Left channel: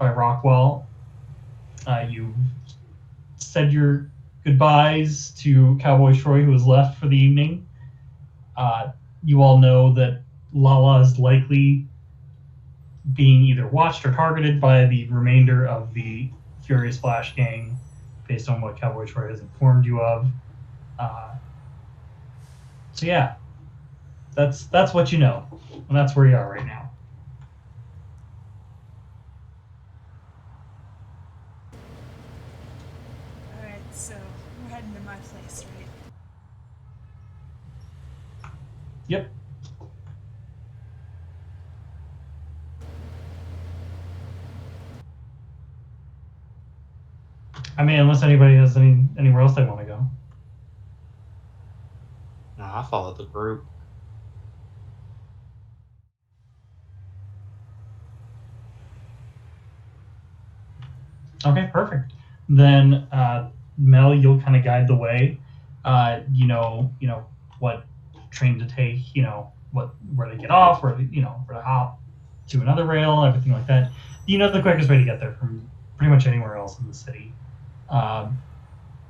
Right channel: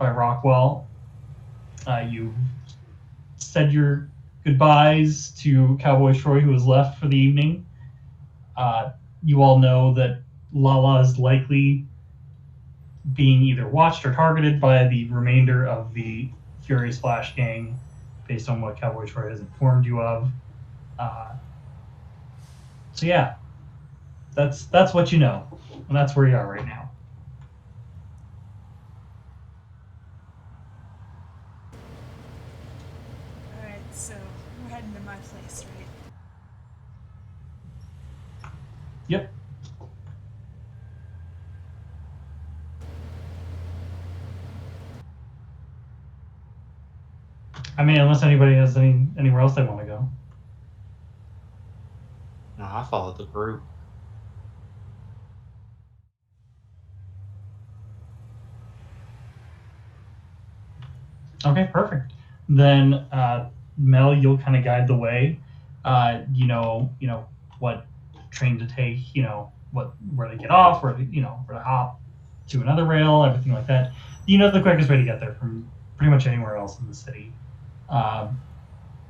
by Rockwell. You said your goodbyes to Cowboy Troy, who was left for the evening. You all know that Lala is likely being either watched or targeted by the remainder of the Furious Flash gang, based on what Cowboy Troy has informed you of. So yeah, that's what you know, and that's where you are right now. All right, so we're heading to my place, right? Yep. I mean, unless anybody has anywhere else they want to go. No, I followed the group. Okay, perfect. Then Mel, you'll kind of guide the way. You know what train to take. You know where to get off, where to hop to another rail, everything like that. You know the quickest way to get there from pretty much anywhere else in the city.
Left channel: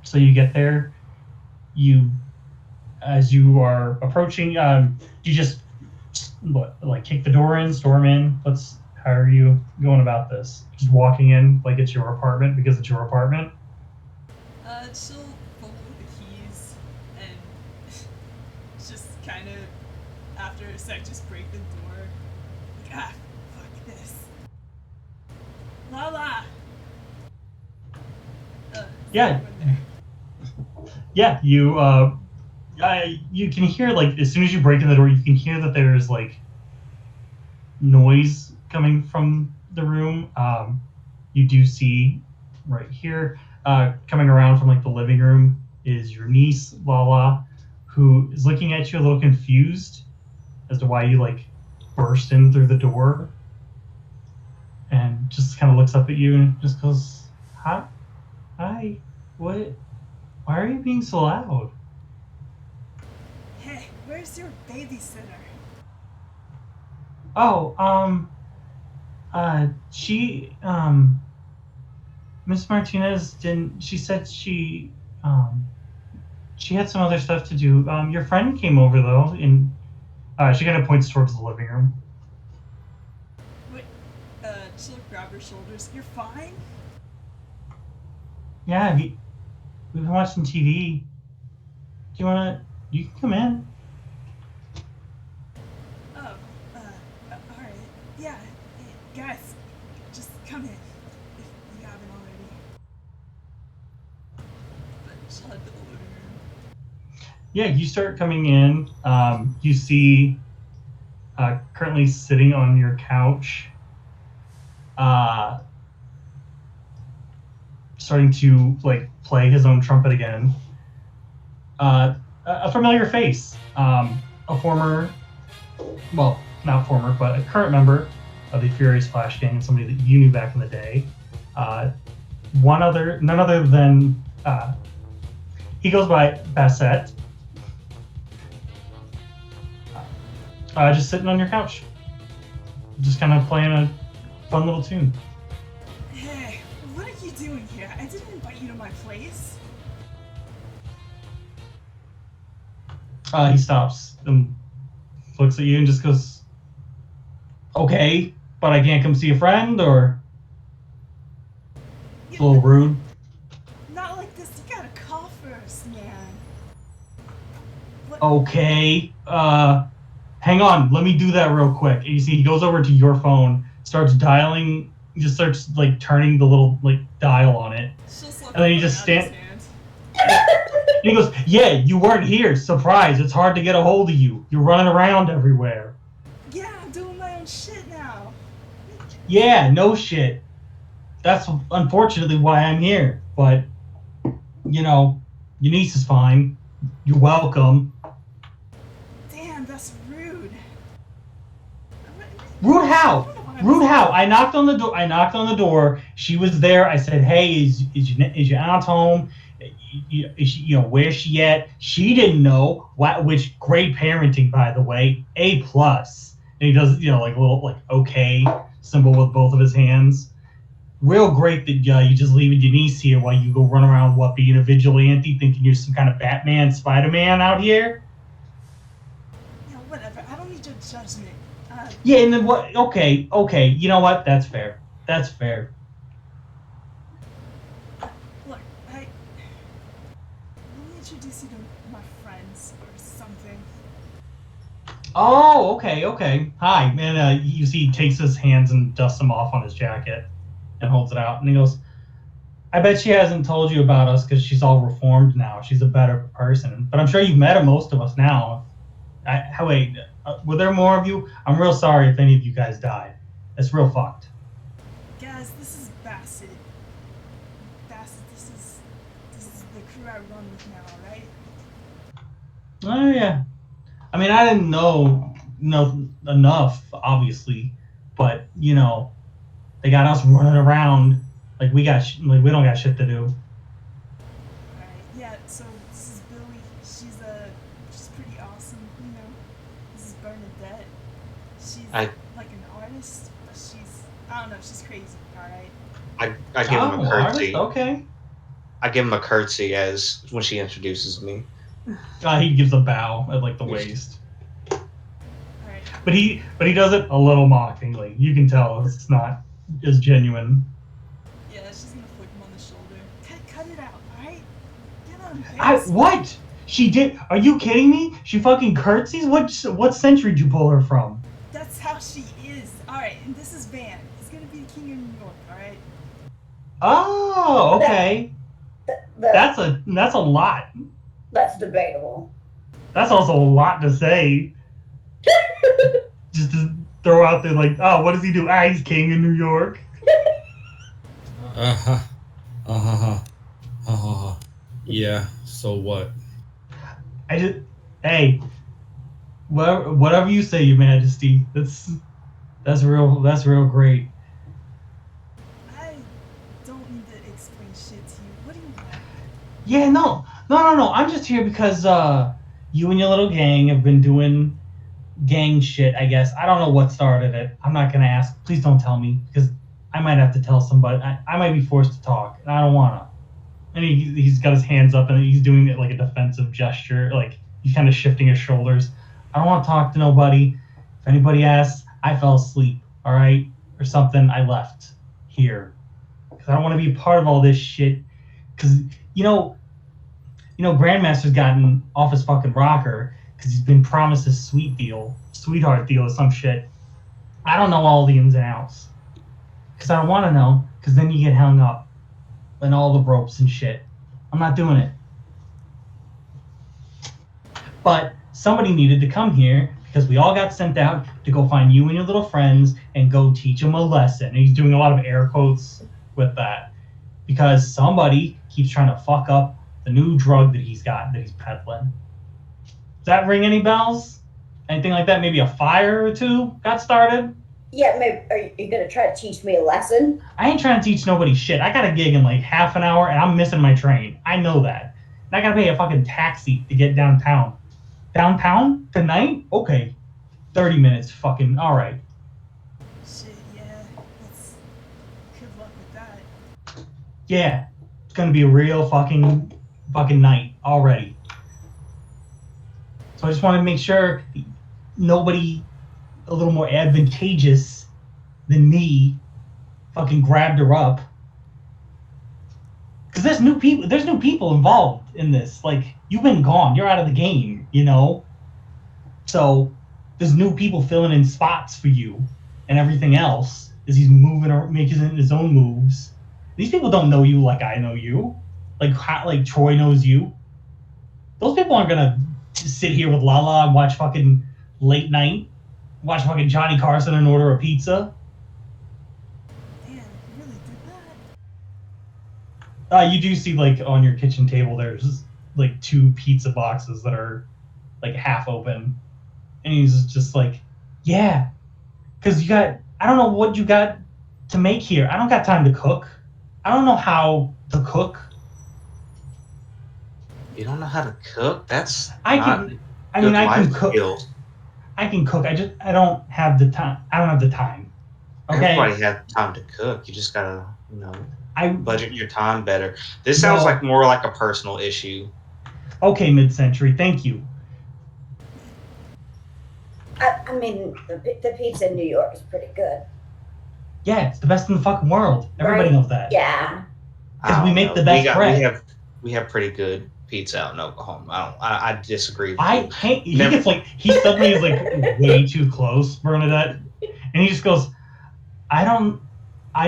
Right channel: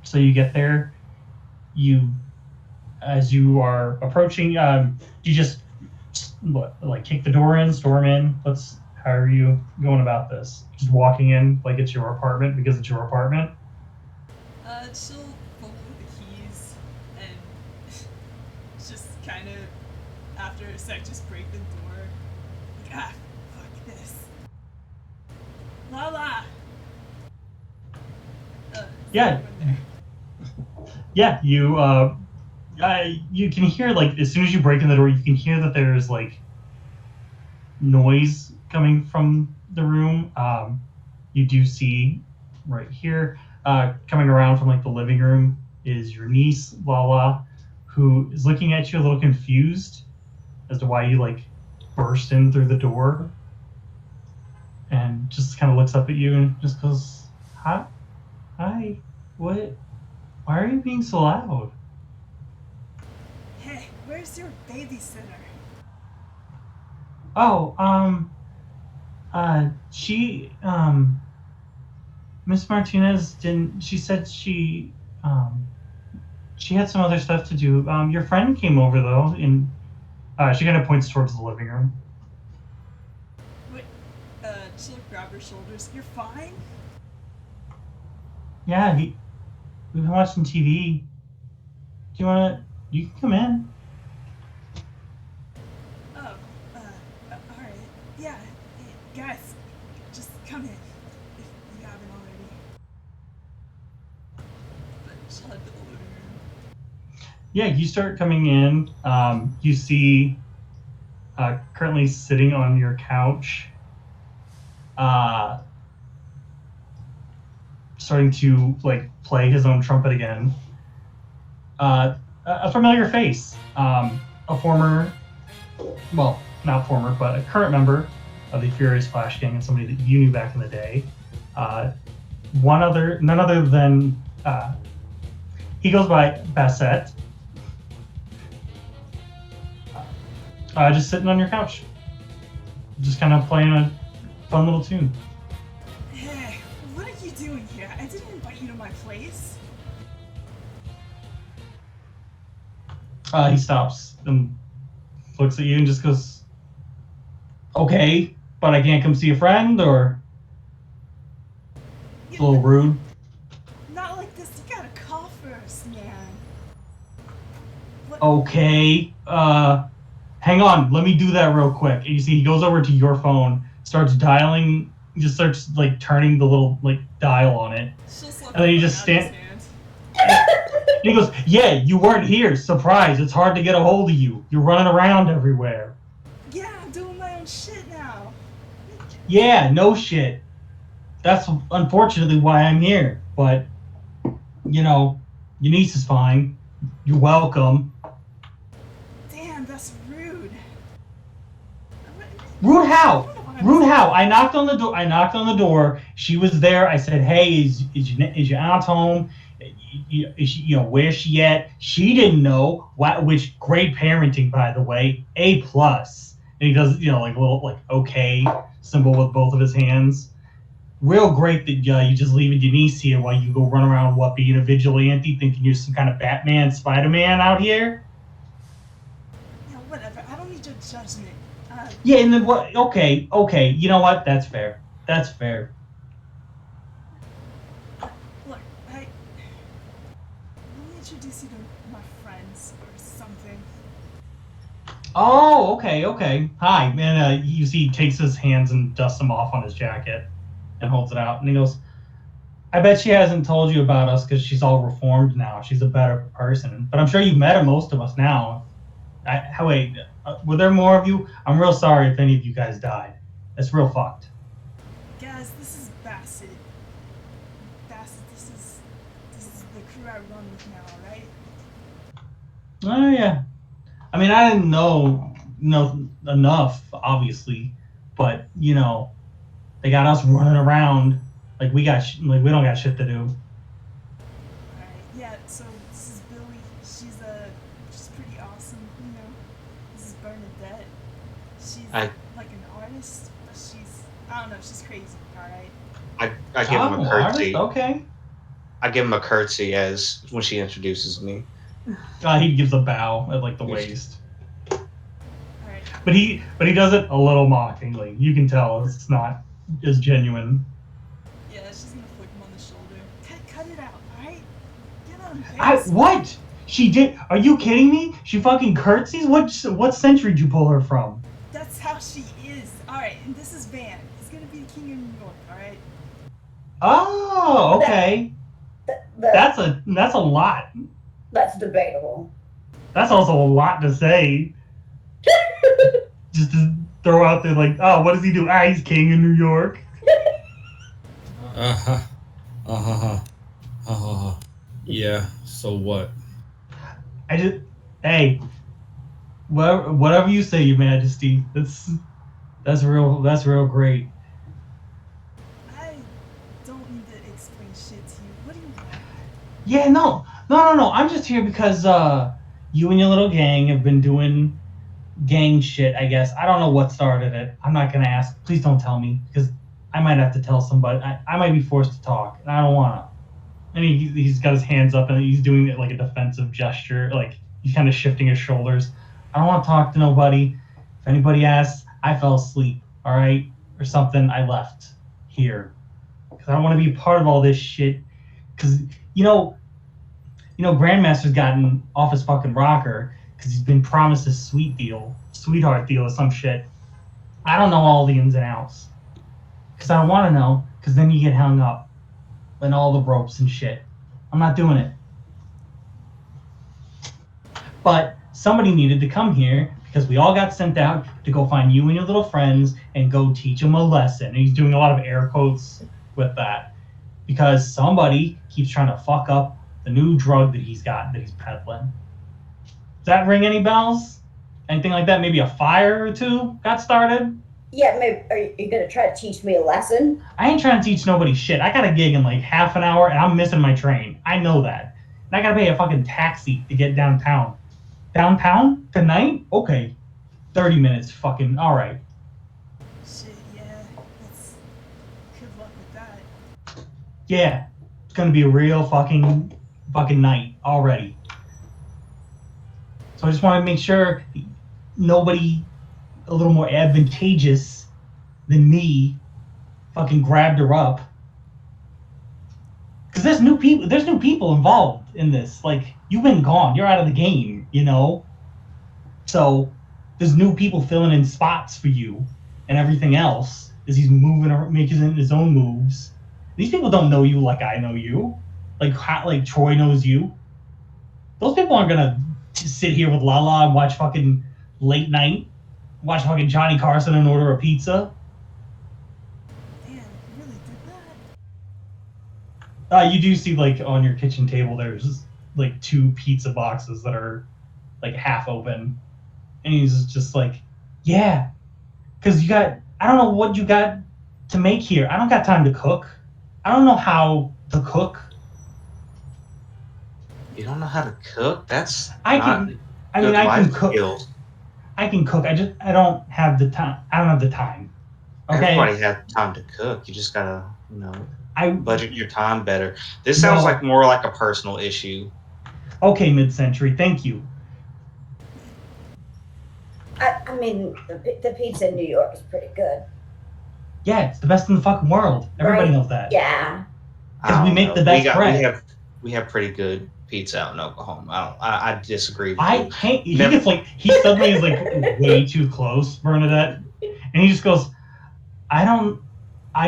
So you get there. As you are approaching, you just kick the door in, storm in. How are you going about this? Just walking in like it's your apartment because it's your apartment? She'll pull the keys and just kind of, after a sec, just break the door. Like, fuck this. Lala! Yeah. Yeah, you can hear, as soon as you break in the door, you can hear that there's, noise coming from the room. You do see right here, coming around from, the living room is your niece, Lala, who is looking at you a little confused as to why you, burst in through the door. And just kind of looks up at you and just goes, Hi, what? Why are you being so loud? Hey, where's your babysitter? Oh, she, Miss Martinez she said she had some other stuff to do. Your friend came over, though, and, she kind of points towards the living room. Wait, she'll grab her shoulders. You're fine? Yeah, we've been watching TV. You can come in. Oh, alright. Yeah, hey, guys, just come in, if you haven't already. But she'll head to the living room. Yeah, you start coming in. You see, currently sitting on your couch, starting to play his own trumpet again. A familiar face, a former, well, not former, but a current member of the Furious Flash gang, and somebody that you knew back in the day. None other than he goes by Bassett. Just sitting on your couch, just kind of playing a fun little tune. Hey, what are you doing here? I didn't invite you to my place. He stops and looks at you and just goes, okay, but I can't come see a friend, or? It's a little rude. Not like this, you gotta call first, man. What? Okay, hang on, let me do that real quick. And you see he goes over to your phone, starts dialing, just starts turning the little dial on it. And then you just stand. He goes, yeah, you weren't here. Surprise, it's hard to get a hold of you. You're running around everywhere. Yeah, I'm doing my own shit now. Yeah, no shit. That's unfortunately why I'm here. But, your niece is fine. You're welcome. Damn, that's rude. Rude how? Rude how? I knocked on the door. She was there. I said, hey, is your aunt home? Where's she at? She didn't know. Which great parenting, by the way. A plus. And he does, a little okay symbol with both of his hands. real great that you just leaving your niece here while you go run around what being a vigilante, thinking you're some kind of Batman, Spider-Man out here. Yeah, whatever. I don't need your judgment. Yeah, and then what? Okay. You know what? That's fair. That's fair. Look, let me introduce you to my friends or something. Oh, okay. Hi, man. You see, he takes his hands and dusts them off on his jacket and holds it out, and he goes, "I bet she hasn't told you about us because she's all reformed now. She's a better person. But I'm sure you've met most of us now. Wait, were there more of you? I'm real sorry if any of you guys died. That's real fucked." Guys, this is Bassett. Bassett, this is the crew I run with now, alright? Oh yeah. I mean, I didn't know enough, obviously, but they got us running around like we we don't got shit to do. Alright, yeah, so this is Billy. She's pretty awesome, you know. This is Bernadette. She's I like an artist, but I don't know, she's crazy, alright? I give him a curtsy. Okay. I give him a curtsy as when she introduces me. He gives a bow at like the waist, Alright. but he does it a little mockingly. You can tell it's not as genuine. Yeah, she's gonna flick him on the shoulder. Cut it out, alright? Get on base. What? She did? Are you kidding me? She fucking curtsies? What century did you pull her from? That's how she is. Alright, and this is Van. He's gonna be the king of New York, alright? Oh, okay. That's a lot. That's debatable. That's also a lot to say. Just to throw out there like, oh, what does he do? He's king in New York. Yeah, so what? Hey, whatever you say, Your Majesty. That's real great. I don't need to explain shit to you. What do you want? Yeah, no. I'm just here because you and your little gang have been doing gang shit, I guess. I don't know what started it. I'm not gonna ask. Please don't tell me, because I might have to tell somebody. I might be forced to talk, and I don't wanna. And he's got his hands up, and he's doing it like a defensive gesture, like he's kind of shifting his shoulders. I don't want to talk to nobody. If anybody asks, I fell asleep, all right, or something. I left here because I don't want to be a part of all this shit. Because Grandmaster's gotten off his fucking rocker because he's been promised a sweetheart deal or some shit. I don't know all the ins and outs because I don't want to know, because then you get hung up and all the ropes and shit. I'm not doing it. But somebody needed to come here because we all got sent out to go find you and your little friends and go teach them a lesson. And he's doing a lot of air quotes with that because somebody keeps trying to fuck up the new drug that he's peddling. Does that ring any bells? Anything like that? Maybe a fire or two got started? Yeah, maybe. Are you gonna try to teach me a lesson? I ain't trying to teach nobody shit. I got a gig in like half an hour and I'm missing my train. I know that. And I gotta pay a fucking taxi to get downtown. Downtown? Tonight? Okay. 30 minutes. Fucking alright. Shit, yeah. Good luck with that. Yeah. It's gonna be a real fucking night already. So I just want to make sure nobody a little more advantageous than me fucking grabbed her up. Because there's new people involved in this. Like, you've been gone. You're out of the game, So there's new people filling in spots for you and everything else as he's moving or making his own moves. These people don't know you like I know you. Like Troy knows you. Those people aren't gonna sit here with Lala and watch fucking late night, watch fucking Johnny Carson and order a pizza. Damn, you really did that? You do see like on your kitchen table there's like 2 pizza boxes that are like half open, and he's just like, yeah, because I don't know what you got to make here. I don't got time to cook. I don't know how to cook. You don't know how to cook? That's I not can cook. skills. I can cook. I don't have the time. I don't have the time. Okay. Everybody has time to cook. You just gotta, I budget your time better. This sounds like more like a personal issue. Okay, mid-century. Thank you. I mean, the pizza in New York is pretty good. Yeah, it's the best in the fucking world. Everybody Right? knows that. Yeah. Because we make the best bread. We have pretty good pizza out in Oklahoma. I disagree with you. He suddenly is like way too close, Bernadette, and he just goes, I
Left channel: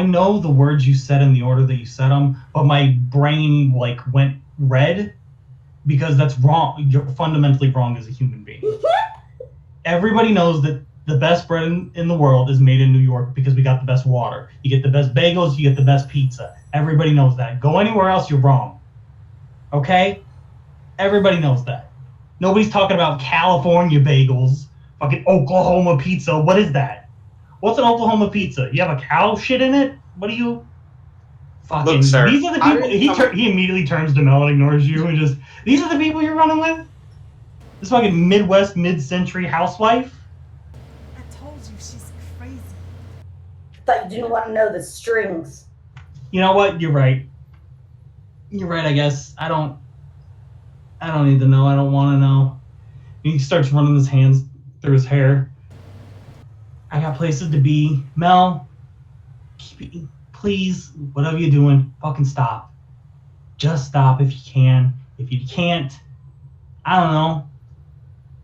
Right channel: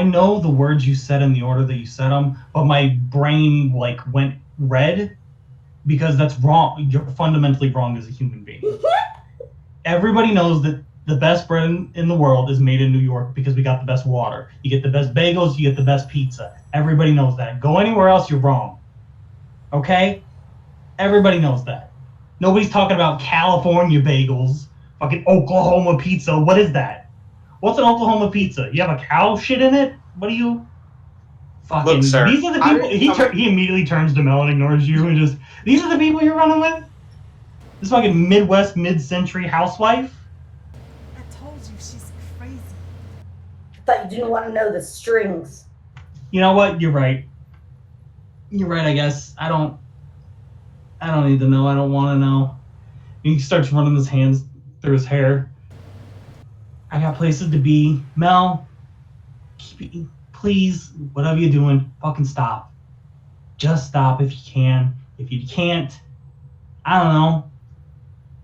know the words you said in the order that you said them, but my brain like went red because that's wrong. You're fundamentally wrong as a human being. Everybody knows that the best bread in the world is made in New York because we got the best water. You get the best bagels, you get the best pizza. Everybody knows that. Go anywhere else, you're wrong. Okay? Everybody knows that. Nobody's talking about California bagels, fucking Oklahoma pizza. What is that? What's an Oklahoma pizza? You have a cow shit in it? What are you? Fucking. Look, sir, these are the people. He immediately turns to Mel and ignores you and just. These are the people you're running with. This fucking Midwest mid-century housewife. I told you she's crazy. I thought you didn't want to know the strings. You know what? You're right. You're right. I guess I don't need to know. I don't want to know. He starts running his hands through his hair. I got places to be. Mel, please, whatever you're doing, fucking stop. Just stop if you can. If you can't, I don't know.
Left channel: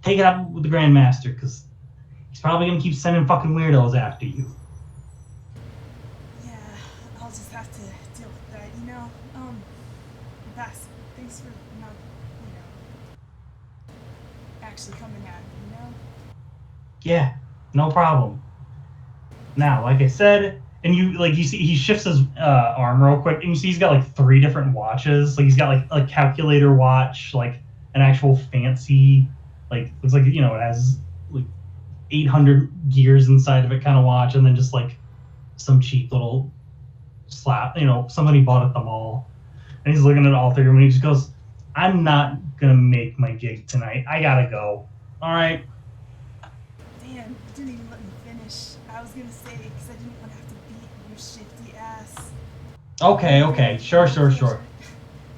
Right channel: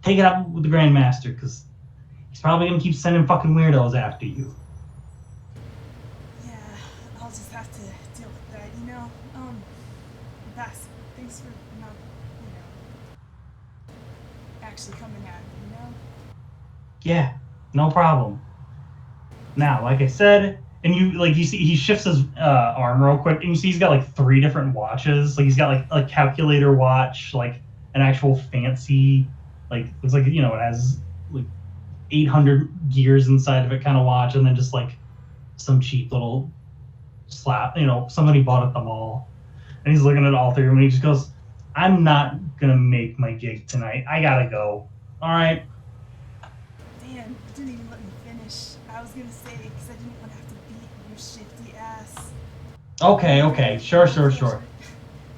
Take it up with the Grandmaster, because he's probably going to keep sending fucking weirdos after you. Yeah, I'll just have to deal with that, Bass, thanks for not, actually coming at me, Yeah, no problem. Now, like I said, and you see he shifts his arm real quick, and you see he's got like 3 different watches. Like he's got like a calculator watch, like an actual fancy, like looks like it has like 800 gears inside of it kind of watch, and then just like some cheap little slap, somebody bought at the mall. And he's looking at all 3 of them, and he just goes, "I'm not gonna make my gig tonight. I gotta go. All right." Damn, you didn't even let me finish. I was gonna say, because I didn't want to have to beat your shifty ass. Okay. Sure.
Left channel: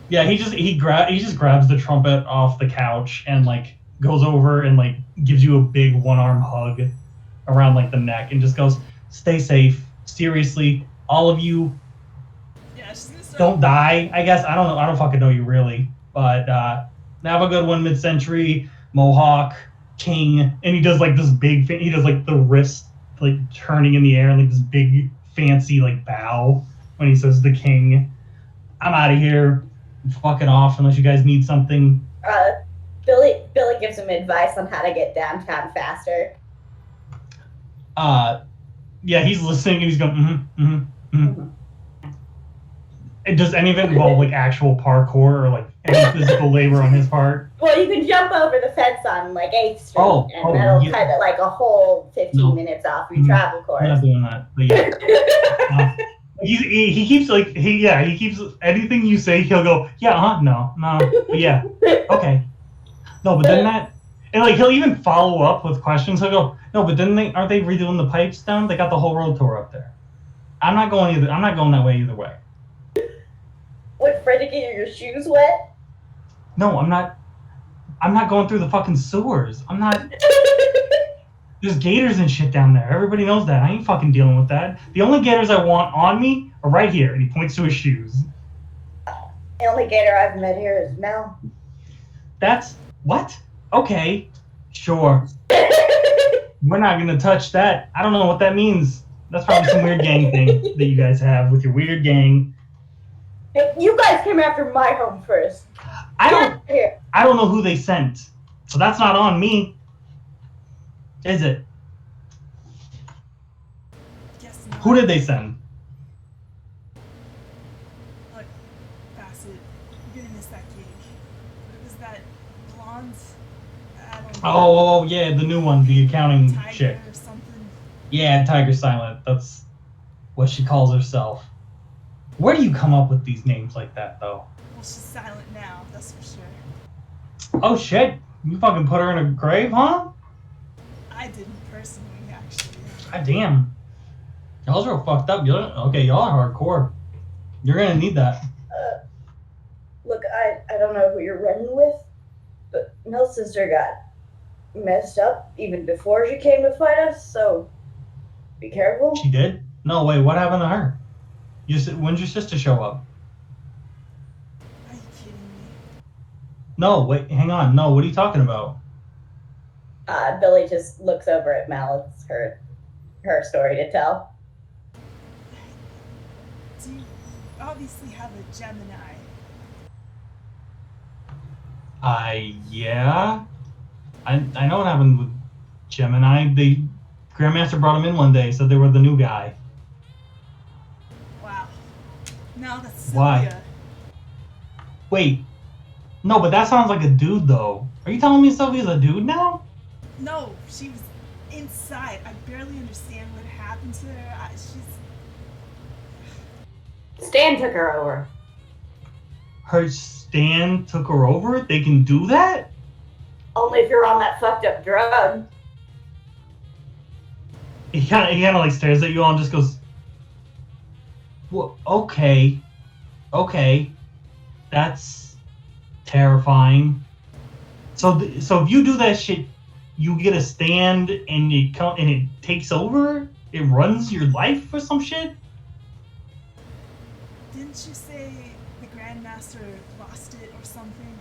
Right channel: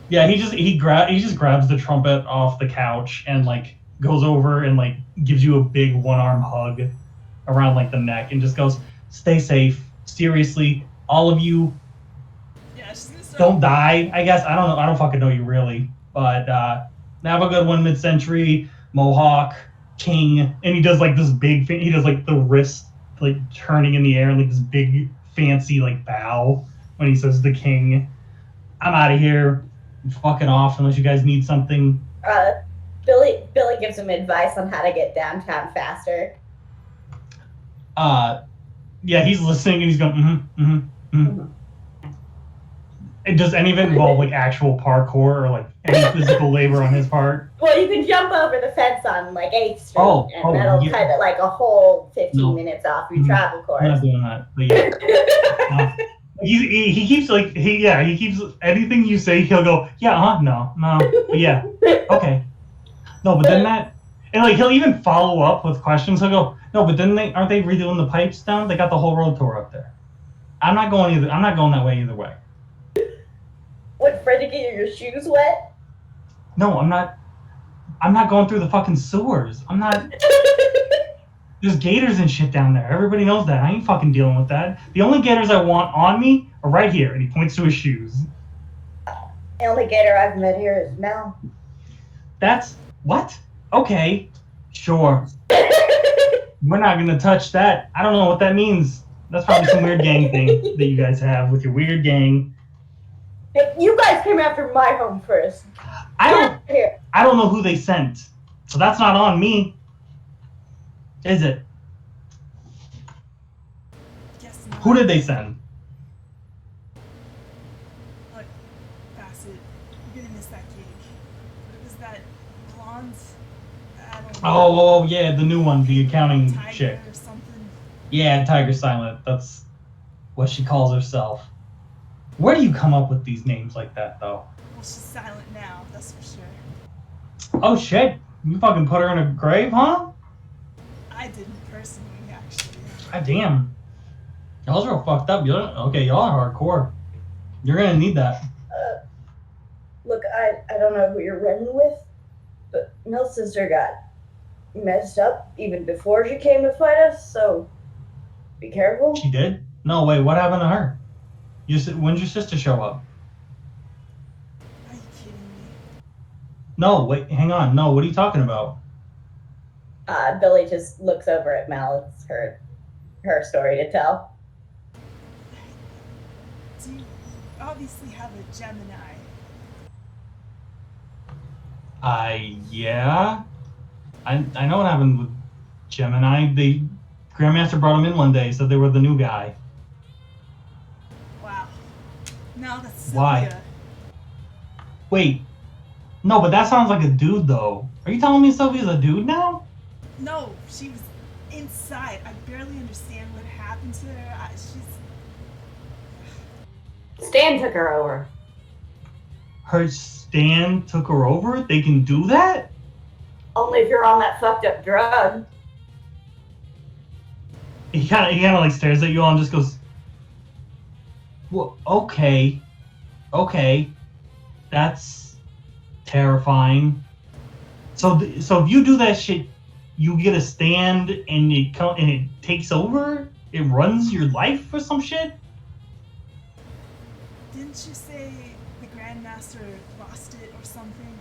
Yeah, he just grabs the trumpet off the couch and like goes over and like gives you a big one-arm hug around like the neck and just goes, "Stay safe. Seriously, all of you. Yeah, she's gonna start. Don't die. I guess I don't know. I don't fucking know you really, but have a good one, mid-century Mohawk King." And he does like this big. He does like the wrist like turning in the air and like this big fancy like bow when he says the king. "I'm out of here. I'm fucking off unless you guys need something." Billy gives him advice on how to get downtown faster. Yeah, he's listening and he's going, And does any of it involve like actual parkour or like any physical labor on his part? Well, you can jump over the fence on like 8th Street, and that'll cut like a whole 15 minutes off your travel course. I'm not doing that, but yeah. He keeps he keeps anything you say, he'll go, "Yeah, no, but yeah, okay." No, but then that, and like he'll even follow up with questions. He'll go, "No, but then aren't they redoing the pipes down? They got the whole road tour up there." I'm not going that way either way. What, afraid to get your shoes wet? No, I'm not going through the fucking sewers. I'm not. There's gators and shit down there. Everybody knows that. I ain't fucking dealing with that. The only gators I want on me are right here. And he points to his shoes. The only gator I've met here is Mel. That's what? Okay, sure. We're not gonna touch that. I don't know what that means. That's probably some weird gang thing that you guys have with your weird gang. Hey, you guys came after my home first. I don't know who they sent, so that's not on me. Is it? Guess not. Who did they send? Look, Bassett, you're gonna miss that gig. What was that blonde? I don't know. Oh yeah, the new one, the accounting Tiger chick. or something. Yeah, Tiger Silent. That's what she calls herself. Where do you come up with these names like that, though? Well, she's silent now, that's for sure. Oh shit! You fucking put her in a grave, huh? I didn't personally, actually. God damn. Y'all's real fucked up. Okay, y'all are hardcore. You're gonna need that. Look, I don't know who you're running with, but Mel's sister got messed up even before she came to fight us, so be careful. She did? No, wait, what happened to her? When'd your sister show up? Are you kidding me? No, wait, hang on. No, what are you talking about? Billy just looks over at Mel. It's her story to tell. Do you obviously have a Gemini? Yeah. I know what happened with Gemini. The Grandmaster brought him in one day, said they were the new guy. Wow. Now that's Sylvia. Why? Wait. No, but that sounds like a dude, though. Are you telling me Sylvia's a dude now? No, she was inside. I barely understand what happened to her. Stan took her over. Her Stan took her over? They can do that? Only if you're on that fucked up drug. He kind of like stares at you all and just goes, well, okay, that's terrifying. So if you do that shit, you get a stand and it takes over. It runs your life or some shit. Didn't you say the Grandmaster lost it or something?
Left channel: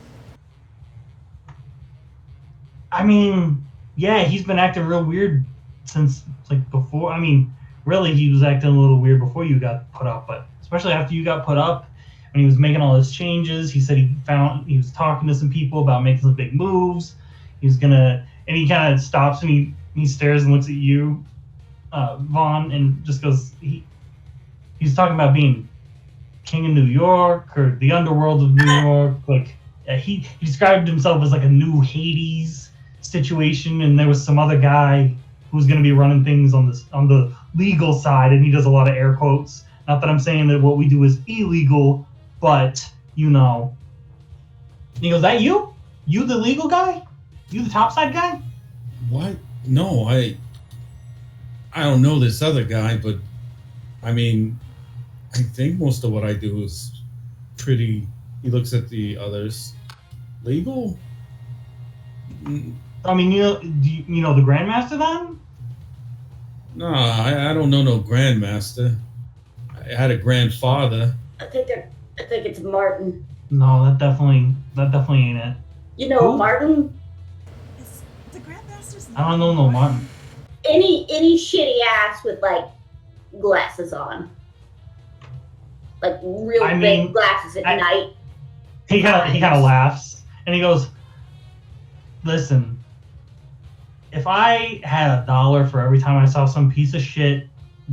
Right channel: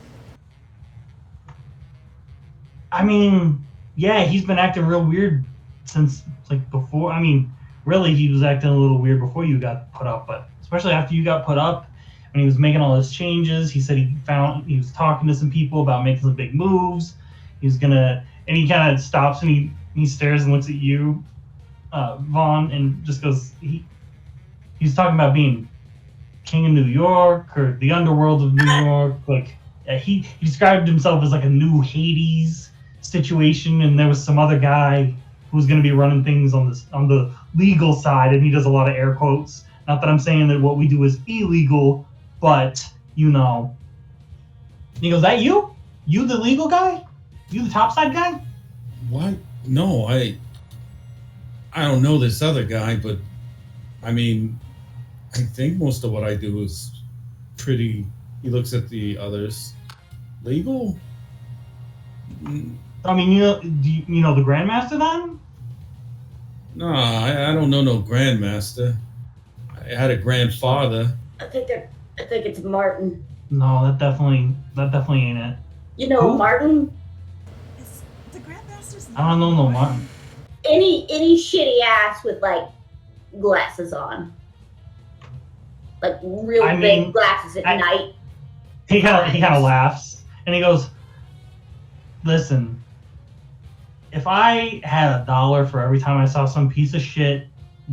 I mean, yeah, he's been acting real weird since like before. I mean, really, he was acting a little weird before you got put up, but especially after you got put up, when he was making all his changes, he said he was talking to some people about making some big moves. He was gonna, and he kind of stops and he stares and looks at you, Vaughn, and just goes, he's talking about being king of New York or the underworld of New York. Like he described himself as like a new Hades situation, and there was some other guy who was going to be running things on the legal side, and he does a lot of air quotes. Not that I'm saying that what we do is illegal, but you know. And he goes, "That you? You the legal guy? You the topside guy?" What? No, I don't know this other guy, but I mean, I think most of what I do is pretty. He looks at the others. Legal? I mean, do you know the Grandmaster then? No, I don't know no Grandmaster. I had a grandfather. I think it's Martin. No, that definitely ain't it. You know Who? Martin? Is the Grandmaster's I don't know no Martin. Any shitty ass with like glasses on. Like real big glasses at night. He kind of laughs and he goes, "Listen, if I had $1 for every time I saw some piece of shit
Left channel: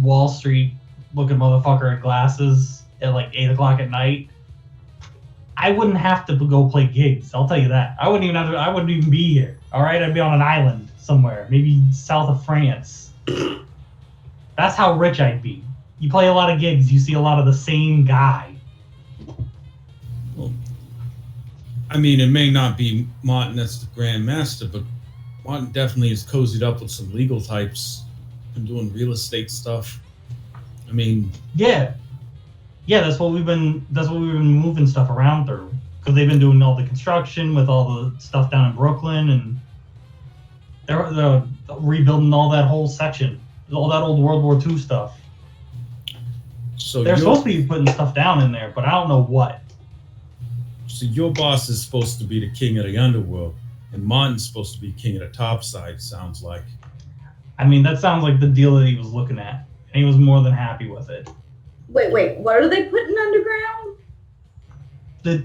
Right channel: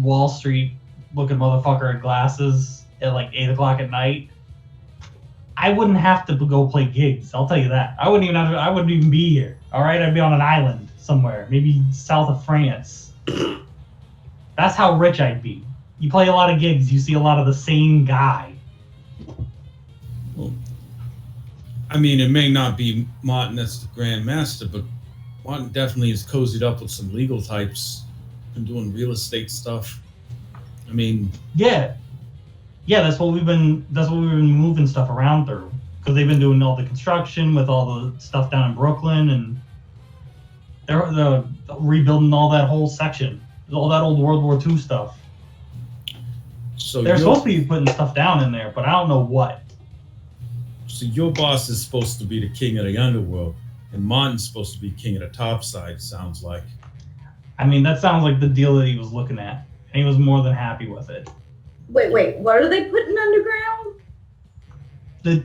Wall Street looking motherfucker in glasses at like 8 o'clock at night, I wouldn't have to go play gigs. I'll tell you that. I wouldn't even be here. All right, I'd be on an island somewhere, maybe south of France. That's how rich I'd be. You play a lot of gigs, you see a lot of the same guy." Well, I mean, it may not be Martin that's the Grandmaster, but Martin definitely is cozied up with some legal types and doing real estate stuff. I mean, yeah, that's what we've been moving stuff around through, because they've been doing all the construction with all the stuff down in Brooklyn, and they're rebuilding all that whole section, all that old World War II stuff. so They're supposed to be putting stuff down in there, but I don't know what. So your boss is supposed to be the king of the underworld, and Martin's supposed to be king of the top side, sounds like. I mean, that sounds like the deal that he was looking at, and he was more than happy with it. Wait, what are they putting underground? The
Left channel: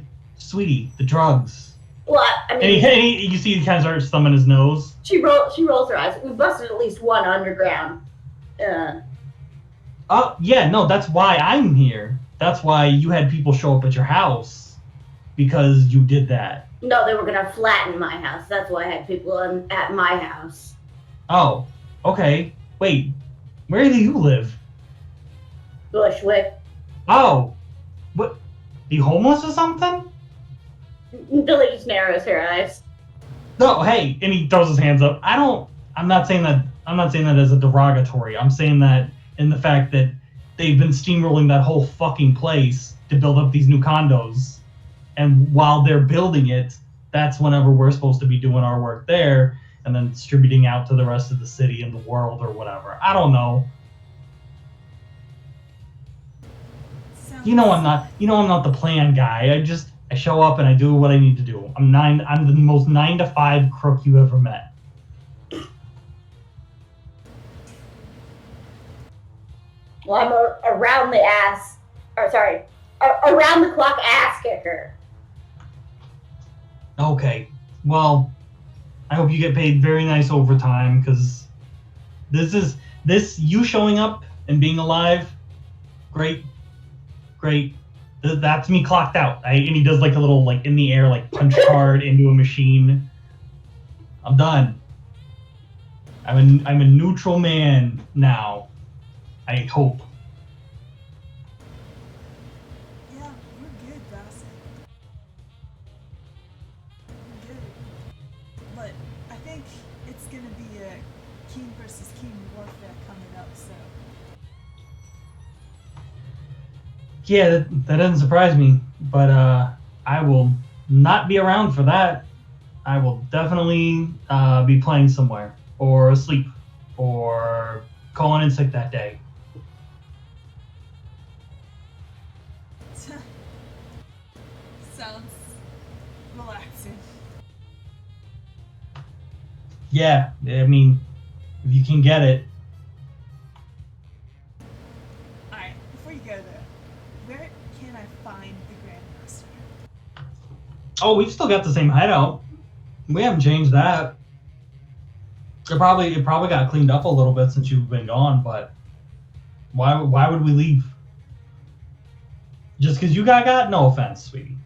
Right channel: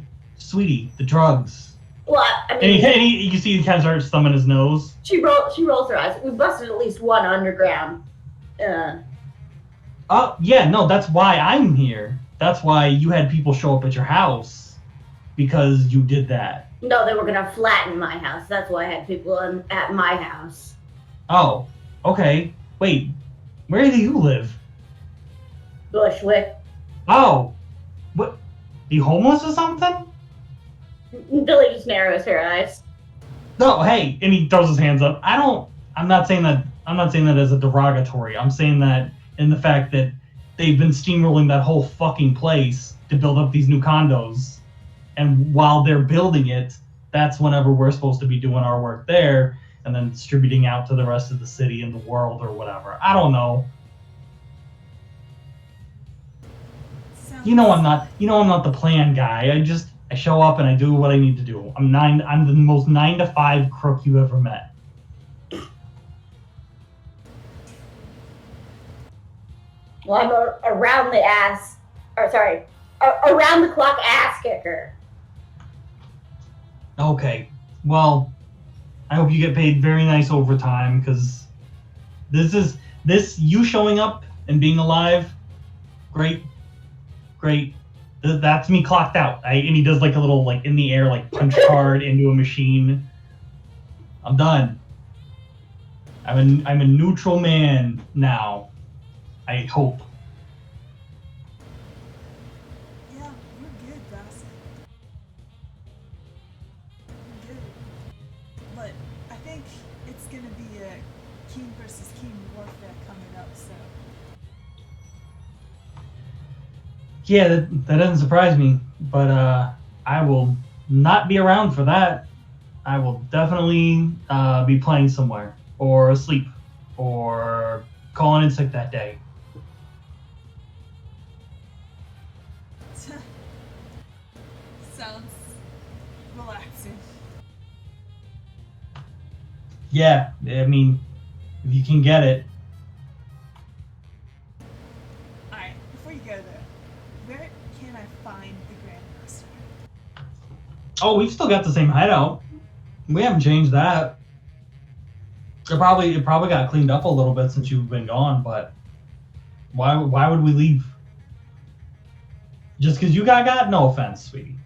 drugs. Well, I mean, And you see he kind of starts thumbing his nose. she rolls her eyes. We busted at least one underground. Oh, yeah, no, that's why I'm here. That's why you had people show up at your house, because you did that. No, they were gonna flatten my house. That's why I had people at my house. Oh, okay. Wait, where do you live? Bushwick. Oh, what? You homeless or something? Billy just narrows her eyes. No, hey, and he throws his hands up. I'm not saying that as a derogatory. I'm saying that in the fact that they've been steamrolling that whole fucking place to build up these new condos. And while they're building it, that's whenever we're supposed to be doing our work there and then distributing out to the rest of the city and the world or whatever. I don't know. I'm not the plan guy. I show up and I do what I need to do. I'm the most 9 to 5 crook you ever met. Well, I'm around the clock ass kicker. Okay. Well, I hope you get paid very nice overtime, because you showing up and being alive, great. That's me clocked out. And he does like a little like in the air like punch card into a machine. I'm done. I'm a neutral man now. I hope. Yeah, we're good, Bassett. We're good. But I think it's gonna be a king versus king warfare coming up, so. Yeah, that doesn't surprise me, but I will not be around for that. I will definitely be playing somewhere, or asleep, or calling in sick that day. Sounds relaxing. Yeah, I mean, if you can get it. Alright, before you go there, where can I find the Grandmaster? Oh, we've still got the same hideout. We haven't changed that. It probably got cleaned up a little bit since you've been gone, but why would we leave? Just because you got? No offense, sweetie.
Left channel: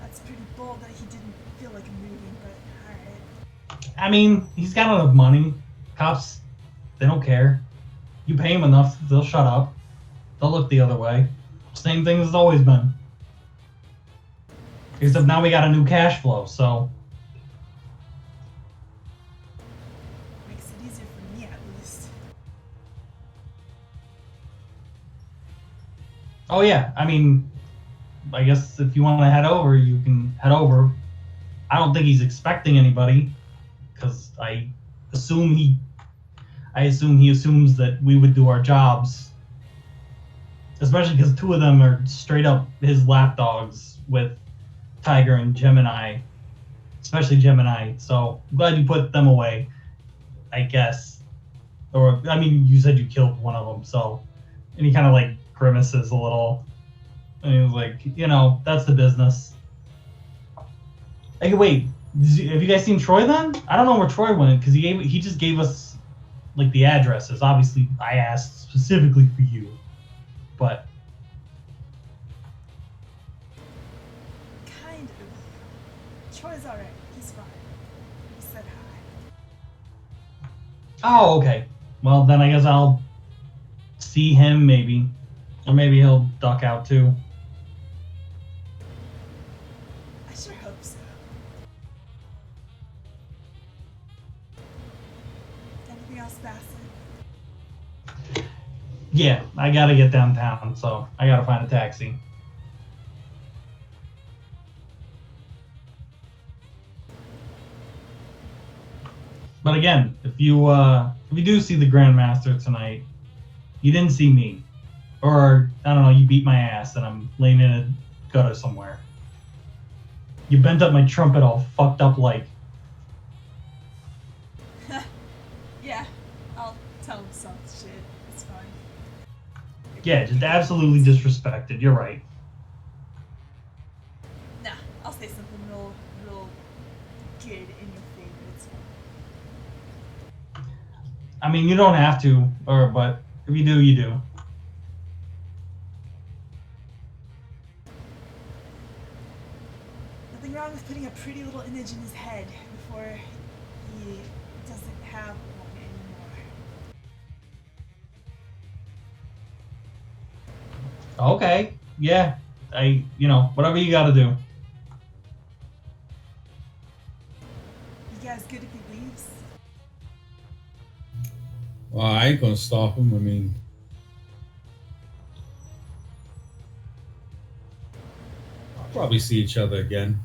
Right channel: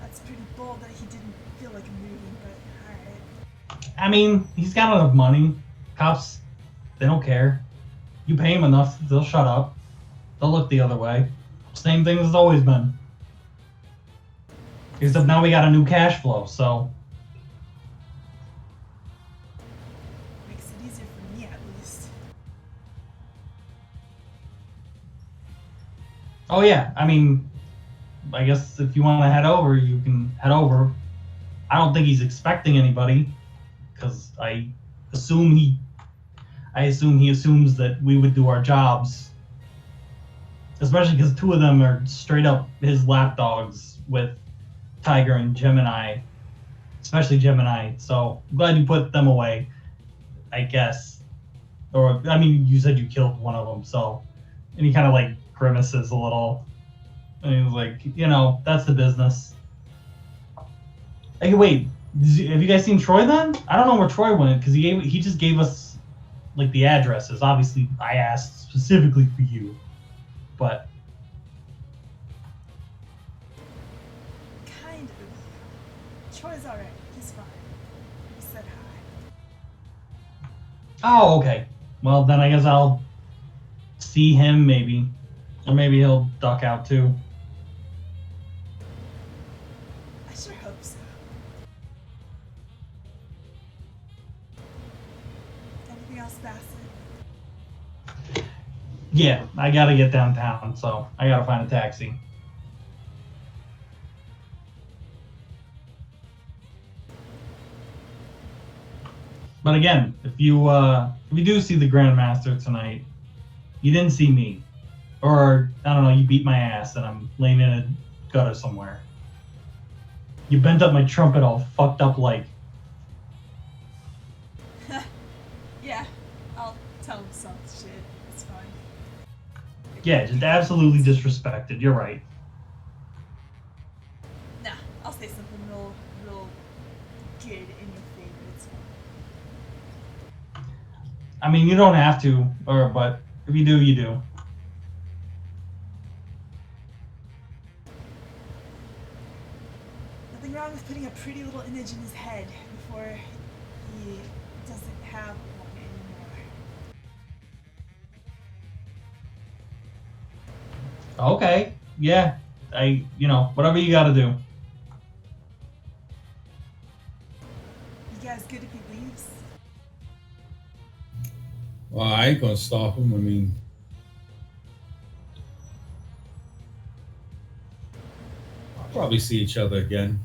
That's pretty bold that he didn't feel like moving, but alright. I mean, he's got enough money. Cops, they don't care. You pay them enough, they'll shut up. They'll look the other way. Same thing as it's always been. Except now we got a new cash flow, so. Makes it easier for me, at least. Oh yeah, I mean, I guess if you want to head over, you can head over. I don't think he's expecting anybody, because I assume he assumes that we would do our jobs. Especially because 2 of them are straight up his lapdogs with Tiger and Gemini, especially Gemini. So I'm glad you put them away, I guess. Or I mean, you said you killed one of them, so. And he kind of like grimaces a little, and he was like, that's the business. Hey, wait, have you guys seen Troy then? I don't know where Troy went, because he just gave us like the addresses. Obviously, I asked specifically for you, but. Kind of. Troy's alright. He's fine. He said hi. Oh, okay. Well, then I guess I'll see him maybe. Or maybe he'll duck out too. I sure hope so. Anything else, Bassett? Yeah, I gotta get downtown, so I gotta find a taxi. But again, if you do see the Grandmaster tonight, you didn't see me. Or, I don't know, you beat my ass and I'm laying in a gutter somewhere. You bent up my trumpet all fucked up like. Yeah, I'll tell him some shit. It's fine. Yeah, just absolutely disrespected. You're right. Nah, I'll say something real good in your favor. It's fine. I mean, you don't have to, but if you do, you do. Nothing wrong with putting a pretty little image in his head before he doesn't have one anymore. Okay. Yeah. Whatever you gotta do. You guys good if he leaves? Well, I ain't gonna stop him. I mean, I'll probably see each other again.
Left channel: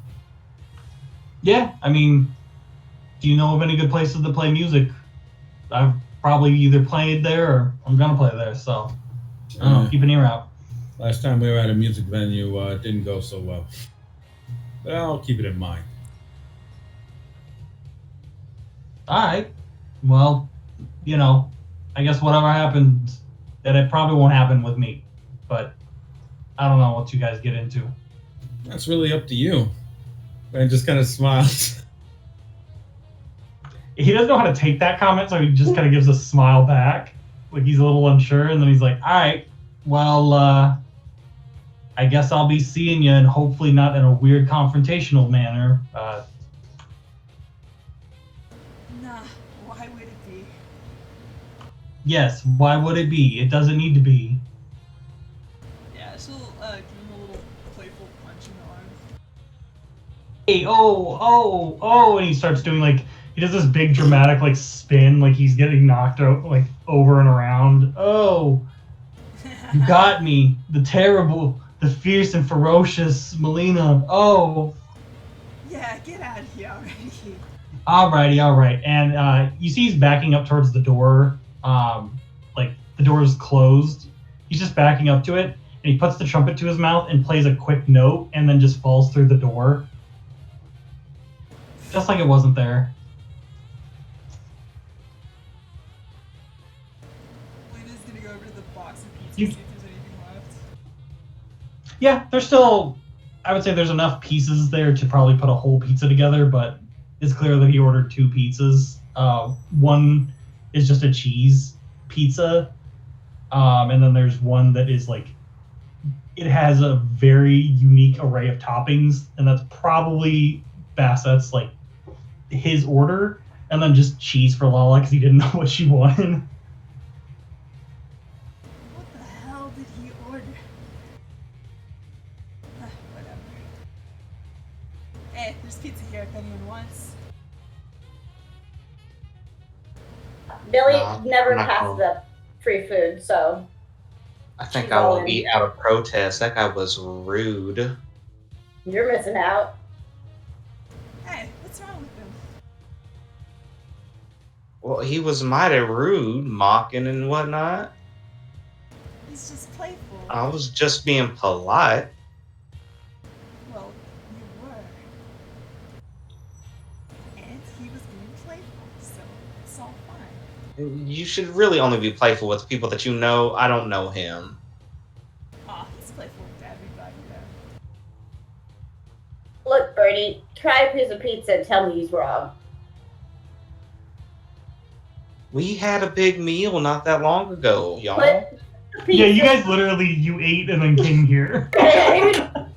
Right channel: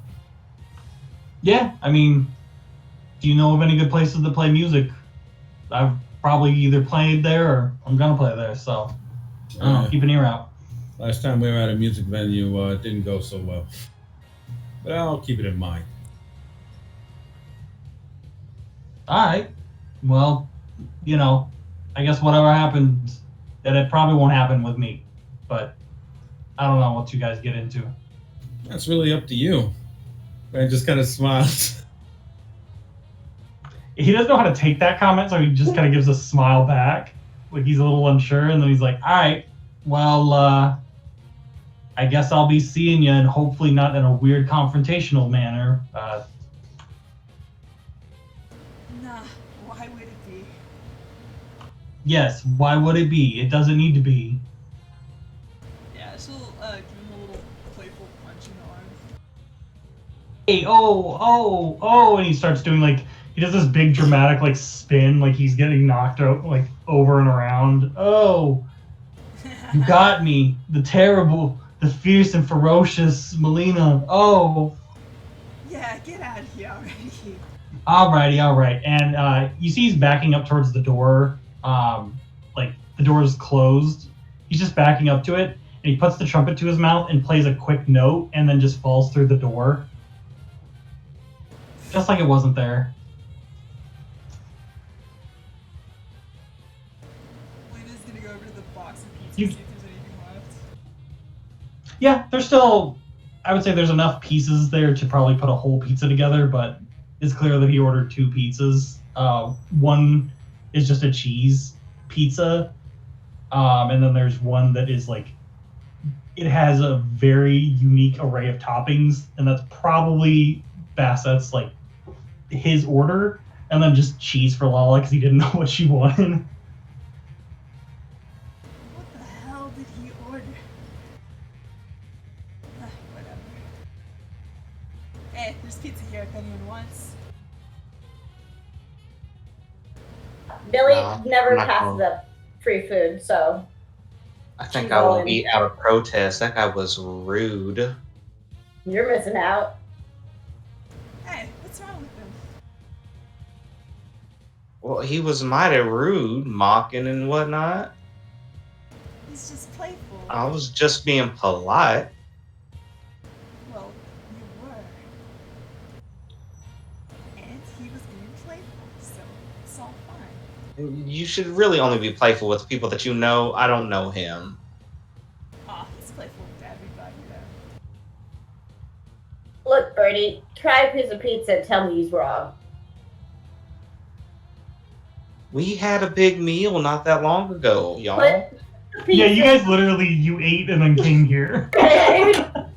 Yeah, I mean, do you know of any good places to play music? I've probably either played there or I'm gonna play there, so I don't know, keep an ear out. Last time we were at a music venue, it didn't go so well. But I'll keep it in mind. Alright. Well, you know, I guess whatever happens, that it probably won't happen with me. But I don't know what you guys get into. That's really up to you. Man just kind of smiles. He doesn't know how to take that comment, so he just kind of gives a smile back. Like he's a little unsure, and then he's like, alright, well, I guess I'll be seeing you, and hopefully not in a weird confrontational manner. Nah, why would it be? Yes, why would it be? It doesn't need to be. Yeah, she'll give him a little playful punch in the arm. Hey, oh, and he starts doing like, he does this big dramatic like spin, like he's getting knocked out like over and around. Oh, you got me, the terrible, the fierce and ferocious Melina. Oh. Yeah, get out of here already. Alrighty. And you see he's backing up towards the door. Like the door is closed. He's just backing up to it, and he puts the trumpet to his mouth and plays a quick note, and then just falls through the door. Just like it wasn't there. Lena's gonna go over to the box of pizzas, You- see if there's anything left. Yeah, there's still, I would say there's enough pieces there to probably put a whole pizza together, but it's clear that he ordered 2 pizzas. One is just a cheese pizza, and then there's one that is like, it has a very unique array of toppings, and that's probably Bassett's like his order, and then just cheese for Lala because he didn't know what she wanted. What the hell did he order? Whatever. Hey, there's pizza here if anyone wants. Billy No, never I'm not passes going. up free food, so I think She's I will going. eat out of protest. That guy was rude. you're missing out. Hey, what's wrong with him? Well, he was mighty rude, mocking and whatnot. He's just playful. I was just being polite. Well, you were. And he was being playful, so it's all fine. You should really only be playful with people that you know. I don't know him. Aw, he's playful with everybody though. Look, Birdie, try a piece of pizza and tell me he's wrong. We had a big meal not that long ago, y'all. Put the pizza. Yeah, you guys literally, you ate and then came here. I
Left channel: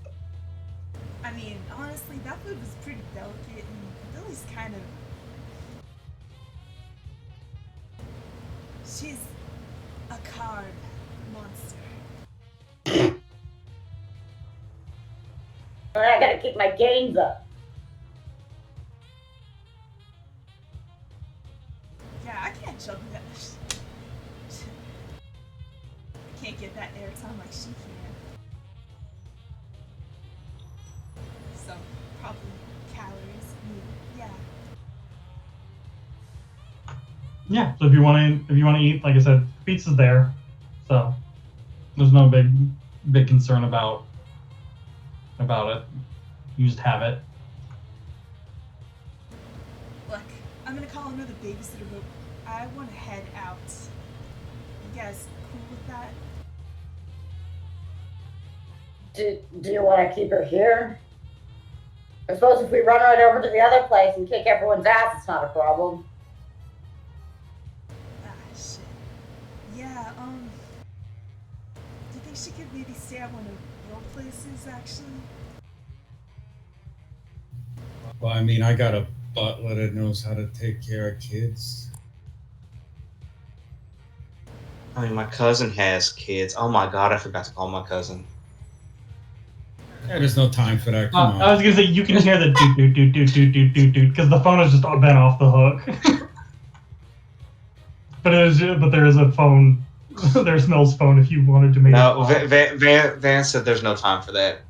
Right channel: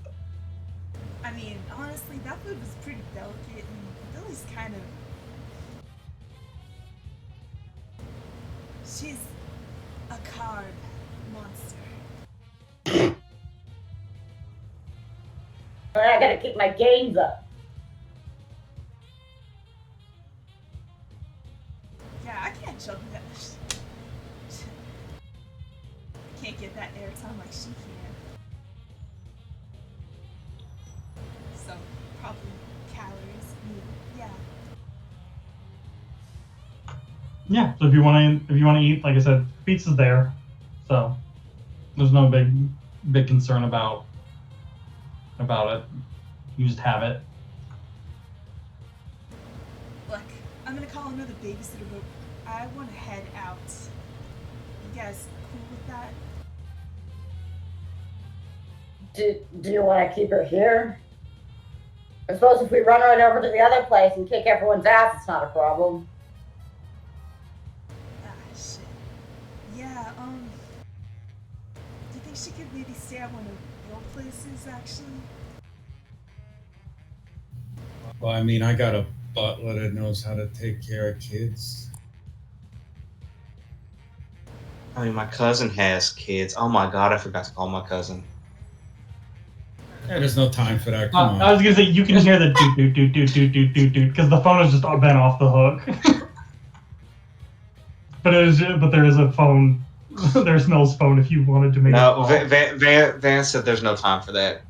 mean, honestly, that food was pretty delicate, and Billy's kind of. She's a carb monster. I gotta keep my gains up. Yeah, I can't jump that. I can't get that airtime like she can. So, probably calories. Yeah. Yeah, so if you want to eat, like I said, pizza's there, so there's no big concern about it. You just have it. Look, I'm gonna call another babysitter, but I want to head out. You guys cool with that? Do you want to keep her here? I suppose if we run right over to the other place and kick everyone's ass, it's not a problem. Ah, shit. Yeah, do you think she could maybe stay at one of your places, actually? Well, I mean, I got a butler that knows how to take care of kids. I mean, my cousin has kids. Oh my god, I forgot to call my cousin. Yeah, there's no time for that. Come I on. was gonna say you can hear the doot because the phone has just been off the hook. but there is a phone. There's Mel's phone if you wanted to make a No, call. Van said there's no time for that.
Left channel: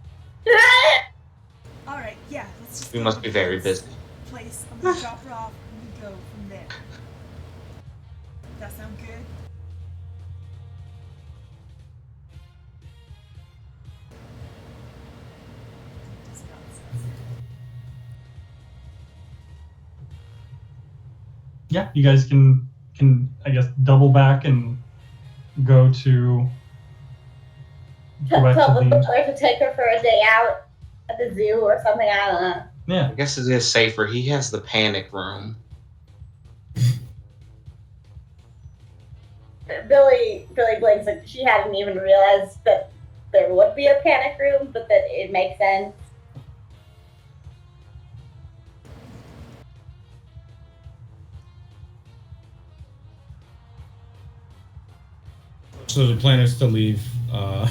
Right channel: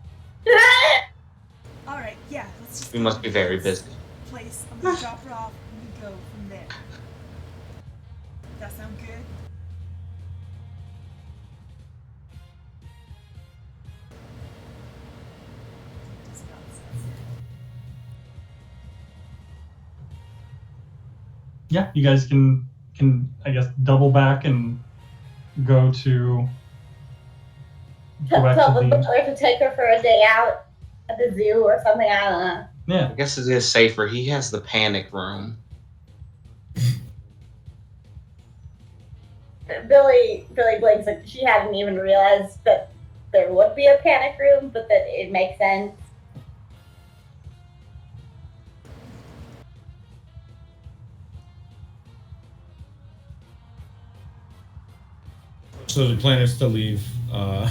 All right, yeah, let's just. We go must to be very this busy. Place. I'm gonna drop her off and we go from there. That sound good? Yeah, you guys can I guess double back and go to back Tell to the the butler to take her for a day out at the zoo or something. I don't know. yeah. I guess it is safer. He has the panic room. Billy blinks like she hadn't even realized that there would be a panic room, but that it makes sense. So the plan is to leave the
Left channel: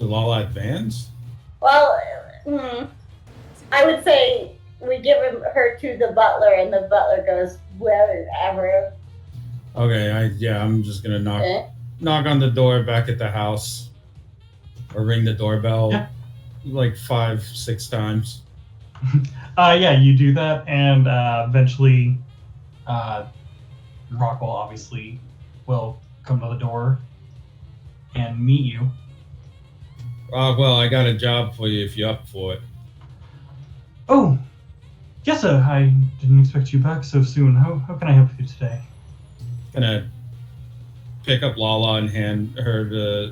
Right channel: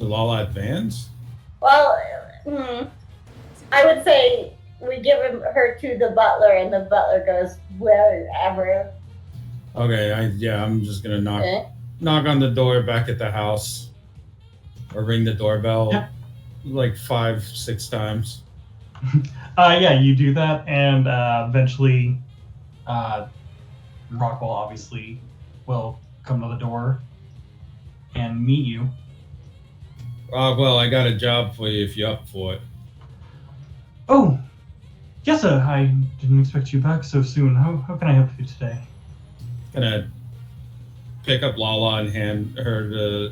Lala at Vans? Well, I would say we give her to the butler, and the butler goes wherever. Okay, I'm just gonna knock on the door back at the house, or ring the doorbell like 5-6 times. Yeah, you do that, and eventually, Rockwell obviously will come to the door and meet you. Well, I got a job for you if you're up for it. Oh, yes, sir. I didn't expect you back so soon. How can I help you today? Gonna pick up Lala and hand her to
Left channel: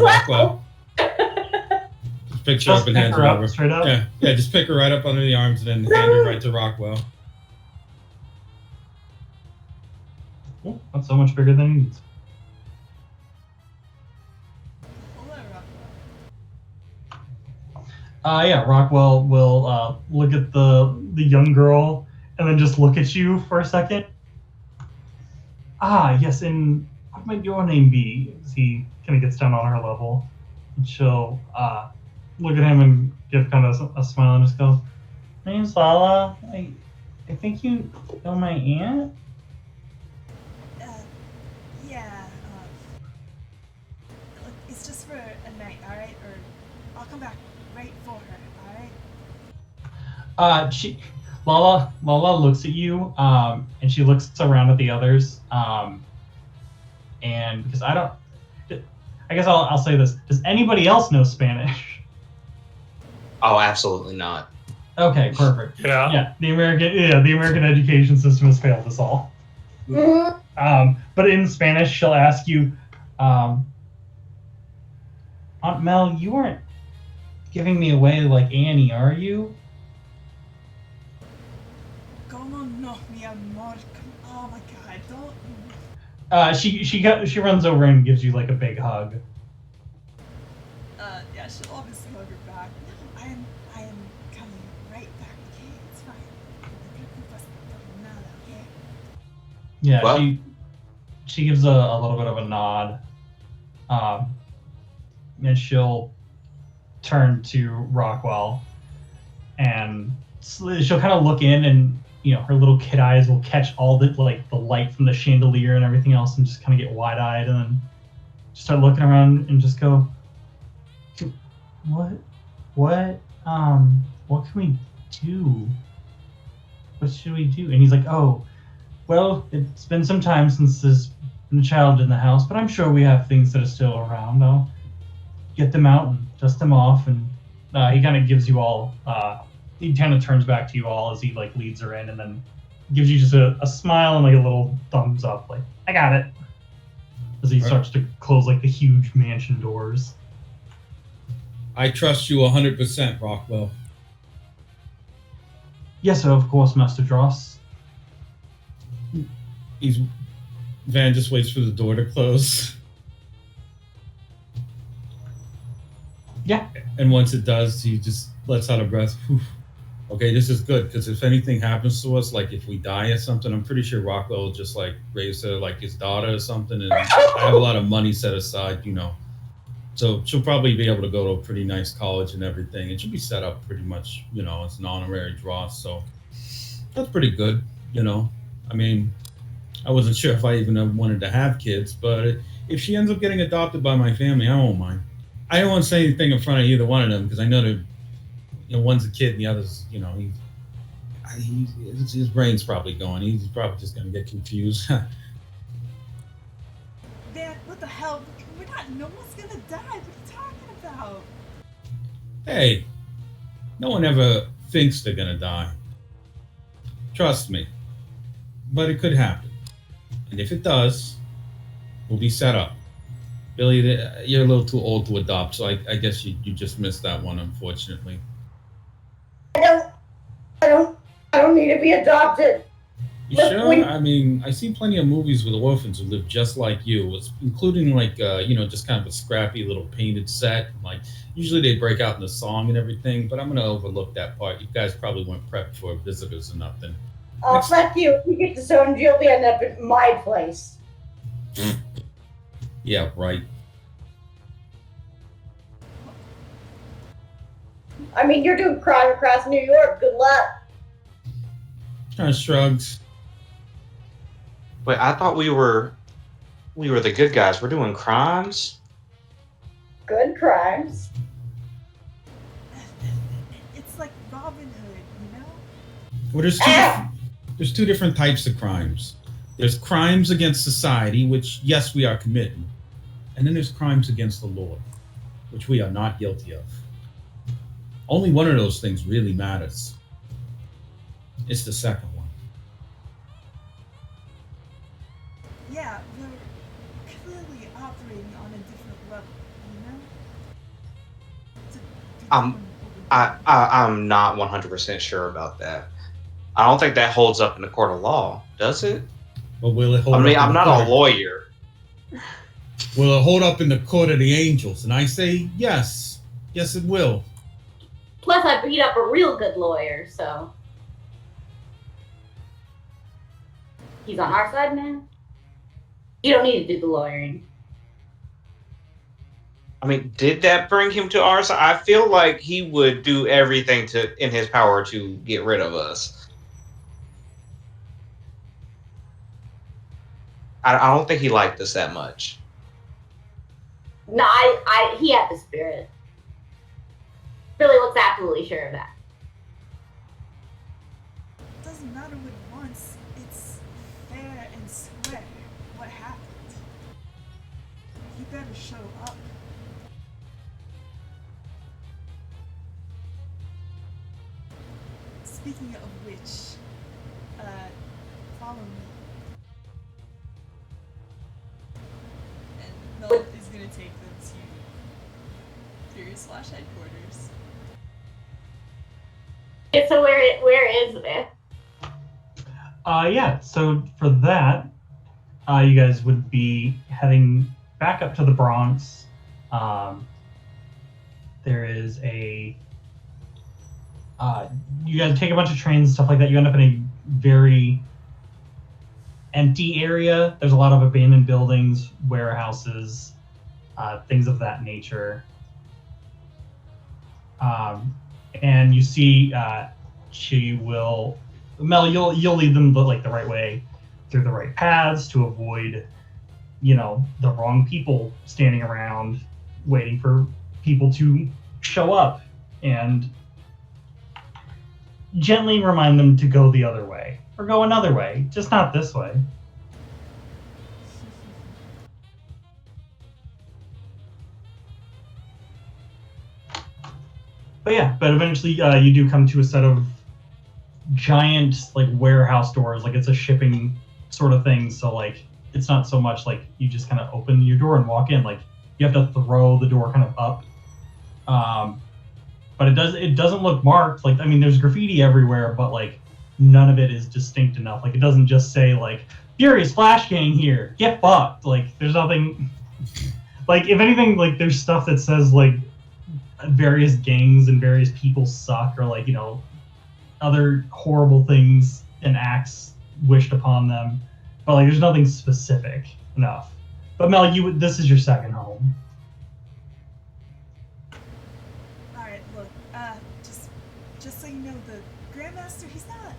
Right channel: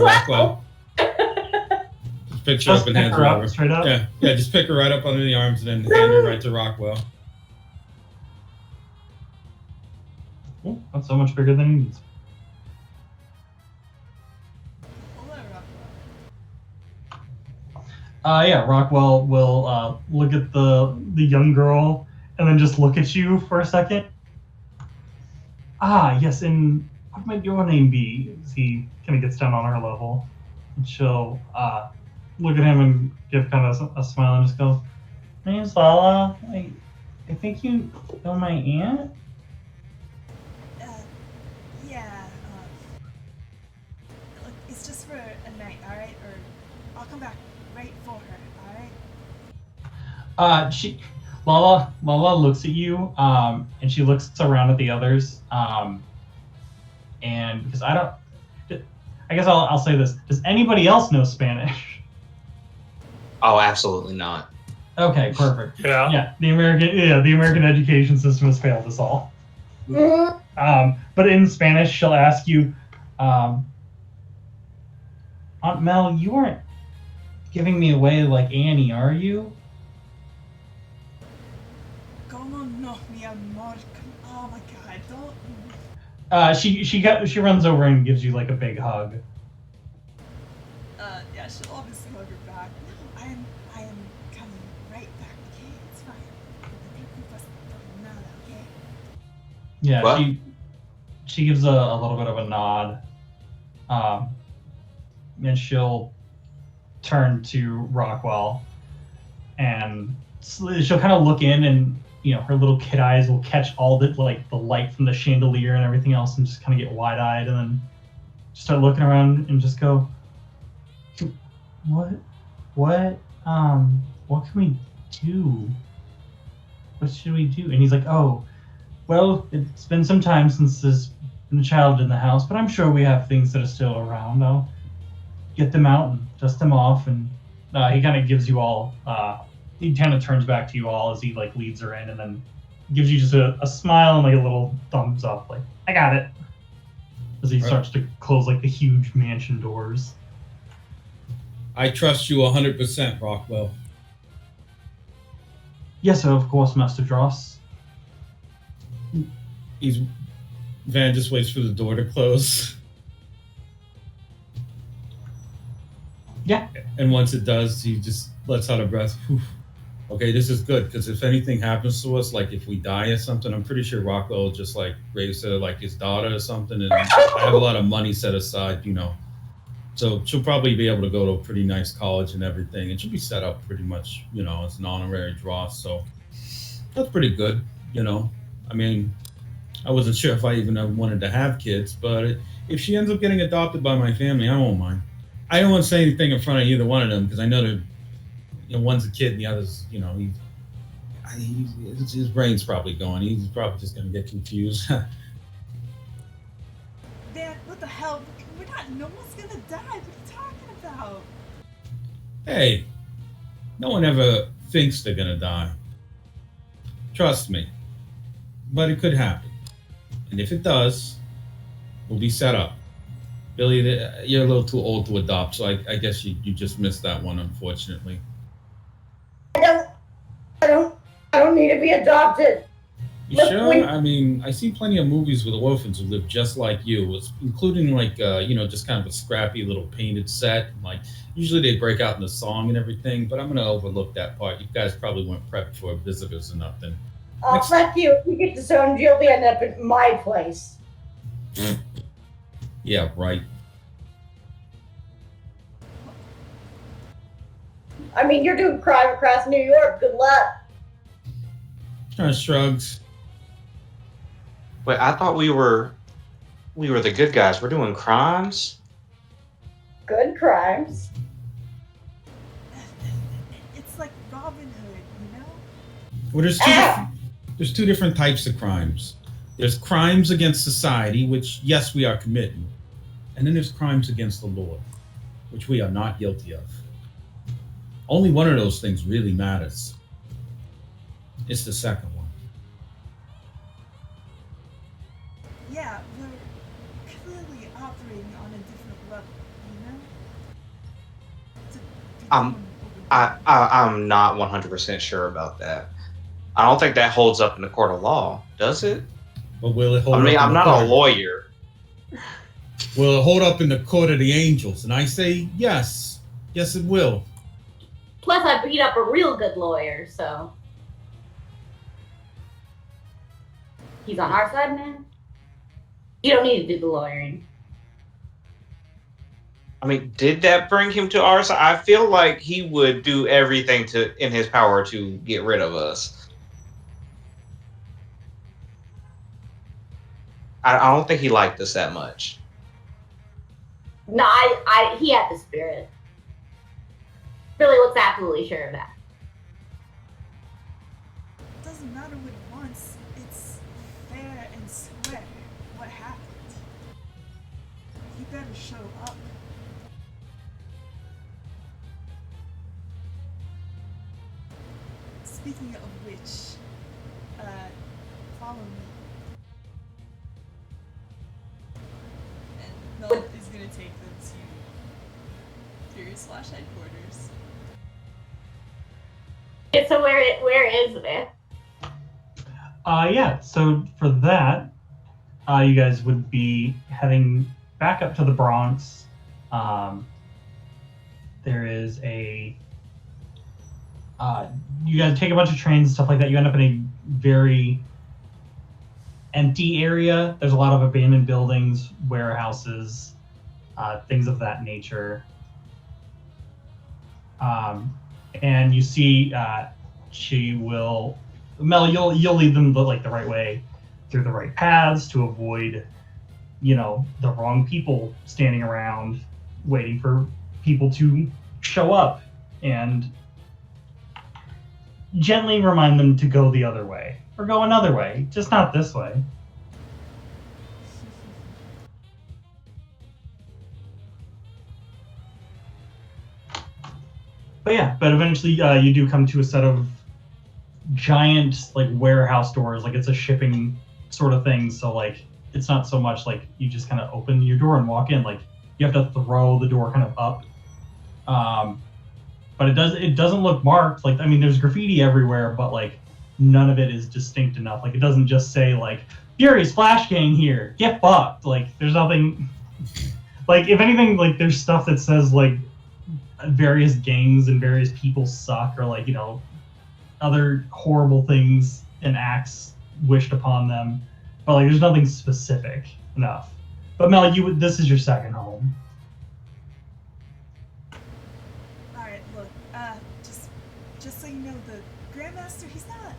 Rockwell. Just pick her up and hand her over. Straight up? Yeah, just pick her right up under the arms and then hand her right to Rockwell. Oh, that's so much bigger than he needs. Hello, Rockwell. Yeah, Rockwell will look at the young girl and then just look at you for a second. Ah, yes, and what might your name be? As he kind of gets down on her level. And she'll look at him and give kind of a smile and just go, "My name's Lala. I think you know my aunt?" Yeah, look, it's just for a night, alright? Or I'll come back right for her, alright? Lala looks at you, and she looks around at the others, and because I guess I'll say this: does anybody else know Spanish? Oh, absolutely not. Okay, perfect. Yeah. The American education system has failed us all. But in Spanish, she'll ask you, Aunt Mel, you aren't giving me away like Annie, are you? Como no, mi amor. Oh my god, don't. She runs over and gives you like a big hug. Yeah, she'll obviously hug her back. No, I am coming right back, okay? It's fine. Okay? Yeah, What? she gives a little bit of a nod, and she'll turn to Rockwell, and she'll kind of look in, and her little kid eyes will catch all the the light from the chandelier and everything else, and just kind of get wide-eyed, and then start looking around and just go, what can we do? What should we do? And he's like, oh, well, it's been some time since there's been a child in the house, but I'm sure we have things that are still around. I'll get them out and dust them off. And he kind of gives you all, he kind of turns back to you all as he leads her in, and then gives you just a smile and a little thumbs up, like, I got it. As he starts to close the huge mansion doors. I trust you 100%, Rockwell. Yes, sir, of course, Master Dross. Van just waits for the door to close. Yeah. And once it does, he just lets out a breath. Whew. Okay, this is good, because if anything happens to us, if we die or something, I'm pretty sure Rockwell will just raise her like his daughter or something, and I have a lot of money set aside, So she'll probably be able to go to a pretty nice college and everything, and she'll be set up pretty much, as an honorary Dross. So that's pretty good, I mean, I wasn't sure if I even wanted to have kids, but if she ends up getting adopted by my family, I won't mind. I don't want to say anything in front of either one of them because I know they're, one's a kid and the other's, his brain's probably going. He's probably just going to get confused. Man, what the hell? No one's gonna die. What are you talking about? Hey, no one ever thinks they're going to die. Trust me. But it could happen. And if it does, we'll be set up. Billy, you're a little too old to adopt, so I guess you just missed that one, unfortunately. I don't need to be adopted. You sure? I mean, I've seen plenty of movies with orphans who live just like you, including just kind of a scrappy little painted set. Like, usually they break out in the song and everything, but I'm going to overlook that part. You guys probably weren't prepped for visitors or nothing. Oh, fuck you. If you get disowned, you'll end up at my place. Yeah, right. I mean, you're doing crime across New York. Good luck. Shrugs. Wait, I thought we were the good guys. We're doing crimes? Good crimes. It's like Robin Hood, Well, there's two different types of crimes. There's crimes against society, which, yes, we are committing. And then there's crimes against the law, which we are not guilty of. Only one of those things really matters. It's the second one. Yeah, we're clearly operating on a different level, I'm not 100% sure about that. I don't think that holds up in the court of law, does it? But will it hold up? I'm not a lawyer. Will it hold up in the court of the angels? And I say yes. Yes, it will. Plus, I beat up a real good lawyer, so. He's on our side, man. You don't need to do the lawyering. I mean, did that bring him to our side? I feel like he would do everything in his power to get rid of us. I don't think he liked us that much. No, he had the spirit. Billy looks absolutely sure of that. Doesn't matter what he wants. It's fair and square. What happened? You better show up. Speaking of which, follow me. And Mel is gonna take them to your slash headquarters. So where is it? Yeah, so for that, you guys would be heading back up to the Bronx. There is you guys take a bunch of trains and stuff like that. You end up in a very empty area. There's a lot of abandoned buildings, warehouses, things of that nature. And you see she will, Mel, you'll lead them the right way through the right paths to avoid, the wrong people standing around waiting for people to show up, and gently remind them to go the other way or go another way, just not this way. But eventually you do come to a set of giant warehouse doors. It's a shipping sort of thing, so it's not so much you just kind of open your door and walk in. You have to throw the door kind of up. But it doesn't look marked. There's graffiti everywhere, but none of it is distinct enough. It doesn't just say Fury's Flash Gang here, get fucked. There's nothing. If anything, there's stuff that says various gangs and various people suck, or other horrible things and acts wished upon them. But there's nothing specific enough. But Mel, this is your second home. Alright, look, just so you know, the Grandmaster, he's not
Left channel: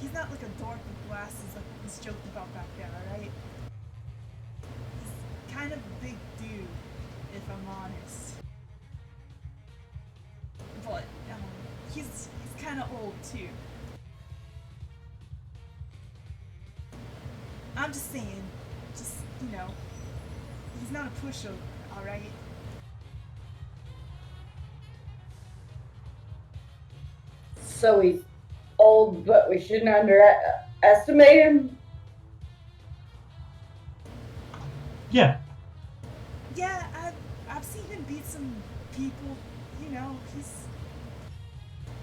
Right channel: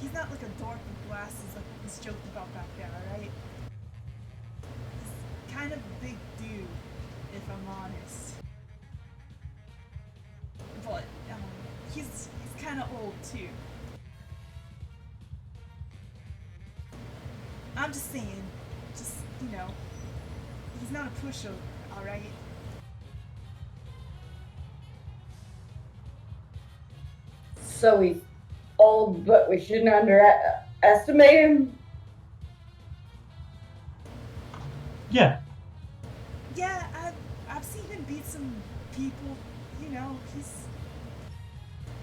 he's not like a dork with glasses like what was joked about back there, alright? He's kind of a big dude, if I'm honest. But he's kind of old too. I'm just saying, he's not a pushover, alright? So he's old, but we shouldn't underestimate him? Yeah. Yeah, I've seen him beat some people,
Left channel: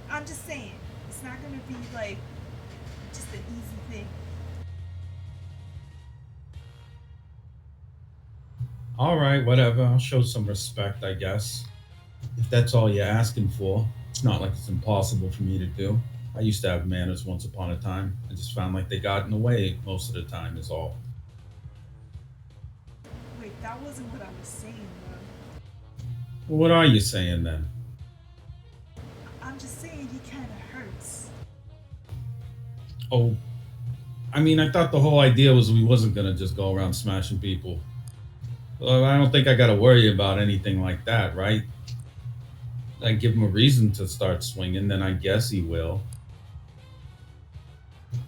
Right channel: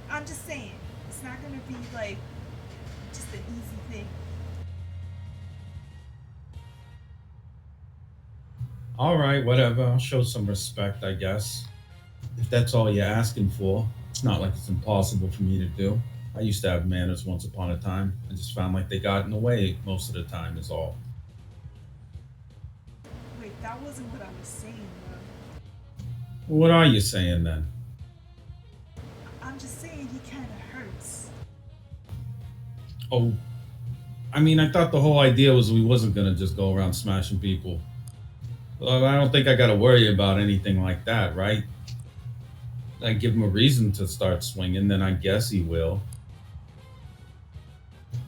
I'm just saying, it's not gonna be like just an easy thing. All right, whatever. I'll show some respect, I guess. If that's all you're asking for, it's not like it's impossible for me to do. I used to have manners once upon a time. I just found like they got in the way most of the time, is all. Wait, that wasn't what I was saying, though. Well, what are you saying then? I'm just saying he kind of hurts. Oh, I mean, I thought the whole idea was we wasn't gonna just go around smashing people. Well, I don't think I gotta worry about anything like that, right? I give him a reason to start swinging, then I guess he will.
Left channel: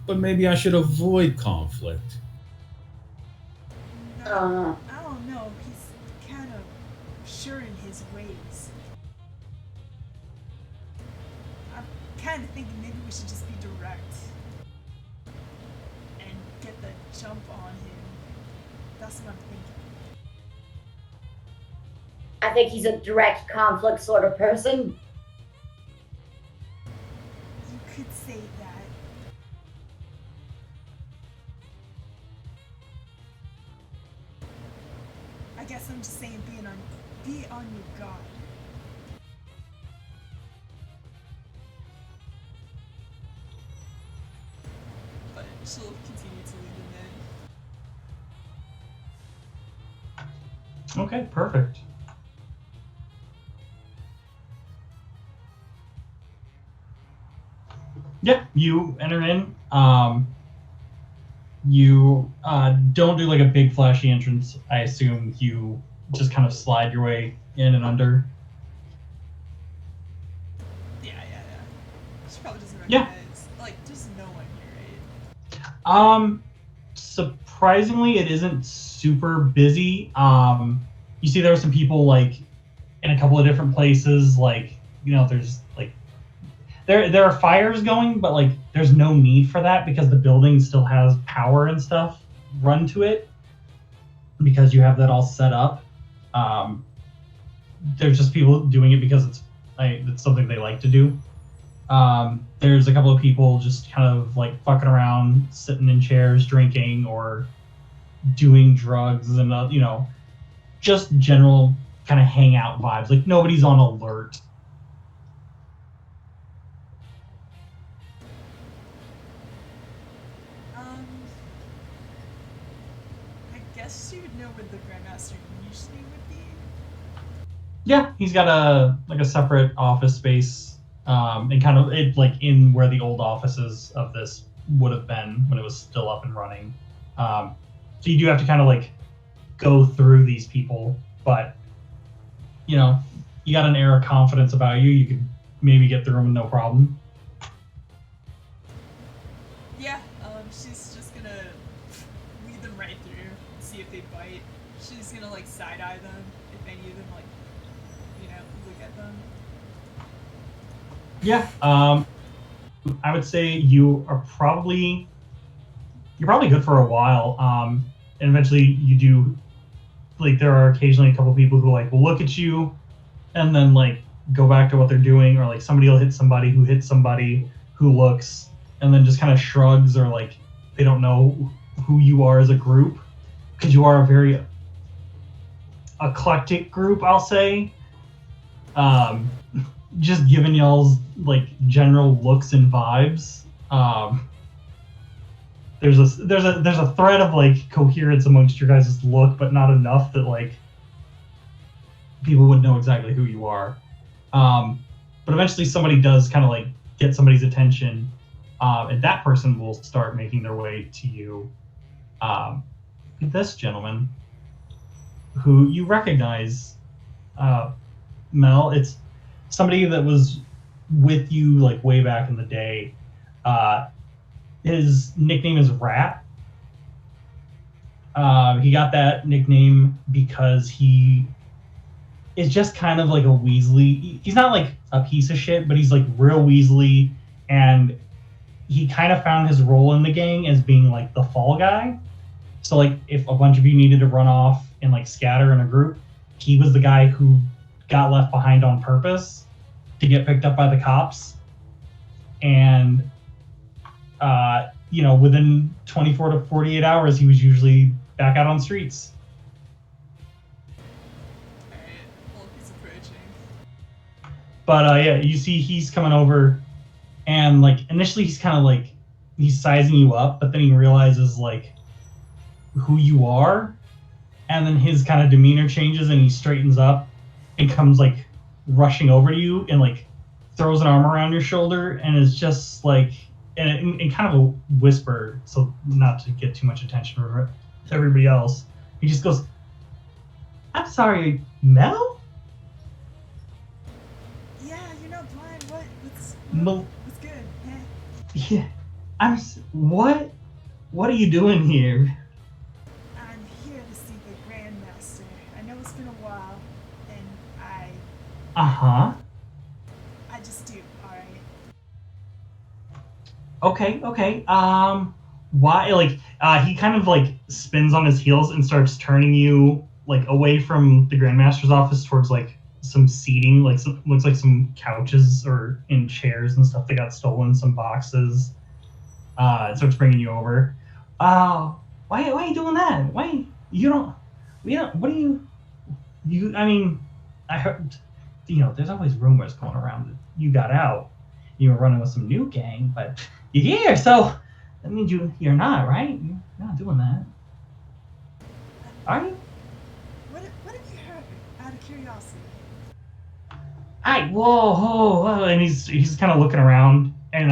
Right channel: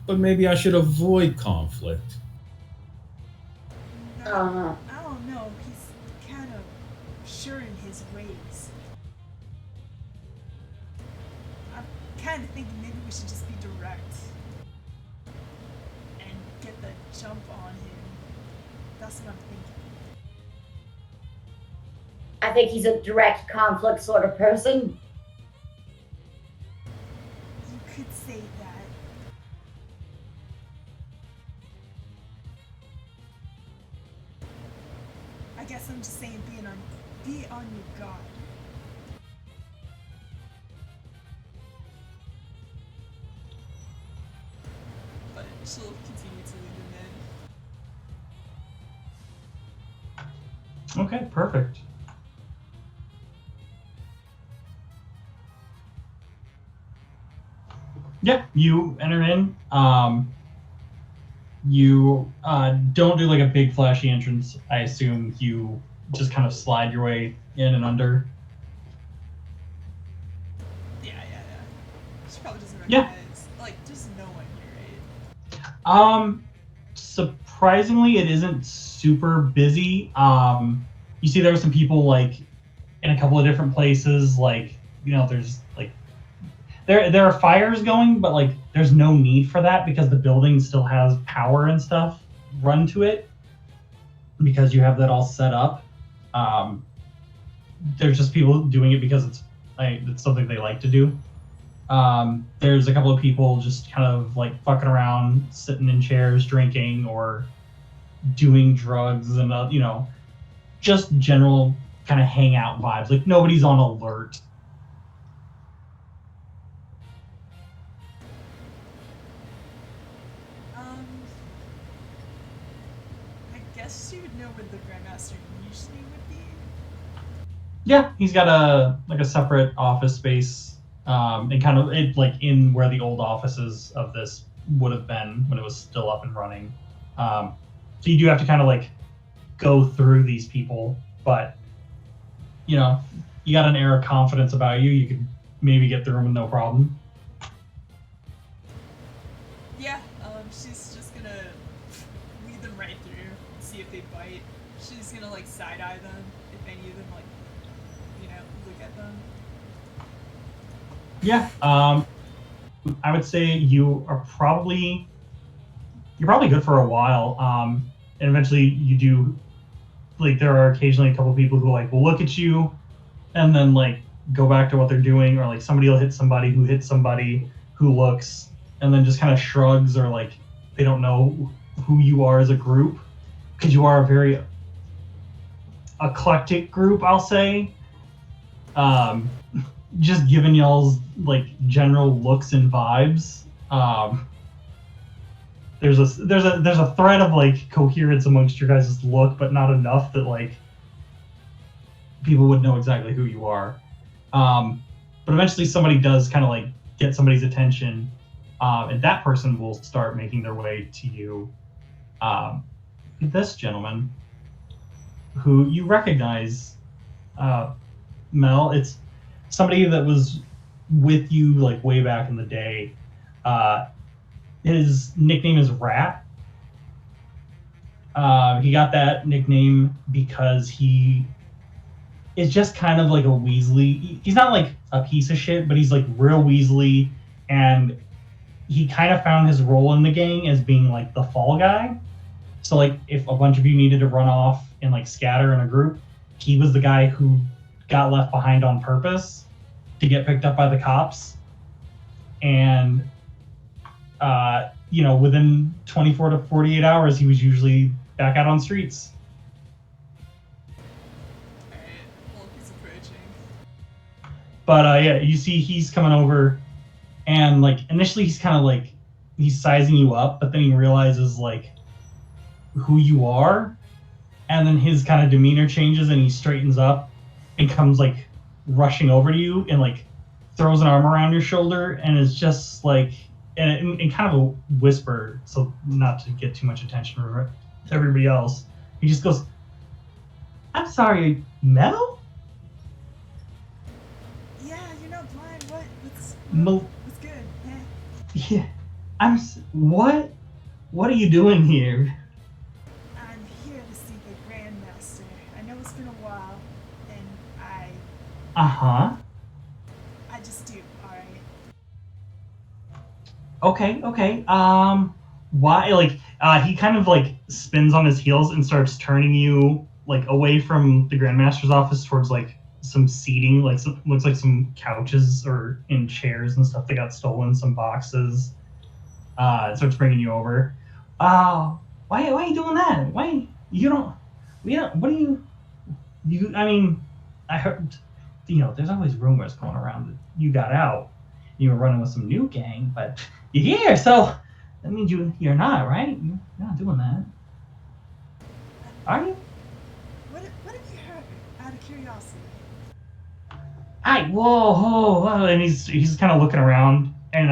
But maybe I should avoid conflict. No, I don't know. He's kind of sure in his ways. I'm kind of thinking maybe we should just be direct and get the jump on him. That's what I'm thinking. I think he's a direct conflict sort of person. You could say that. I guess I'm just saying be on your guard. But she'll continue to lead him in. Okay, perfect. Yeah, you enter in. You don't do like a big flashy entrance. I assume you just kind of slide your way in and under. Yeah. She probably doesn't Yeah. recognize. Like, there's no one here, right? Surprisingly, it isn't super busy. You see there were some people like in a couple of different places. Like, there's like there are fires going, but like there's no need for that because the building still has power and stuff run to it because you have that all set up. There's just people doing it because it's something they like to do. There's a couple of people just kind of like fucking around, sitting in chairs, drinking or doing drugs and just general kind of hangout vibes. Like nobody's on alert. I guess she would know where the Grandmaster usually would be. Yeah, he's got a separate office space, and kind of it like in where the old offices of this would have been when it was still up and running. So you do have to kind of like go through these people, but you got an air of confidence about you. You could maybe get through them with no problem. Yeah, she's just gonna lead them right through, see if they bite. She's gonna like side eye them if any of them like, look at them. Yeah, I would say you're probably good for a while. And eventually you do, like there are occasionally a couple people who like will look at you and then like go back to what they're doing, or like somebody will hit somebody who hits somebody who looks and then just kind of shrugs, or like they don't know who you are as a group because you are a very eclectic group, I'll say. Just giving y'all's like general looks and vibes. There's a thread of like coherence amongst your guys' look, but not enough that like people would know exactly who you are. But eventually somebody does kind of like get somebody's attention, And that person will start making their way to you. This gentleman, who you recognize, Mel. It's somebody that was with you like way back in the day. His nickname is Rat. He got that nickname because he is just kind of like a Weasley. He's not like a piece of shit, but he's like real Weasley, and he kind of found his role in the gang as being like the fall guy. So like if a bunch of you needed to run off and like scatter in a group, he was the guy who got left behind on purpose to get picked up by the cops. And within 24 to 48 hours, he was usually back out on streets. Alright, Hulk is approaching. But yeah, you see he's coming over, and like initially he's kind of like he's sizing you up, but then he realizes like who you are, and then his kind of demeanor changes and he straightens up and comes like rushing over to you and like throws an arm around your shoulder and is just like in kind of a whisper, so not to get too much attention to everybody else. He just goes, "I'm sorry, Mel?" Yeah, you're not blind. What's good? Yeah, what? What are you doing here? I'm here to see the Grandmaster. I know it's been a while, and I just do. All right. Okay. Why? Like, he kind of like spins on his heels and starts turning you like away from the Grandmaster's office towards like some seating, like looks like some couches or in chairs and stuff that got stolen, some boxes. Starts bringing you over. Why are you doing that? Why you don't? What do you? I mean, I heard. There's always rumors going around that you got out. You were running with some new gang, but you're here, so that means you're not, right? You're not doing that, are you? What have you heard? Out of curiosity. Whoa, and he's kind of looking around, and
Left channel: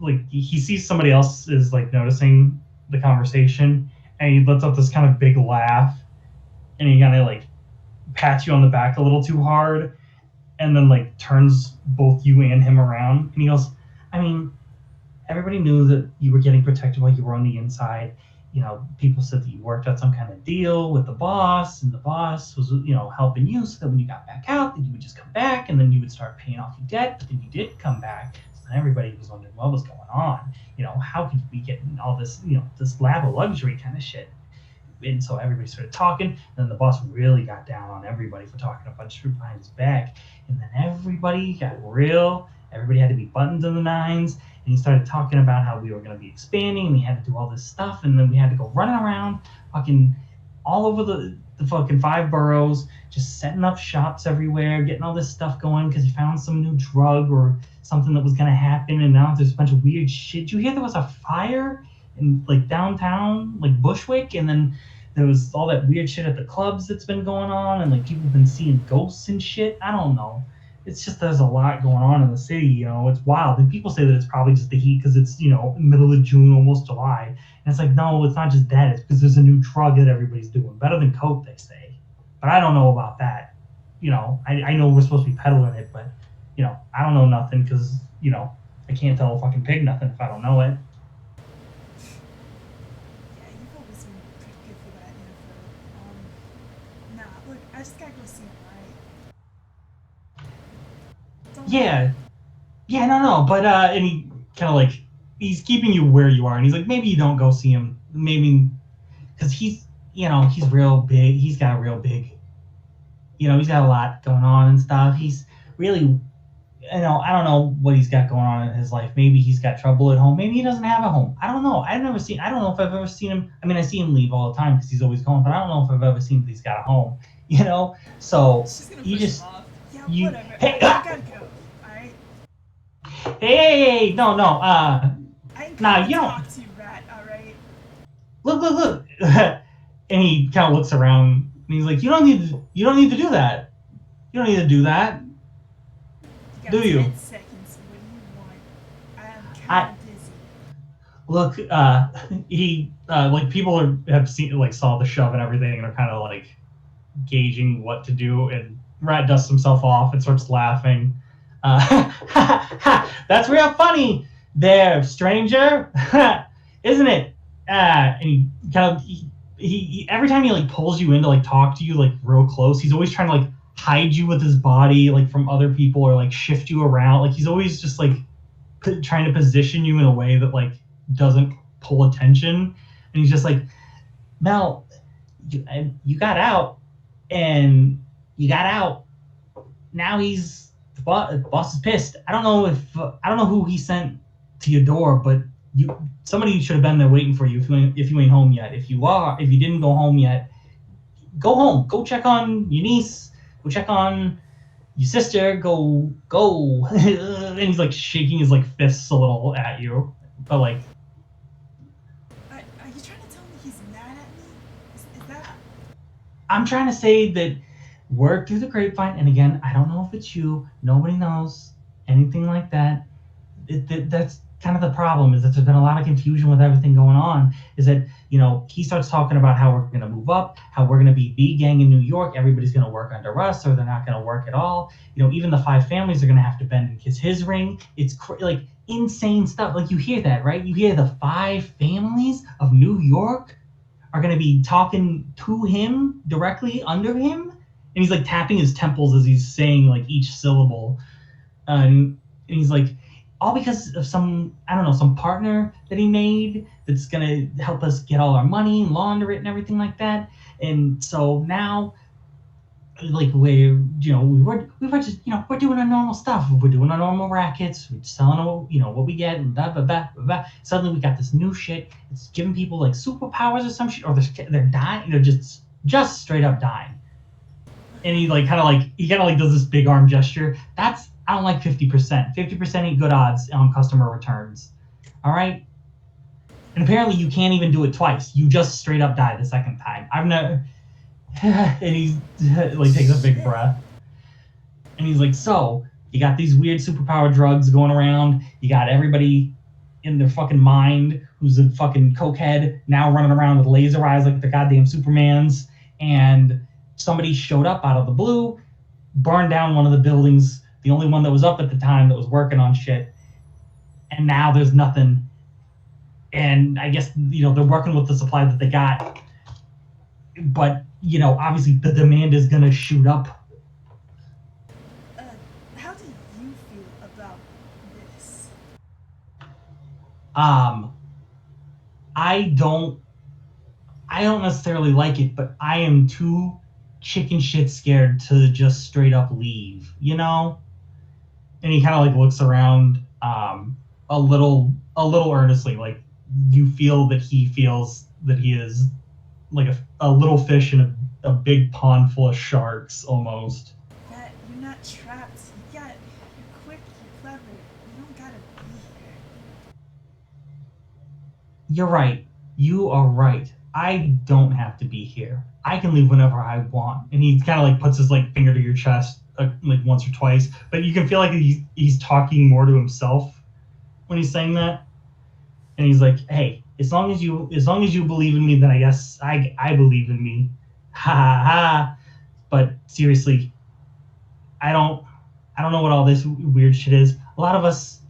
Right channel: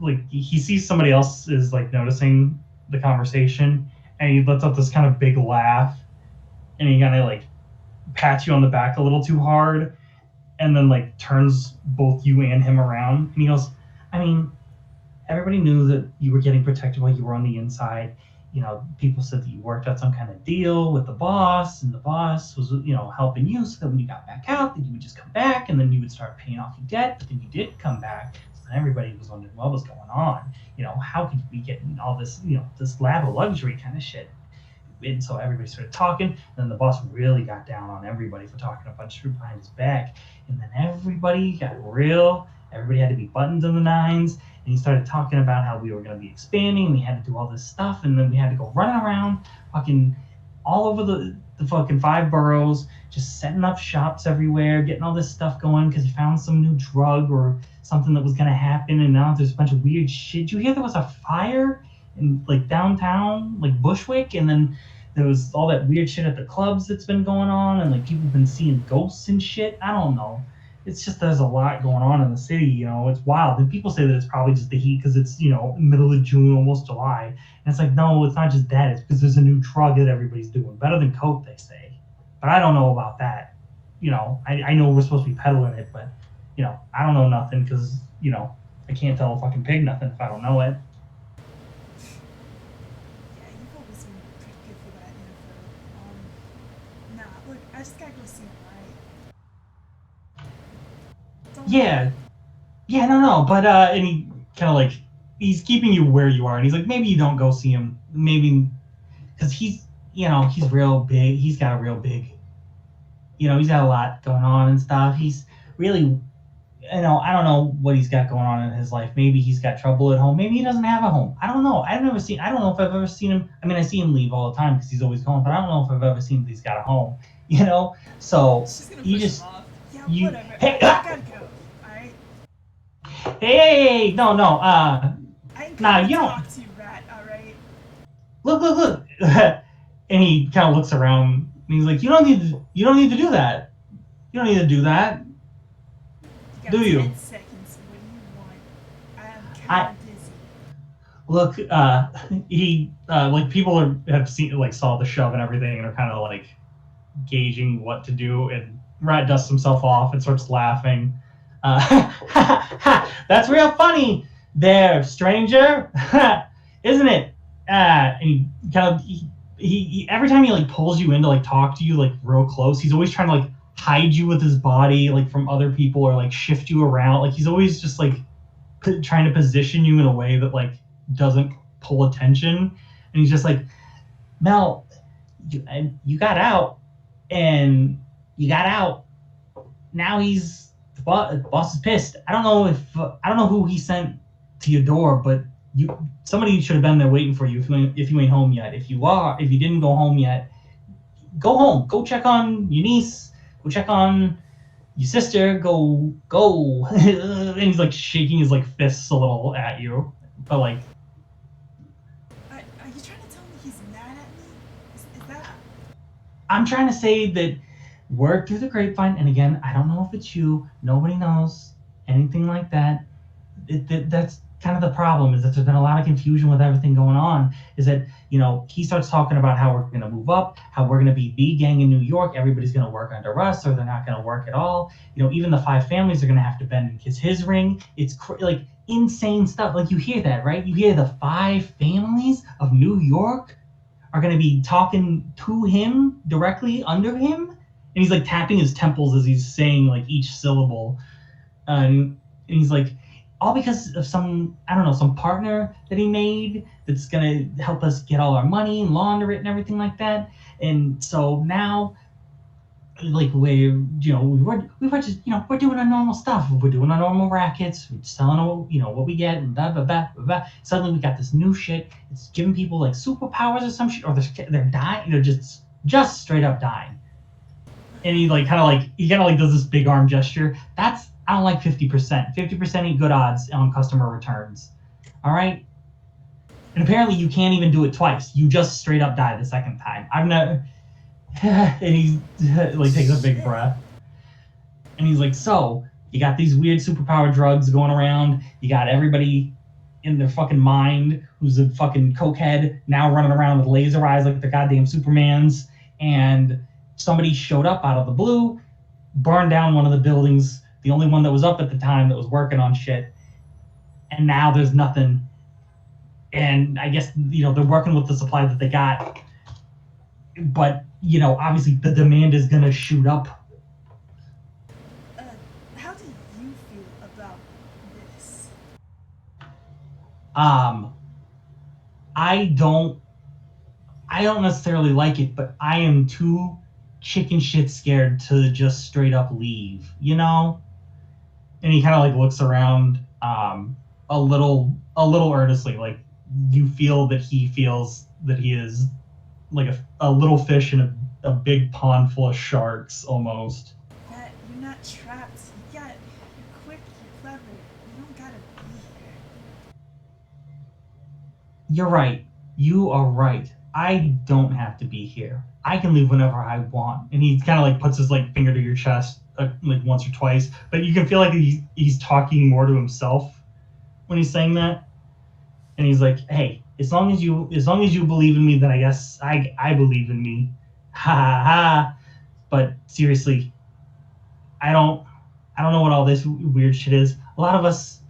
like he sees somebody else is like noticing the conversation, and he lets out this kind of big laugh, and he kind of like pats you on the back a little too hard, and then like turns both you and him around, and he goes, "I mean, everybody knew that you were getting protected while you were on the inside. People said that you worked out some kind of deal with the boss, and the boss was, helping you so that when you got back out, that you would just come back, and then you would start paying off your debt, but then you did come back. So then everybody was wondering what was going on. How could you be getting all this, this lab of luxury kind of shit?" And so everybody started talking, and then the boss really got down on everybody for talking a bunch of shit behind his back. And then everybody got real. Everybody had to be buttons in the nines. And he started talking about how we were going to be expanding, and we had to do all this stuff, and then we had to go running around fucking all over the fucking 5 boroughs, just setting up shops everywhere, getting all this stuff going because he found some new drug or something that was going to happen, and now there's a bunch of weird shit. Did you hear there was a fire in like downtown, like Bushwick, and then there was all that weird shit at the clubs that's been going on, and like people have been seeing ghosts and shit. I don't know. It's just there's a lot going on in the city, it's wild. And people say that it's probably just the heat because it's, middle of June, almost July. And it's like, no, it's not just that. It's because there's a new drug that everybody's doing. Better than Coke, they say. But I don't know about that. I know we're supposed to be peddling it, but, I don't know nothing because, I can't tell a fucking pig nothing if I don't know it. Yeah, you've always been pretty good for that info. Nah, look, I just gotta go see him, right? Yeah, no, but and he kind of like he's keeping you where you are, and he's like, maybe you don't go see him, maybe because he's real big. He's got a real big, he's got a lot going on and stuff. He's really, I don't know what he's got going on in his life. Maybe he's got trouble at home. Maybe he doesn't have a home. I don't know. I don't know if I've ever seen him. I mean, I see him leave all the time because he's always gone, but I don't know if I've ever seen that he's got a home. So She's gonna you push just him off. Yeah, you- whatever. Hey, I gotta go. Alright? hey, no, I ain't Nah, gonna you don't- talk to you, Rat, alright? look. And he kind of looks around, and he's like, you don't need to do that. You don't need to do that. You got Do you? 10 seconds. What do you want? I'm kinda busy. look, he like have seen like saw the shove and everything and are kind of like gauging what to do, and Rat dusts himself off and starts laughing. That's real funny there, stranger, isn't it? And he kind of he every time he like pulls you in to like talk to you like real close, he's always trying to like hide you with his body like from other people or like shift you around. Like he's always just like trying to position you in a way that like doesn't pull attention. And he's just like, Mel, you got out, and you got out. Now the boss is pissed. I don't know who he sent to your door, but somebody should have been there waiting for you if you ain't home yet. If you didn't go home yet, go home. Go check on your niece. Go check on your sister. Go. And he's like shaking his like fists a little at you, but like. Are you trying to tell me he's mad at me? Is that? I'm trying to say that word through the grapevine, and again, I don't know if it's you. Nobody knows anything like that. That's kind of the problem, is that there's been a lot of confusion with everything going on. Is that, he starts talking about how we're going to move up, how we're going to be B gang in New York. Everybody's going to work under us, or they're not going to work at all. Even the 5 families are going to have to bend and kiss his ring. It's like insane stuff. Like, you hear that, right? You hear the 5 families of New York are going to be talking to him directly under him. And he's like tapping his temples as he's saying like each syllable. And he's like, all because of some partner that he made that's going to help us get all our money and launder it and everything like that. And so now, like, we're just, we're doing our normal stuff. We're doing our normal rackets. We're selling, what we get, and blah, blah, blah, blah, blah. Suddenly we got this new shit. It's giving people like superpowers or some shit, or they're dying. They're just straight up dying. And he kind of does this big arm gesture. I don't like 50%. 50% ain't good odds on customer returns. All right? And apparently you can't even do it twice. You just straight up die the second time. I've never... And he like takes a big breath. And he's like, so, you got these weird superpower drugs going around. You got everybody in their fucking mind who's a fucking cokehead now running around with laser eyes like they're goddamn Supermans. And somebody showed up out of the blue, burned down one of the buildings, the only one that was up at the time that was working on shit. And now there's nothing. And I guess, they're working with the supply that they got. But, obviously the demand is going to shoot up. How do you feel about this? I don't necessarily like it, but I am too chicken shit scared to just straight up leave, And he kind of like looks around a little earnestly, like you feel that he feels that he is like a little fish in a big pond full of sharks almost. That you're not trapped. You're quick, you're clever. You don't gotta be here. You're right. You are right. I don't have to be here. I can leave whenever I want. And he kind of like puts his like finger to your chest like once or twice, but you can feel like he's talking more to himself when he's saying that. And he's like, hey, as long as you believe in me, then I guess I believe in me. Ha ha ha. But seriously, I don't know what all this weird shit is. A lot of us,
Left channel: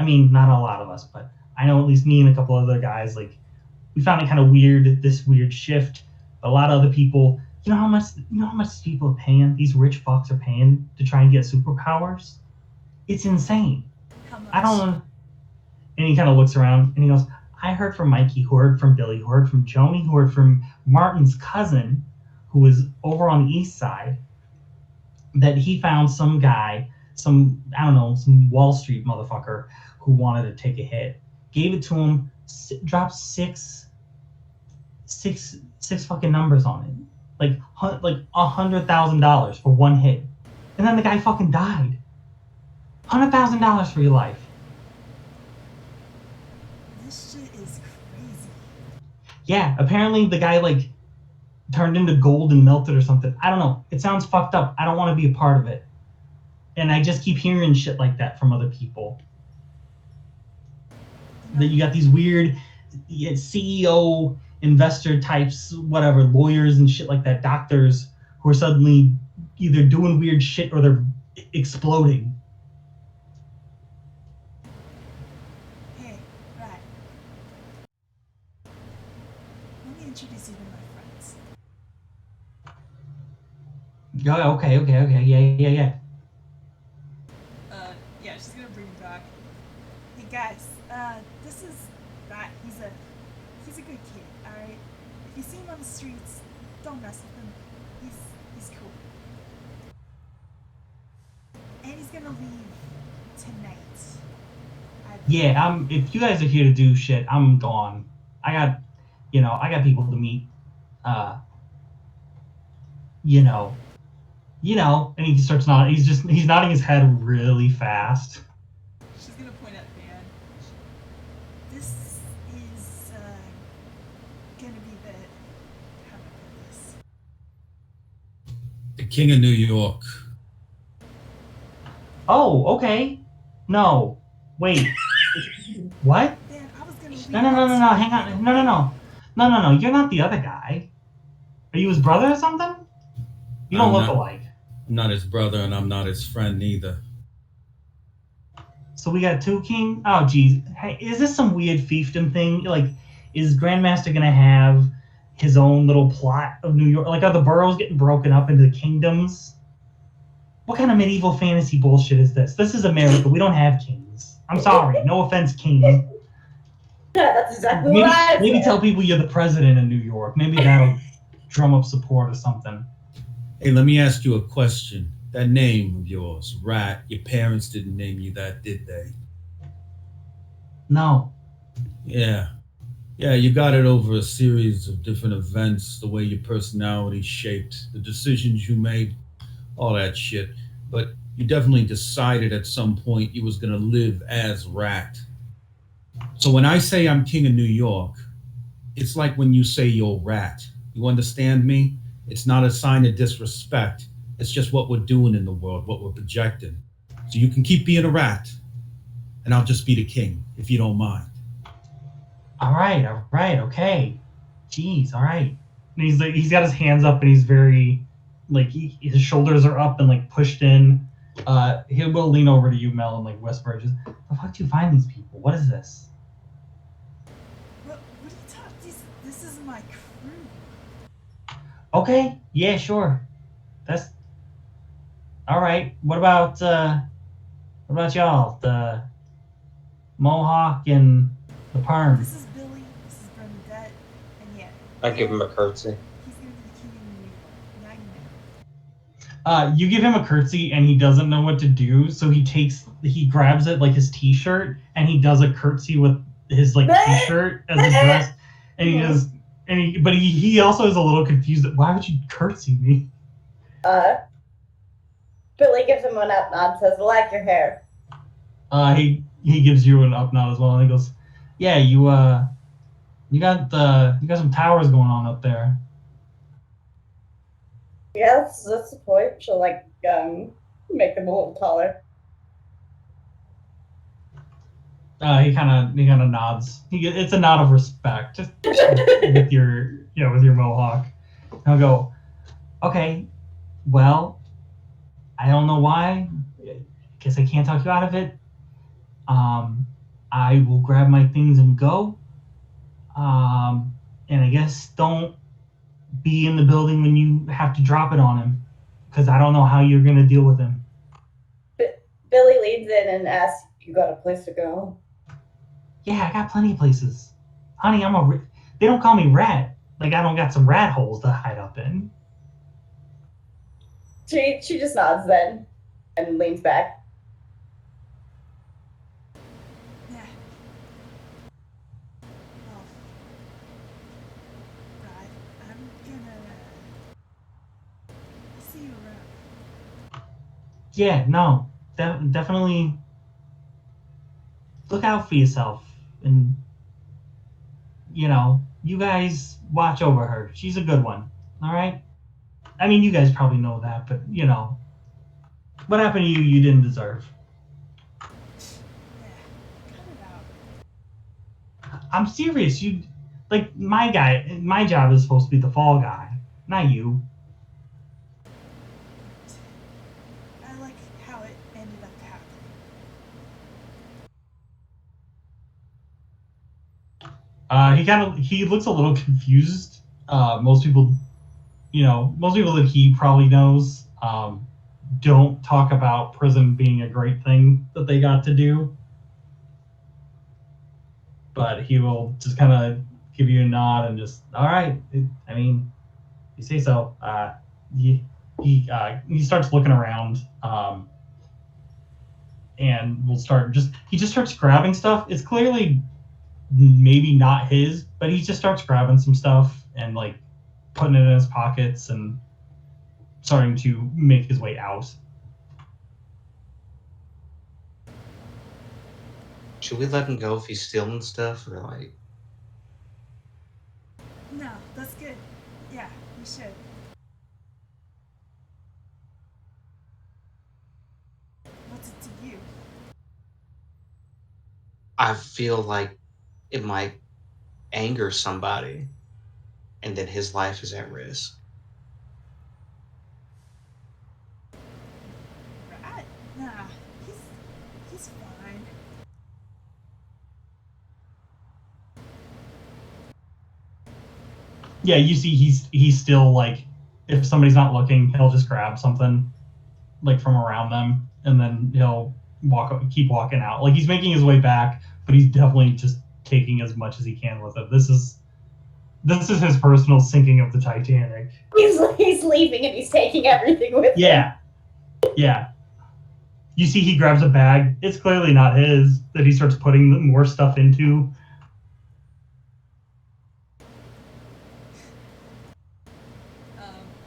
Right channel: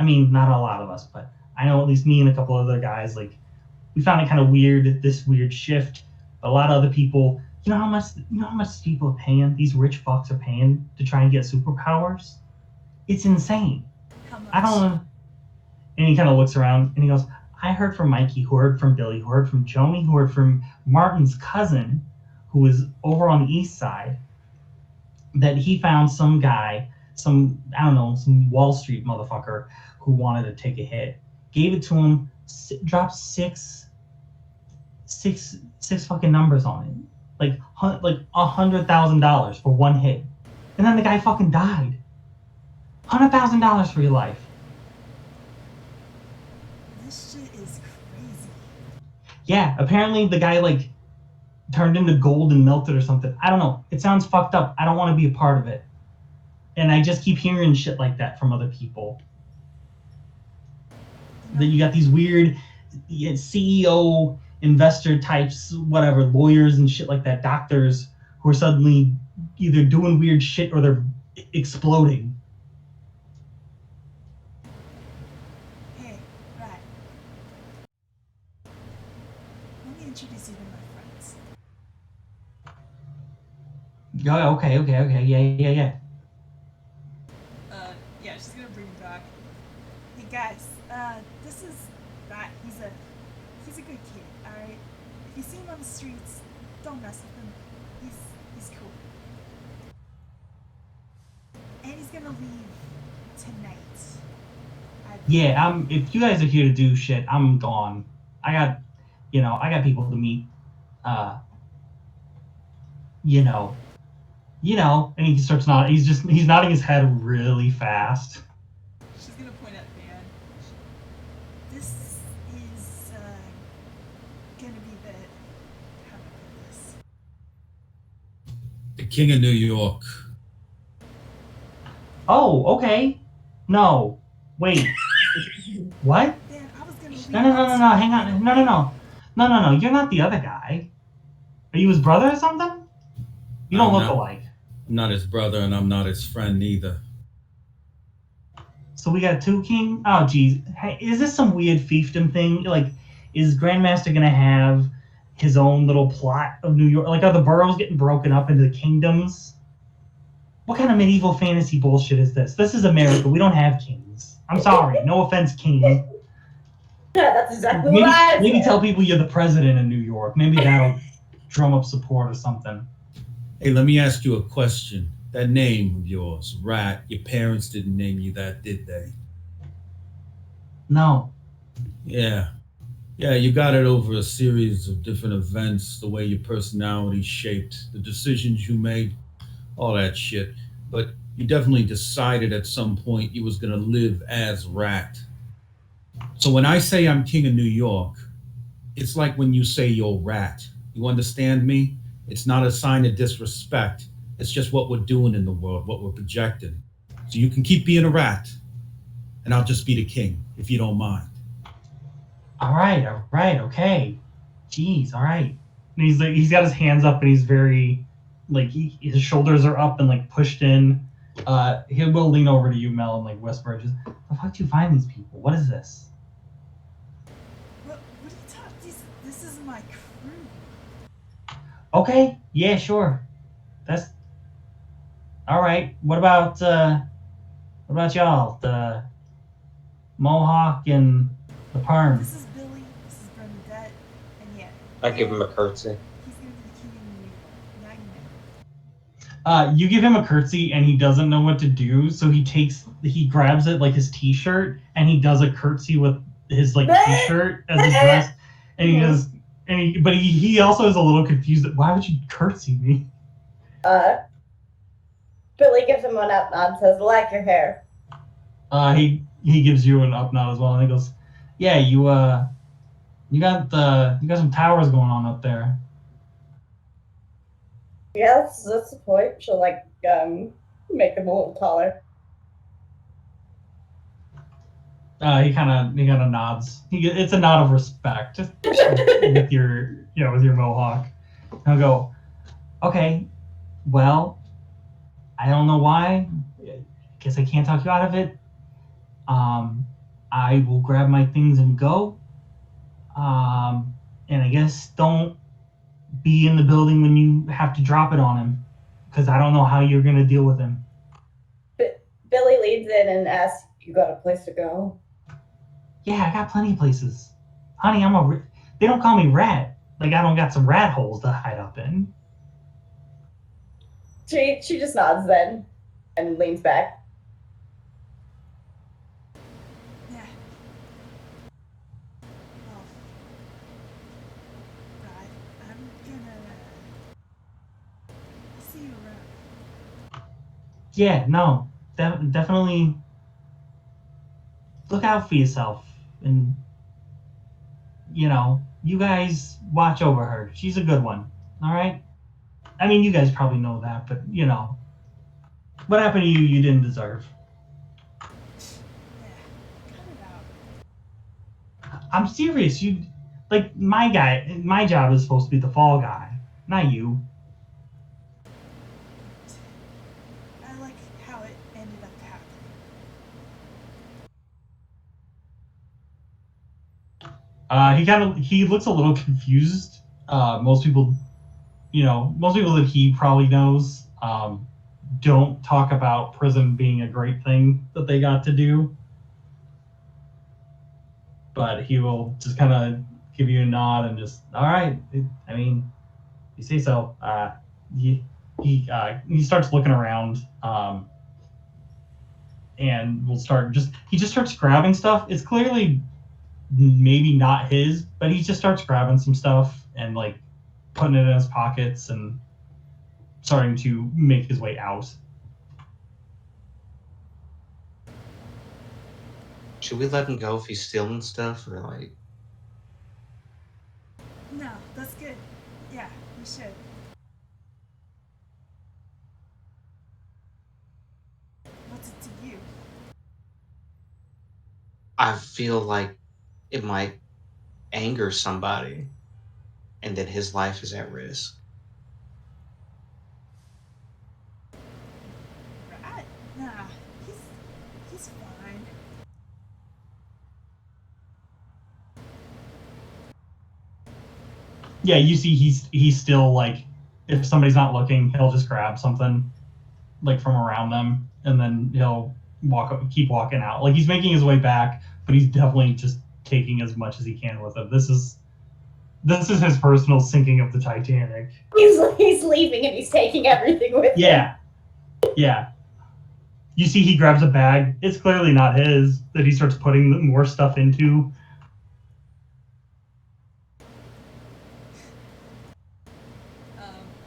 I mean, not a lot of us, but I know at least me and a couple other guys, like, we found it kind of weird, this weird shift. But a lot of other people, you know how much people are paying, these rich fucks are paying to try and get superpowers? It's insane. How much? I don't. And he kind of looks around and he goes, I heard from Mikey, who heard from Billy, who heard from Joni, who heard from Martin's cousin, who was over on the east side, that he found some guy, some Wall Street motherfucker who wanted to take a hit. Gave it to him, dropped six fucking numbers on it. Like $100,000 for one hit. And then the guy fucking died. $100,000 for your life. This shit is crazy. Yeah, apparently the guy like turned into gold and melted or something. I don't know. It sounds fucked up. I don't want to be a part of it. And I just keep hearing shit like that from other people. that you got these weird CEO investor types, whatever, lawyers and shit like that, doctors who are suddenly either doing weird shit or they're exploding. Hey, Rat. Let me introduce you to my friends. Okay, yeah. Yeah, she's gonna bring him back. Hey guys, this is Rat. He's a good kid, alright? If you see him on the streets, don't mess with him. He's cool. And he's gonna leave tonight. Yeah, if you guys are here to do shit, I'm gone. I got people to meet. And he starts nodding. He's nodding his head really fast. She's gonna point at Van. This is gonna be the how do I put this? The King of New York. Oh, okay. No, wait. What? Van, I was gonna leave. No. Hang on. No. You're not the other guy. Are you his brother or something? You don't look alike. I'm not his brother, and I'm not his friend either. So we got two king. Oh, geez. Hey, is this some weird fiefdom thing? Like, is Grandmaster gonna have his own little plot of New York? Like, are the boroughs getting broken up into the kingdoms? What kind of medieval fantasy bullshit is this? This is America. We don't have kings. I'm sorry. No offense, king. Yeah, that's exactly what I said. Maybe tell people you're the president of New York. Maybe that'll drum up support or something. Hey, let me ask you a question. That name of yours, Rat, your parents didn't name you that, did they? No. Yeah. Yeah, you got it over a series of different events, the way your personality shaped, the decisions you made, all that shit. But you definitely decided at some point you was gonna live as Rat. So when I say I'm King of New York, it's like when you say you're Rat. You understand me? It's not a sign of disrespect. It's just what we're doing in the world, what we're projecting. So you can keep being a rat, and I'll just be the king, if you don't mind. All right, okay. Jeez, all right. And he's got his hands up, and he's very, like, his shoulders are up and like pushed in. He will lean over to you, Mel, and like whisper, "Just, the fuck do you find these people? What is this?" What are you talking? This is my crew. Okay, yeah, sure. That's all right. What about y'all? The Mohawk and the Perm. This is Billy. This is Bernadette, and yeah. I give him a curtsy. He's gonna be the king of New York. Now you know. You give him a curtsy and he doesn't know what to do, so he grabs it like his t-shirt and he does a curtsy with his like t-shirt as a dress, and he also is a little confused that why would you curtsy me? Billy gives him an up nod and says, "I like your hair." He gives you an up nod as well, and he goes, "Yeah, you got some towers going on up there." Yeah, that's the point. She'll like make them a little taller. He kind of nods. It's a nod of respect with your mohawk. And I'll go, "Okay, well, I don't know why. Guess I can't talk you out of it. I will grab my things and go. And I guess don't be in the building when you have to drop it on him, because I don't know how you're gonna deal with him." Billy leads in and asks, "You got a place to go?" "Yeah, I got plenty of places, honey. They don't call me Rat. Like I don't got some rat holes to hide up in." She just nods then and leans back. Yeah. Well, right. I'm gonna see you around. Yeah, no, definitely look out for yourself, and you guys watch over her. She's a good one. All right. I mean, you guys probably know that, but what happened to you didn't deserve. Yeah. Cut it out. I'm serious. You, like, my job is supposed to be the fall guy, not you. I like how it ended up happening. He looks a little confused. Most people, most people that he probably knows, don't talk about prison being a great thing that they got to do. But he will just kind of give you a nod and just, all right. I mean, you say so. He starts looking around, and he just starts grabbing stuff. It's clearly maybe not his, but he just starts grabbing some stuff and like putting it in his pockets and starting to make his way out. Should we let him go if he's stealing stuff, or like? No, that's good. Yeah, we should. What's it to you? I feel like it might anger somebody, and that his life is at risk. Rat? Nah, he's fine. Yeah, you see, he's still like, if somebody's not looking, he'll just grab something like from around them, and then he'll keep walking out. Like he's making his way back, but he's definitely just taking as much as he can with it. This is his personal sinking of the Titanic. He's leaving and he's taking everything with him. Yeah. You see, he grabs a bag. It's clearly not his, that he starts putting more stuff into.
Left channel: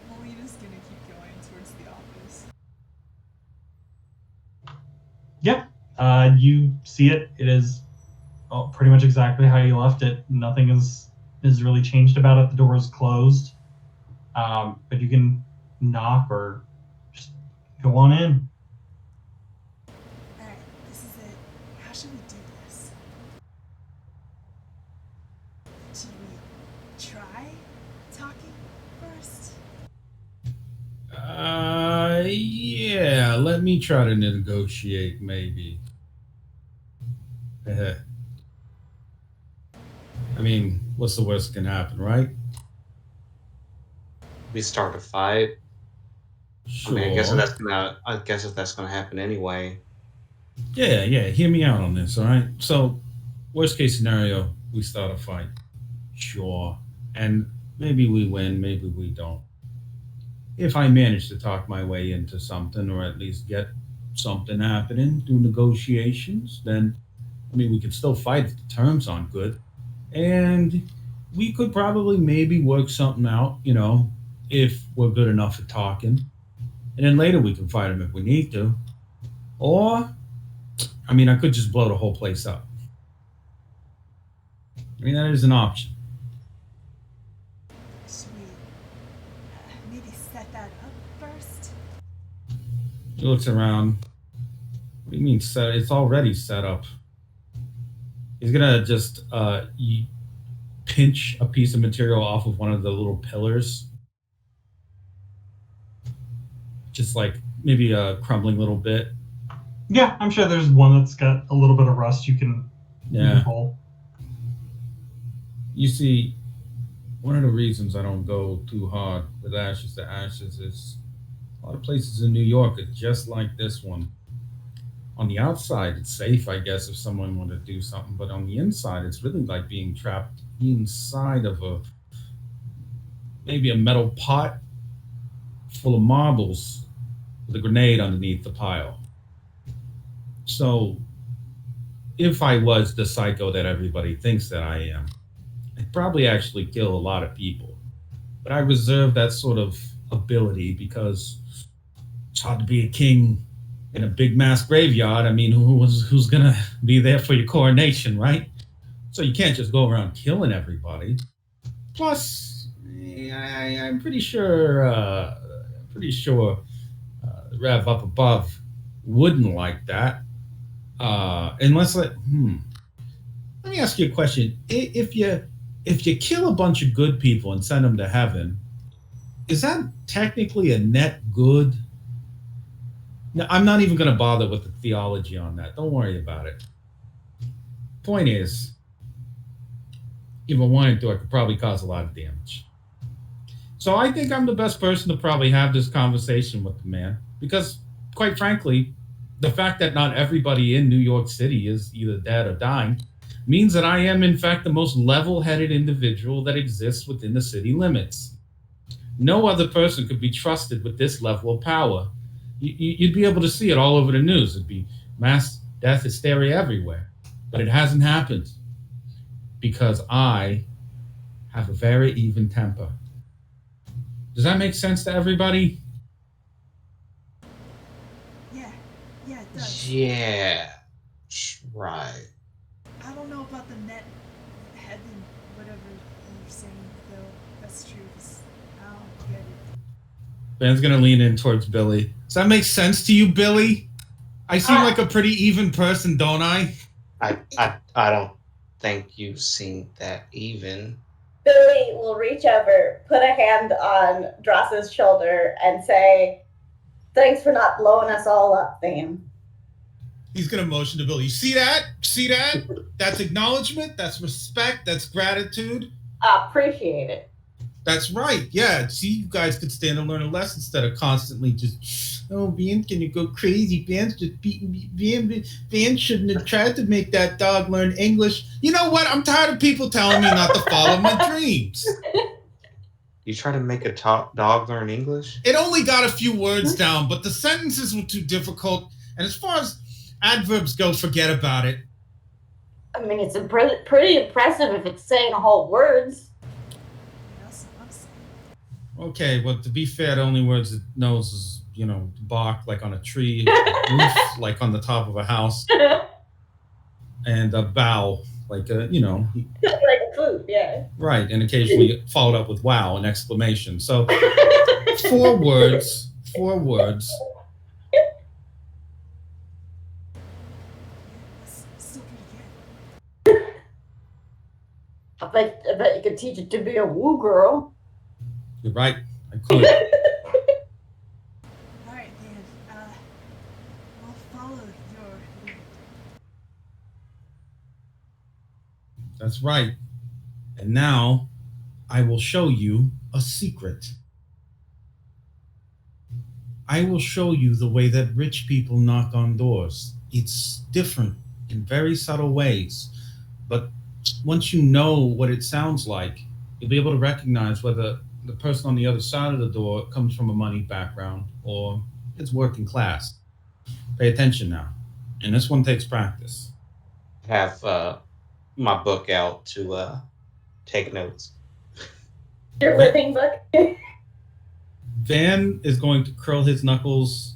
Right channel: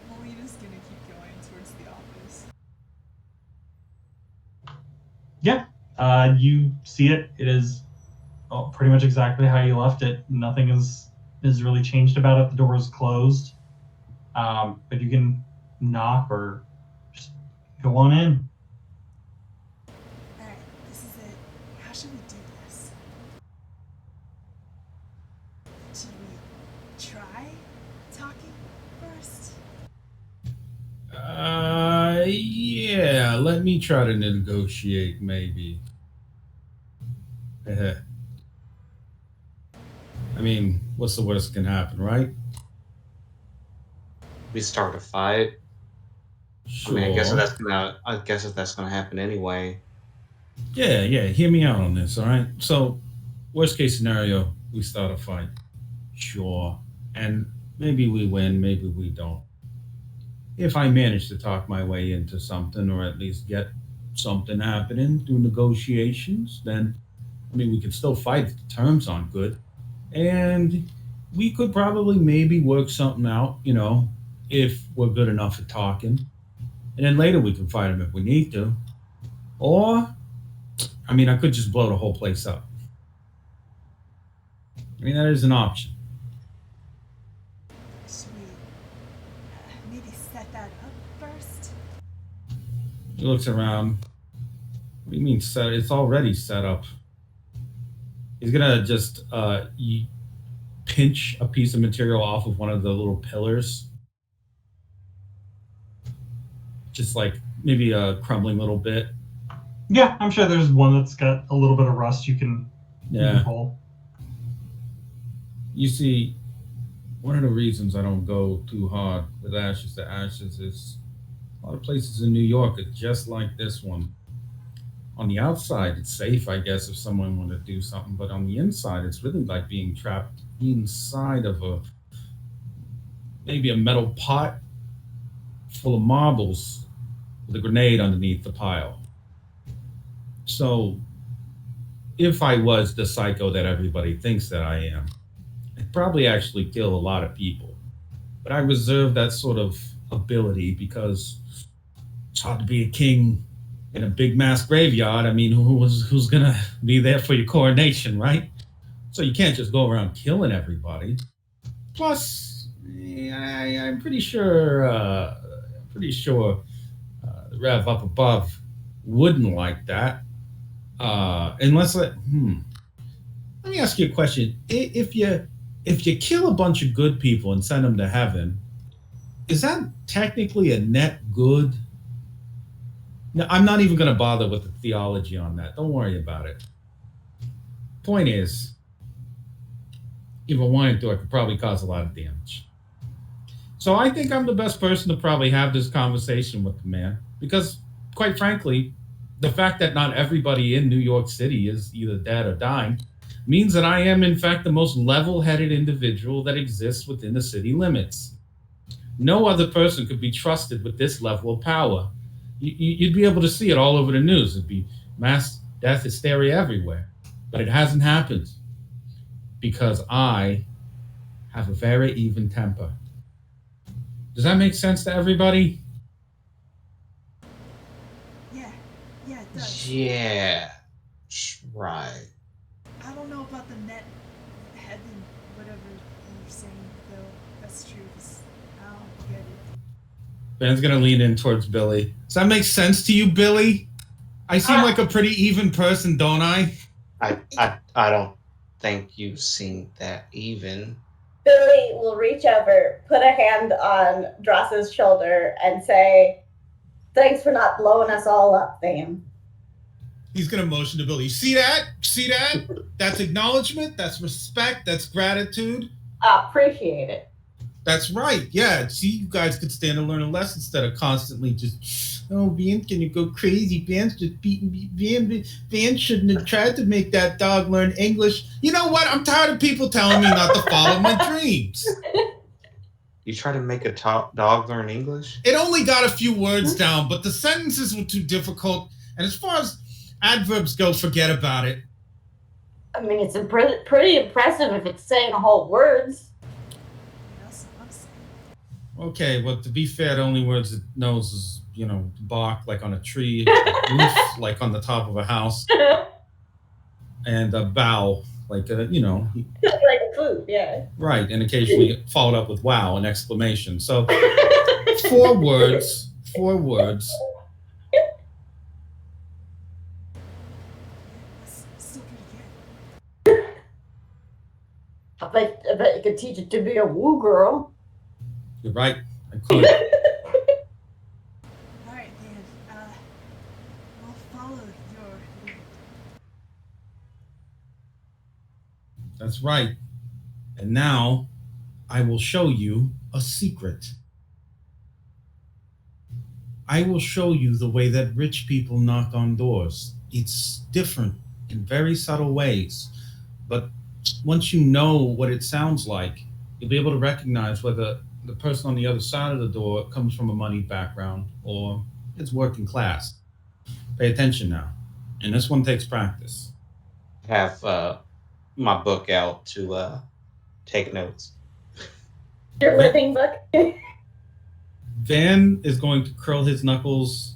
Melina's gonna keep going towards the office. Yeah. You see it. It is pretty much exactly how you left it. Nothing is really changed about it. The door is closed. But you can knock or just go on in. Alright, this is it. How should we do this? Should we try talking first? Yeah, let me try to negotiate, maybe. I mean, what's the worst that can happen, right? We start a fight. Sure. I mean, I guess if that's gonna happen anyway. Yeah, hear me out on this, all right? So, worst case scenario, we start a fight. Sure. And maybe we win, maybe we don't. If I manage to talk my way into something, or at least get something happening through negotiations, then, I mean, we could still fight if the terms aren't good. And we could probably maybe work something out, if we're good enough at talking. And then later we can fight them if we need to. Or, I mean, I could just blow the whole place up. I mean, that is an option. Should we maybe set that up first? He looks around. What do you mean set? It's already set up. He's gonna just pinch a piece of material off of one of the little pillars. Just like maybe a crumbling little bit. Yeah, I'm sure there's one that's got a little bit of rust you can pull. You see, one of the reasons I don't go too hard with Ashes to Ashes is a lot of places in New York are just like this one. On the outside, it's safe, I guess, if someone wanted to do something, but on the inside, it's really like being trapped inside of maybe a metal pot full of marbles with a grenade underneath the pile. So, if I was the psycho that everybody thinks that I am, I'd probably actually kill a lot of people. But I reserve that sort of ability because it's hard to be a king in a big mass graveyard. I mean, who's gonna be there for your coronation, right? So you can't just go around killing everybody. Plus, I'm pretty sure the Rev up above wouldn't like that. Unless Let me ask you a question. If you kill a bunch of good people and send them to heaven, is that technically a net good? No, I'm not even going to bother with the theology on that. Don't worry about it. Point is, if I wanted to, I could probably cause a lot of damage. So I think I'm the best person to probably have this conversation with the man because, quite frankly, the fact that not everybody in New York City is either dead or dying means that I am, in fact, the most level-headed individual that exists within the city limits. No other person could be trusted with this level of power. You'd be able to see it all over the news. It'd be mass death hysteria everywhere. But it hasn't happened because I have a very even temper. Does that make sense to everybody? Yeah, it does. Yeah, right. I don't know about the net head and whatever you're saying, though. That's true, 'cause I don't get it. Ben's gonna lean in towards Billy. Does that make sense to you, Billy? I seem like a pretty even person, don't I? I don't think you seem that even. Billy will reach over, put a hand on Dross's shoulder, and say, "Thanks for not blowing us all up, fam." He's gonna motion to Billy. See that? See that? That's acknowledgement. That's respect. That's gratitude. Appreciate it. That's right. Yeah. See, you guys could stand and learn a lesson instead of constantly just, oh, Van's gonna go crazy. Van's just beating me. Van shouldn't have tried to make that dog learn English. You know what? I'm tired of people telling me not to follow my dreams. You try to make a dog learn English? It only got a few words down, but the sentences were too difficult. And as far as adverbs go, forget about it. I mean, it's pretty impressive if it's saying whole words. That's what I'm saying. Okay, well, to be fair, the only words it knows is, bark like on a tree, roof like on the top of a house, and a bow like a, Like a food, yeah. right, and occasionally followed up with wow, an exclamation. So 4 words. That's still pretty good. I bet you could teach it to be a woo girl. You're right, I could. Alright, Dan. I'll follow your lead. That's right. And now I will show you a secret. I will show you the way that rich people knock on doors. It's different in very subtle ways, but once you know what it sounds like, you'll be able to recognize whether the person on the other side of the door comes from a money background or is working class. Pay attention now. And this one takes practice. Have my book out to take notes. Your living book. Van is going to curl his knuckles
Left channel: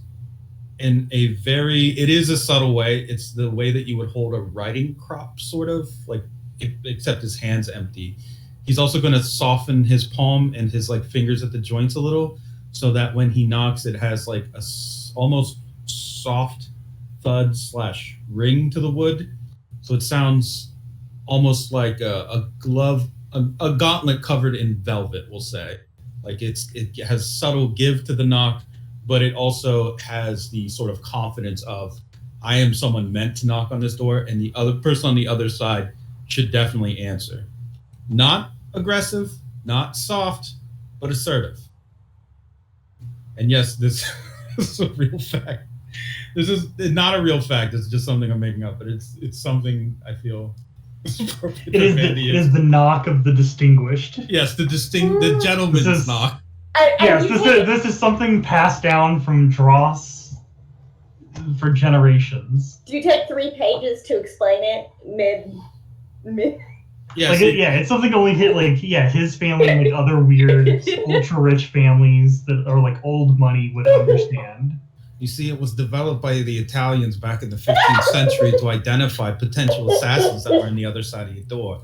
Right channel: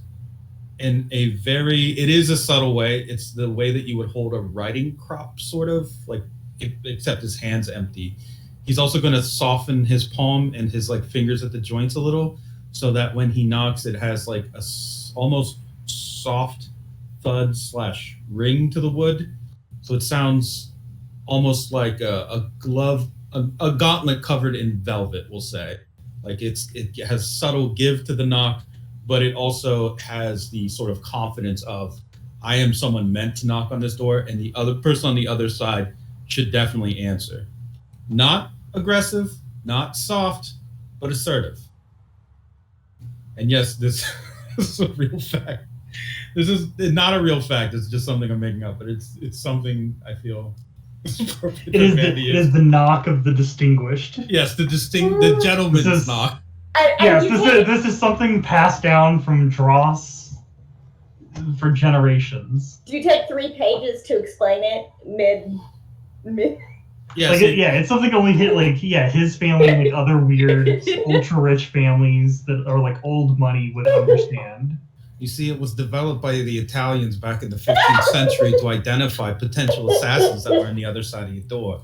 in it is a subtle way. It's the way that you would hold a writing crop, sort of, except his hand's empty. He's also going to soften his palm and his fingers at the joints a little, so that when he knocks, it has almost soft thud / ring to the wood. So it sounds almost like a glove, a gauntlet covered in velvet, we'll say. It has subtle give to the knock, but it also has the sort of confidence of, I am someone meant to knock on this door, and the other person on the other side should definitely answer. Not aggressive, not soft, but assertive. And yes, this is a real fact. This is not a real fact. It's just something I'm making up, but it's something I feel It is the knock of the distinguished. Yes, the gentleman's knock. Yes, this is something passed down from Dross for generations. Do you take 3 pages to explain it mid? Yes, it's something only his family and other weird ultra rich families that are old money would understand. You see, it was developed by the Italians back in the 15th century to identify potential assassins that were on the other side of your door.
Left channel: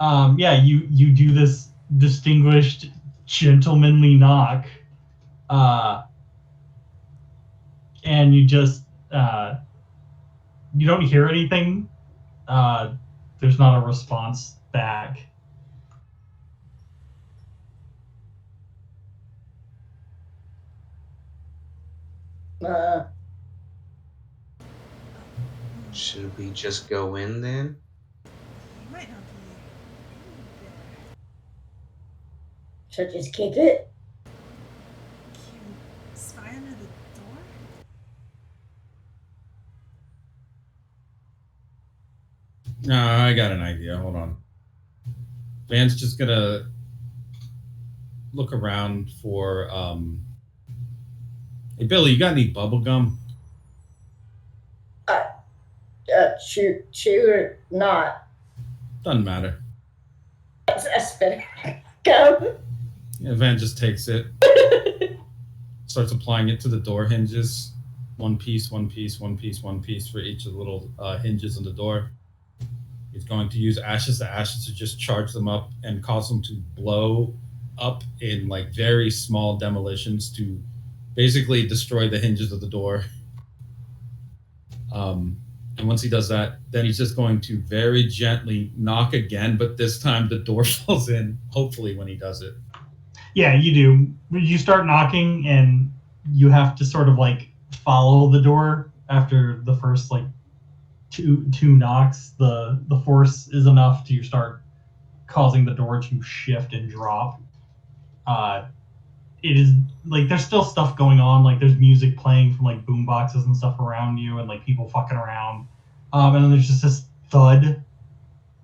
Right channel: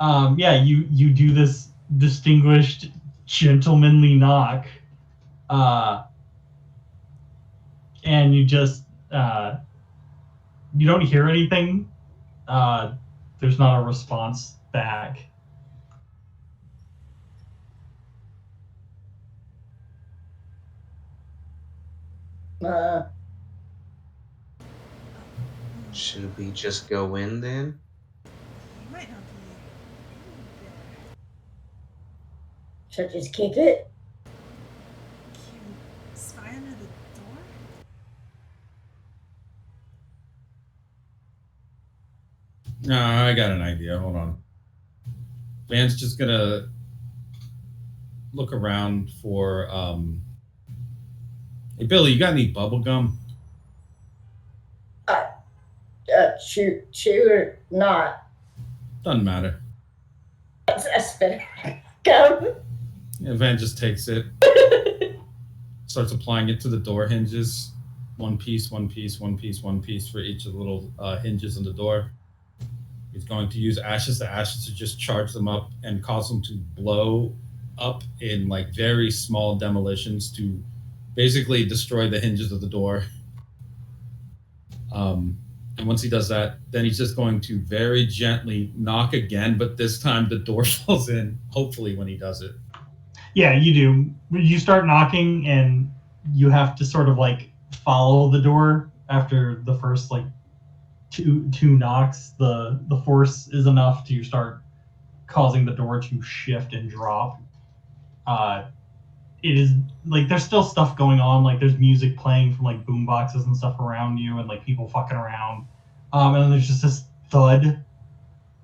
You do this distinguished, gentlemanly knock, And you just you don't hear anything. There's not a response back. Should we just go in then? You might not be there. Should just keep it. Can you spy under the door? No, I got an idea. Hold on. Van's just gonna look around for. Hey, Billy, you got any bubble gum? Chew or not. Doesn't matter. I spit it. Go. Yeah, Van just takes it, starts applying it to the door hinges. One piece, one piece, one piece, one piece for each of the little hinges on the door. He's going to use ashes to just charge them up and cause them to blow up in like very small demolitions to basically destroy the hinges of the door. And once he does that, then he's just going to very gently knock again, but this time the door falls in, hopefully, when he does it. Yeah, you do. You start knocking, and you have to sort of like follow the door after the first like two knocks. The force is enough to start causing the door to shift and drop. It is like there's still stuff going on, like there's music playing from like boom boxes and stuff around you, and like people fucking around. And then there's just this thud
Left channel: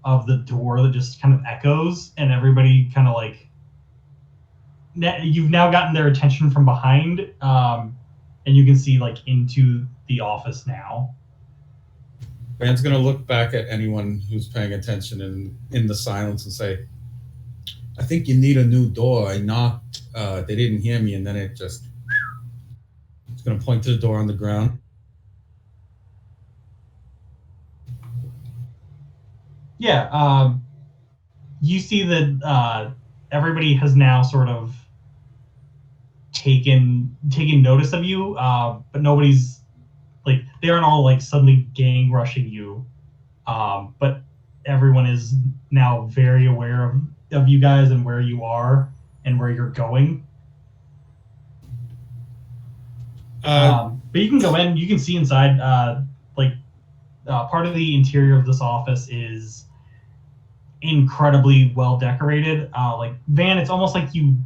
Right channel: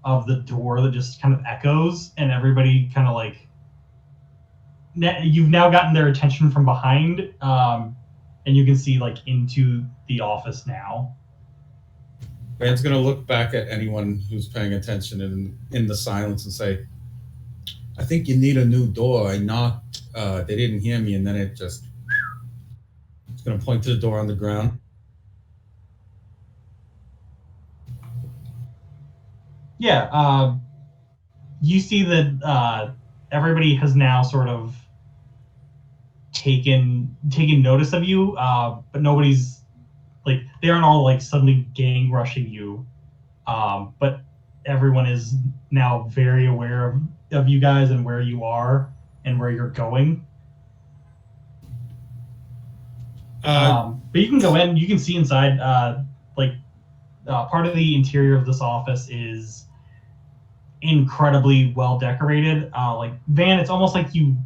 of the door that just kind of echoes, and everybody kind of like you've now gotten their attention from behind, and you can see like into the office now. Van's gonna look back at anyone who's paying attention in the silence and say, I think you need a new door. I knocked, they didn't hear me, and then it's gonna point to the door on the ground. Yeah, you see that everybody has now sort of taken notice of you, but nobody's like they aren't all like suddenly gang rushing you, but everyone is now very aware of you guys and where you are and where you're going. But you can go in, you can see inside. Part of the interior of this office is incredibly well decorated. Like Van, it's almost like you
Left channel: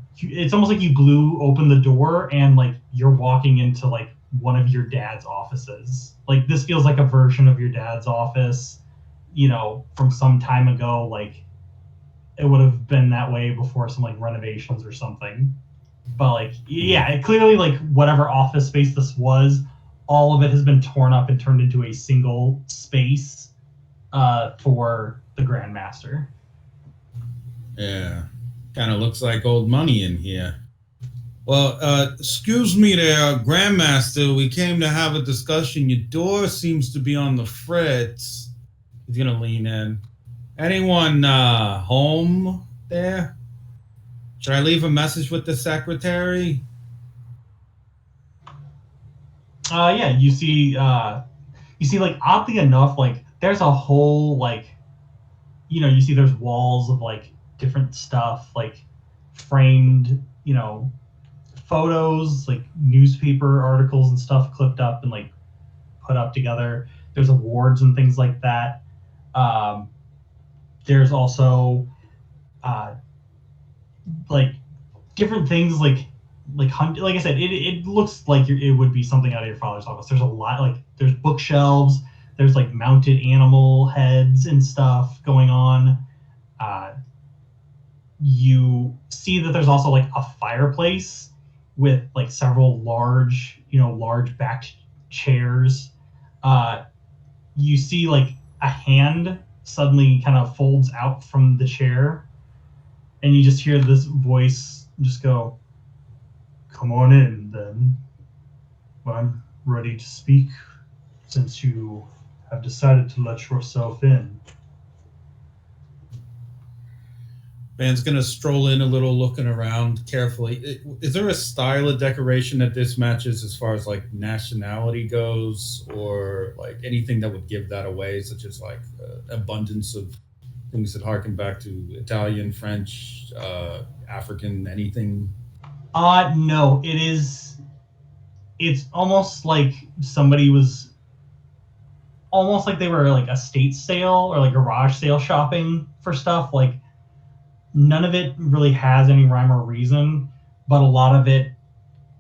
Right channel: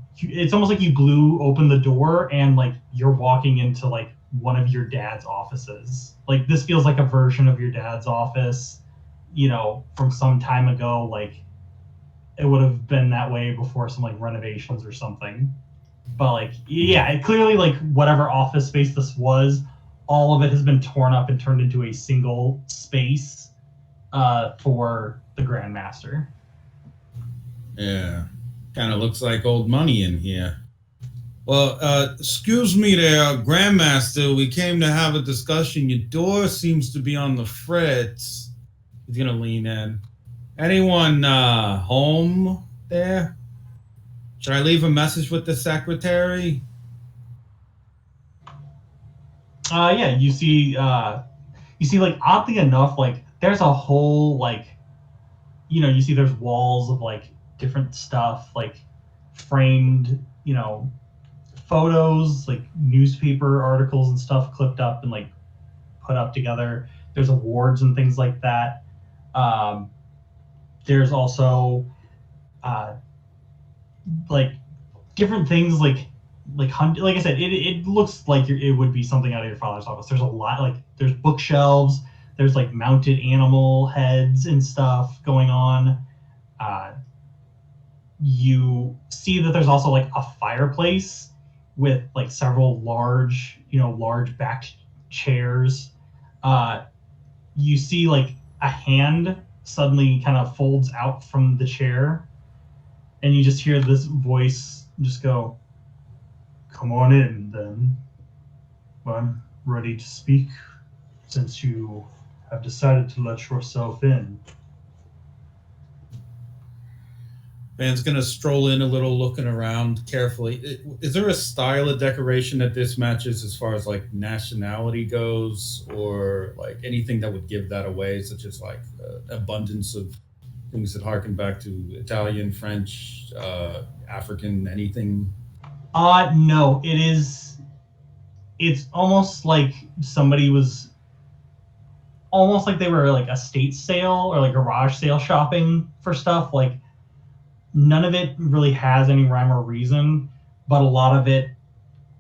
blew open the door and like you're walking into like one of your dad's offices. Like this feels like a version of your dad's office, you know, from some time ago. Like it would have been that way before some like renovations or something. But like, yeah, it clearly like whatever office space this was, all of it has been torn up and turned into a single space for the Grandmaster. Yeah, kind of looks like old money in here. Well, excuse me there, Grandmaster. We came to have a discussion. Your door seems to be on the fritz. He's gonna lean in. Anyone home there? Should I leave a message with the secretary? Yeah, you see like oddly enough, like there's a whole like, you know, you see there's walls of like different stuff, like framed, you know, photos, like newspaper articles and stuff clipped up and like put up together. There's awards and things like that. There's also like different things like I said, it looks like it would be something out of your father's office. There's a lot, like there's bookshelves, there's like mounted animal heads and stuff going on. You see that there's also like a fireplace with like several large backed chairs. You see like a hand suddenly kind of folds out from the chair, and you just hear this voice just go, "Come on in, then. I'm ready to speak, since you have decided to let yourself in." Van's gonna stroll in a little, looking around carefully. Is there a style of decoration that this matches as far as like nationality goes, or like anything that would give that away, such as like abundance of things that harken back to Italian, French, African, anything? No, it's almost like somebody was almost like they were like estate sale or like garage sale shopping for stuff. Like none of it really has any rhyme or reason, but a lot of it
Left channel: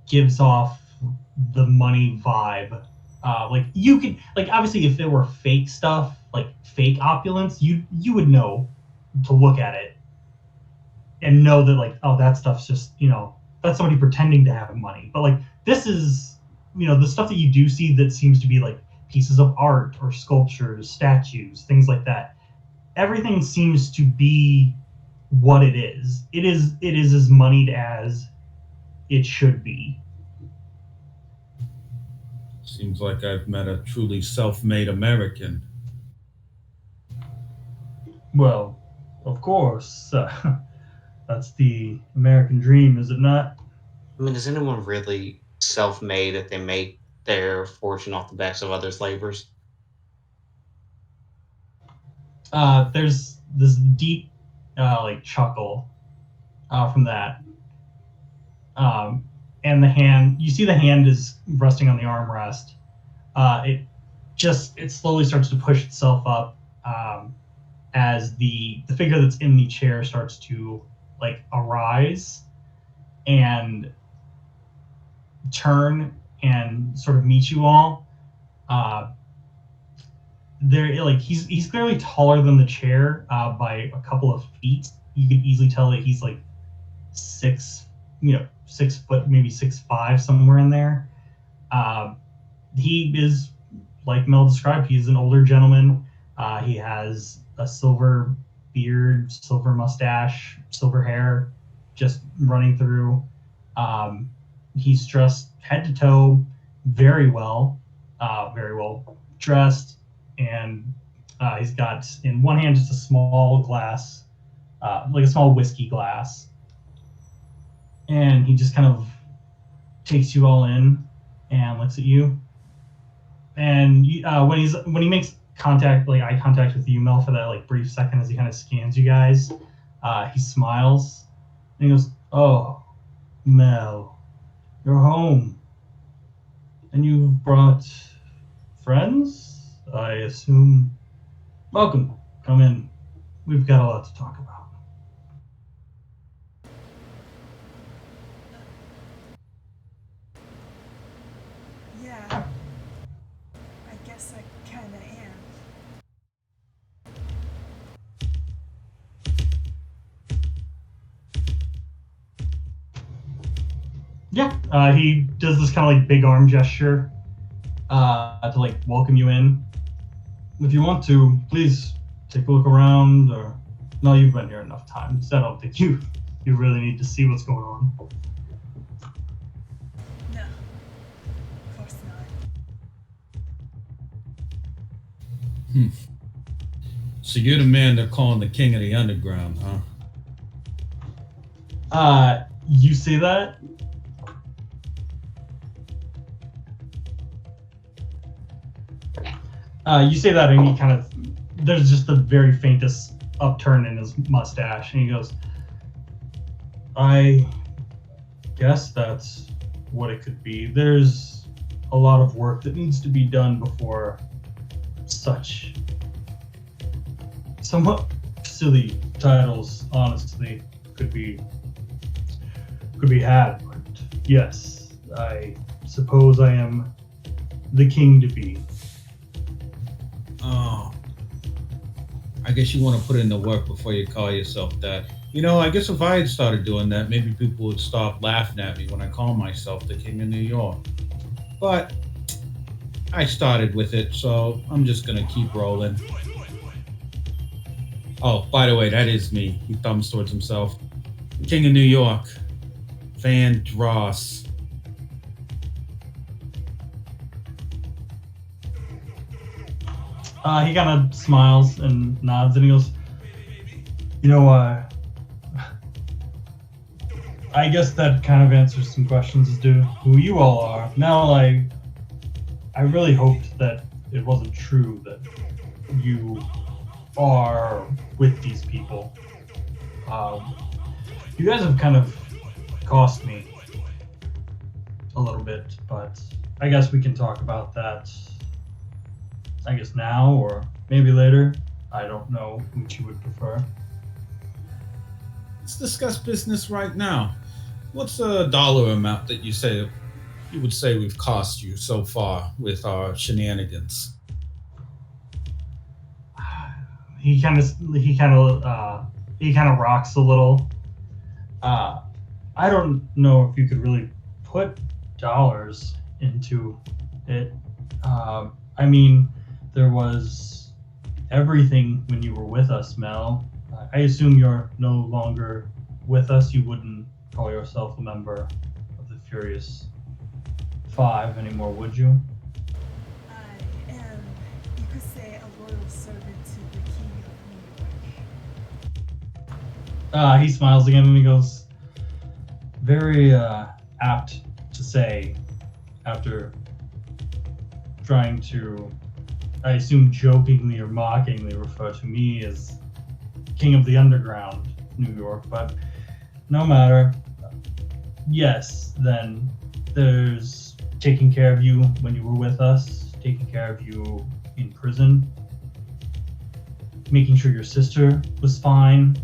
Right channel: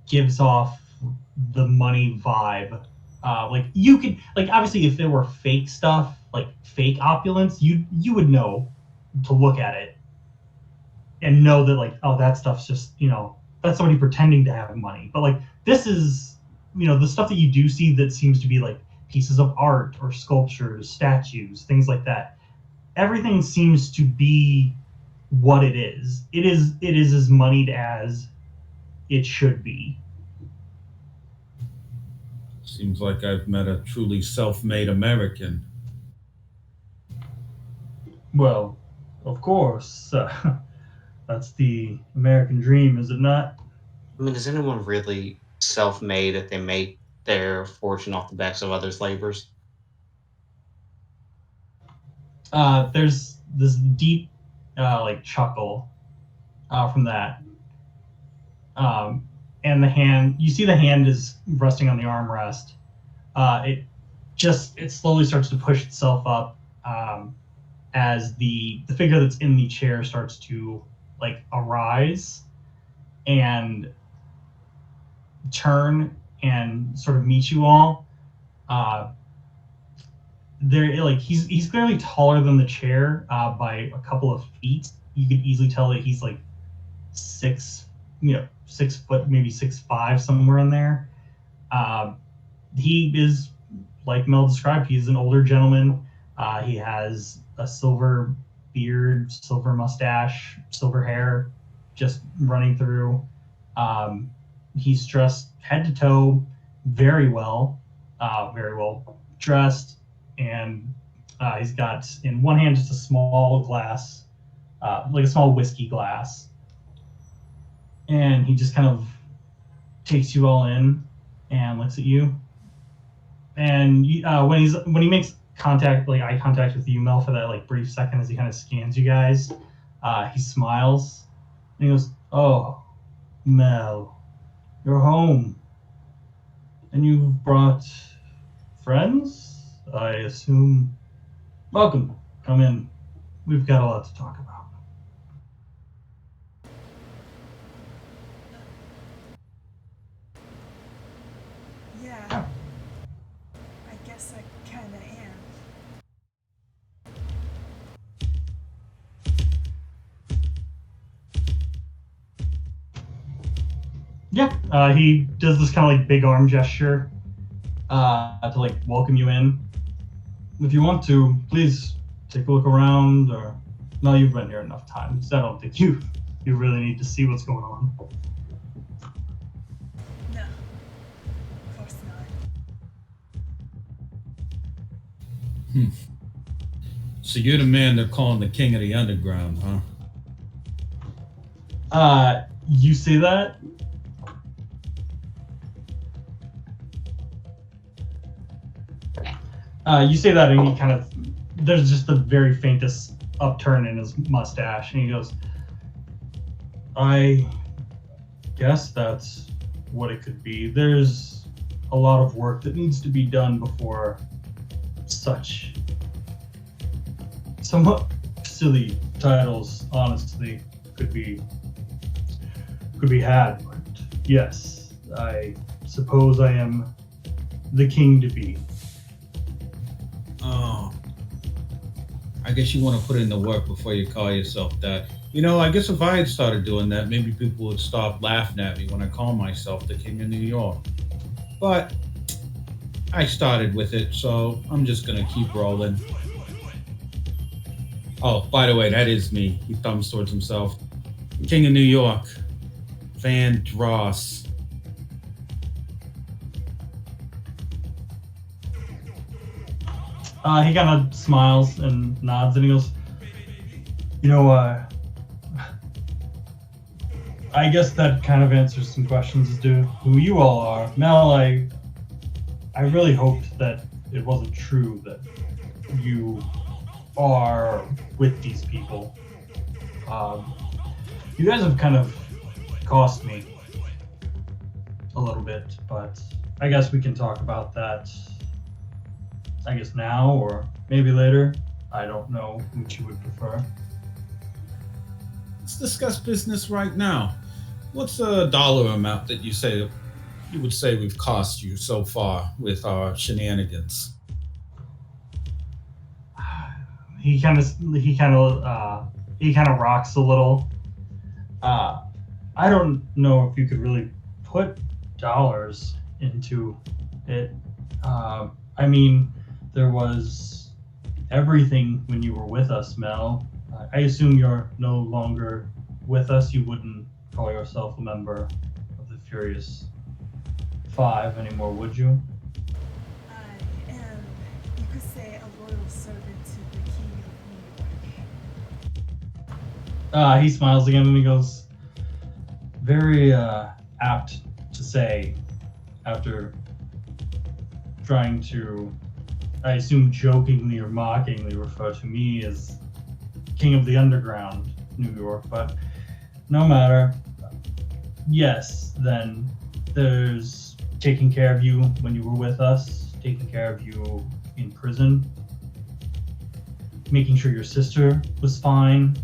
gives off the money vibe. Like you could like obviously if there were fake stuff, like fake opulence, you would know to look at it and know that like, oh, that stuff's just, that's somebody pretending to have money. But like this is, the stuff that you do see that seems to be like pieces of art or sculptures, statues, things like that. Everything seems to be what it is. It is as moneyed as it should be. Seems like I've met a truly self-made American. Well, of course, that's the American dream, is it not? I mean, is anyone really self-made if they make their fortune off the backs of others' labors? There's this deep, like chuckle from that, and the hand. You see the hand is resting on the armrest. It slowly starts to push itself up as the figure that's in the chair starts to like arise and turn and sort of meet you all. There, like he's clearly taller than the chair by a couple of feet. You could easily tell that he's like 6 foot, maybe 6'5", somewhere in there. He is, like Mel described, he's an older gentleman. He has a silver beard, silver mustache, silver hair, just running through. He's dressed head to toe, very well dressed, and he's got in one hand just a small glass, like a small whiskey glass, and he just kind of takes you all in and looks at you. And when he makes contact, like eye contact with you, Mel, for that like brief second as he kind of scans you guys, he smiles and he goes, "Oh, Mel, you're home, and you've brought friends, I assume. Welcome. Come in. We've got a lot to talk about." Yeah. I guess I kinda am. Yeah, he does this kind of like big arm gesture to like welcome you in. If you want to, please take a look around. Or no, you've been here enough times. I don't think you really need to see what's going on. No. Of course not. So you're the man they're calling the king of the underground, huh? You say that? You say that, and he kind of, there's just the very faintest upturn in his mustache, and he goes, "I guess that's what it could be. There's a lot of work that needs to be done before such somewhat silly titles, honestly, could be had. But yes, I suppose I am the king to be." Oh, I guess you want to put in the work before you call yourself that. I guess if I had started doing that, maybe people would stop laughing at me when I call myself the king of New York. But I started with it, so I'm just gonna keep rolling. Oh, by the way, that is me. He thumbs towards himself. King of New York, Van Dross. He kind of smiles and nods, and he goes, I I guess that kind of answers some questions as to who you all are. Mel, I really hoped that it wasn't true that you are with these people. You guys have kind of cost me a little bit, but I guess we can talk about that, I guess now or maybe later. I don't know which you would prefer. Let's discuss business right now. What's a dollar amount that you would say we've cost you so far with our shenanigans? He kind of rocks a little. I don't know if you could really put dollars into it. I mean, there was everything when you were with us, Mel. I assume you're no longer with us. You wouldn't call yourself a member of the Furious Five anymore, would you? I am, you could say, a loyal servant to the King of New York. He smiles again and he goes, very apt to say after trying to, I assume jokingly or mockingly refer to me as King of the Underground, New York, but no matter. Yes, then there's taking care of you when you were with us, taking care of you in prison, making sure your sister was fine,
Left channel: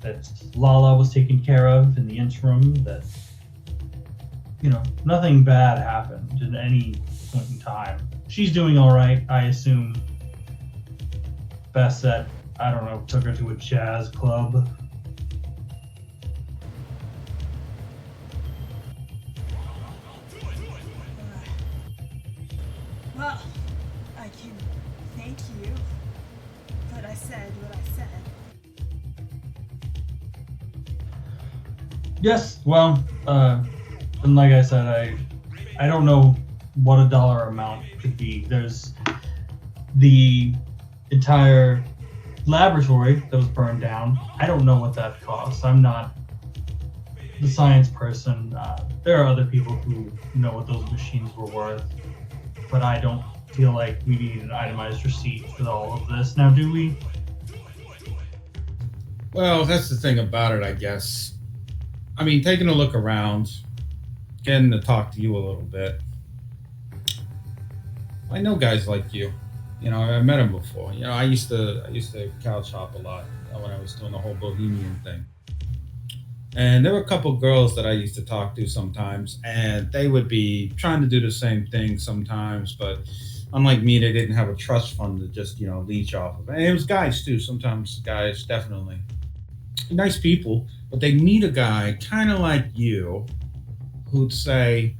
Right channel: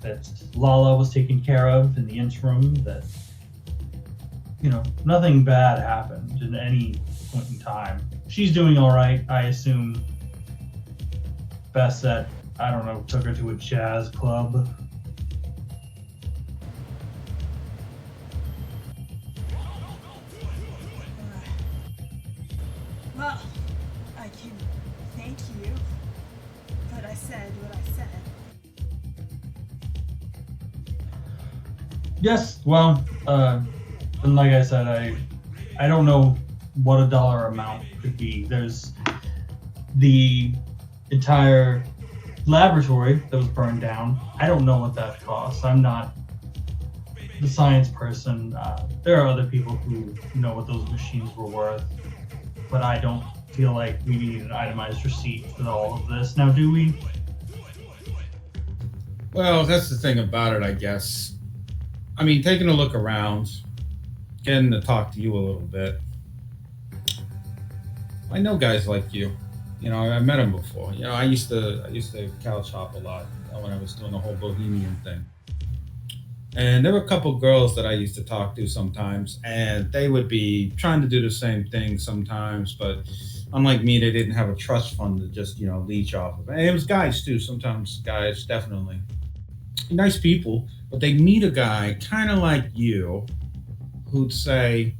that Lala was taken care of in the interim, that, nothing bad happened at any point in time. She's doing all right, I assume. Bassett, I don't know, took her to a jazz club. Well, I can thank you, but I said what I said. Yes, well, and like I said, I don't know what a dollar amount could be. There's the entire laboratory that was burned down. I don't know what that costs. I'm not the science person. There are other people who know what those machines were worth, but I don't feel like we need an itemized receipt for all of this. Now, do we? Well, that's the thing about it, I guess. I mean, taking a look around, getting to talk to you a little bit. I know guys like you. I met them before. I used to couch hop a lot when I was doing the whole bohemian thing. And there were a couple girls that I used to talk to sometimes, and they would be trying to do the same thing sometimes, but unlike me, they didn't have a trust fund to just, leech off of. And it was guys too, sometimes guys, definitely. Nice people, but they'd meet a guy kind of like you who'd say,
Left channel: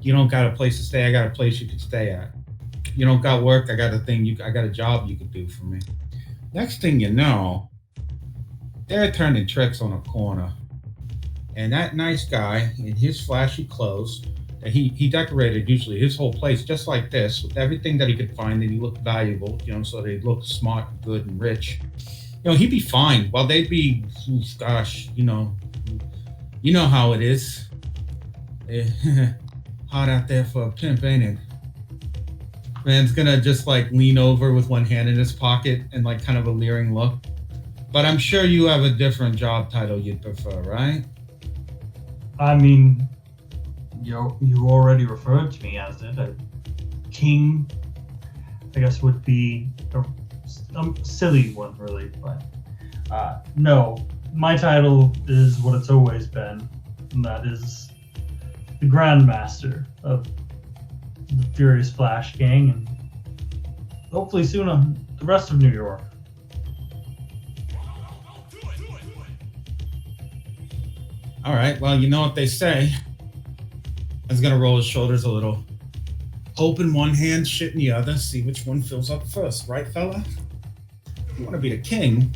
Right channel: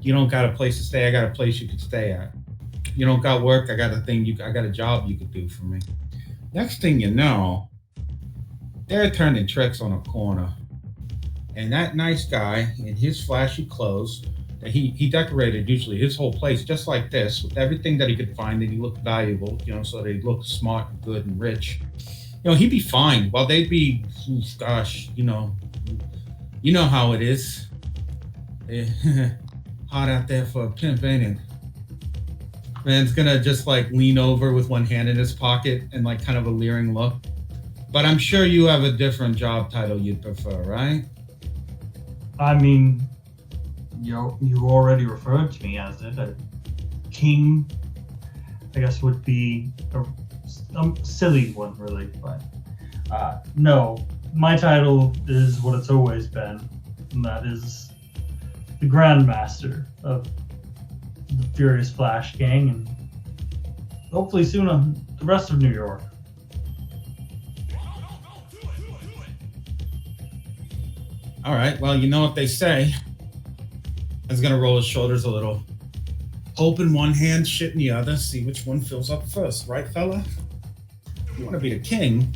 you don't got a place to stay, I got a place you could stay at. You don't got work, I got a job you could do for me. Next thing you know, they're turning tricks on a corner. And that nice guy in his flashy clothes, that he decorated usually his whole place just like this, with everything that he could find that he looked valuable, so they looked smart, good, and rich. He'd be fine. While they'd be, gosh, you know how it is. Hot out there for a pimp, ain't it? Man's gonna just lean over with one hand in his pocket and kind of a leering look. But I'm sure you have a different job title you'd prefer, right? I mean, you already referred to me as it. A king, I guess, would be a silly one, really. But no, my title is what it's always been, and that is the Grandmaster of the Furious Flash Gang, and hopefully soon the rest of New York. All right, well, you know what they say. I was gonna roll his shoulders a little. Hope in one hand, shit in the other, see which one fills up first, right, fella? If you wanna be the king,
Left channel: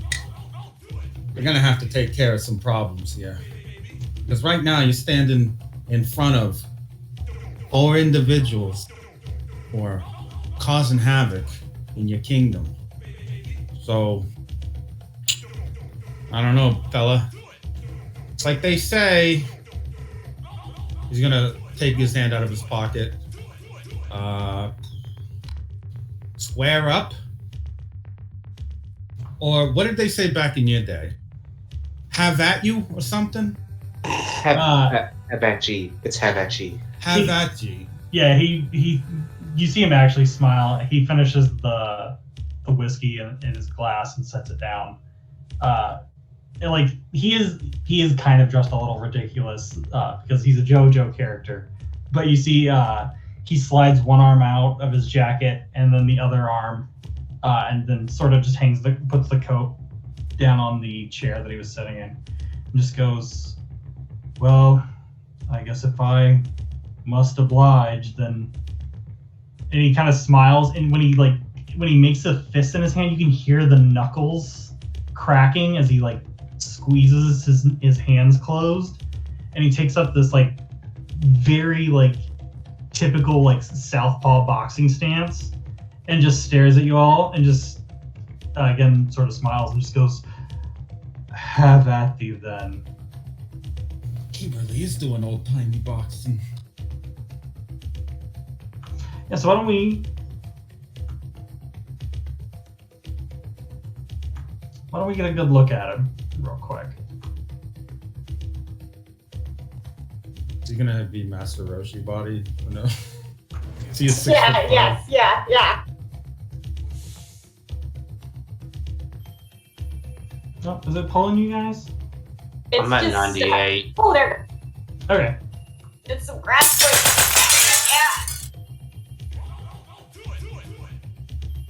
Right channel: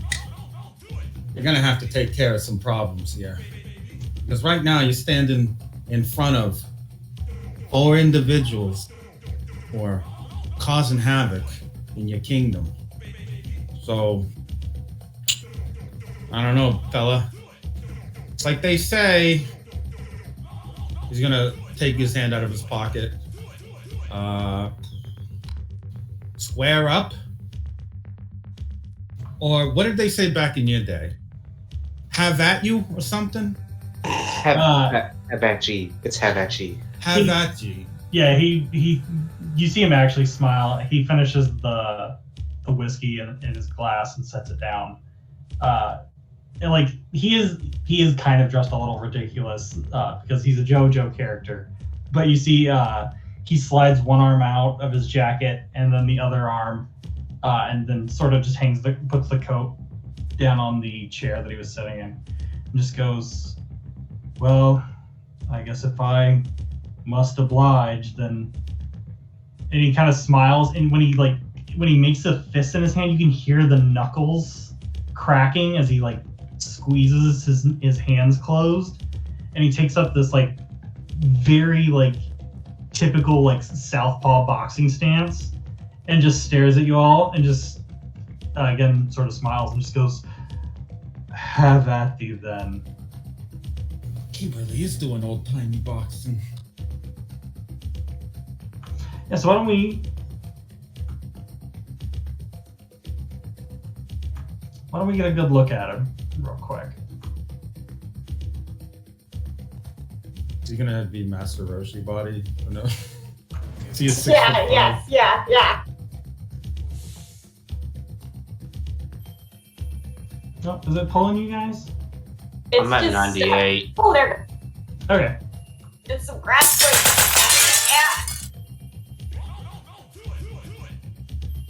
you're gonna have to take care of some problems here. Because right now you're standing in front of 4 individuals who are causing havoc in your kingdom. So, I don't know, fella. It's like they say, He's gonna take his hand out of his pocket. Square up? Or what did they say back in your day? Have at you or something? Have at ye. It's have at ye. Have at you. Yeah, he. You see him actually smile. He finishes the whiskey in his glass and sets it down. And like he is kind of dressed a little ridiculous because he's a JoJo character. But you see, he slides one arm out of his jacket and then the other arm, and then sort of just puts the coat down on the chair that he was sitting in, and just goes, "Well, I guess if I must oblige, then." And he kind of smiles, and when he makes a fist in his hand, you can hear the knuckles cracking as he like squeezes his hands closed, and he takes up this like very like typical like southpaw boxing stance and just stares at you all and just again sort of smiles and just goes, "Have at thee then." He really is doing old-timey boxing. Yeah, so why don't we get a good look at him real quick? Is he gonna be Master Roshi body? Or no? Is he a 6'5"? Yeah. Oh, is it pulling you guys? It's I'm at just 98. Oh, there. Okay. It's some grass break. Yeah.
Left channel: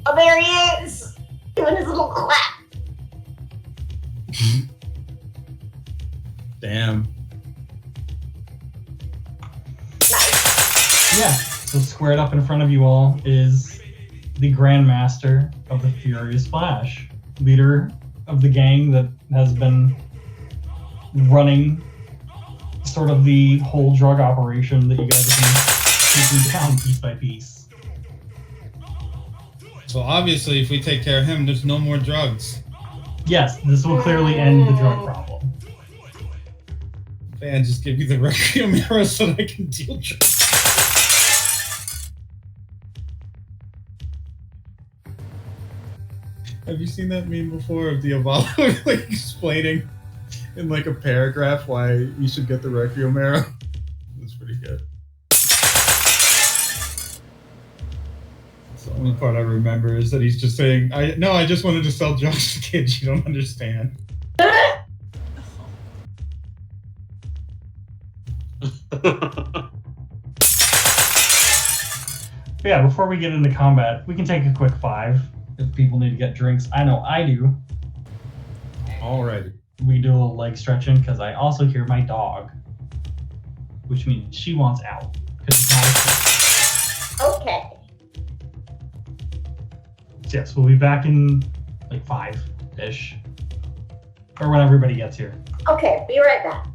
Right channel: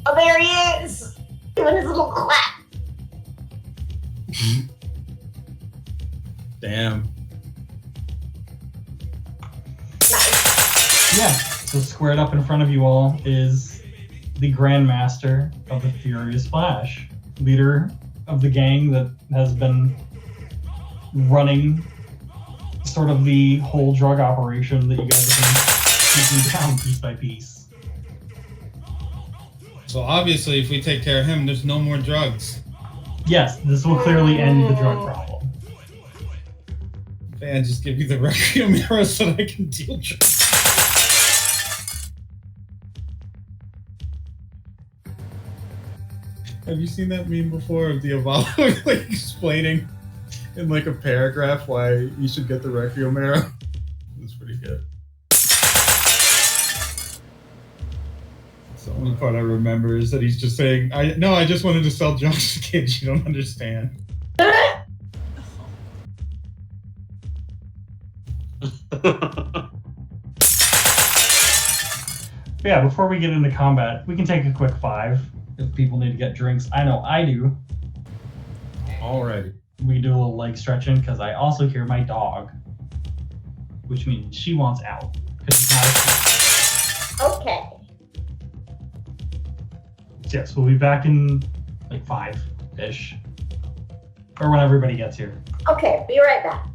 Oh, there he is. Doing his little clap. Damn. Nice. Yeah. So squared up in front of you all is the Grandmaster of the Furious Flash, leader of the gang that has been running sort of the whole drug operation that you guys have been taking down piece by piece. So obviously, if we take care of him, there's no more drugs. Yes, this will clearly end the drug problem. Man, just give me the Requiem arrow so that I can deal drugs. Have you seen that meme before of Diavolo like explaining in like a paragraph why you should get the Requiem arrow? That's pretty good. The only part I remember is that he's just saying, I just wanted to sell drugs to kids, you don't understand. Yeah, before we get into combat, we can take a quick 5 if people need to get drinks. I know I do. Alrighty. We can do a little leg stretching because I also hear my dog, which means she wants out because it's not a Okay. Yes, we'll be back in like 5-ish. Or when everybody gets here. Okay, be right back.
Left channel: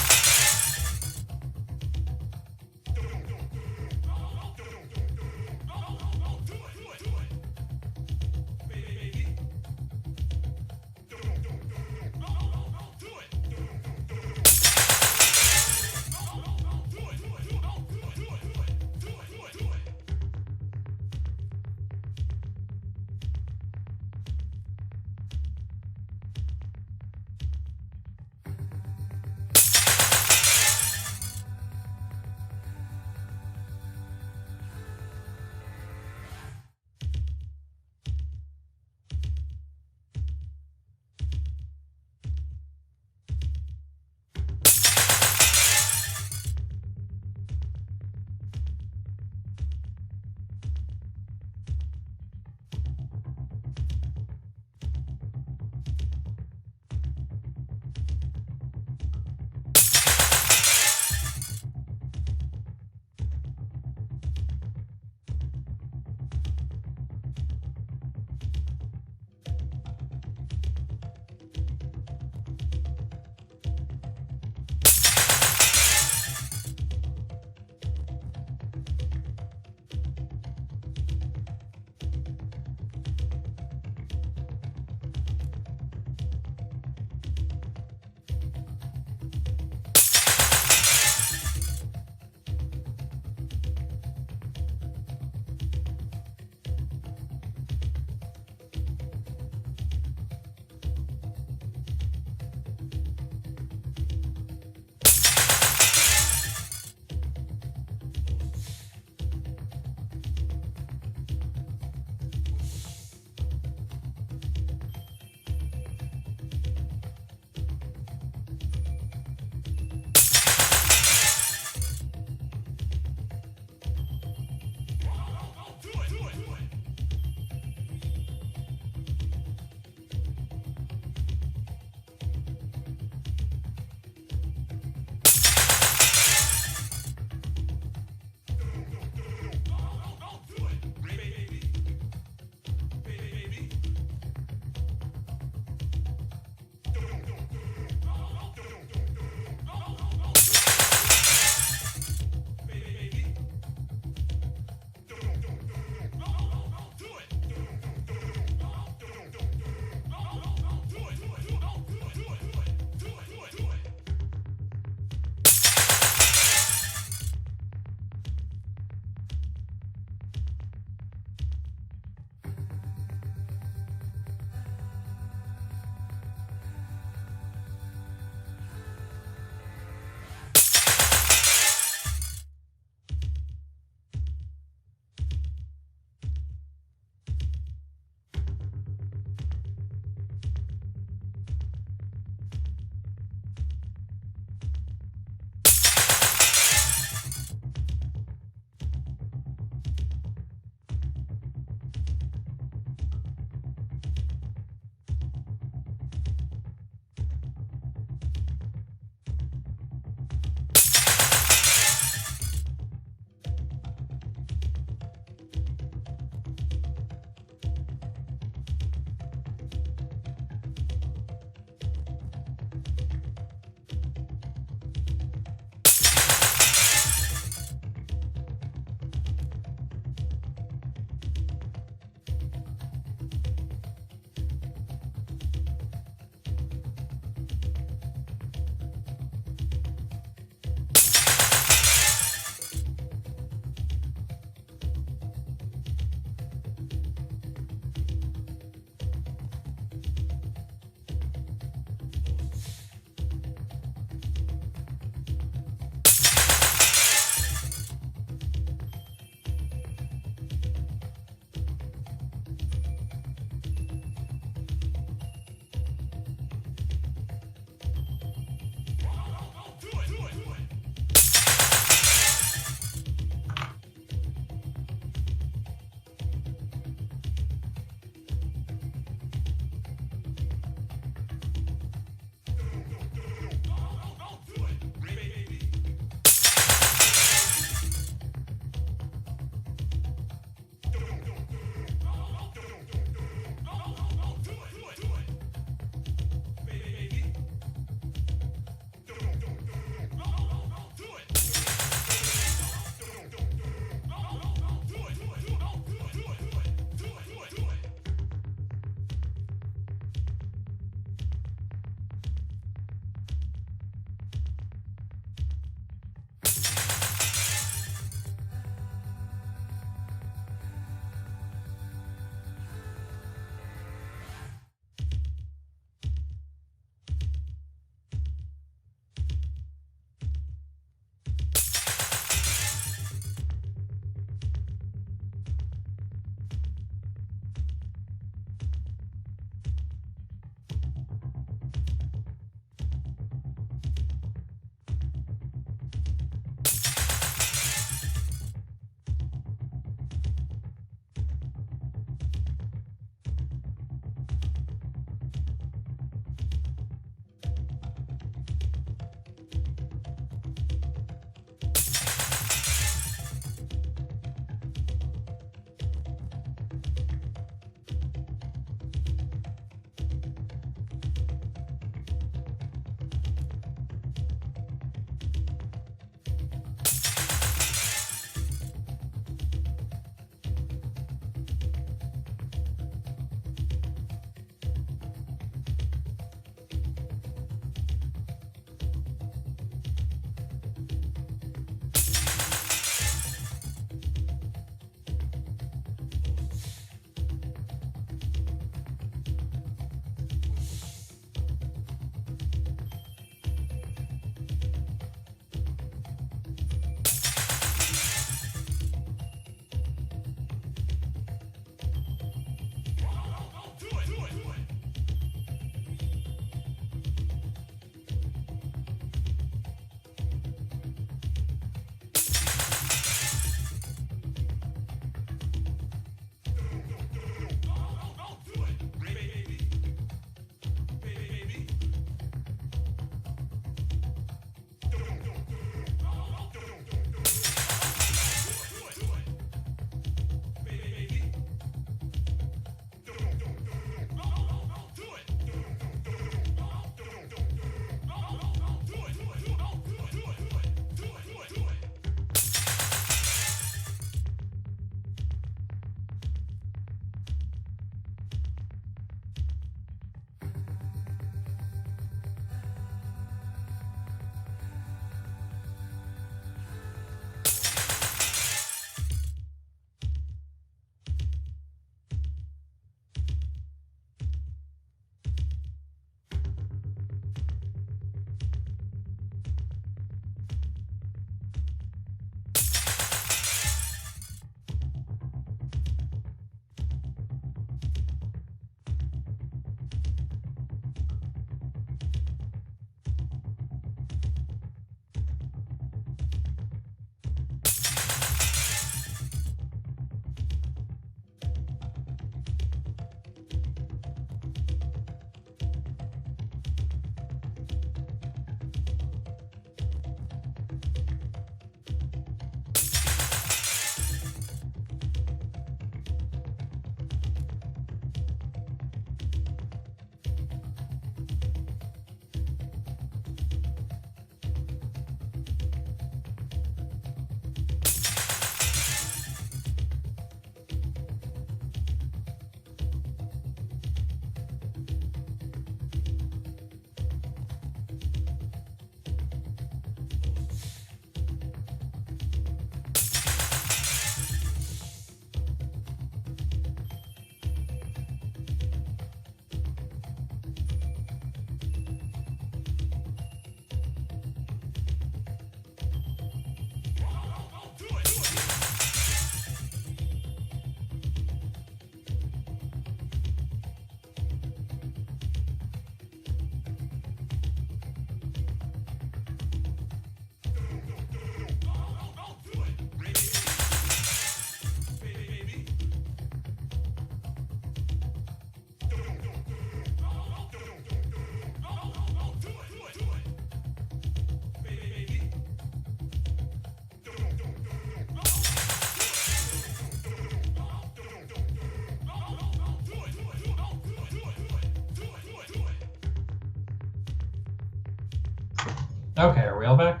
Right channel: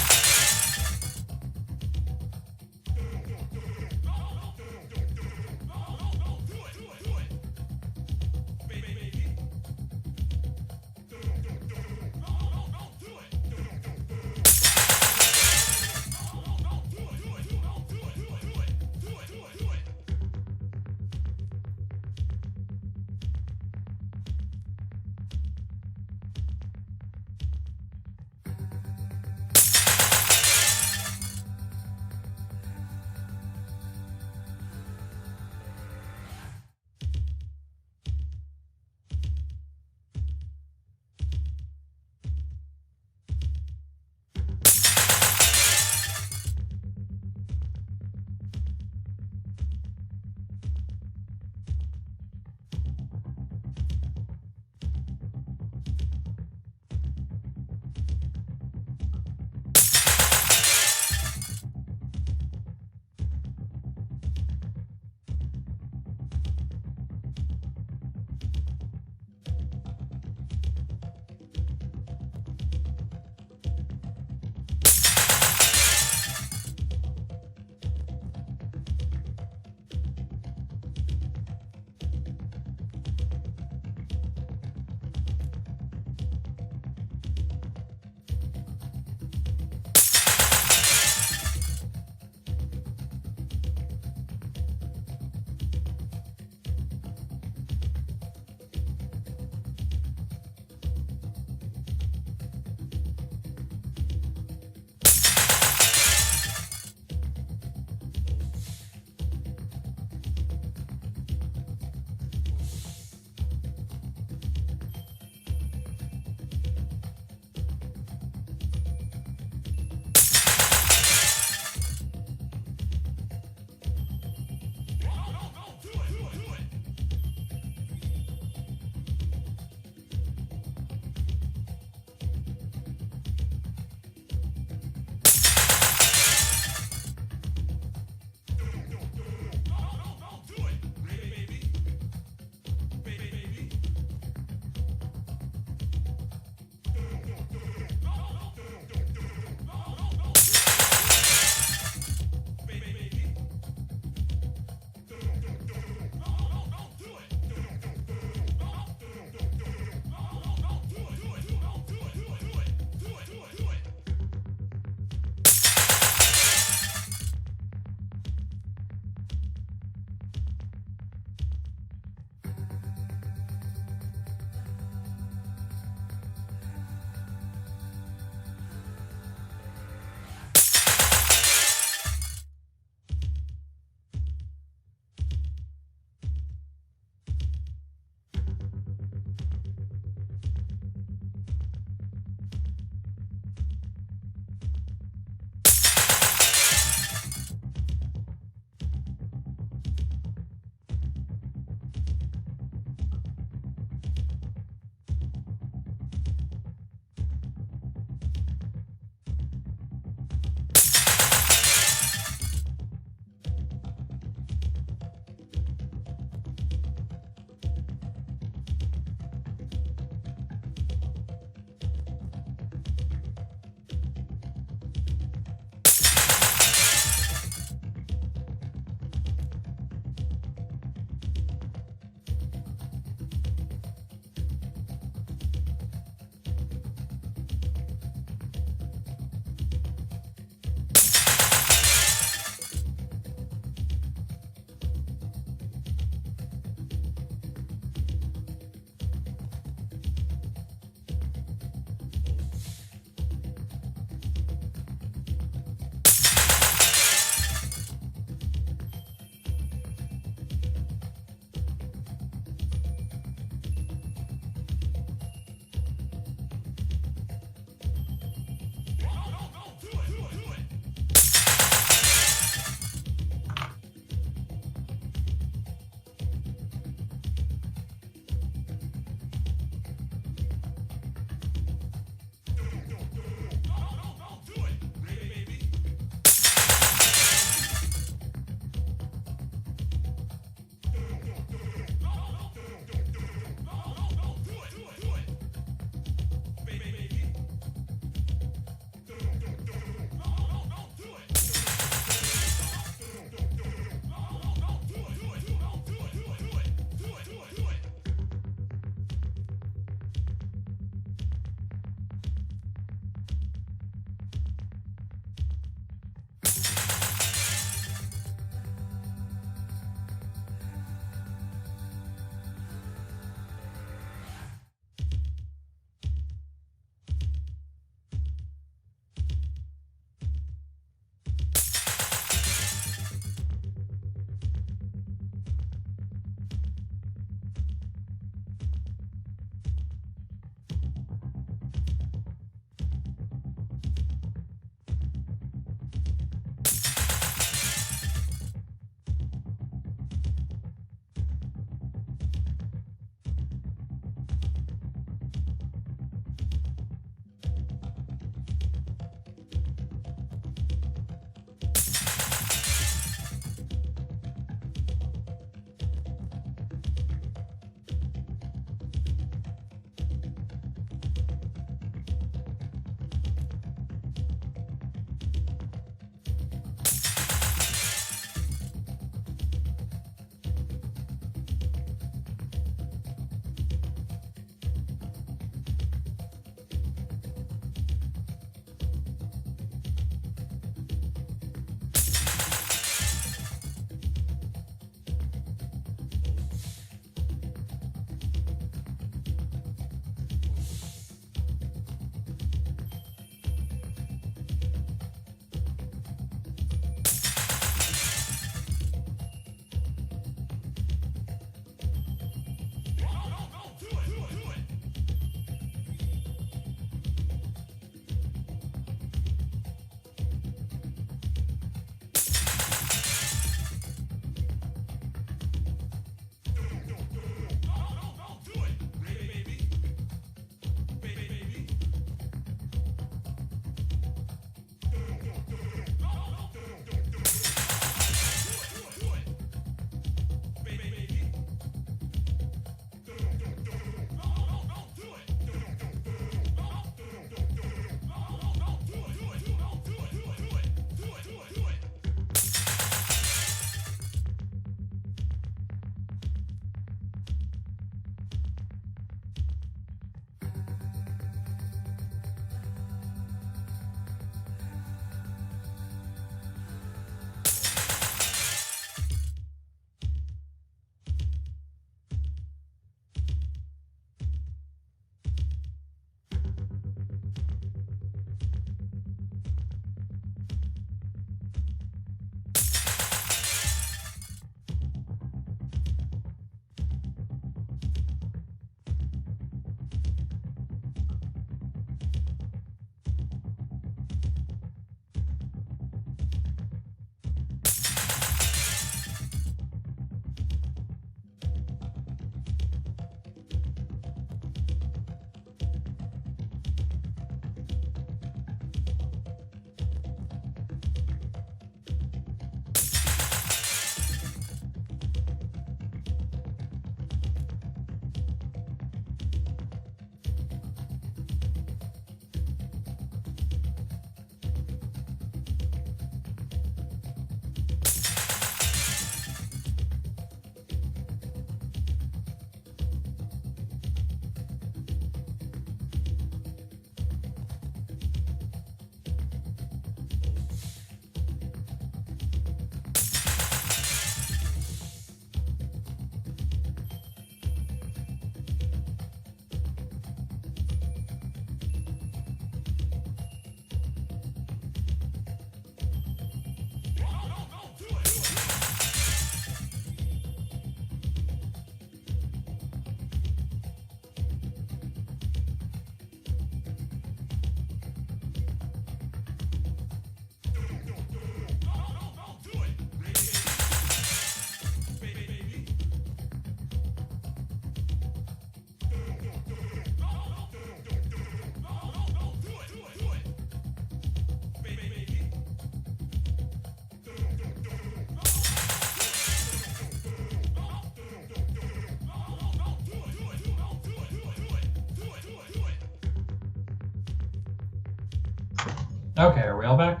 Okay, are we all back?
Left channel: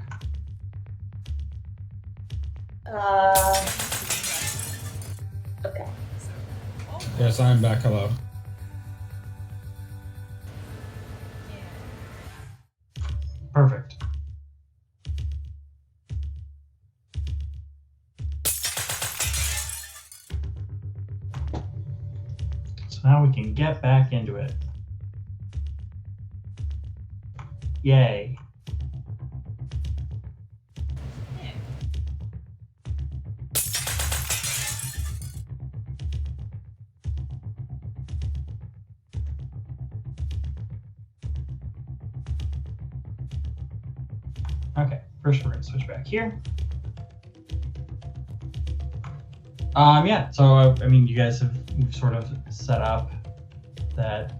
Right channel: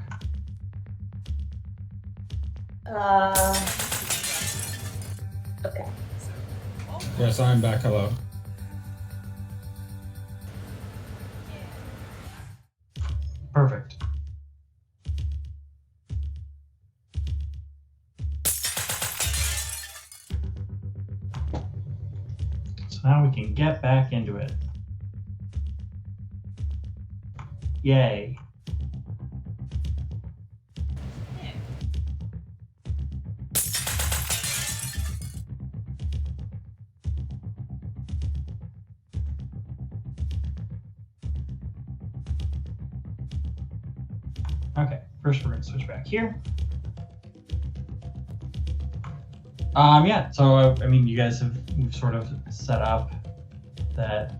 Okay. So, oh, Yes, I'm back. Hello. yeah. Perfect. So now we can get back into it. Yay. Yeah. Okay, first we're gonna switch back here. Yeah, so I mean, you guys we've sort of set up that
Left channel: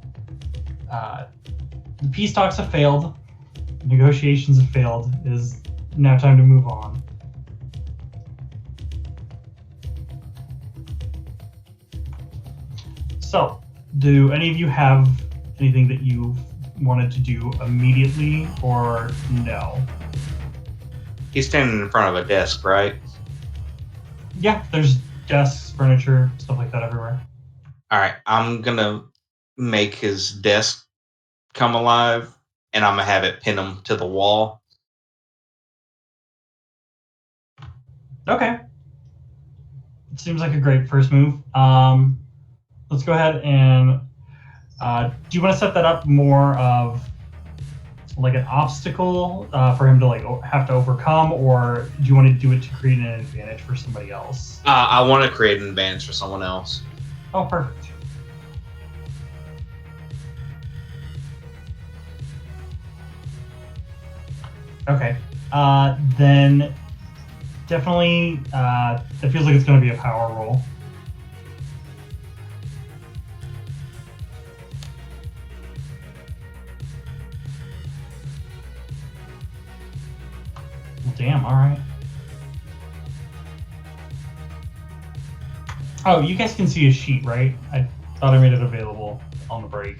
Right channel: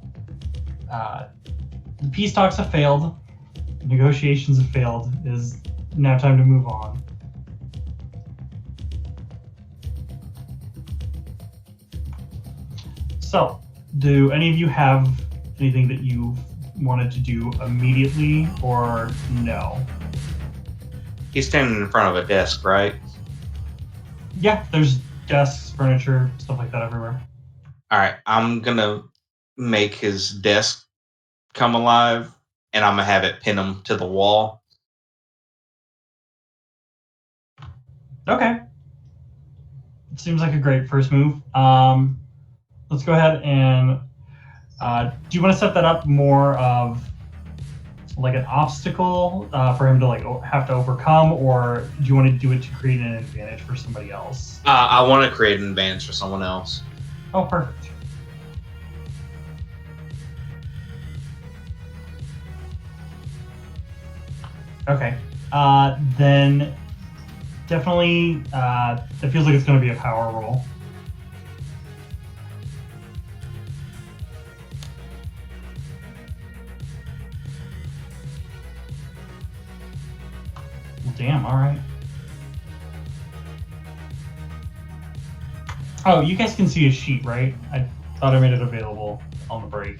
the peace talks have failed, negotiations have failed. It is now time to move on. So, do any of you have anything that you wanted to do immediately, or no? He's standing in front of a desk, right? Yeah, there's desks, furniture, stuff like that everywhere. All right, I'm gonna make his desk come alive, and I'm gonna have it pin him to the wall. Okay. It seems like a great first move. Let's go ahead and do you want to set that up more of like an obstacle for him to like have to overcome, or do you want to do it to create an advantage for somebody else? I want to create an advantage for someone else. Oh, perfect. Okay. Then definitely it feels like it's going to be a power roll. Damn, all right. Oh, you guys can see a sheet, right? I thought I made it available on the break.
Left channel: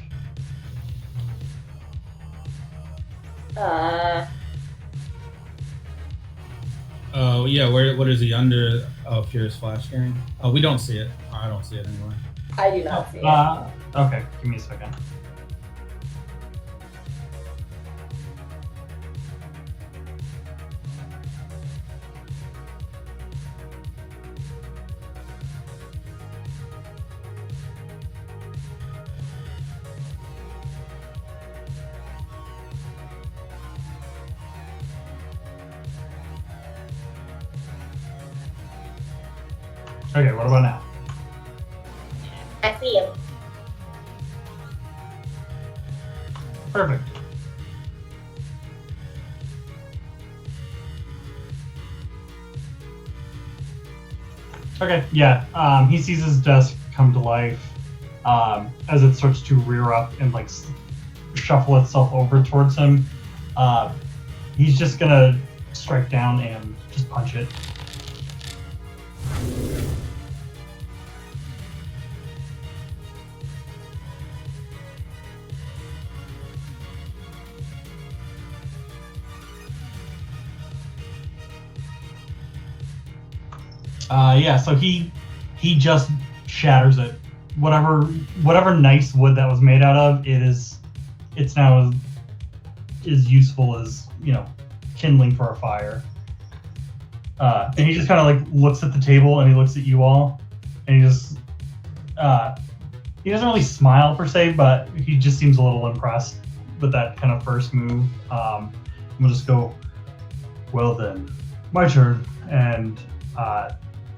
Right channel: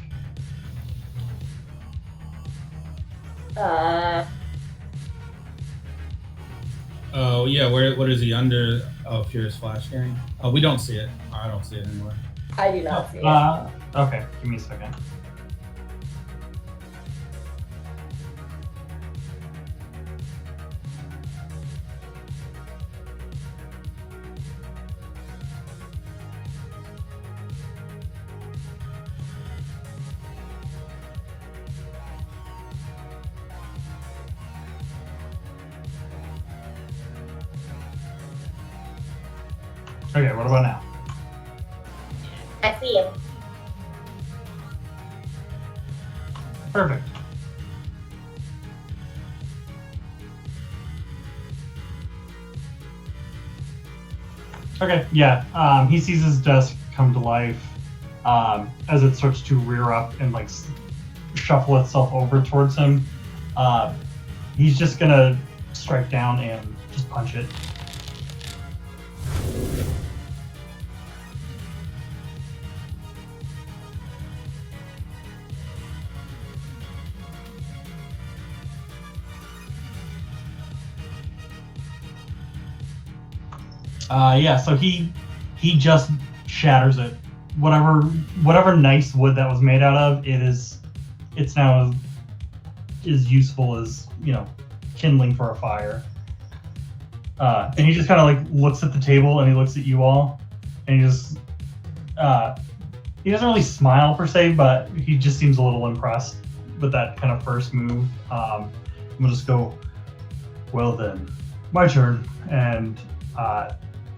Oh yeah, what is he under? Oh, Furious Flash hearing. Oh, we don't see it. I don't see it anymore. I do not see it. Okay, give me a second. Okay, what about now? I see him. Perfect. Okay, yeah. He sees his desk come to life as it starts to rear up and like shuffle itself over towards him. He's just gonna strike down and just punch it. Yeah, so he just shatters it. Whatever nice wood that was made out of, it's now as useful as, kindling for a fire. And he just kind of like looks at the table and he looks at you all, and he just he doesn't really smile per se, but he just seems a little impressed with that kind of first move. We'll just go, well then, my turn, and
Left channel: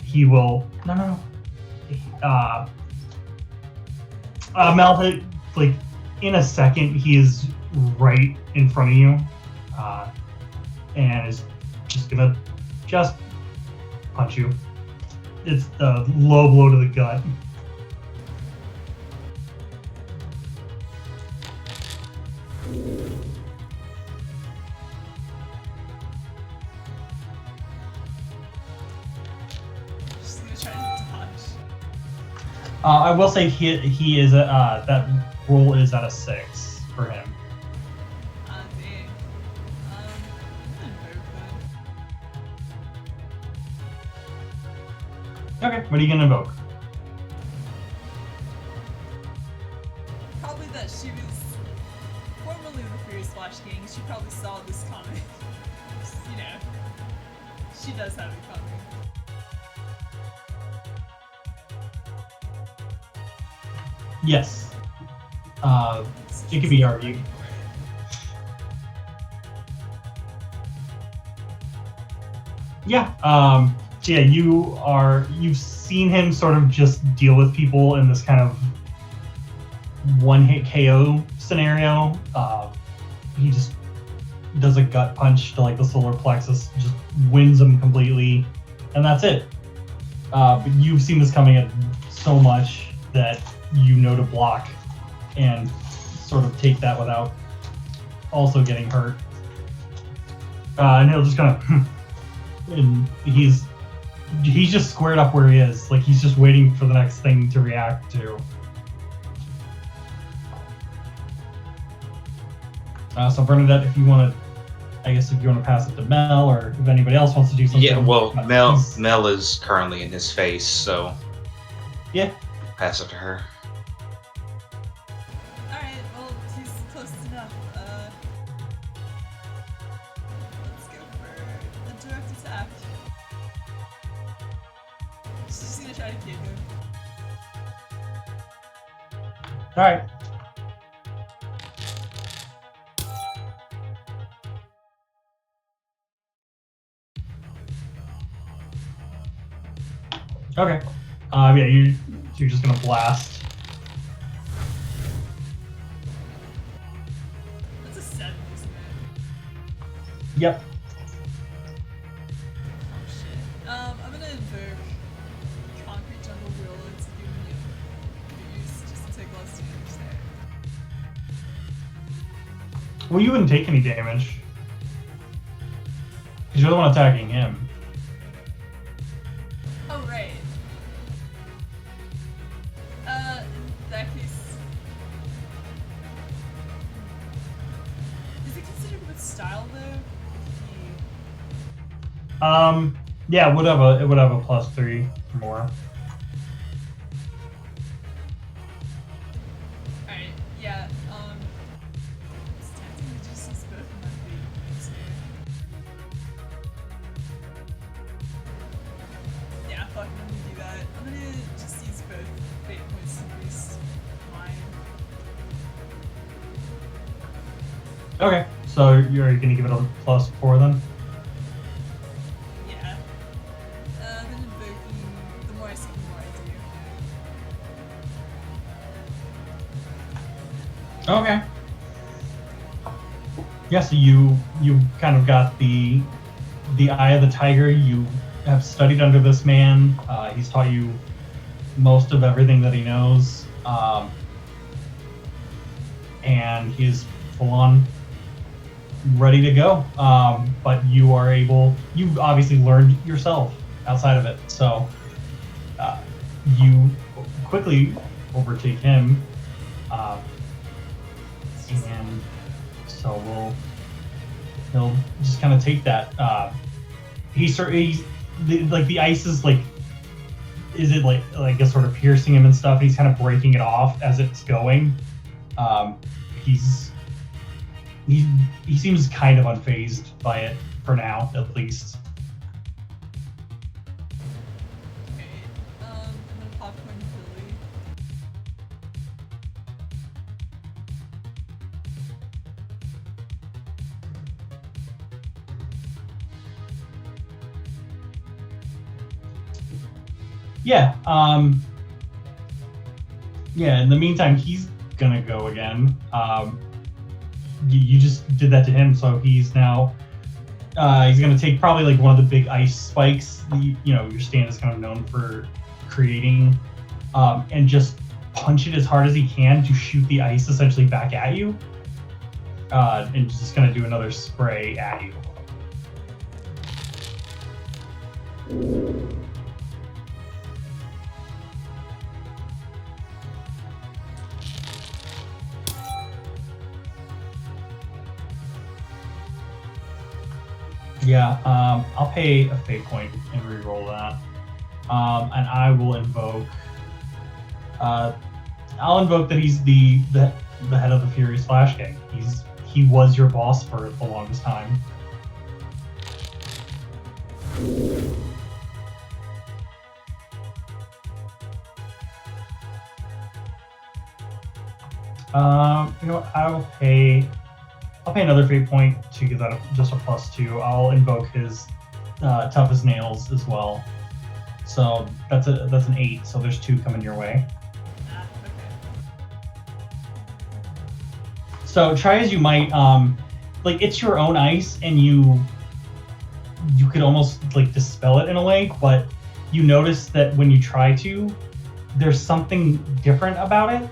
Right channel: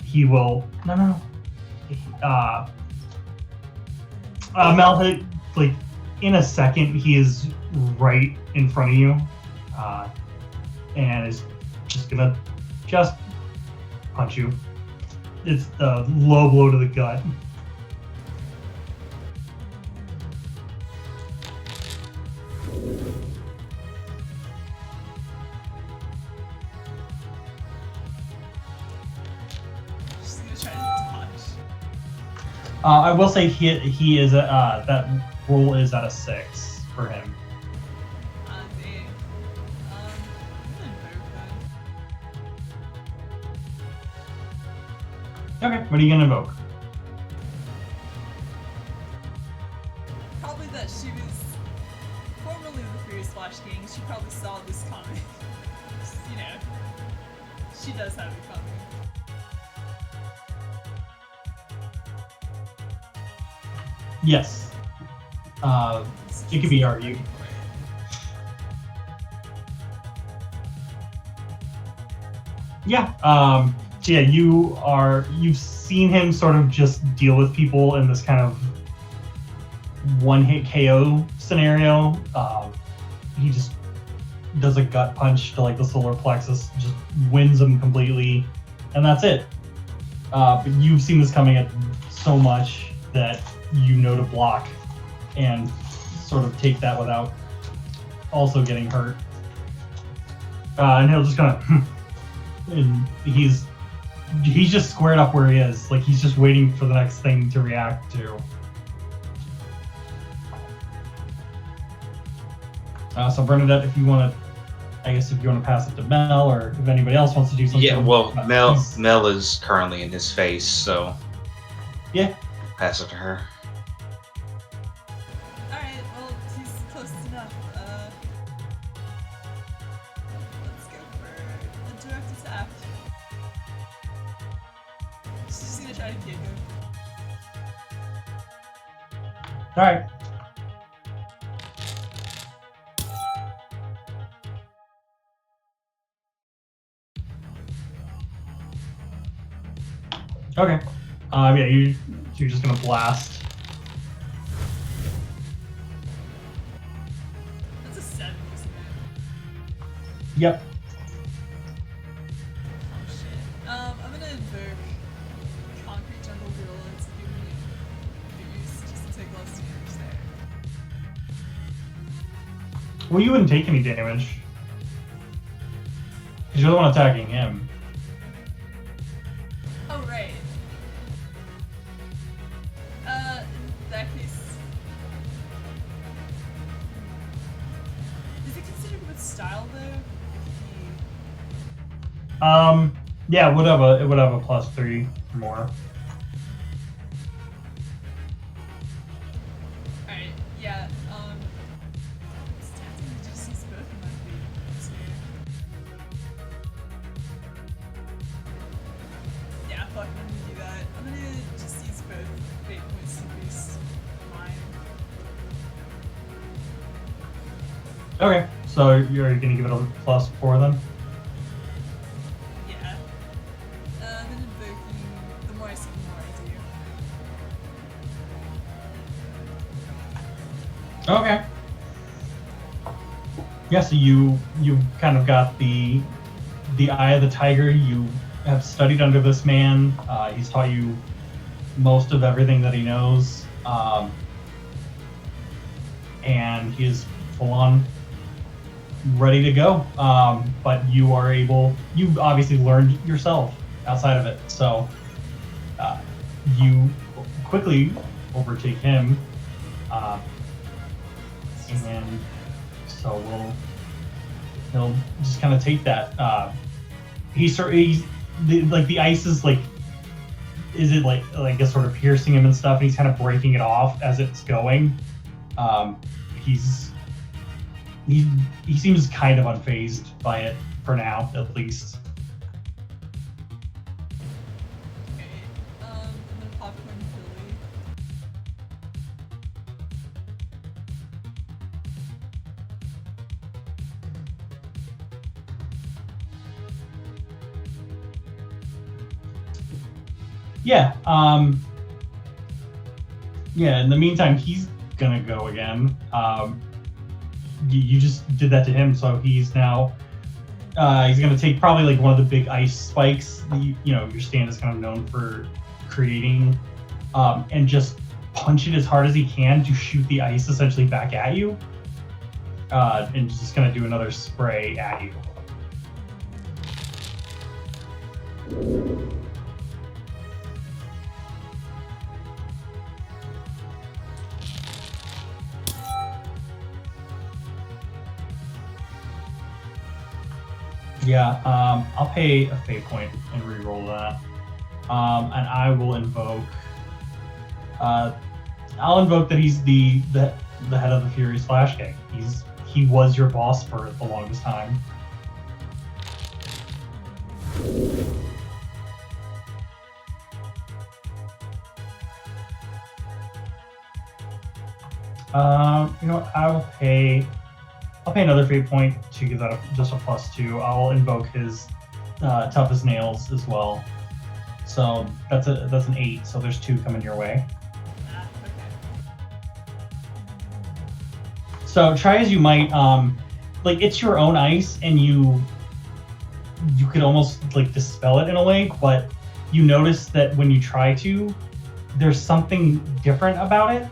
he will Malphite, like in a second he is right in front of you, and is just gonna punch you. It's the low blow to the gut. Just gonna try to dodge. I will say he is that roll is at a 6 for him. Dang. Okay, what are you gonna invoke? Probably that she was formerly the Furious Flash King. She probably saw this coming. You know, she does have it coming. Yes. It could be argued. Yeah. So yeah, you've seen him sort of just deal with people in this kind of one-hit KO scenario. He just does a gut punch to like the solar plexus, just wins him completely, and that's it. But you've seen this coming at so much that you know to block and sort of take that without also getting hurt. And he'll just kind of, and he's just squared up where he is. Like he's just waiting for the next thing to react to. So Bernadette, if you want to, I guess if you want to pass it to Mel, or if anybody else wants to do something. Yeah, well, Mel is currently in his face, so yeah, pass it to her. Alright, well, he's close enough. Let's go for a direct attack. She's just gonna try to kick him. All right. Okay. Yeah, you're just gonna blast. That's a 7, isn't it? Yep. Oh shit. I'm gonna invoke Concrete Jungle Gorilla to give me a boost just to take less damage there. Well, you wouldn't take any damage. Because you're the one attacking him. Oh, right. In that case... Is it considered with style, though? If he... Yeah, it would have a +3 or more. Alright, yeah, it's tempting to just use both of my feet here. Yeah, fuck, I'm gonna do that. I'm gonna just use both fate points to boost mine. Okay, so you're gonna give it a +4 then? Yeah. Then invoking, the more I see, the more I do. Okay. Yeah, so you kind of got the eye of the tiger. You have studied under this man. He's taught you most of everything that he knows, and he's full on ready to go. But you obviously learned yourself outside of it, so you quickly overtake him. And so he'll just kind of take that. The ice is like, is it like a sort of piercing him and stuff, and he's kind of breaking it off as it's going. He seems kind of unfazed by it for now, at least. Okay, and then Popcorn Billy. Yeah. Yeah. In the meantime, he's gonna go again. You just did that to him, so he's now. He's gonna take probably like one of the big ice spikes. Your stand is kind of known for creating, and just punch it as hard as he can to shoot the ice essentially back at you. And just gonna do another spray at you. Yeah, I'll pay a fate point and re-roll that. and I will invoke. I'll invoke that he's the head of the Furious Flash Gang. He was your boss for the longest time. You know what, I'll pay another fate point to give that just a +2. I'll invoke his tough as nails as well. So that's an 8. So there's 2 coming your way. Okay. So try as you might, like it's your own ice, and you could almost like dispel it in a way, but you notice that when you try to, there's something different about it.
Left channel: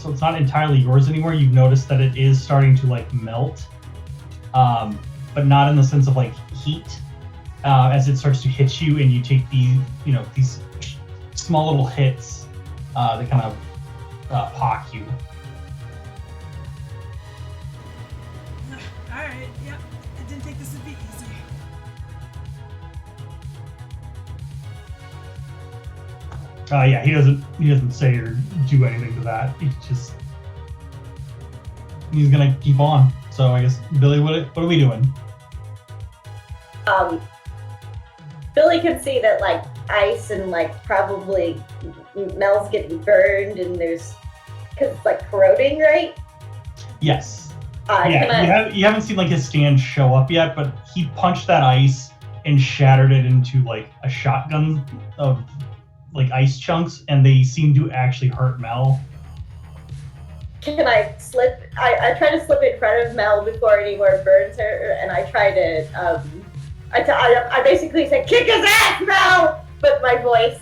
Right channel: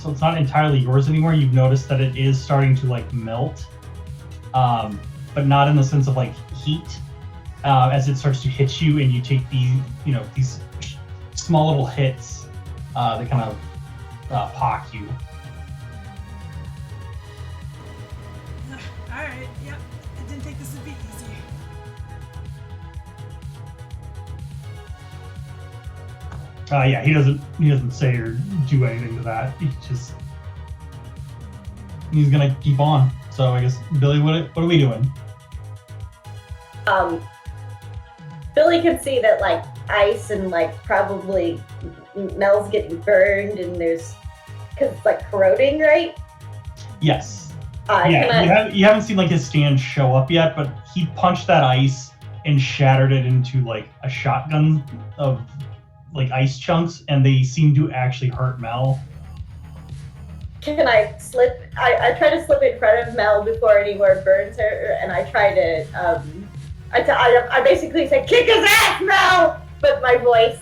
So it's not entirely yours anymore. You've noticed that it is starting to like melt, but not in the sense of like heat. As it starts to hit you, and you take these small little hits that kind of pock you. All right. Yep. I didn't think this would be easy. Yeah, he doesn't say or do anything to that. He's gonna keep on. So I guess Billy, what are we doing? Billy can see that like ice and like probably Mel's getting burned, and there's because it's like corroding, right? Yes. You haven't seen like his stand show up yet, but he punched that ice and shattered it into like a shotgun of like ice chunks, and they seem to actually hurt Mel. Can I slip? I try to slip in front of Mel before anywhere burns her, and I try to I basically say, "Kick his ass, Mel!" But my voice,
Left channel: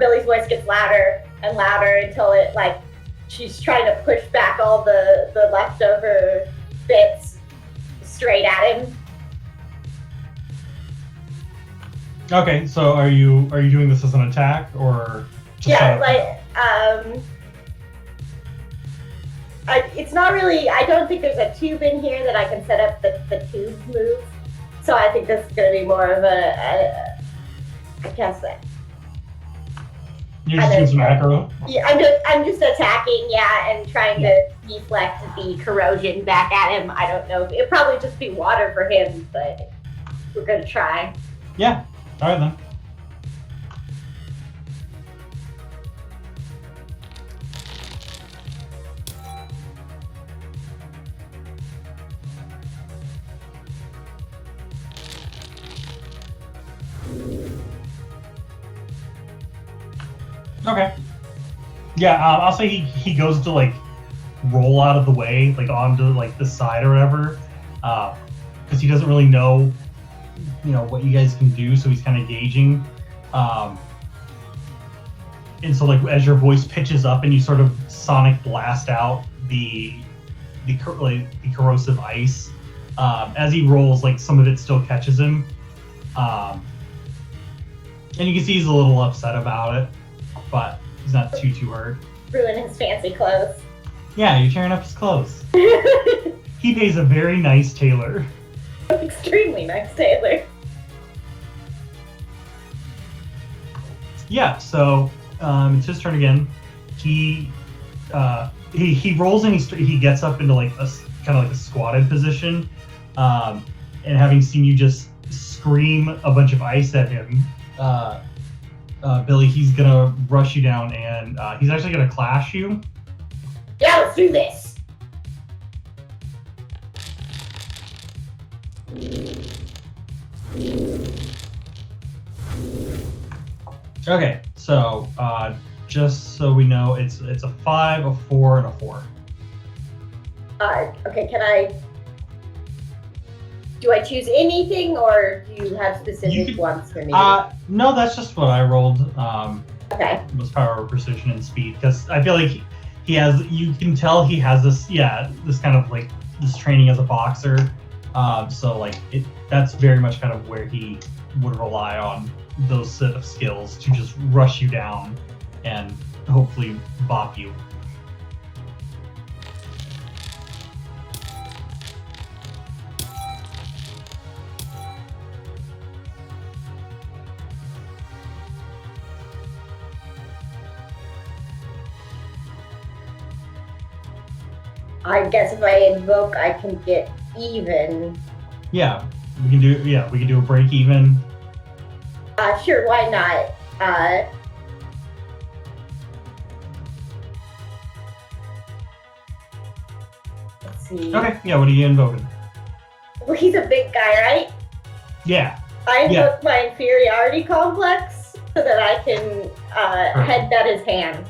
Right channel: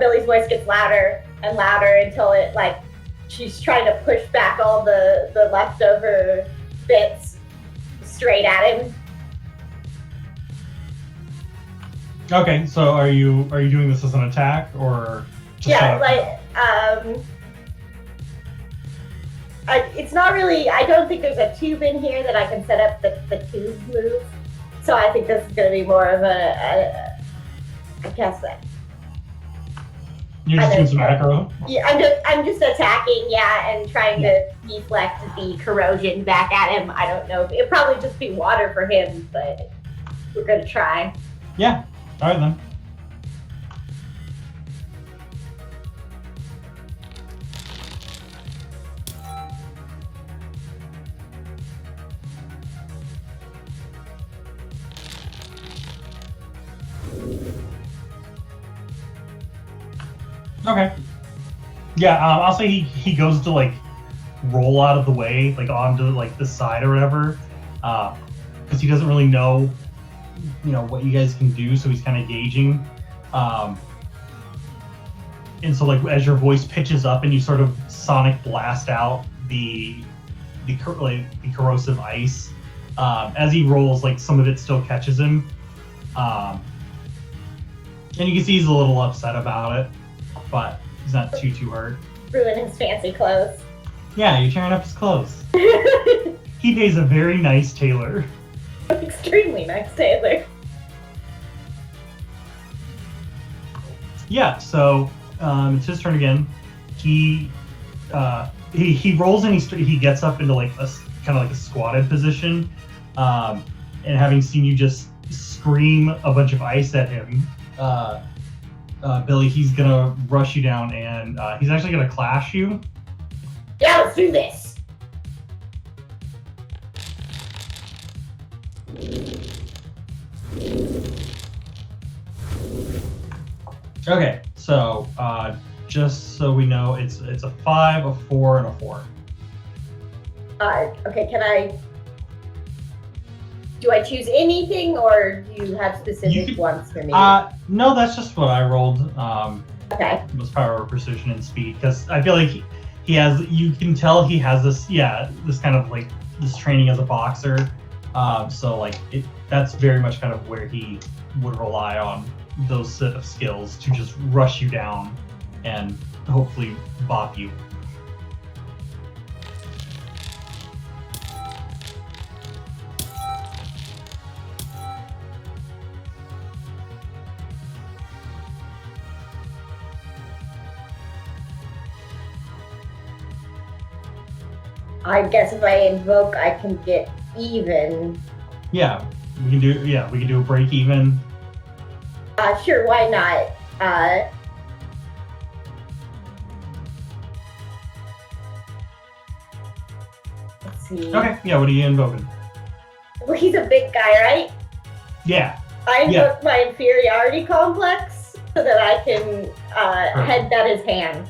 Billy's voice gets louder and louder until it like she's trying to push back all the leftover bits straight at him. Okay, so are you doing this as an attack or just it's not really. I don't think there's a tube in here that I can set up the tube move. So I think this is going to be more of I guess that. You're just doing some aggro? Yeah, I'm just attacking, yeah, and trying to deflect the corrosion back at him. I don't know. It'd probably just be water for him, but we're going to try. Yeah. All right then. Okay. Yeah, I'll say he goes to like roll out of the way, like onto like the side or whatever, because he doesn't really know, what you guys can do. So he's kind of gauging, and so like as your voice pitches up and you sort of sonic blast out the corrosive ice, as he rolls, like some of it still catches him, and you can see he's a little upset about it. But he's not too hurt. Ruin his fancy clothes. Yeah, you're tearing up his clothes. He pays a very nice tailor. Extremely nice tailor. Yeah, so it's his turn again. He rolls and he gets up into like a kind of like a squatted position, and having seen you just scream a bunch of ice at him, Billy, he's gonna rush you down, and he's actually gonna clash you. Yeah, let's do this. Okay, so just so we know, it's a 5, a 4, and a 4. Okay, do I choose anything, or do you have specific ones for me? No, that's just what I rolled. Okay. Was power, precision, and speed, because I feel like he has. You can tell he has this kind of like this training as a boxer. So like that's very much kind of where he would rely on those set of skills to just rush you down and hopefully bop you. I guess if I invoke, I can get even. Yeah, we can do a break even. Sure, why not? Let's see. Okay, yeah, what are you invoking? Well, he's a big guy, right? Yeah. I invoke Yeah. my inferiority complex so that I can headbutt his hand.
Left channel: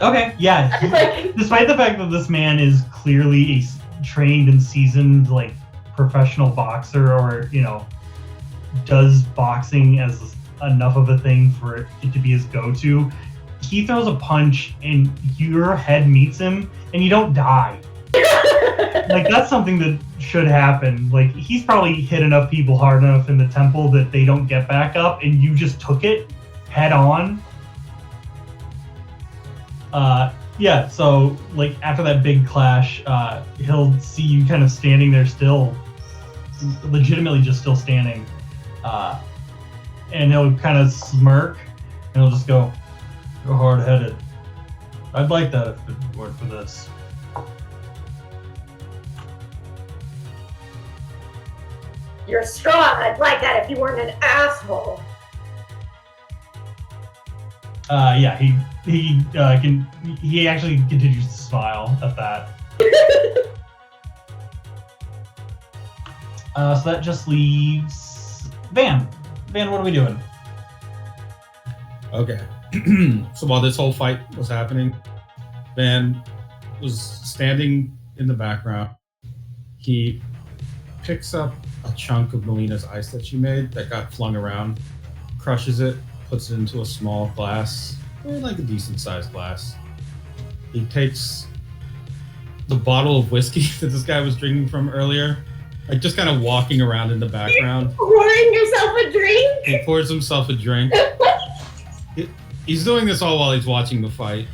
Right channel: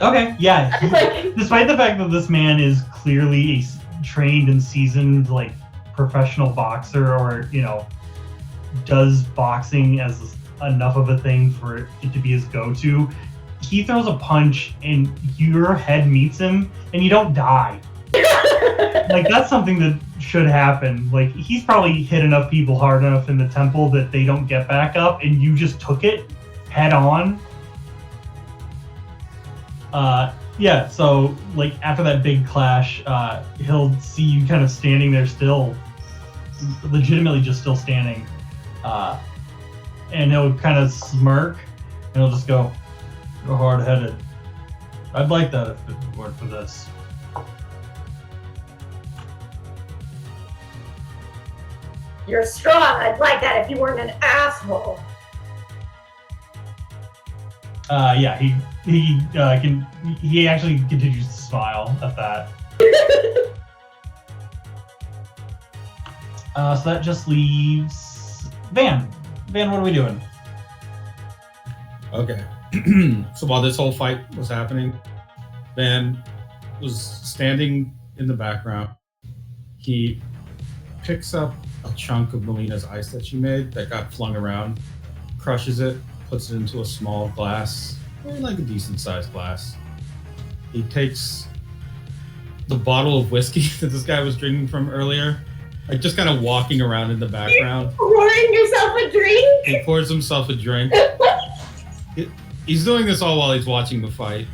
Okay, yeah. Like, Despite the fact that this man is clearly a trained and seasoned, like, professional boxer, or, you know, does boxing as enough of a thing for it to be his go-to, he throws a punch and your head meets him and you don't die. Like, that's something that should happen. Like, he's probably hit enough people hard enough in the temple that they don't get back up, and you just took it head on. Yeah, so, like, after that big clash, he'll see you kind of standing there still, legitimately just still standing, and he'll kind of smirk, and he'll just go, "You're hard-headed. I'd like that if it weren't for this." you're strong. I'd like that if you weren't an asshole. Yeah, he actually continues to smile at that. So that just leaves Van. Van, what are we doing? Okay. So while this whole fight was happening, Van was standing in the background. He picks up a chunk of Melina's ice that she made that got flung around, crushes it, puts it into a small glass, like a decent sized glass. He takes the bottle of whiskey that this guy was drinking from earlier, like just kind of walking around in the background. Pouring yourself a drink? He pours himself a drink. He's doing this all while he's watching the fight.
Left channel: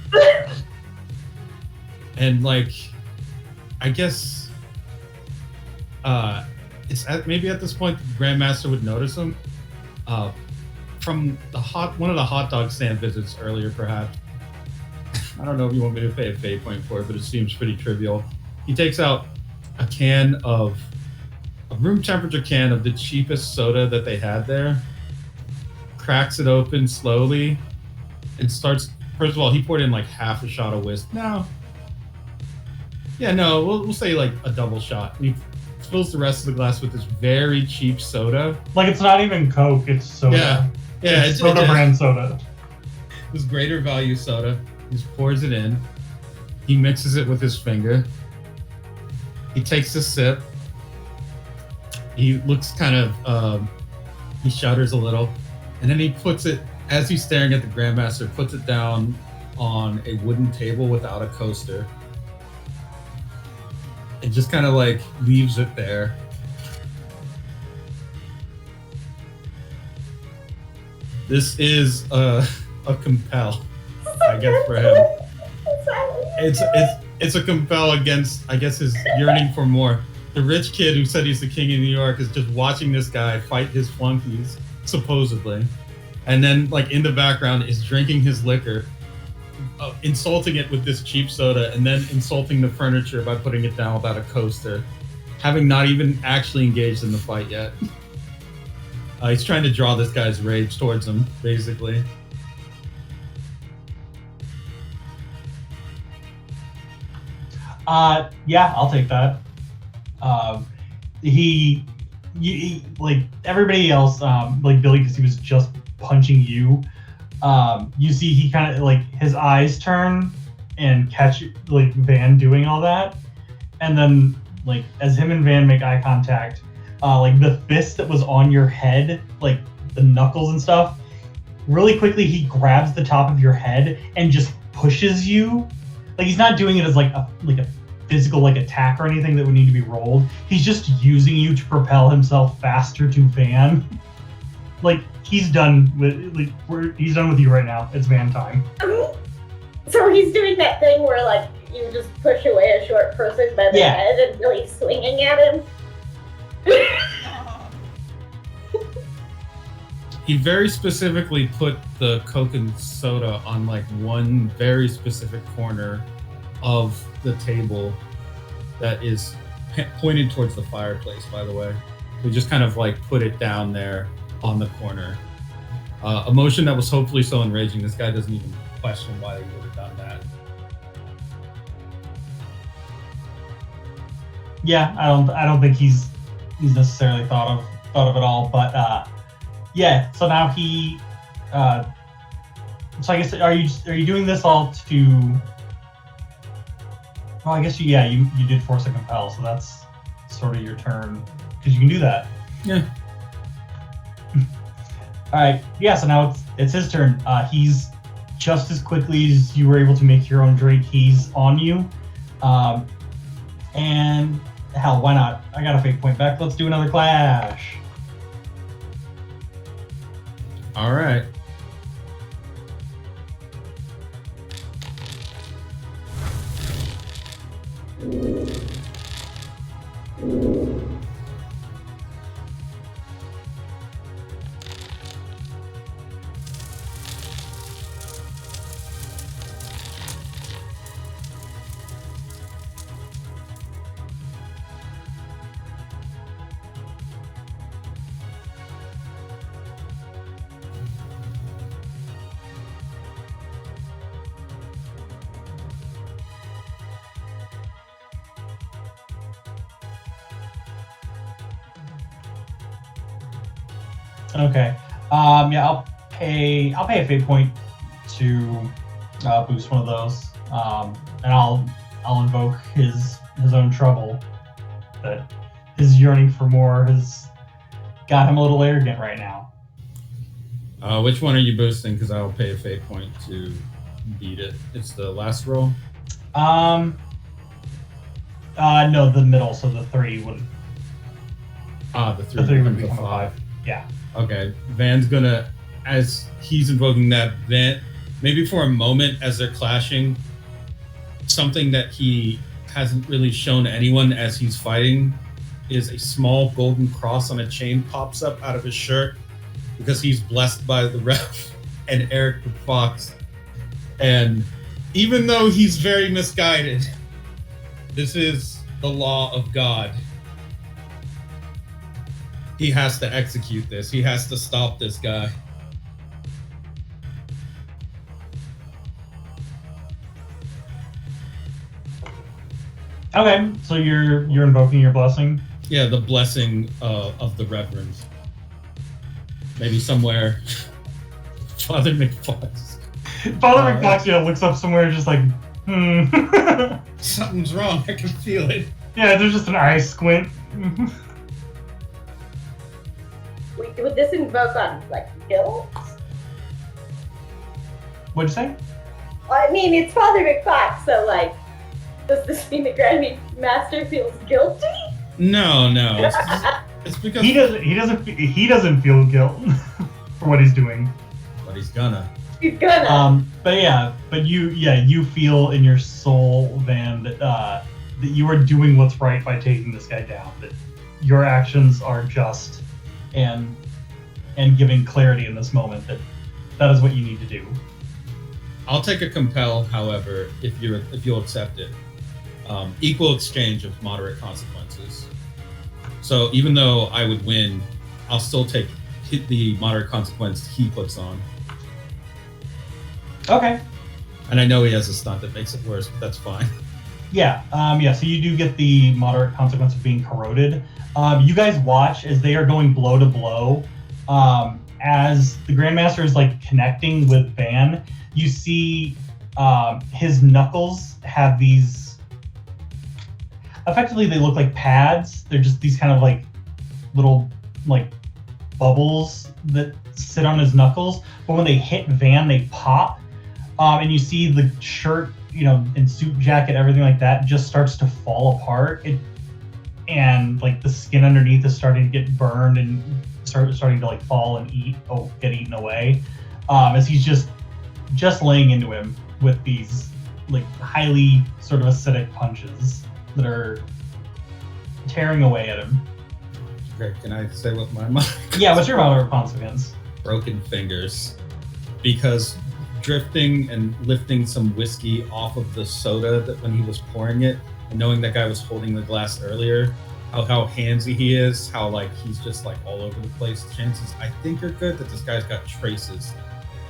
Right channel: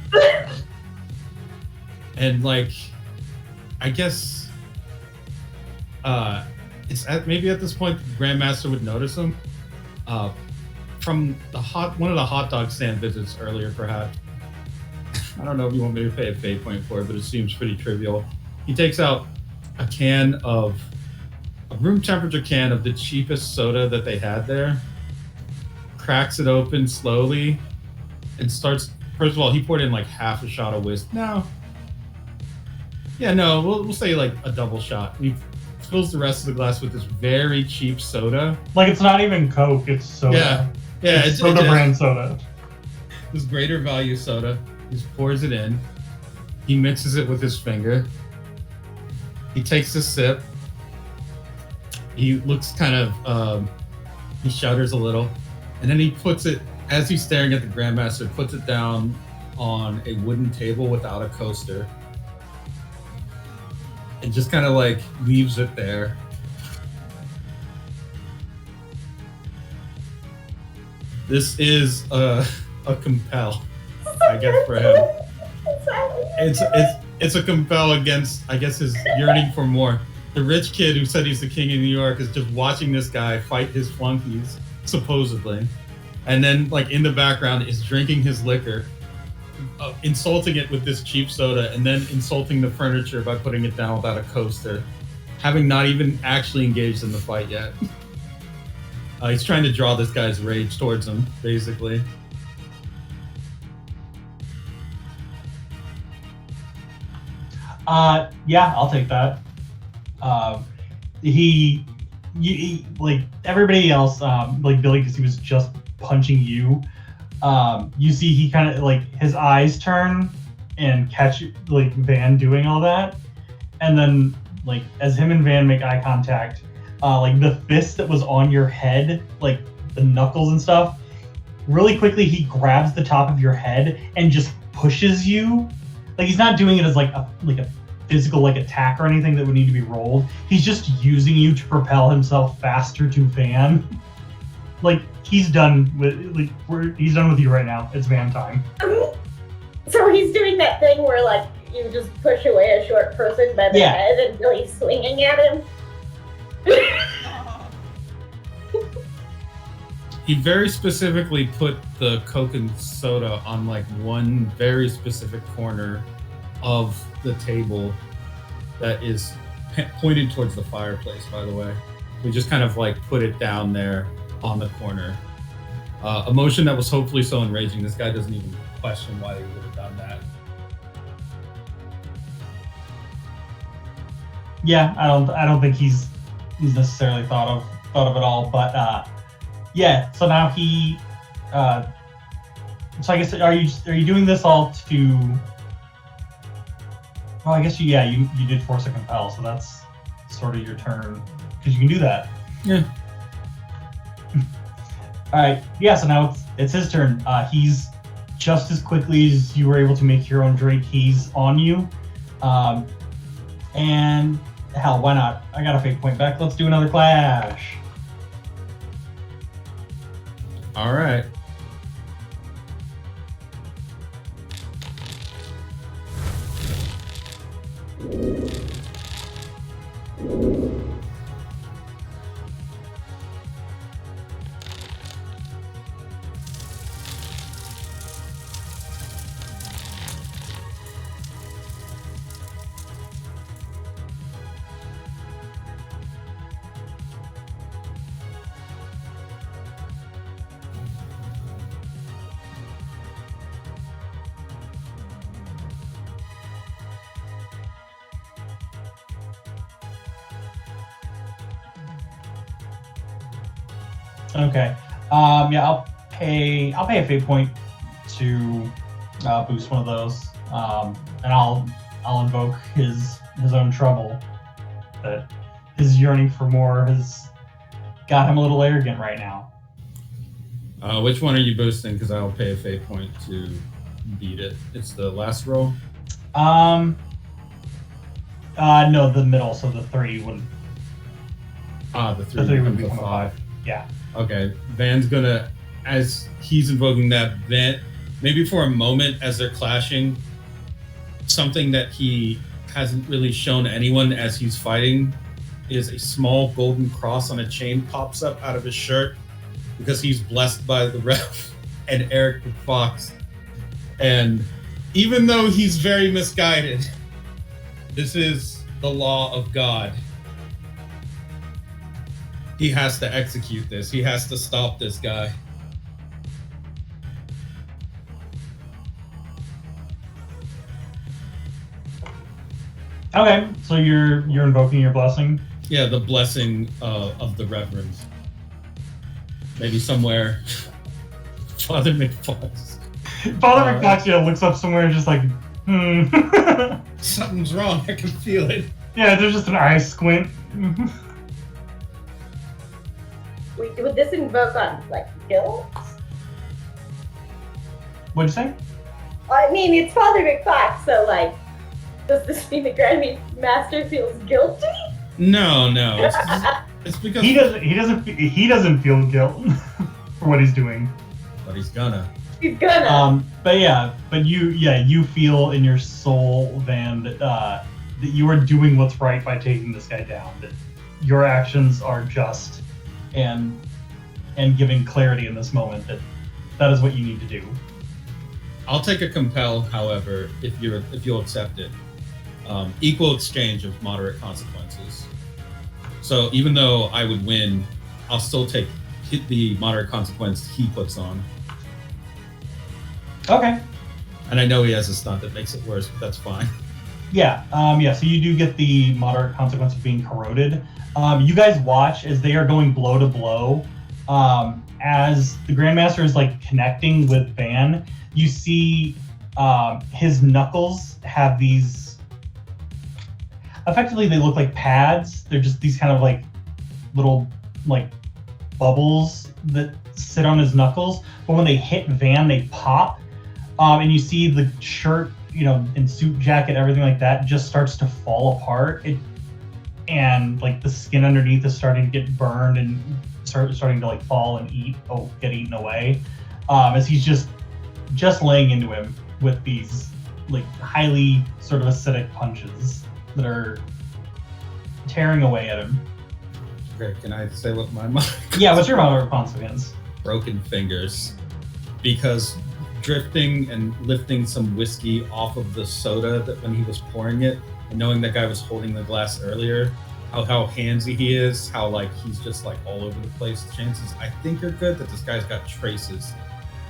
And, like, I guess maybe at this point the Grandmaster would notice him. From one of the hot dog stand visits earlier, perhaps. I don't know if you want me to pay a fate point for it, but it seems pretty trivial. He takes out a room temperature can of the cheapest soda that they had there, cracks it open slowly, and starts. First of all, he poured in like half a shot of whiskey. We'll say like a double shot. And he fills the rest of the glass with this very cheap soda. Like, it's not even Coke, it's soda. Yeah, it's soda brand soda. This greater value soda. He just pours it in. He mixes it with his finger. He takes a sip. He looks kind of, he shudders a little. And then he puts it, as he's staring at the Grandmaster, puts it down on a wooden table without a coaster. And just kind of like leaves it there. This is a compel, I guess, for him. It's a compel against, I guess, his yearning for more. The rich kid who said he's the king of New York is just watching this guy fight his flunkies, supposedly. And then, like, in the background is drinking his liquor, insulting it with this cheap soda, and then insulting the furniture by putting it down without a coaster, having not even actually engaged in the fight yet. He's trying to draw this guy's rage towards him, basically. Yeah, I'll take that. He like everybody else, like Billy, because he was just punching you. You see he kind of like his eyes turn and catch like Van doing all that, and then like as him and Van make eye contact, like the fist that was on your head, like the knuckles and stuff, really quickly he grabs the top of your head and just pushes you. Like, he's not doing it as like a physical like attack or anything that would need to be rolled. He's just using you to propel himself faster to Van. Like, he's done with he's done with you right now. It's Van time. So he's doing that thing where like you just push away a short person by the head until he's swinging at him. He very specifically put the Coke and soda on like one very specific corner of the table that is pointed towards the fireplace, by the way. We just kind of like put it down there on the corner. A motion that was hopefully so enraging, this guy doesn't even question why they would have done that. Yeah, I don't think he's necessarily thought of it all, but yeah. So now he, so I guess are you doing this all to? Well, I guess you did force a compel, so that's sort of your turn because you can do that. Yeah. All right. Yeah. So now it's his turn. He's just as quickly as you were able to make your own drink. He's on you, and hell, why not? I got a fate point back. Let's do another clash. All right. Okay. Yeah, I'll pay a fate point to boost one of those, and I'll invoke his own trouble. That his yearning for more has got him a little arrogant right now. Which one are you boosting? Because I'll pay a fate point to beat it. It's the last roll. No, the middle. So the 3 would. The 3 The 3 would becomes become a 5. Yeah. Okay, Van's gonna, as he's invoking that, Van, maybe for a moment as they're clashing, something that he hasn't really shown anyone as he's fighting is a small golden cross on a chain pops up out of his shirt because he's blessed by the ref and Eric the Fox. And even though he's very misguided, this is the law of God. He has to execute this. He has to stop this guy. Okay, so you're invoking your blessing. Yeah, the blessing of the Reverend. Maybe somewhere. Father McFox. Father McFox, looks up somewhere and just like, Something's wrong. I can feel it. Yeah, there's just an eye squint. Would this invoke on, like, guilt? What'd you say? I mean, it's Father McFox, so, like, does this mean the Grand Master feels guilty? No. It's because He doesn't feel guilt for what he's doing. But he's gonna. He's gonna. But you feel in your soul, Van, that you are doing what's right by taking this guy down. That your actions are just and giving clarity in this moment that is what you need to do. I'll take a compel, however, if you'll accept it. Equal exchange of moderate consequences. So even though I would win, I'll still take the moderate consequence he puts on. Okay. And I know he has a stunt that makes it worse, but that's fine. Yeah. So you do get the moderate consequence of being corroded. You guys watch as they are going blow to blow. As the Grandmaster is like connecting with Van, you see his knuckles have these. Effectively, they look like pads. They're just these kind of like little like bubbles that sit on his knuckles. But when they hit Van, they pop, and you see the shirt, and suit jacket, everything like that, just starts to fall apart. And like the skin underneath is starting to get burned and starting to like fall and get eaten away, as he's just laying into him with these like highly sort of acidic punches that are tearing away at him. Okay, can I say what my mind? Yeah, what's your moderate consequence? Broken fingers, because drifting and lifting some whiskey off of the soda that when he was pouring it, and knowing that guy was holding the glass earlier, how handsy he is, how like he's just like all over the place. Chances I think are good that this guy's got traces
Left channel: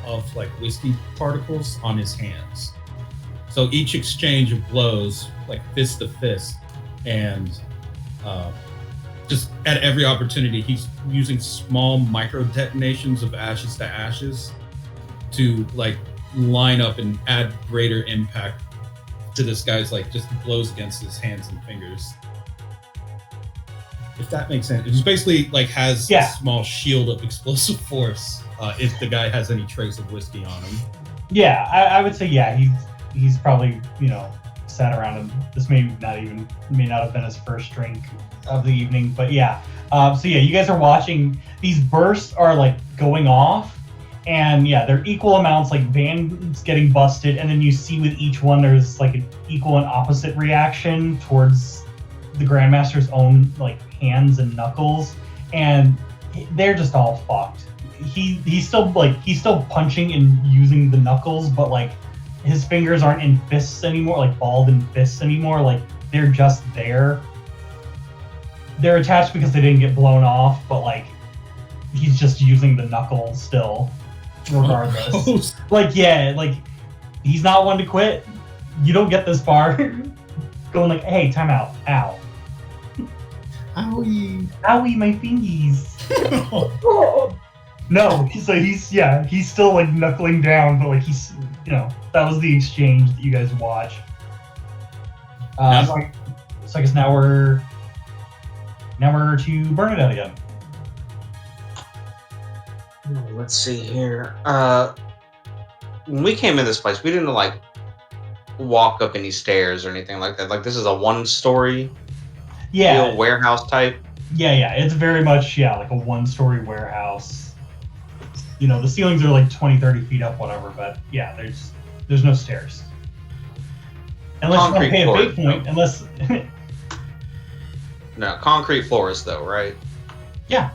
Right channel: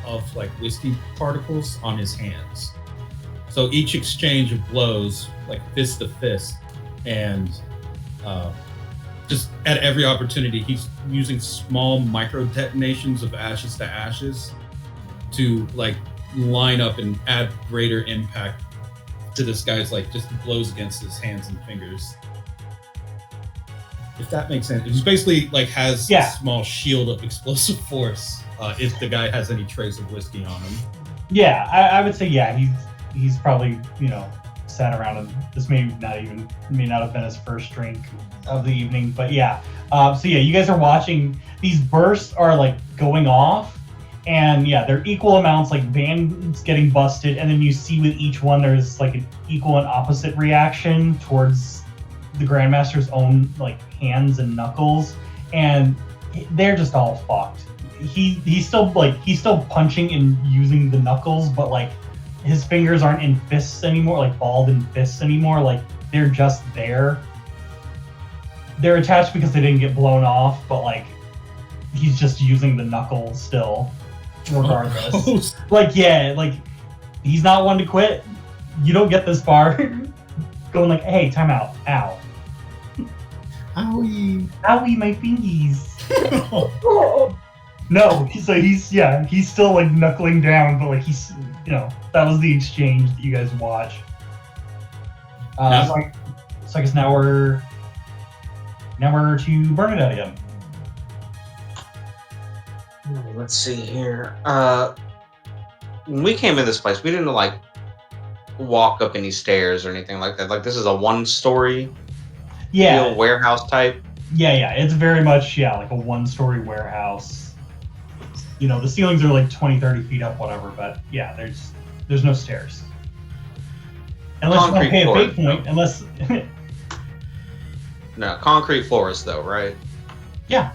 of like whiskey particles on his hands. So each exchange of blows, like fist to fist, and just at every opportunity, he's using small micro detonations of ashes to ashes to like line up and add greater impact to this guy's like just blows against his hands and fingers. If that makes sense. He basically like has a small shield of explosive force if the guy has any trace of whiskey on him. Yeah, I would say he's probably, sat around, and this may not have been his first drink of the evening, but yeah. So yeah, you guys are watching, these bursts are like going off, and yeah, they're equal amounts, like Van's getting busted, and then you see with each one there's like an equal and opposite reaction towards the Grandmaster's own like hands and knuckles, and they're just all fucked. He's still punching and using the knuckles, but like his fingers aren't in fists anymore, like balled in fists anymore, like they're just there. They're attached because they didn't get blown off, but like he's just using the knuckle still, regardless. Like he's not one to quit. You don't get this far going like, hey, time out, ow. Owie. Owie, my fingies. No, so he's still like knuckling down, but like he's, that was the exchange that you guys watch. So I guess now we're to Bernadette again. Let's see here. When we came in this place, we didn't like walk up any stairs or anything like that. Like this is a one-story warehouse type. Yeah, it's very much like a one-story warehouse. The ceilings are like 20, 30 feet up, whatever, but yeah, there's no stairs. Unless you want to pay a fate point, unless... No, concrete floors though, right? Yeah.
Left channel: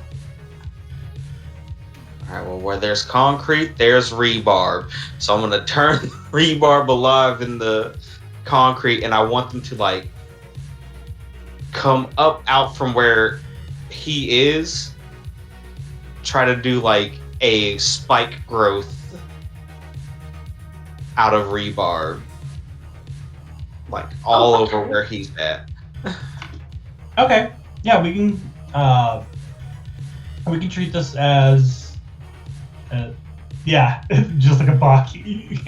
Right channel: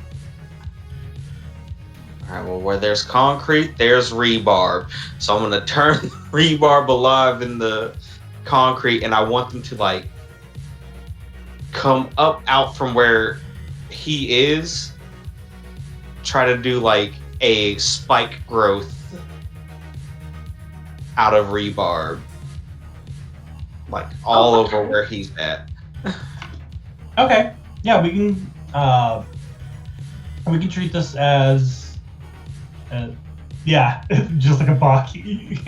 Alright, well, where there's concrete, there's rebarb. So I'm going to turn rebarb alive in the concrete, and I want them to, like, come up out from where he is, try to do, like, a spike growth out of rebarb. Like, all over where he's at. Okay. Yeah, we can treat this as, just like a Baki.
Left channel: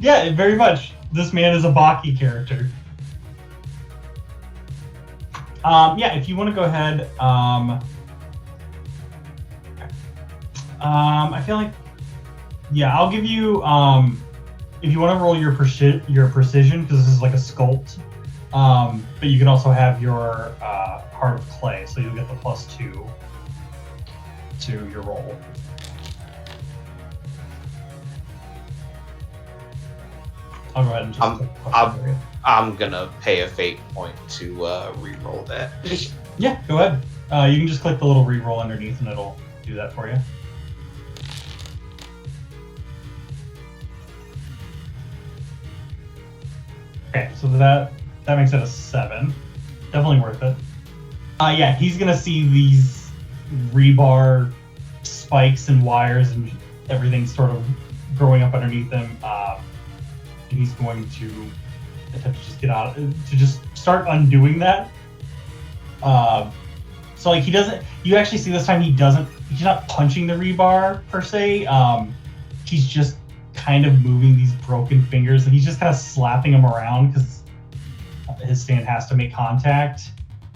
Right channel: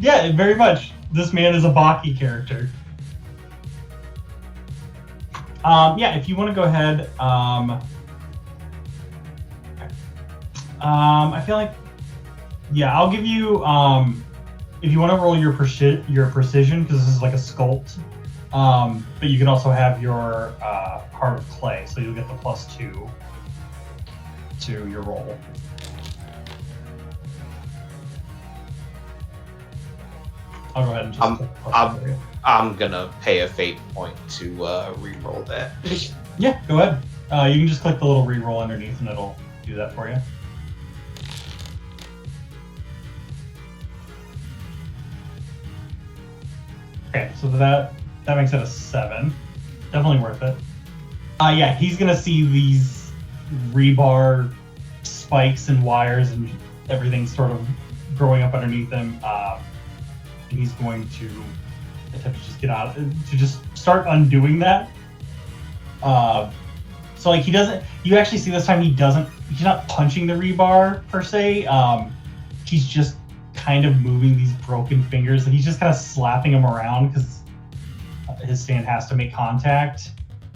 Yeah, very much. This man is a Baki character. If you want to go ahead, I feel like, I'll give you, if you want to roll your precision, because this is like a sculpt, but you can also have your heart of clay, so you'll get the +2 to your roll. I'll go ahead and just. I'm gonna pay a fate point to re-roll that. Yeah, go ahead. You can just click the little re-roll underneath, and it'll do that for you. Okay, so that makes it a 7. Definitely worth it. He's gonna see these rebar spikes and wires and everything sort of growing up underneath him. And he's going to attempt to just get out, to just start undoing that. So like you actually see this time he's not punching the rebar per se. He's just kind of moving these broken fingers, and he's just kind of slapping them around because his stand has to make contact.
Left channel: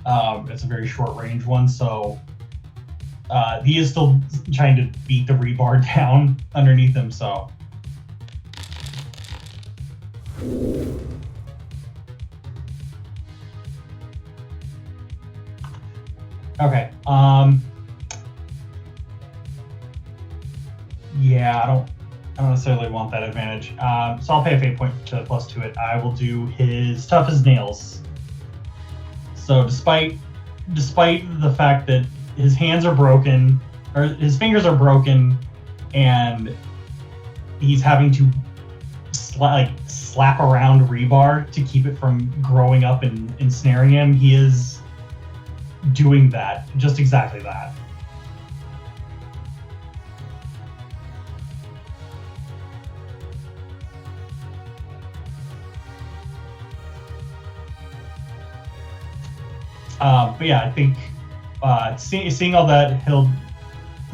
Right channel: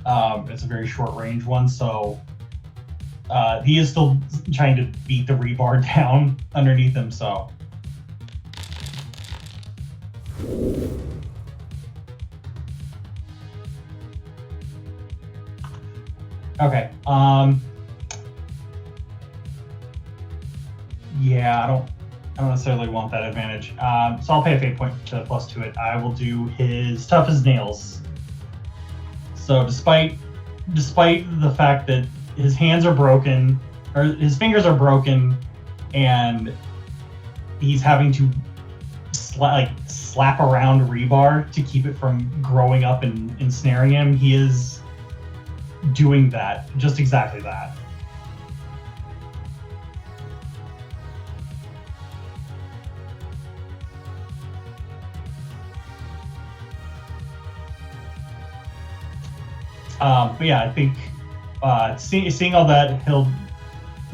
It's a very short range one, so he is still trying to beat the rebar down underneath him, so. Okay, I don't necessarily want that advantage. So I'll pay a fate point to +2 it. I will do his tough as nails. So despite the fact that his hands are broken, or his fingers are broken, and he's having to slap around rebar to keep it from growing up and ensnaring him, he is doing that, just exactly that. But yeah, I think seeing all that,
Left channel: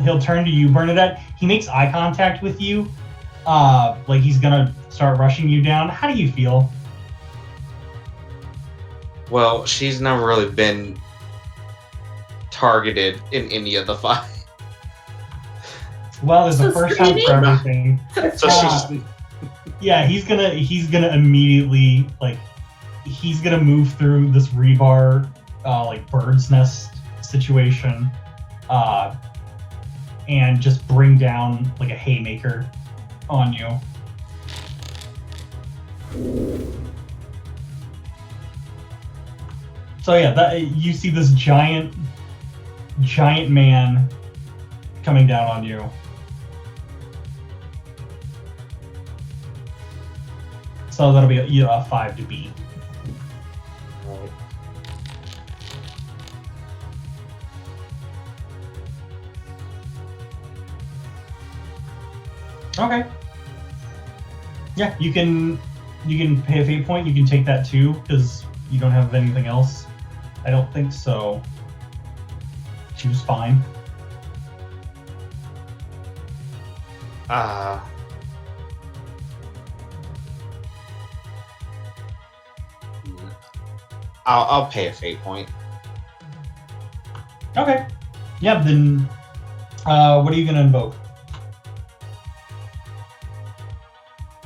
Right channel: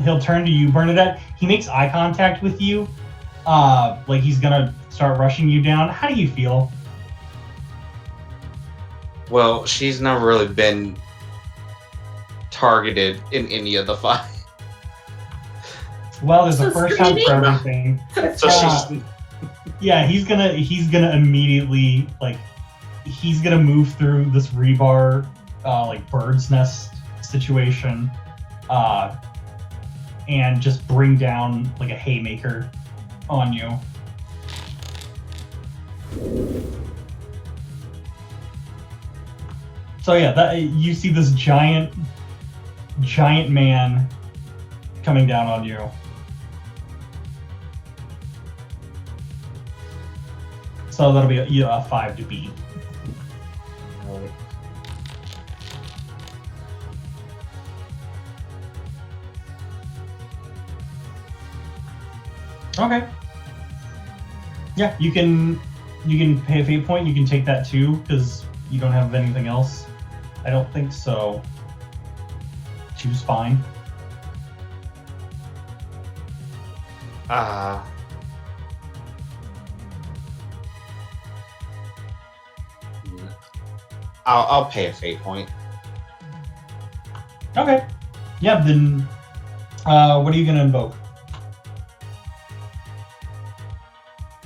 he'll turn to you, Bernadette. He makes eye contact with you, like he's gonna start rushing you down. How do you feel? Well, she's never really been targeted in any of the fight. Well, there's So a first time for screaming? everything. So she's Yeah, he's gonna immediately, like, he's gonna move through this rebar, like bird's nest situation, and just bring down like a haymaker on you. So yeah, that you see this giant man coming down on you. So that'll be a 5 to beat. Okay. Yeah, you can pay a fate point. You can take that too because you don't have anything else. I don't think so. Choose fine. I'll pay a fate point. Okay. Yeah. Then, what are you gonna invoke?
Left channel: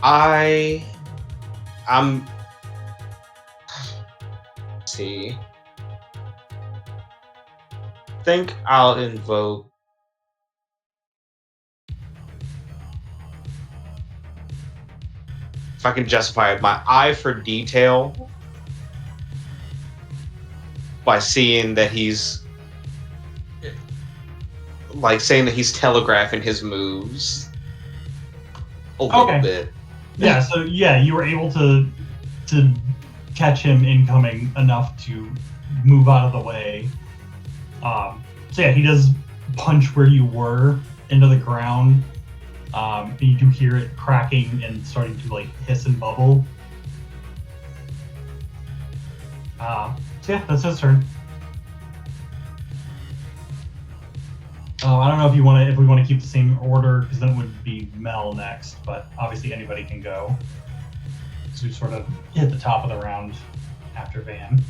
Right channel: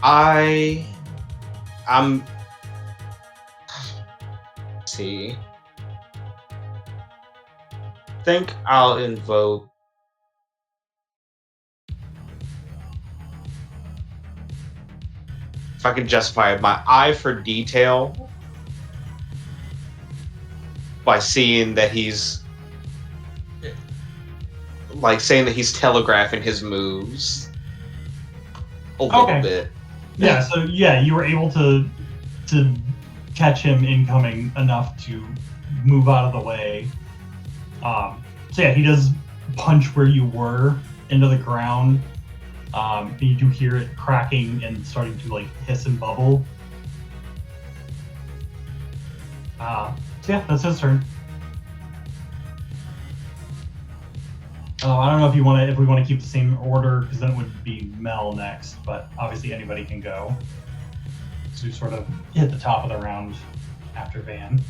I'm. Let's see. Think I'll invoke. If I can justify it, my eye for detail by seeing that he's like saying that he's telegraphing his moves a little bit. Yeah. So yeah, you were able to catch him incoming enough to move out of the way. So yeah, he does punch where you were into the ground. And you do hear it cracking and starting to like hiss and bubble. So yeah, that's his turn. I don't know if we want to keep the same order, because then it would be Mel next, but obviously anybody can go. So we sort of hit the top of the round after Van.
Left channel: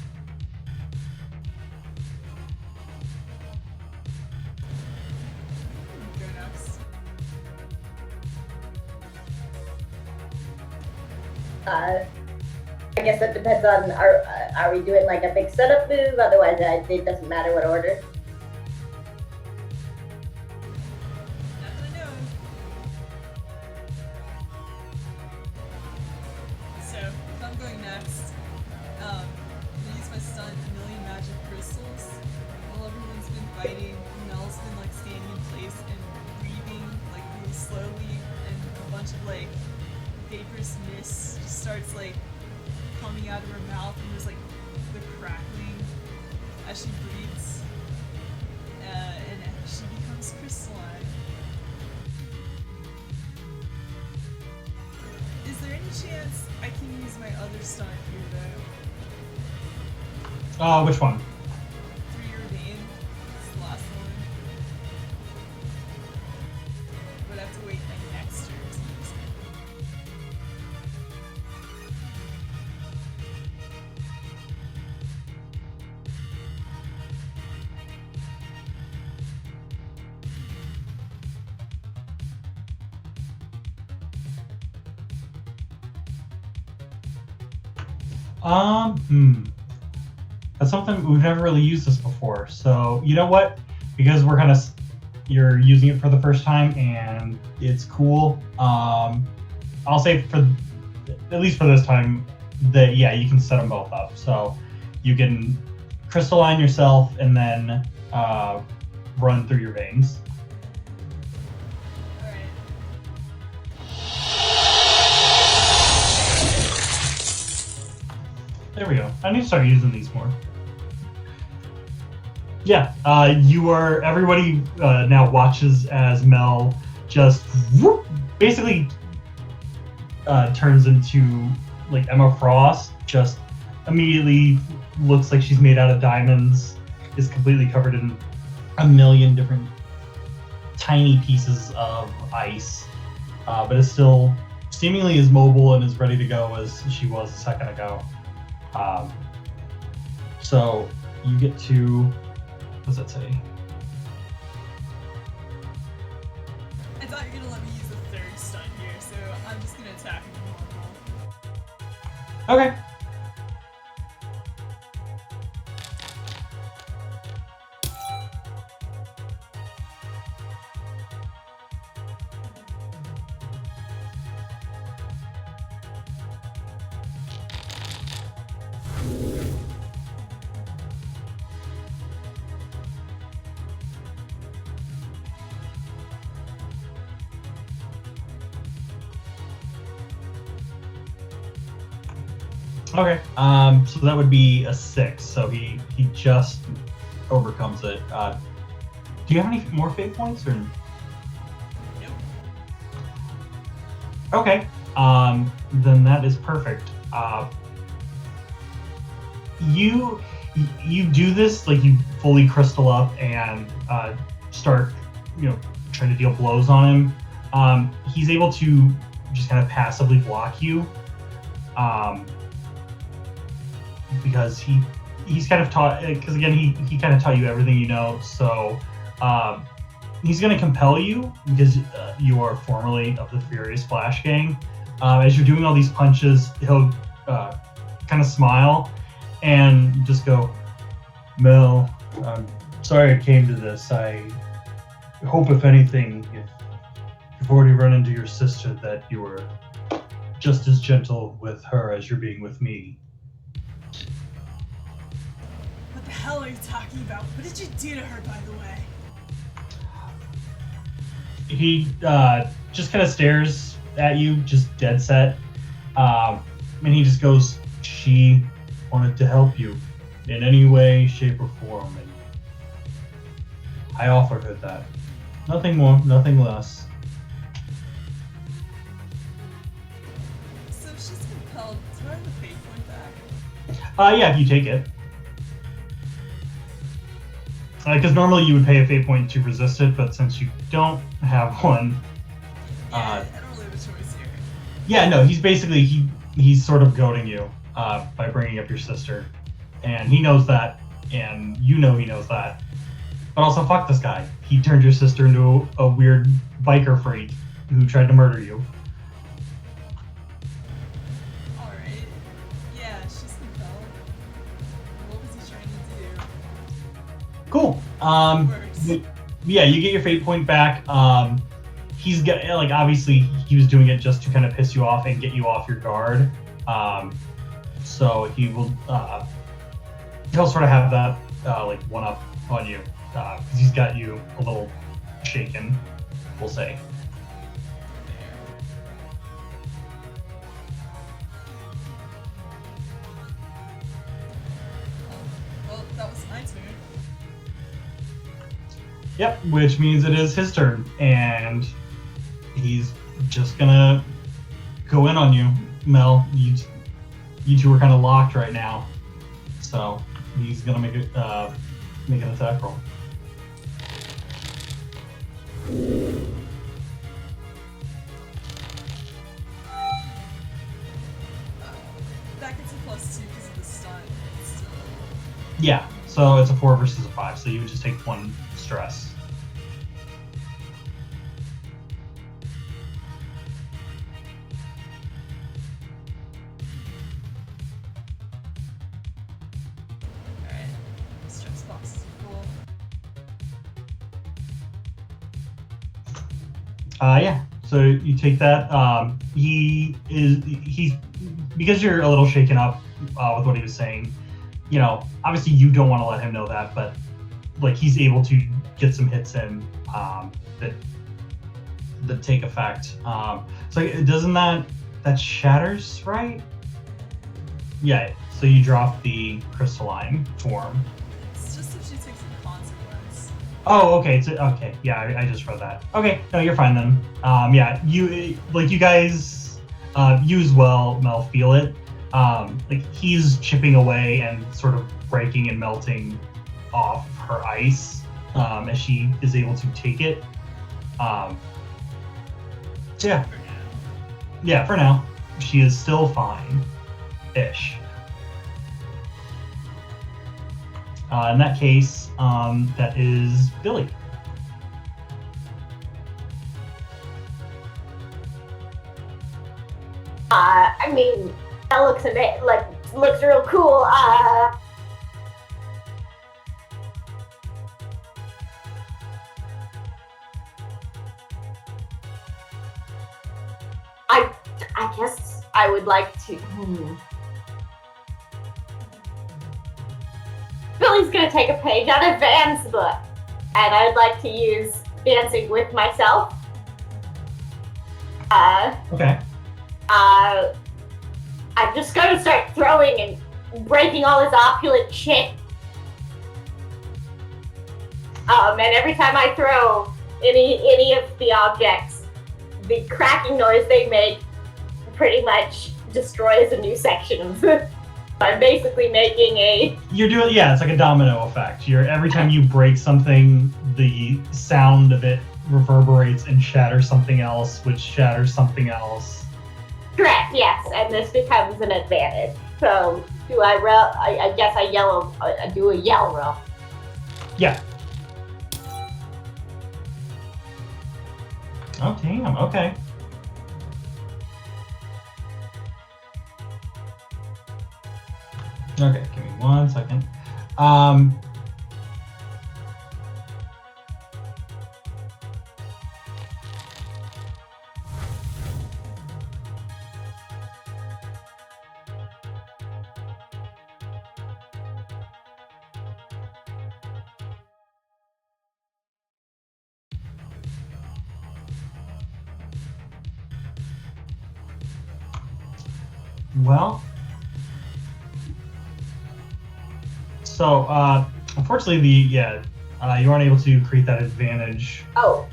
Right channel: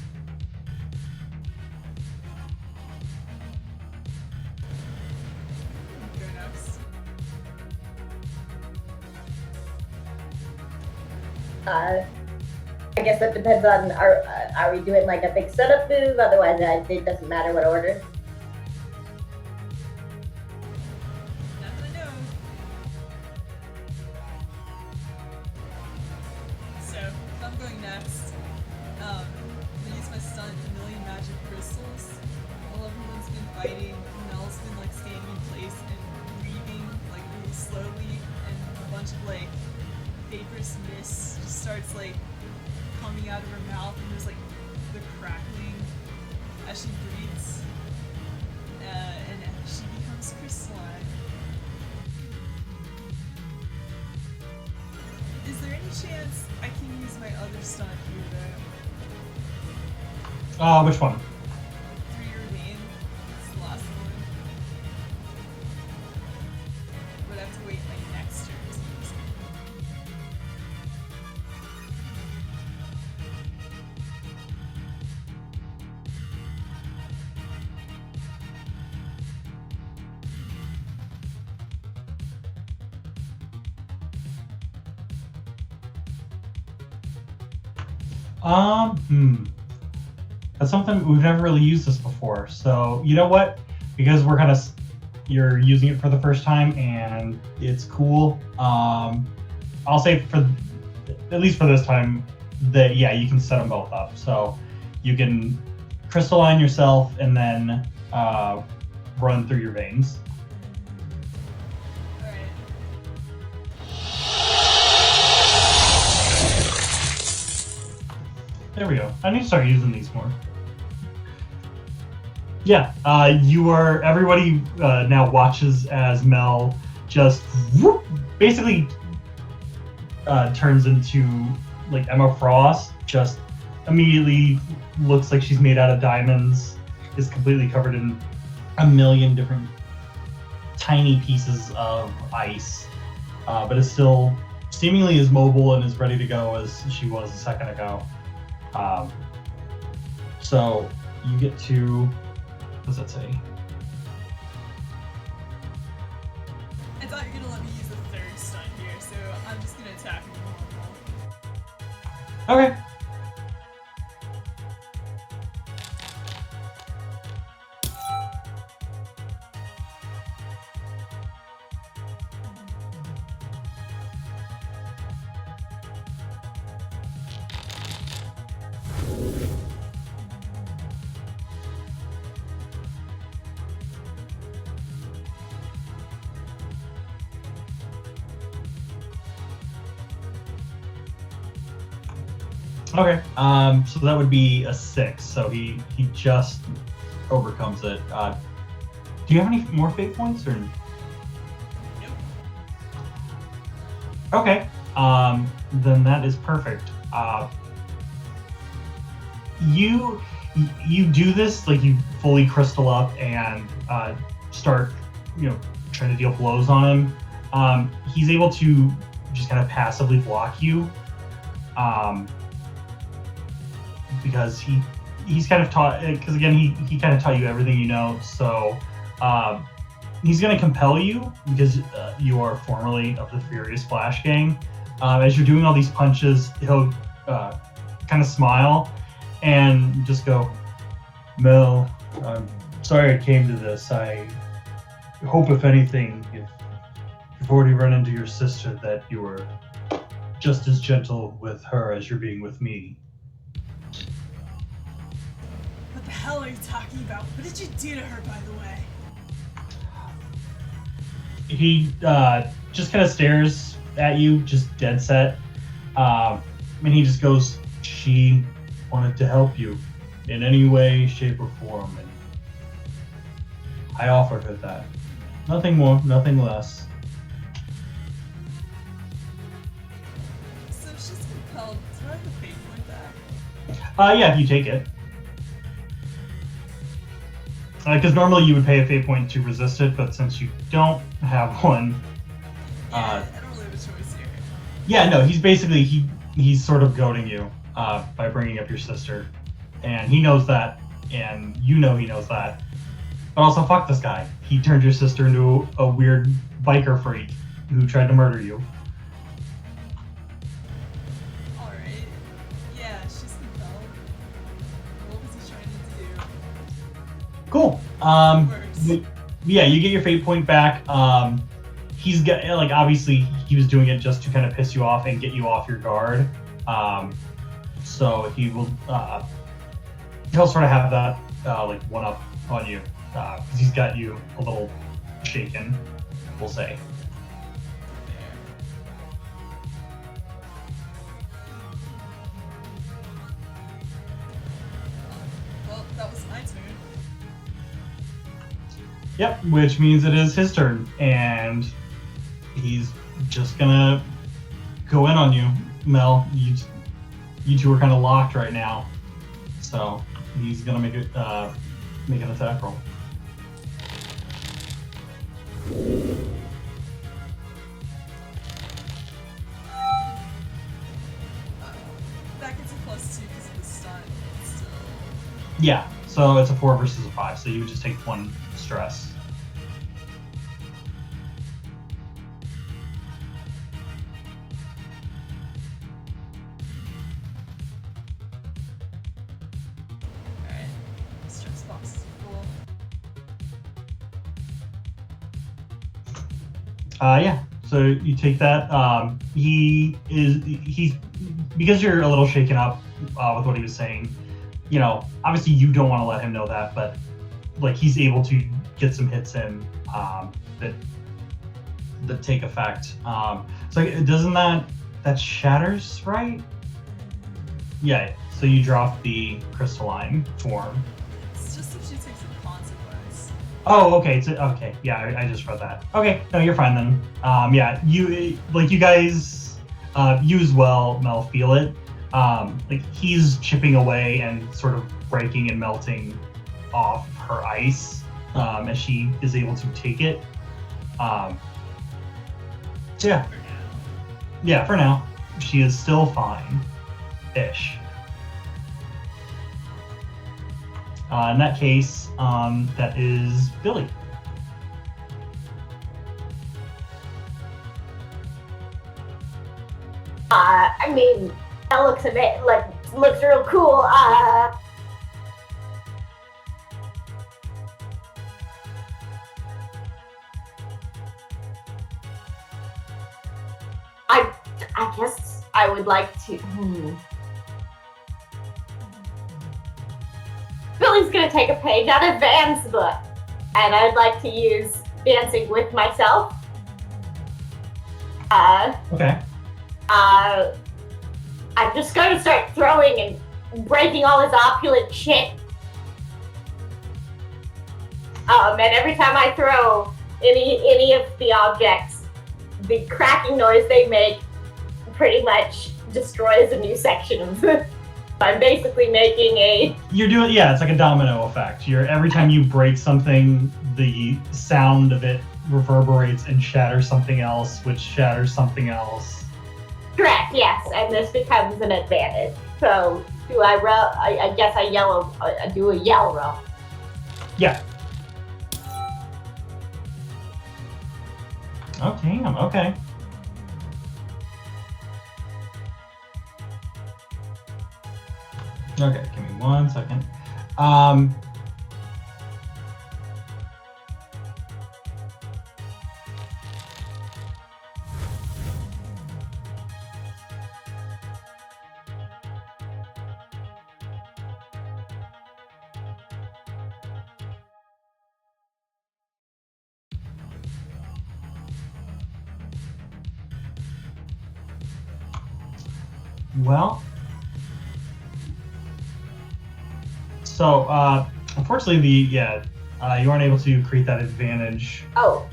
Go next. I guess that depends on are we doing like a big setup move? Otherwise, it doesn't matter what order. Not that I know of. So, if I'm going next, I'm gonna use my stunt, a million magic crystals. While everyone's been fighting, Mel's been like standing in place and breathing like really slowly, and a bunch of like vaporous mist just starts like coming out of her mouth, and there's like the crackling as she breathes, and she becomes crystalline. Is there any chance I can use my other stunt here though? Which one? 3-year vein. It's the last one. But I have to wait my next turn to use it. That's something we've never really used this before. So you know what? Because we're you're using it for the first time and it's cool. I'll say for at least for this time that yeah, you can set them both up. So you can crystalline yourself and then run through your veins. Alright. need to start using these more. Yeah, everybody now watches as Mel just basically turns into like Emma Frost, just immediately looks like she's made out of diamonds, is completely covered in a million different tiny pieces of ice, but is still seemingly as mobile and as ready to go as she was a second ago. So you get to, what does that say? I thought you were gonna let me use a third stun here, so I'm just gonna attack him normal. Okay. Okay, so that would be a 6, so he just overcomes it. Do you have any more fate points, or? Nope. Okay, then that is perfect. You do this, like you fully crystal up and start, trying to deal blows on him. He's able to just kind of passively block you. Because he's kind of taught, because again he kind of taught you everything you know, so he's going to compel you because you are formerly of the Furious Flash Gang. As you're doing all these punches, he'll kind of smile and just go, Mel, I'm sorry it came to this. I hope if anything, if you've already run into your sister, that you were just as gentle with her as you're being with me. What the hell are you talking about? What did you do to her, by the way? He just kind of stares at you, just dead set. And he just goes, she wanted to help you in any way, shape, or form. And I offered her that. Nothing more, nothing less. So if she's compelled, do I have the fate point back? Yeah, if you take it. Because normally you would pay a fate point to resist it, but since you don't have one... Yeah, I don't really have a choice here. Yeah, no, he's basically, he's sort of goading you by bringing up your sister. And he knows that, and you know he knows that. But also, fuck this guy. He turned your sister into a weird biker freak who tried to murder you. Alright. Yeah, she's compelled. What was he trying to do? Cool. Yeah, you get your fate point back. He's got, like, obviously he was doing it just to kind of piss you off and get you off your guard. So he will, he'll sort of have that, like, one up on you. Because he's got you a little shaken, we'll say. There. Well, that was my turn. Yep, which means it is his turn, and he's just gonna go in on you, Mel. You two are kind of locked right now, so he's gonna make an attack roll. That gets a +2 because of the stun. Still. Yeah, so it's a 4 versus a 5, so you would just take 1 stress. Alright. Stress box is full. Yeah, so you take that. He's because you're a little shaken up with what he was saying. Obviously you don't want to let him know that, but like he's able to get some hits in that take effect. So doesn't that shatters, right? Yeah, so you drop the crystalline form. It's just if she takes a consequence. Oh, okay. Okay. Yeah, I just read that. Okay, no, you're fine then. Yeah, you guys, you as well, Mel, feel it. Like he's chipping away and sort of breaking and melting off her ice as she is able to take it. So yeah, For now. yeah. For now, she is still fine-ish. In that case, that is Billy. I mean, that looks looks real cool. I guess I would like to. Billy's gonna take a page out of Van's book, and I'd like to use dancing with myself. Okay. I'm just gonna start throwing and breaking all his opulent shit. And every time I throw any of the objects, the cracking noise they make pretty much destroys a new section of them. I'm basically making a... You're doing, yeah, it's like a domino effect. Every time you break something, the sound of it reverberates and shatters something else, which shatters something else. Correct, yes, and this becomes an advantage. So, do I roll? I guess I do a yell roll. Yeah. Oh, damn, okay. Okay, give me 1 second. Well, so unfortunately, you aren't able to create that advantage Oh,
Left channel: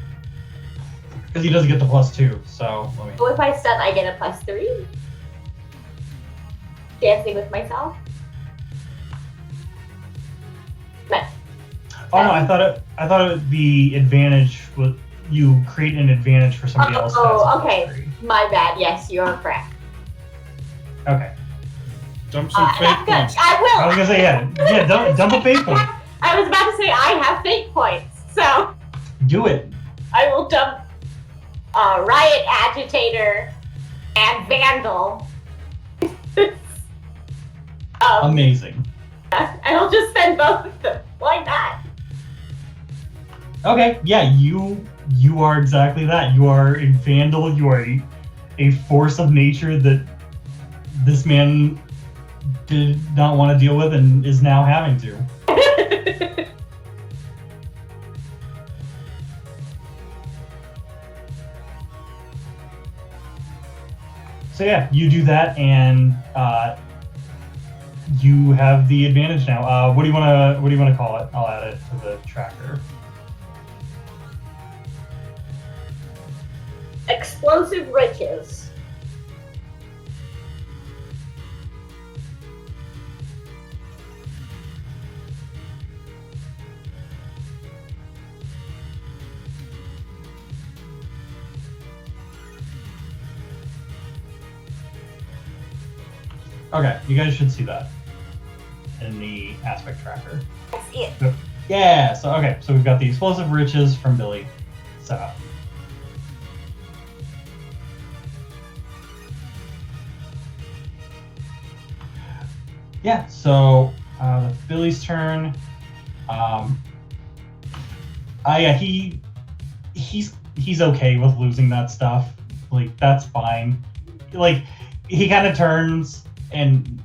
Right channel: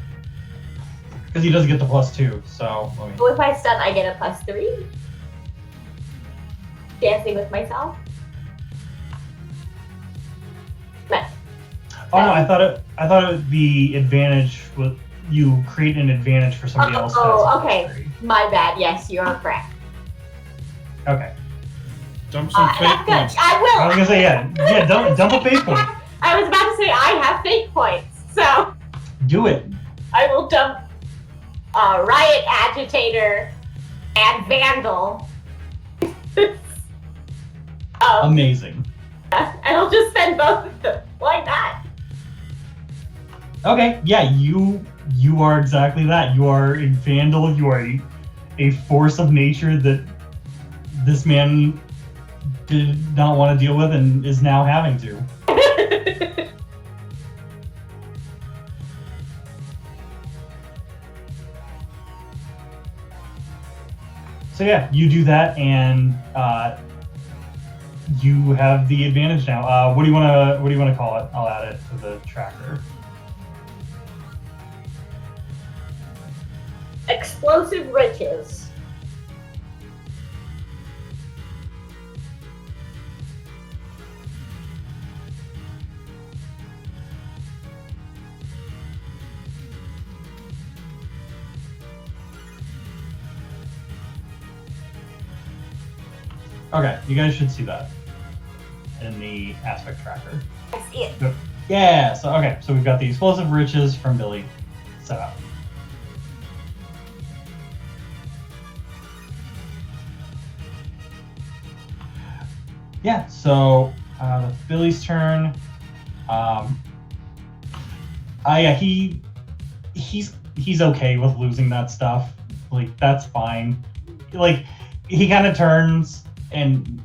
because he doesn't get the +2. So let me. so if I stun, I get a +3? Dancing with myself? Nice. Oh no, I thought the advantage was you create an advantage for somebody else. Oh, that has a okay. +3. My bad, yes, you're correct. Okay. Dump some fate That's good. points. I will. I was gonna say yeah. Dump a fate point. I was about to say I have fate points, so Do it. I will dump Riot Agitator and Vandal. Amazing. And I'll just spend both of them. Why not? Okay. Yeah, you are exactly that. You are a vandal. You are a force of nature that this man did not want to deal with and is now having to. So yeah, you do that, and you have the advantage now. What do you want to call it? I'll add it to the tracker. Explosive riches. Okay, you guys should see that in the aspect tracker. I see it. Yeah, so okay, so we've got the explosive riches from Billy set up. Yeah, so that's Billy's turn. Yeah, he's okay with losing that stuff. Like, that's fine. Like, he kind of turns and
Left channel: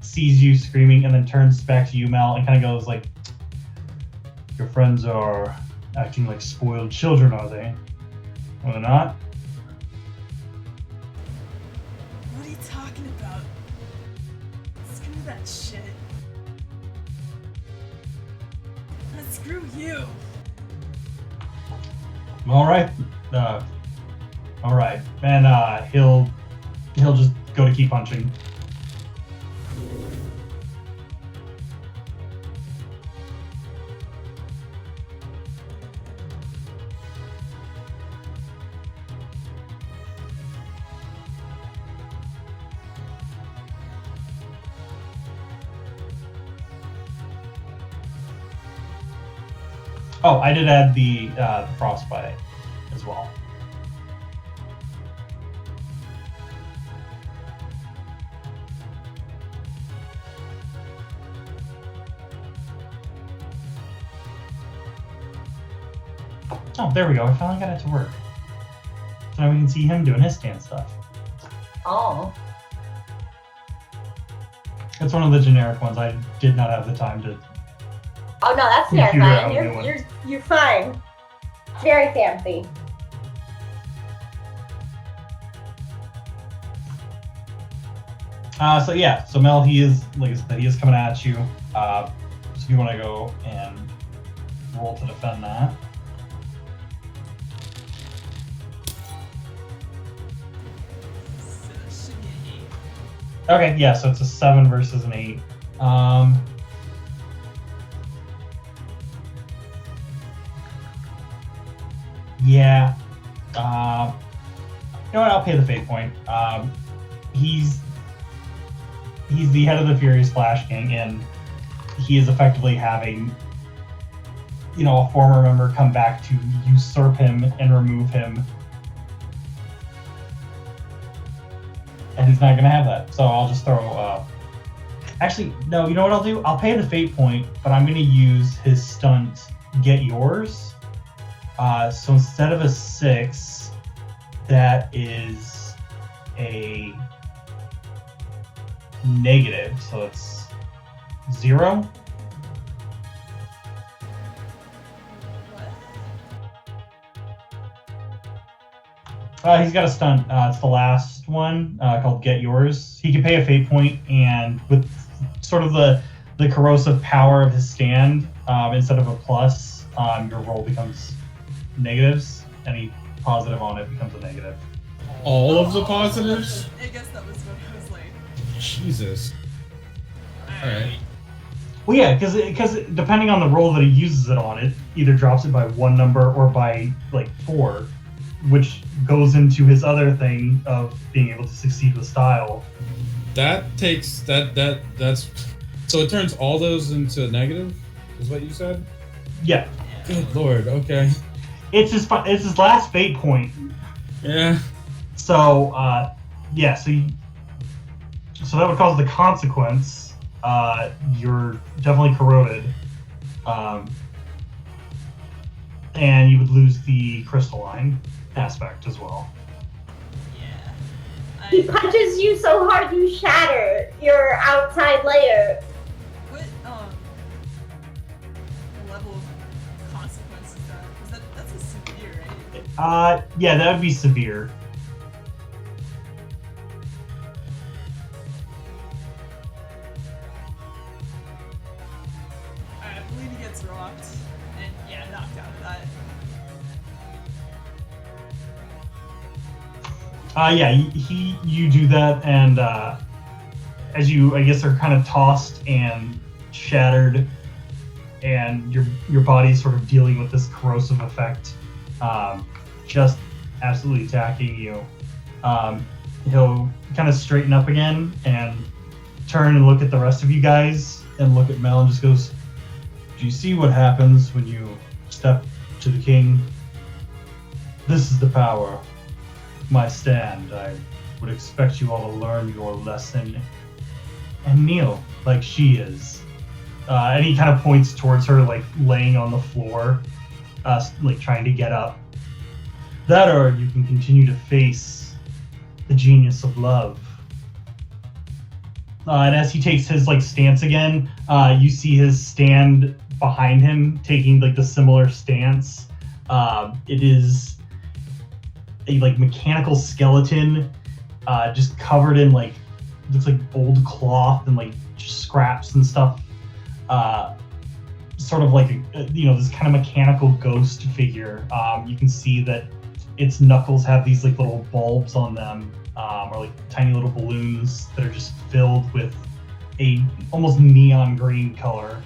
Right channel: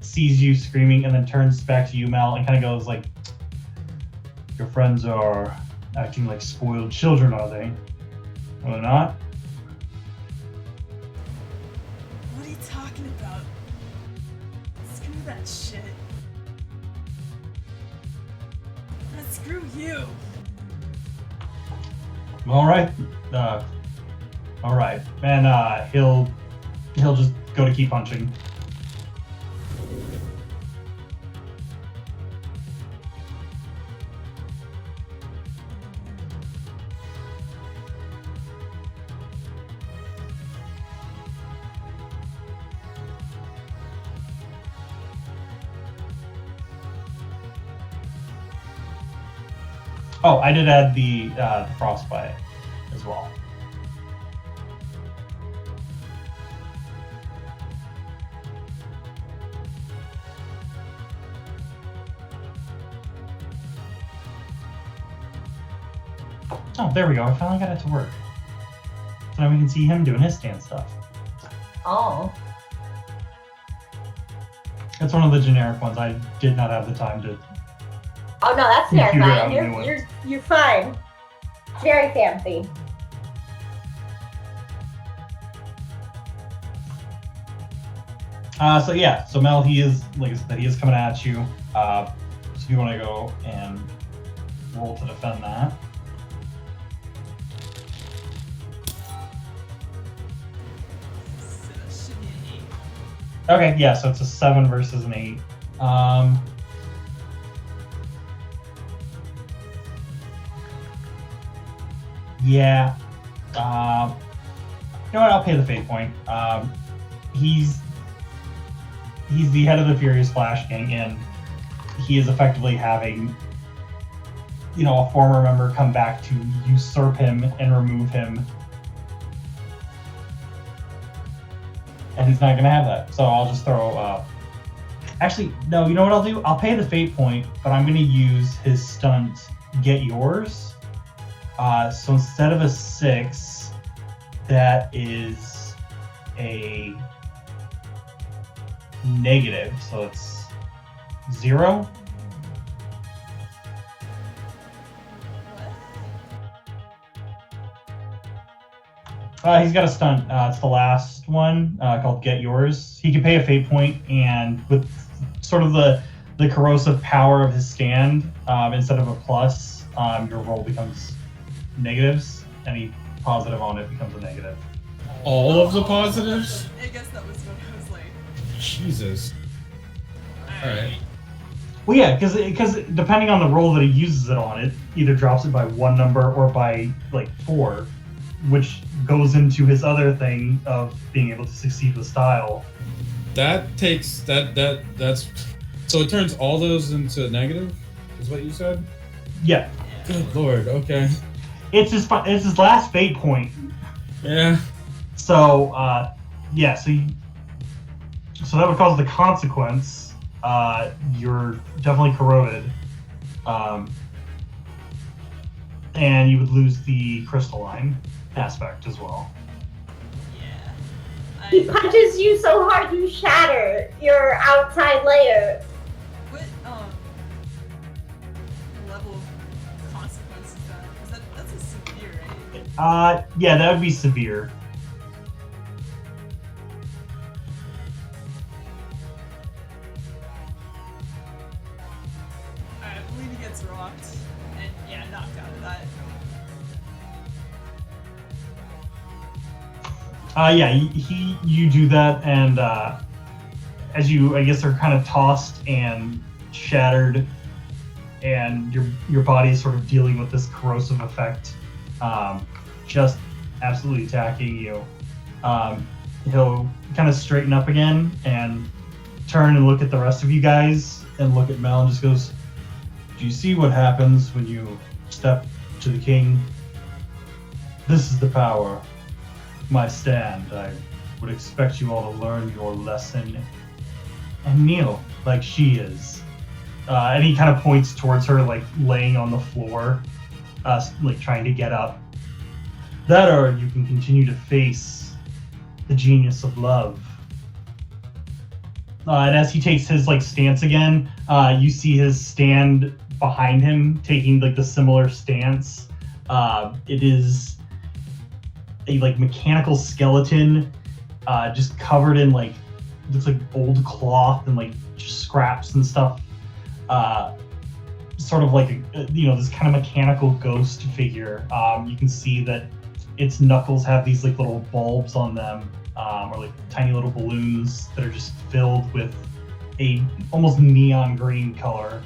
sees you screaming, and then turns back to you, Mel, and kind of goes like, "Your friends are acting like spoiled children, are they? Are they not?" What are you talking about? that shit. Screw you. All right. All right. And he'll just go to keep punching. Oh, I did add the frostbite as well. Oh, there we go. I finally got it to work. So now we can see him doing his stand stuff. Oh. It's one of the generic ones. I did not have the time to. Oh no, that's Computer out terrifying. a new one. You're fine. It's very fancy. So yeah, so Mel, he is, like I said, he is coming at you. So if you want to go and roll to defend that. So that should be an 8. Okay, yeah, so it's a 7 versus an 8. Yeah. You know what? I'll pay the fate point. He's the head of the Furious Flash Gang, and he is effectively having, you know, a former member come back to usurp him and remove him. And he's not going to have that. So I'll just throw... Actually, no, you know what I'll do? I'll pay the fate point, but I'm going to use his stunt, Get Yours. So instead of a 6, that is a negative. So it's 0. What? He's got a stunt. It's the last one called Get Yours. He can pay a fate point, and with sort of the corrosive power of his stand, instead of a plus, your roll becomes negatives. Any positive on it becomes a negative. All of the positives? I guess that was what I was like. Jesus. Alright. Well, yeah, because depending on the roll that he uses it on, it either drops it by 1 number or by like 4, which goes into his other thing of being able to succeed with style. That takes that's so it turns all those into negative, is what you said? Yeah, Good lord, okay. it's his last fate point. Yeah. So yeah, so that would cause the consequence. You're definitely corroded, and you would lose the crystalline aspect as well. Yeah. He punches you so hard you shatter your outside layer. What level of consequence is that? That's a severe, right? Yeah, that would be severe. Alright, I believe he gets rocked and yeah, knocked out of that. Yeah, you do that, and as you, I guess, are kind of tossed and shattered, and your body is sort of dealing with this corrosive effect, just absolutely attacking you. He'll kind of straighten up again and turn and look at the rest of you guys and look at Mel and just goes, "Do you see what happens when you step to the king? This is the power. My stand. I would expect you all to learn your lesson and kneel like she is." And he kind of points towards her, like laying on the floor, like trying to get up. "That, or you can continue to face the genius of love." And as he takes his like stance again, you see his stand behind him taking like the similar stance. It is a like mechanical skeleton, just covered in like looks like old cloth and like just scraps and stuff. Sort of like this kind of mechanical ghost figure. You can see that its knuckles have these like little bulbs on them, or like tiny little balloons that are just filled with a almost neon green color.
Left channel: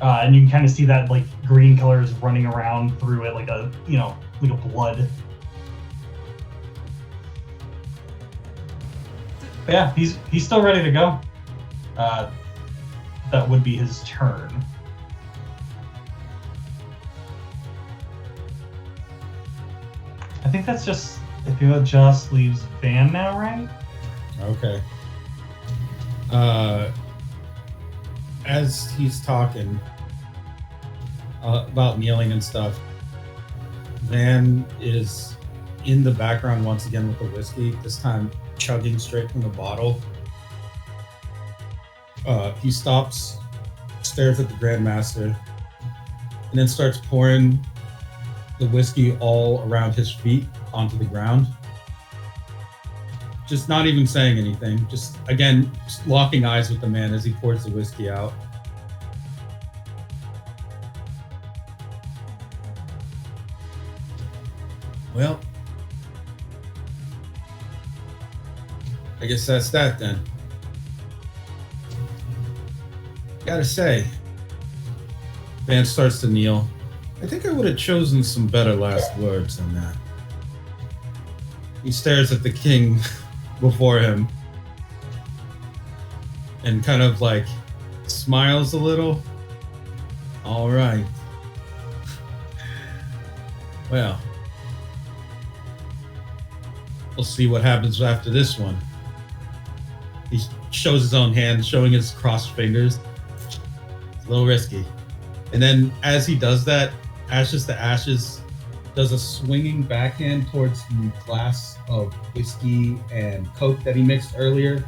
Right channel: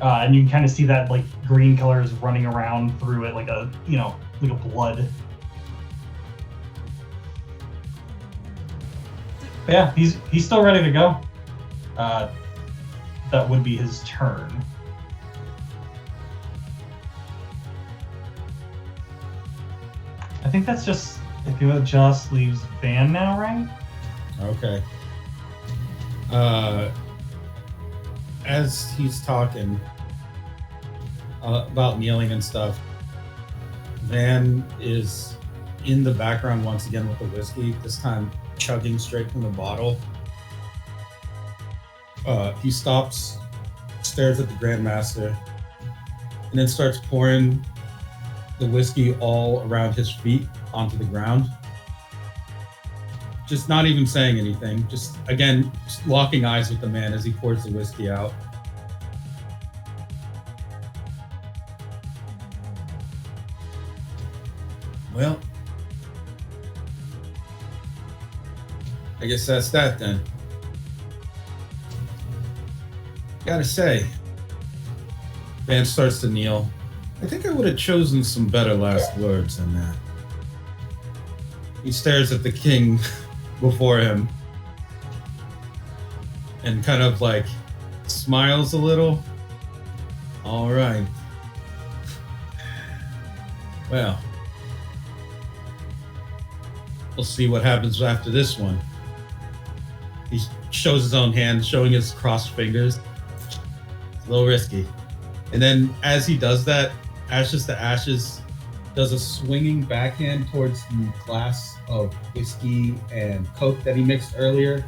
And you can kind of see that like green color is running around through it like a blood. But yeah, he's still ready to go. That would be his turn. I think that just leaves Van now, right? Okay. As he's talking about kneeling and stuff, Van is in the background once again with the whiskey, this time chugging straight from the bottle. He stops, stares at the Grandmaster, and then starts pouring the whiskey all around his feet onto the ground. Just not even saying anything, just locking eyes with the man as he pours the whiskey out. Well, I guess that's that then. Gotta say, Van starts to kneel. I think I would have chosen some better last words than that. He stares at the king before him and kind of like smiles a little. All right. Well, we'll see what happens after this one. He shows his own hand, showing his crossed fingers. It's a little risky. And then as he does that, Ashes to Ashes does a swinging backhand towards the glass of whiskey and Coke that he mixed earlier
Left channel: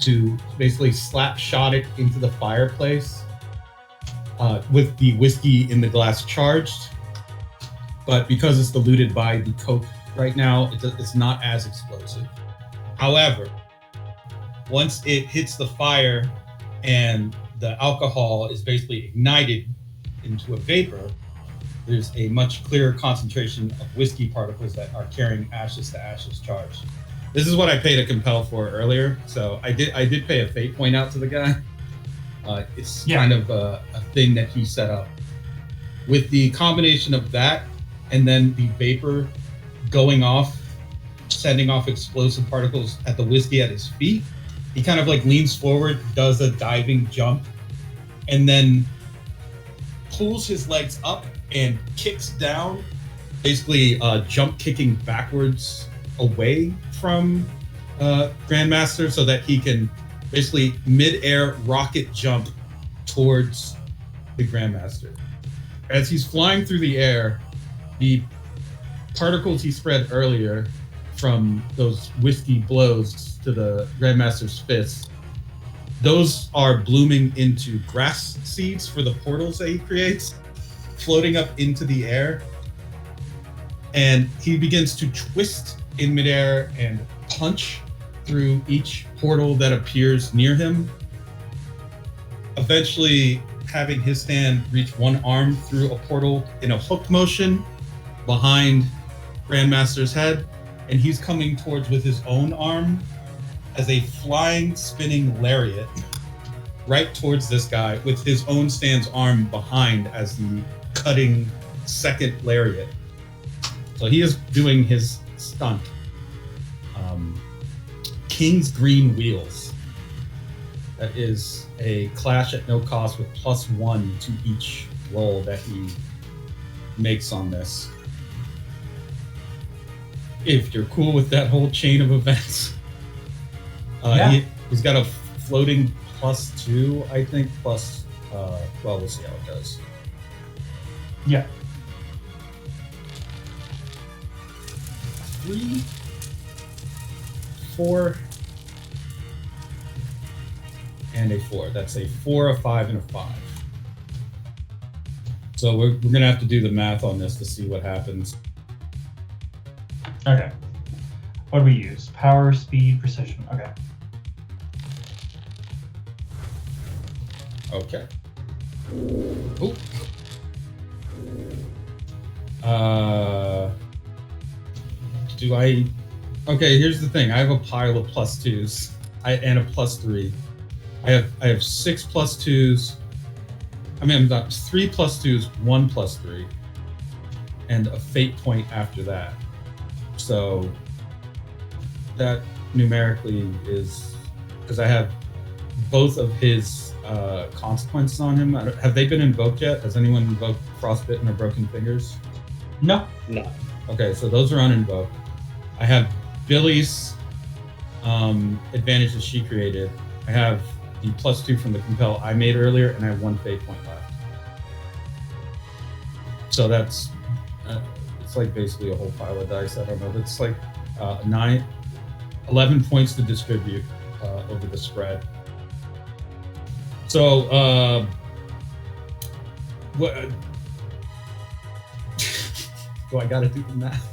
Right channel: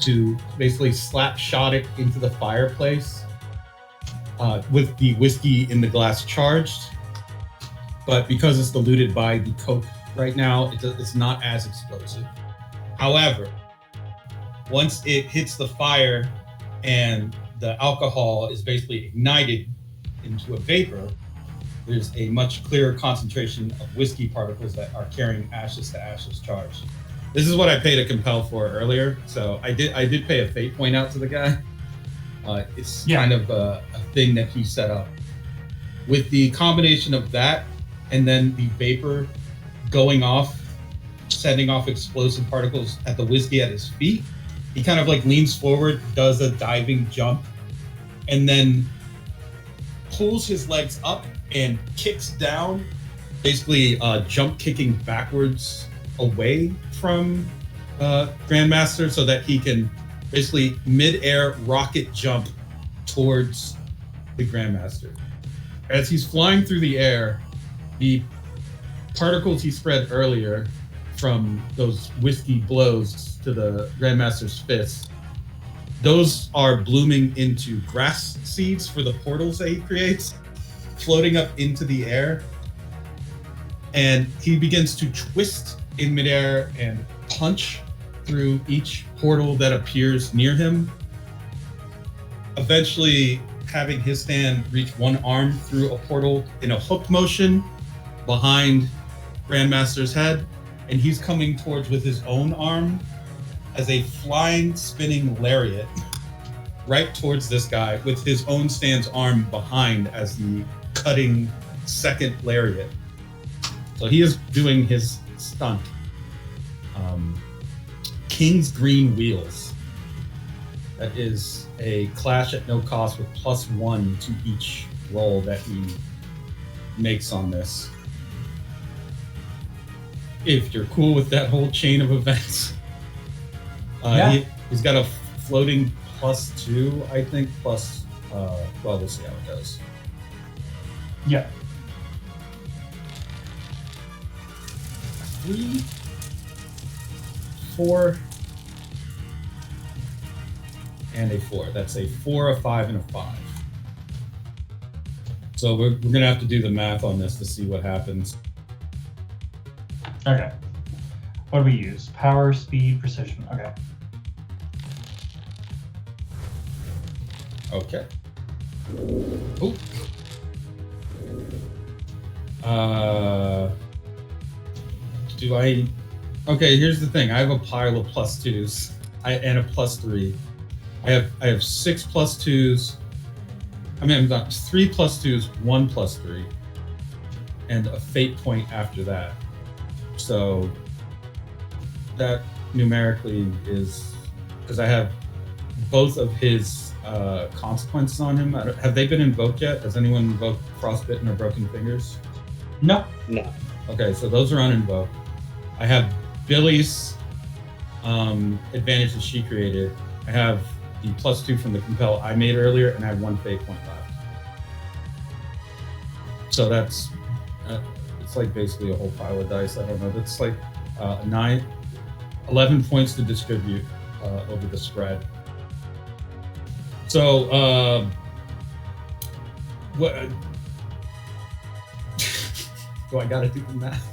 to basically slap shot it into the fireplace with the whiskey in the glass charged. But because it's diluted by the Coke right now, it's not as explosive. However, once it hits the fire and the alcohol is basically ignited into a vapor, there's a much clearer concentration of whiskey particles that are carrying Ashes to Ashes charge. This is what I paid a compel for earlier, so I did pay a fate point out to the guy. It's kind of a thing that he set up. With the combination of that and then the vapor going off, sending off explosive particles at the whiskey at his feet, he kind of like leans forward, does a diving jump, and then pulls his legs up and kicks down, basically jump kicking backwards away from Grandmaster so that he can basically mid-air rocket jump towards the Grandmaster. As he's flying through the air, the particles he spread earlier from those whiskey blows to the Grandmaster's fist, those are blooming into grass seeds for the portals that he creates, floating up into the air. And he begins to twist in midair and punch through each portal that appears near him, eventually having his hand reach one arm through a portal in a hook motion behind Grandmaster's head, and he's coming towards with his own arm as a flying, spinning lariat right towards this guy with his own stand's arm behind as the cutting second lariat. So he is doing his stunt. King's Green Wheels. That is a clash at no cost with +1 to each roll that he makes on this. If you're cool with that whole chain of events. He's got a floating +2, I think, plus, well, we'll see how it goes. Yeah. 3, 4, and a 4. That's a 4, a 5, and a 5. So we're going to have to do the math on this to see what happens. Okay. What do we use? Power, speed, precision. Okay. Okay. Oh. Do I? Okay, here's the thing. I have a pile of +2s and a +3. I have 6 +2s. I mean, I've got 3 +2s, 1 +3, and a fate point after that. So that numerically is because I have both of his consequences on him. Have they been invoked yet? Has anyone invoked Frostbitten or Broken Fingers? No. No. Okay, so those are uninvoked. I have Billy's advantage that she created. I have the +2 from the compel I made earlier, and I have 1 fate point left. So that's it's like basically a whole pile of dice. I don't know. It's like 11 points to distribute over the spread. So what? Do I gotta do the math?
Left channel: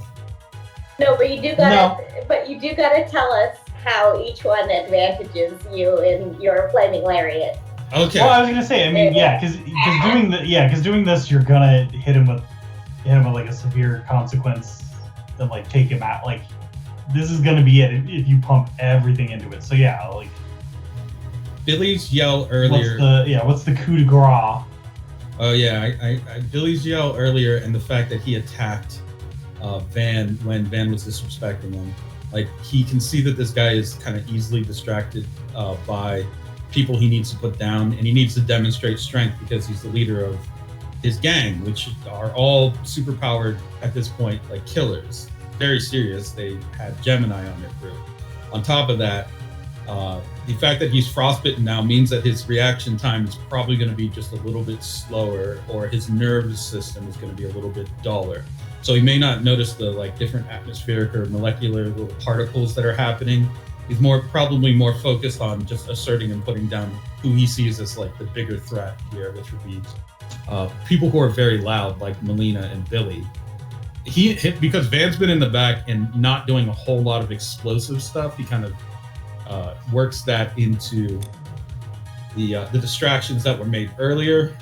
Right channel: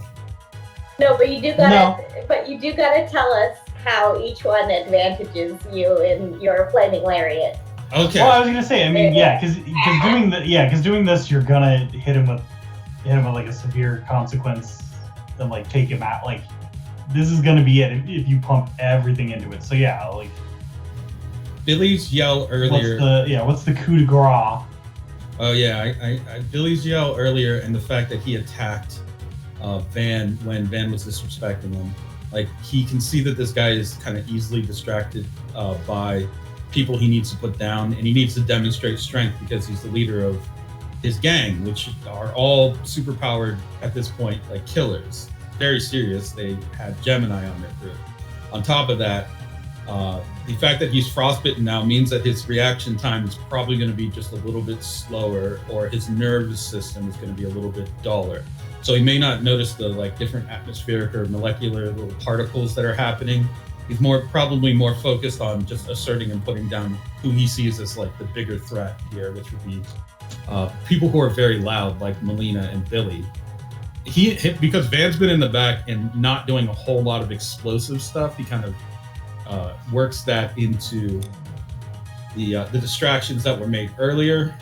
No, but you do gotta tell us how each one advantages you in your flaming lariat. Okay. Well, I was gonna say, I mean, yeah, because doing this, you're gonna hit him with like a severe consequence, then like take him out. Like, this is gonna be it if you pump everything into it. So yeah, like Billy's yell earlier. What's the coup de grace? Oh yeah, I Billy's yell earlier, and the fact that he attacked Van when Van was disrespecting him. Like, he can see that this guy is kind of easily distracted by people he needs to put down, and he needs to demonstrate strength because he's the leader of his gang, which are all superpowered at this point, like killers. Very serious. They had Gemini on their crew. On top of that, the fact that he's frostbitten now means that his reaction time is probably going to be just a little bit slower, or his nervous system is going to be a little bit duller. So he may not notice the like different atmospheric or molecular little particles that are happening. He's probably more focused on just asserting and putting down who he sees as like the bigger threat here, which would be people who are very loud, like Melina and Billy. He hit because Van's been in the back and not doing a whole lot of explosive stuff. He kind of works that into the distractions that were made earlier.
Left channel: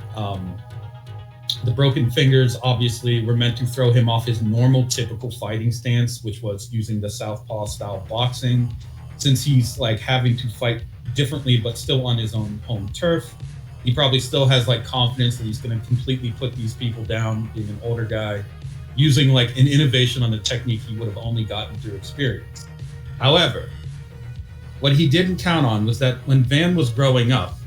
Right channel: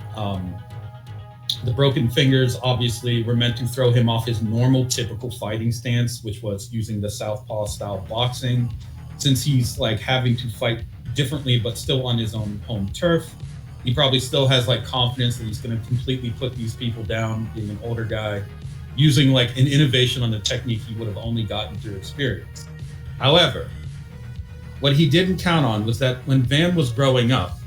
The broken fingers obviously were meant to throw him off his normal, typical fighting stance, which was using the southpaw style boxing. Since he's like having to fight differently, but still on his own home turf, he probably still has like confidence that he's going to completely put these people down, being an older guy, using like an innovation on the technique he would have only gotten through experience. However, what he didn't count on was that when Van was growing up,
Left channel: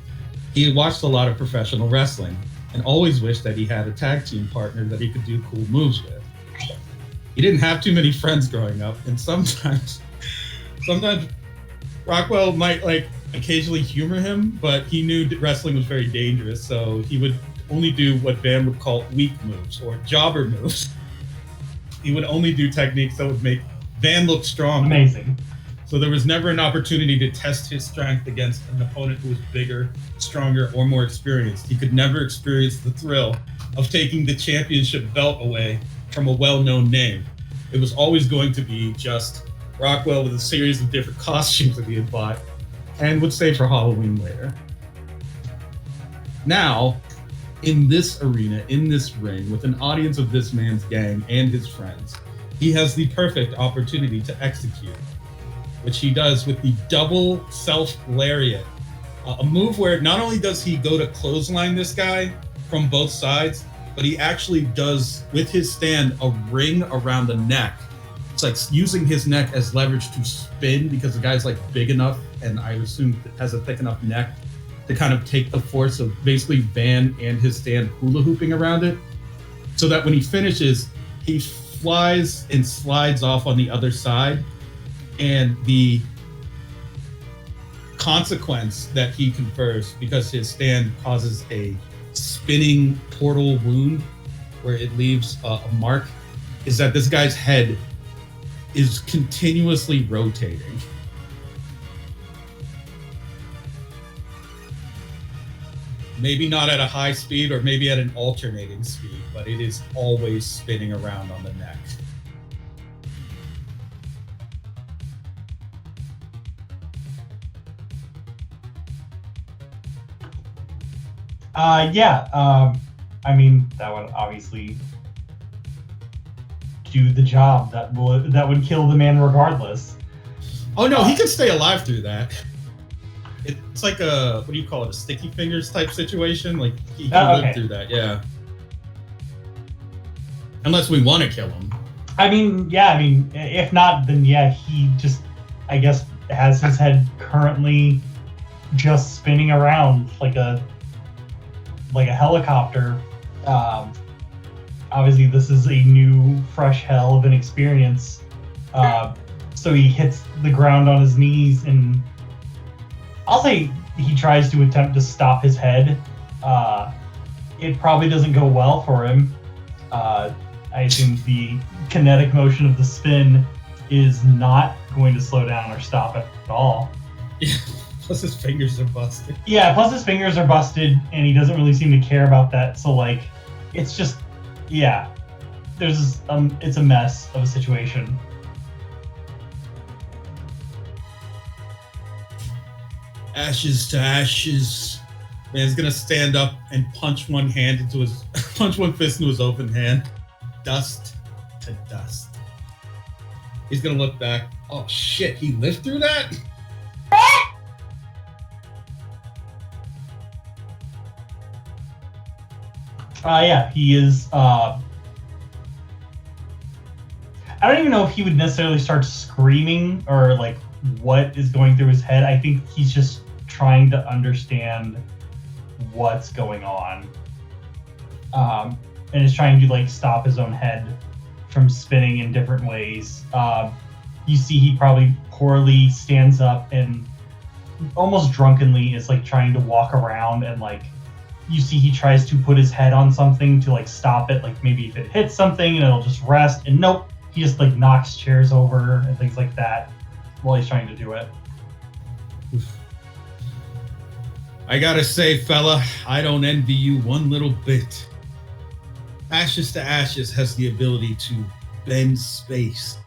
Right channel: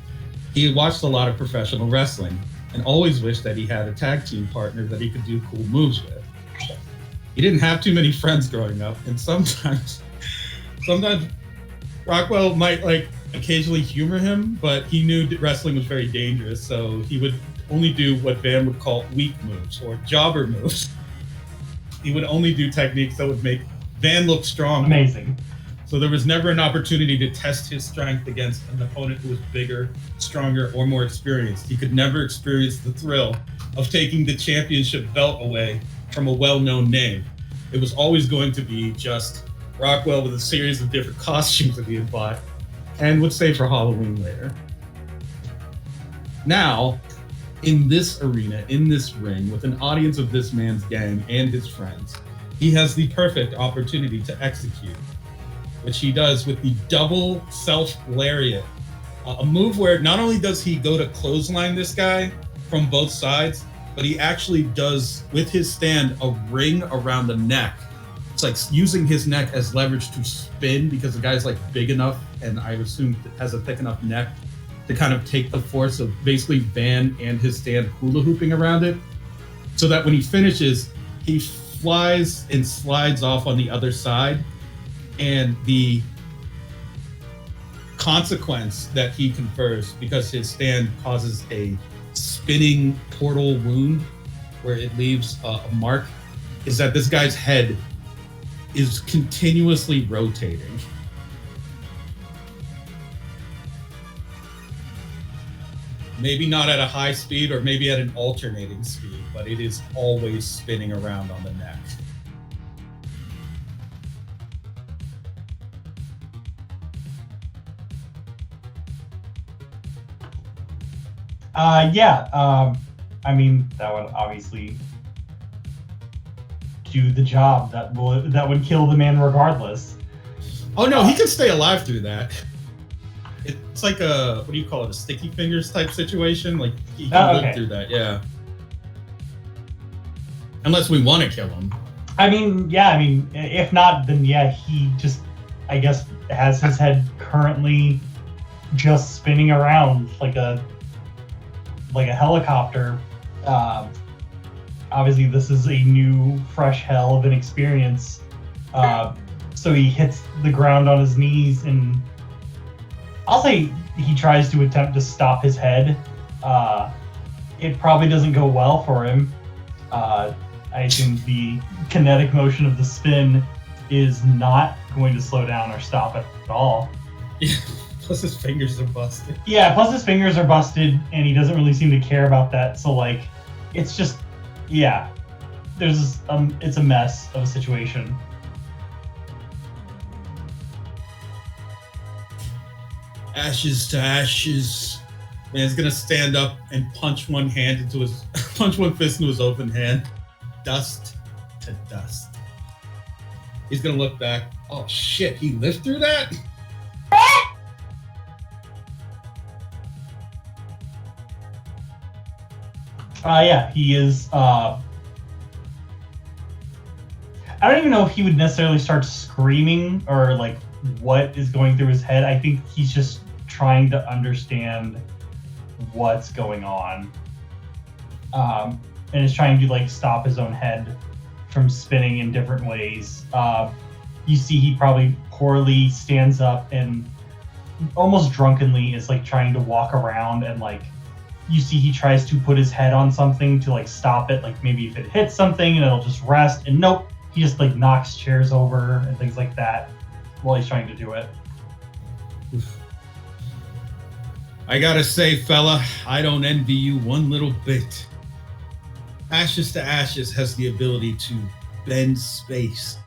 he watched a lot of professional wrestling and always wished that he had a tag team partner that he could do cool moves with. He didn't have too many friends growing up, and sometimes Rockwell might like occasionally humor him, but he knew that wrestling was very dangerous, so he would only do what Van would call weak moves or jobber moves. He would only do techniques that would make Van look strong. Amazing. So there was never an opportunity to test his strength against an opponent who was bigger, stronger, or more experienced. He could never experience the thrill of taking the championship belt away from a well-known name. It was always going to be just Rockwell with a series of different costumes that he had bought and would save for Halloween later. Now, in this arena, in this ring, with an audience of this man's gang and his friends, he has the perfect opportunity to execute, which he does with the double self lariat, a move where not only does he go to clothesline this guy from both sides, but he actually does, with his stand, a ring around the neck. It's like using his neck as leverage to spin, because the guy's like big enough, and I assume has a thick enough neck to kind of take the force of basically Van and his stand hula hooping around it, so that when he finishes, he flies and slides off on the other side. And the consequence that he confers, because his stand causes a spinning portal wound where it leaves a mark, is that this guy's head is continuously rotating. Maybe not at a high speed, or maybe at an alternating speed, but it is always spinning around on the neck. Yeah. I mean, that would obviously do the job. That would kill the man regardless. Oh no, he can stay alive through that. It's like a, what do you call it, a sticky fingers type situation. Like he can live through that. Yeah. Unless we want to kill him. I mean, yeah. I mean, if not, then yeah, he just, I guess, has his head currently just spinning around like a helicopter. Obviously, this is a new, fresh hell of an experience. So he hits the ground on his knees, and I'll say he tries to attempt to stop his head. It probably doesn't go well for him. I assume the kinetic motion of the spin is not going to slow down or stop it at all. Yeah, plus his fingers are busted. Yeah, plus his fingers are busted, and he doesn't really seem to care about that. So, like, it's just, yeah, there's it's a mess of a situation. Ashes to ashes. Man's gonna stand up and punch one fist into his open hand. Dust to dust. He's gonna look back. Oh shit, he lived through that? Yeah, he is. I don't even know if he would necessarily start screaming or like what is going through his head. I think he's just trying to understand what's going on, and is trying to like stop his own head from spinning in different ways. You see, he probably poorly stands up and almost drunkenly is like trying to walk around, and like you see he tries to put his head on something to like stop it, like maybe if it hits something and it'll just rest, and nope, he just like knocks chairs over and things like that while he's trying to do it. I gotta say, fella, I don't envy you one little bit. Ashes to Ashes has the ability to bend space,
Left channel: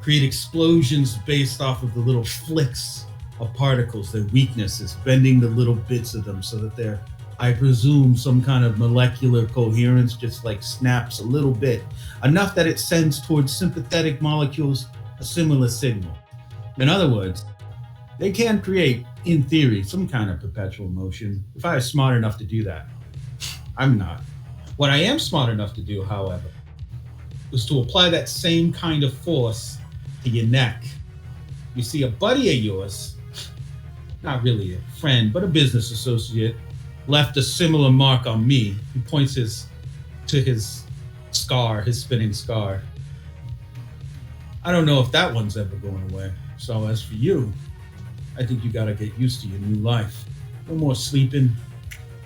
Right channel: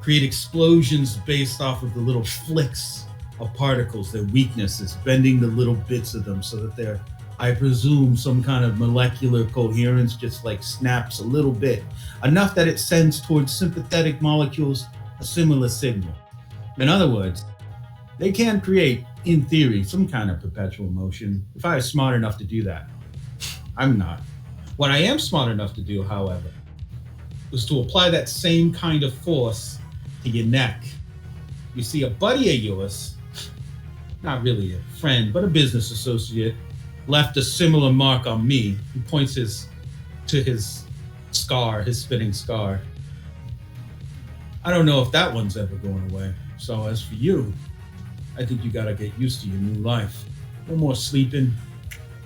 create explosions based off of the little flicks of particles, their weaknesses, bending the little bits of them so that they're, I presume, some kind of molecular coherence just like snaps a little bit, enough that it sends towards sympathetic molecules a similar signal. In other words, they can create, in theory, some kind of perpetual motion if I was smart enough to do that. I'm not. What I am smart enough to do, however, is to apply that same kind of force to your neck. You see, a buddy of yours, not really a friend, but a business associate, left a similar mark on me. He points to his scar, his spinning scar. I don't know if that one's ever going away. So as for you, I think you gotta get used to your new life. No more sleeping.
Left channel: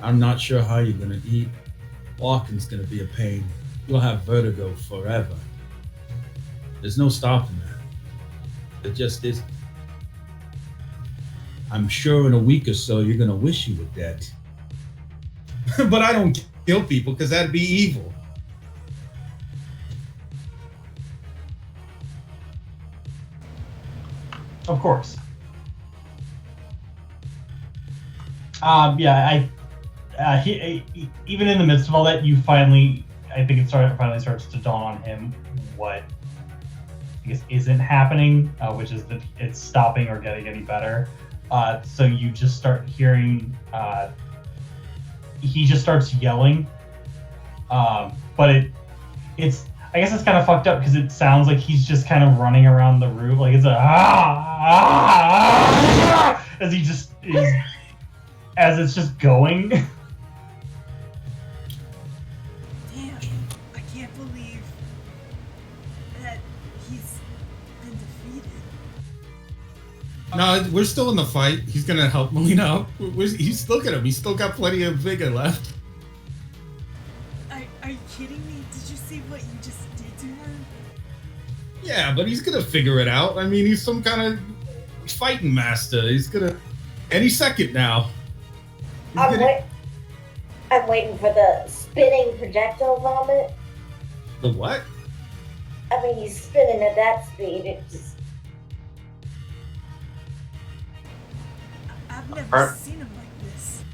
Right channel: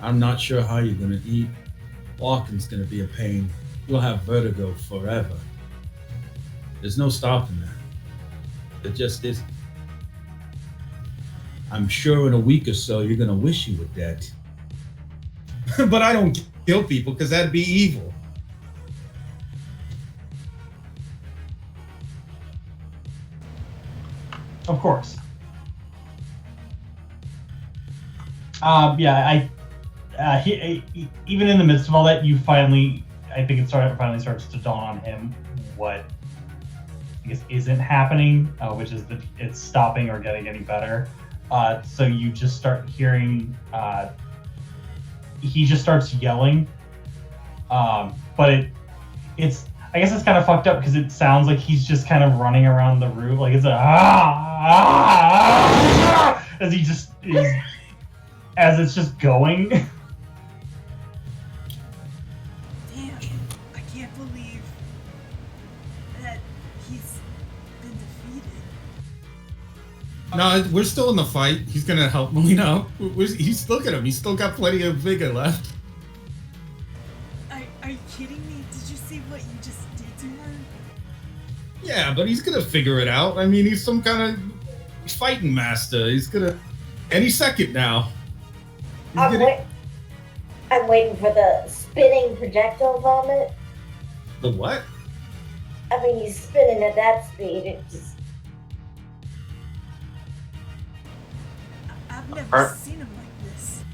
I'm not sure how you're gonna eat. Walking's gonna be a pain. You'll have vertigo forever. There's no stopping that. It just isn't. I'm sure in a week or so you're gonna wish you were dead. But I don't kill people because that'd be evil. Of course. Yeah, even in the midst of all that, you finally, I think finally starts to dawn on him what I guess isn't happening, which is that it's stopping or getting any better. So you just start hearing, he just starts yelling, but it's, I guess it's kind of fucked up because it sounds like he's just kind of running around the room, like it's a as he just is, as it's just going. Damn, I can't believe that he's been defeated. No, we're still in the fight. He's gonna help Melina out. He's, look at him. He's still got plenty of vigor left. Are you kidding me? Did you see what you just did to her? Yeah, but he's gonna figure it out. I mean, he's some kind of fighting master. He's gonna any second now. I'm waiting for the spinning projectile moment. The what? I mean, he's spinning at that speed. It just... I've never seen him like this.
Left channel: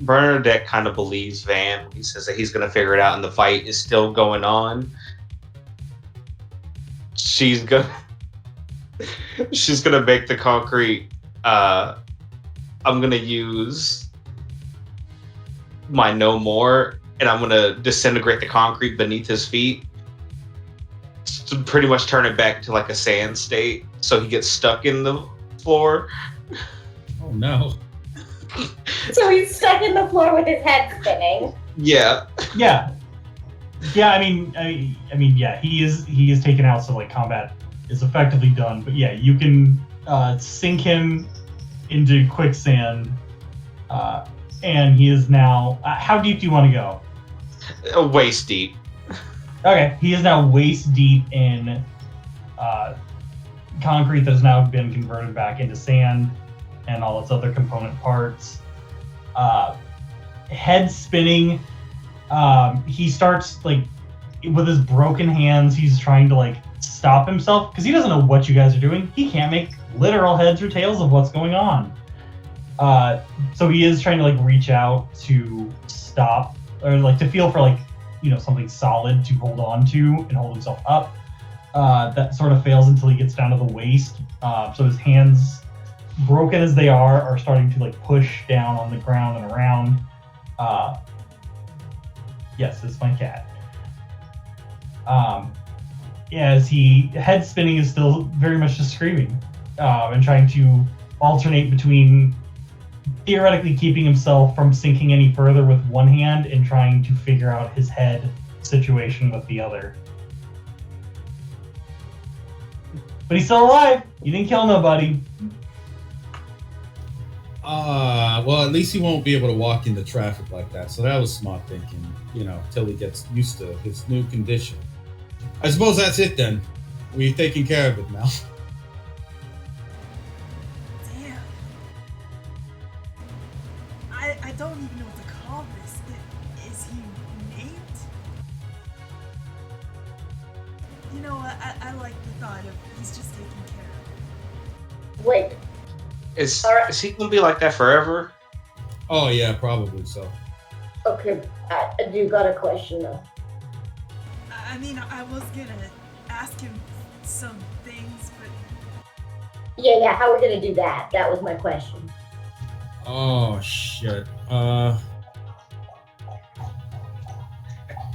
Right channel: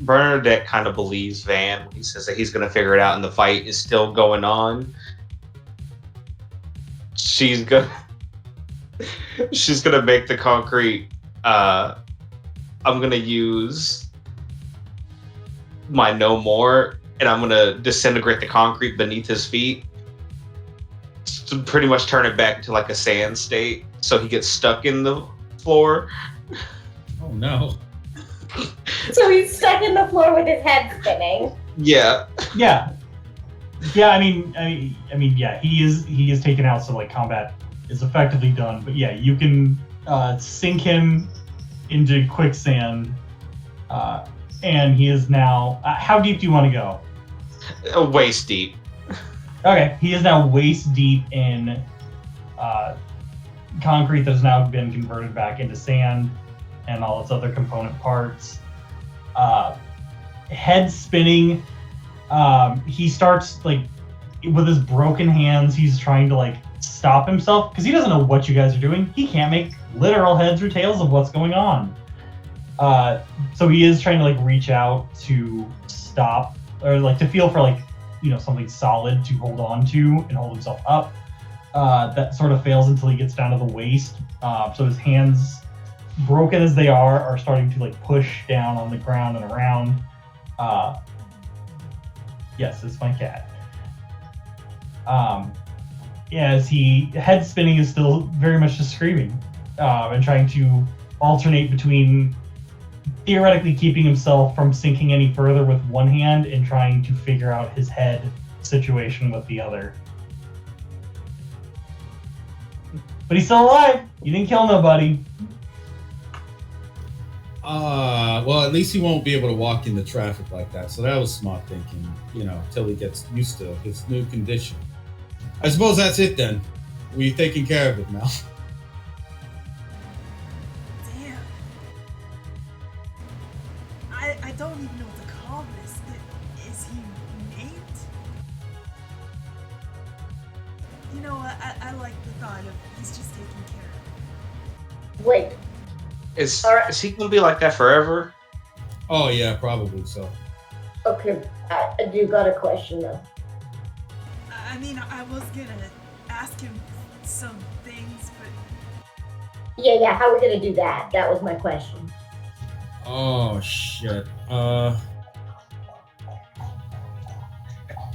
Bernadette kind of believes Van when he says that he's going to figure it out and the fight is still going on. She's gonna make the concrete. I'm gonna use my no more, and I'm gonna disintegrate the concrete beneath his feet to pretty much turn it back to like a sand state, so he gets stuck in the floor. Oh no. So he's stuck in the floor with his head spinning. Yeah. Yeah. Yeah, I mean, yeah, he is taken out, so like combat is effectively done. But yeah, you can sink him into quicksand, and he is now. How deep do you want to go? Waist deep. Okay, he is now waist deep in concrete that has now been converted back into sand and all its other component parts. Head spinning. He starts like with his broken hands. He's trying to like stop himself because he doesn't know what you guys are doing. He can't make literal heads or tails of what's going on. So he is trying to like reach out to stop or like to feel for like something solid to hold on to and hold himself up. That sort of fails until he gets down to the waist. So his hands, broken as they are starting to like push down on the ground and around. Yes, it's my cat. As head spinning is still very much just screaming and trying to alternate between theoretically keeping himself from sinking any further with one hand and trying to figure out his head situation with the other. But he's still alive. You didn't kill nobody. Well, at least he won't be able to walk into traffic like that. So that was smart thinking, till he gets used to his new condition. I suppose that's it then. We've taken care of it now. Damn. I don't even know what to call this. Is he named? You know what? I like the thought of he's just taken care of. Wait. Is he gonna be like that forever? Oh yeah, probably so. Okay, I do got a question though. I mean, I was gonna ask him some things, but Yeah, how are we gonna do that? That was my question. Oh shit.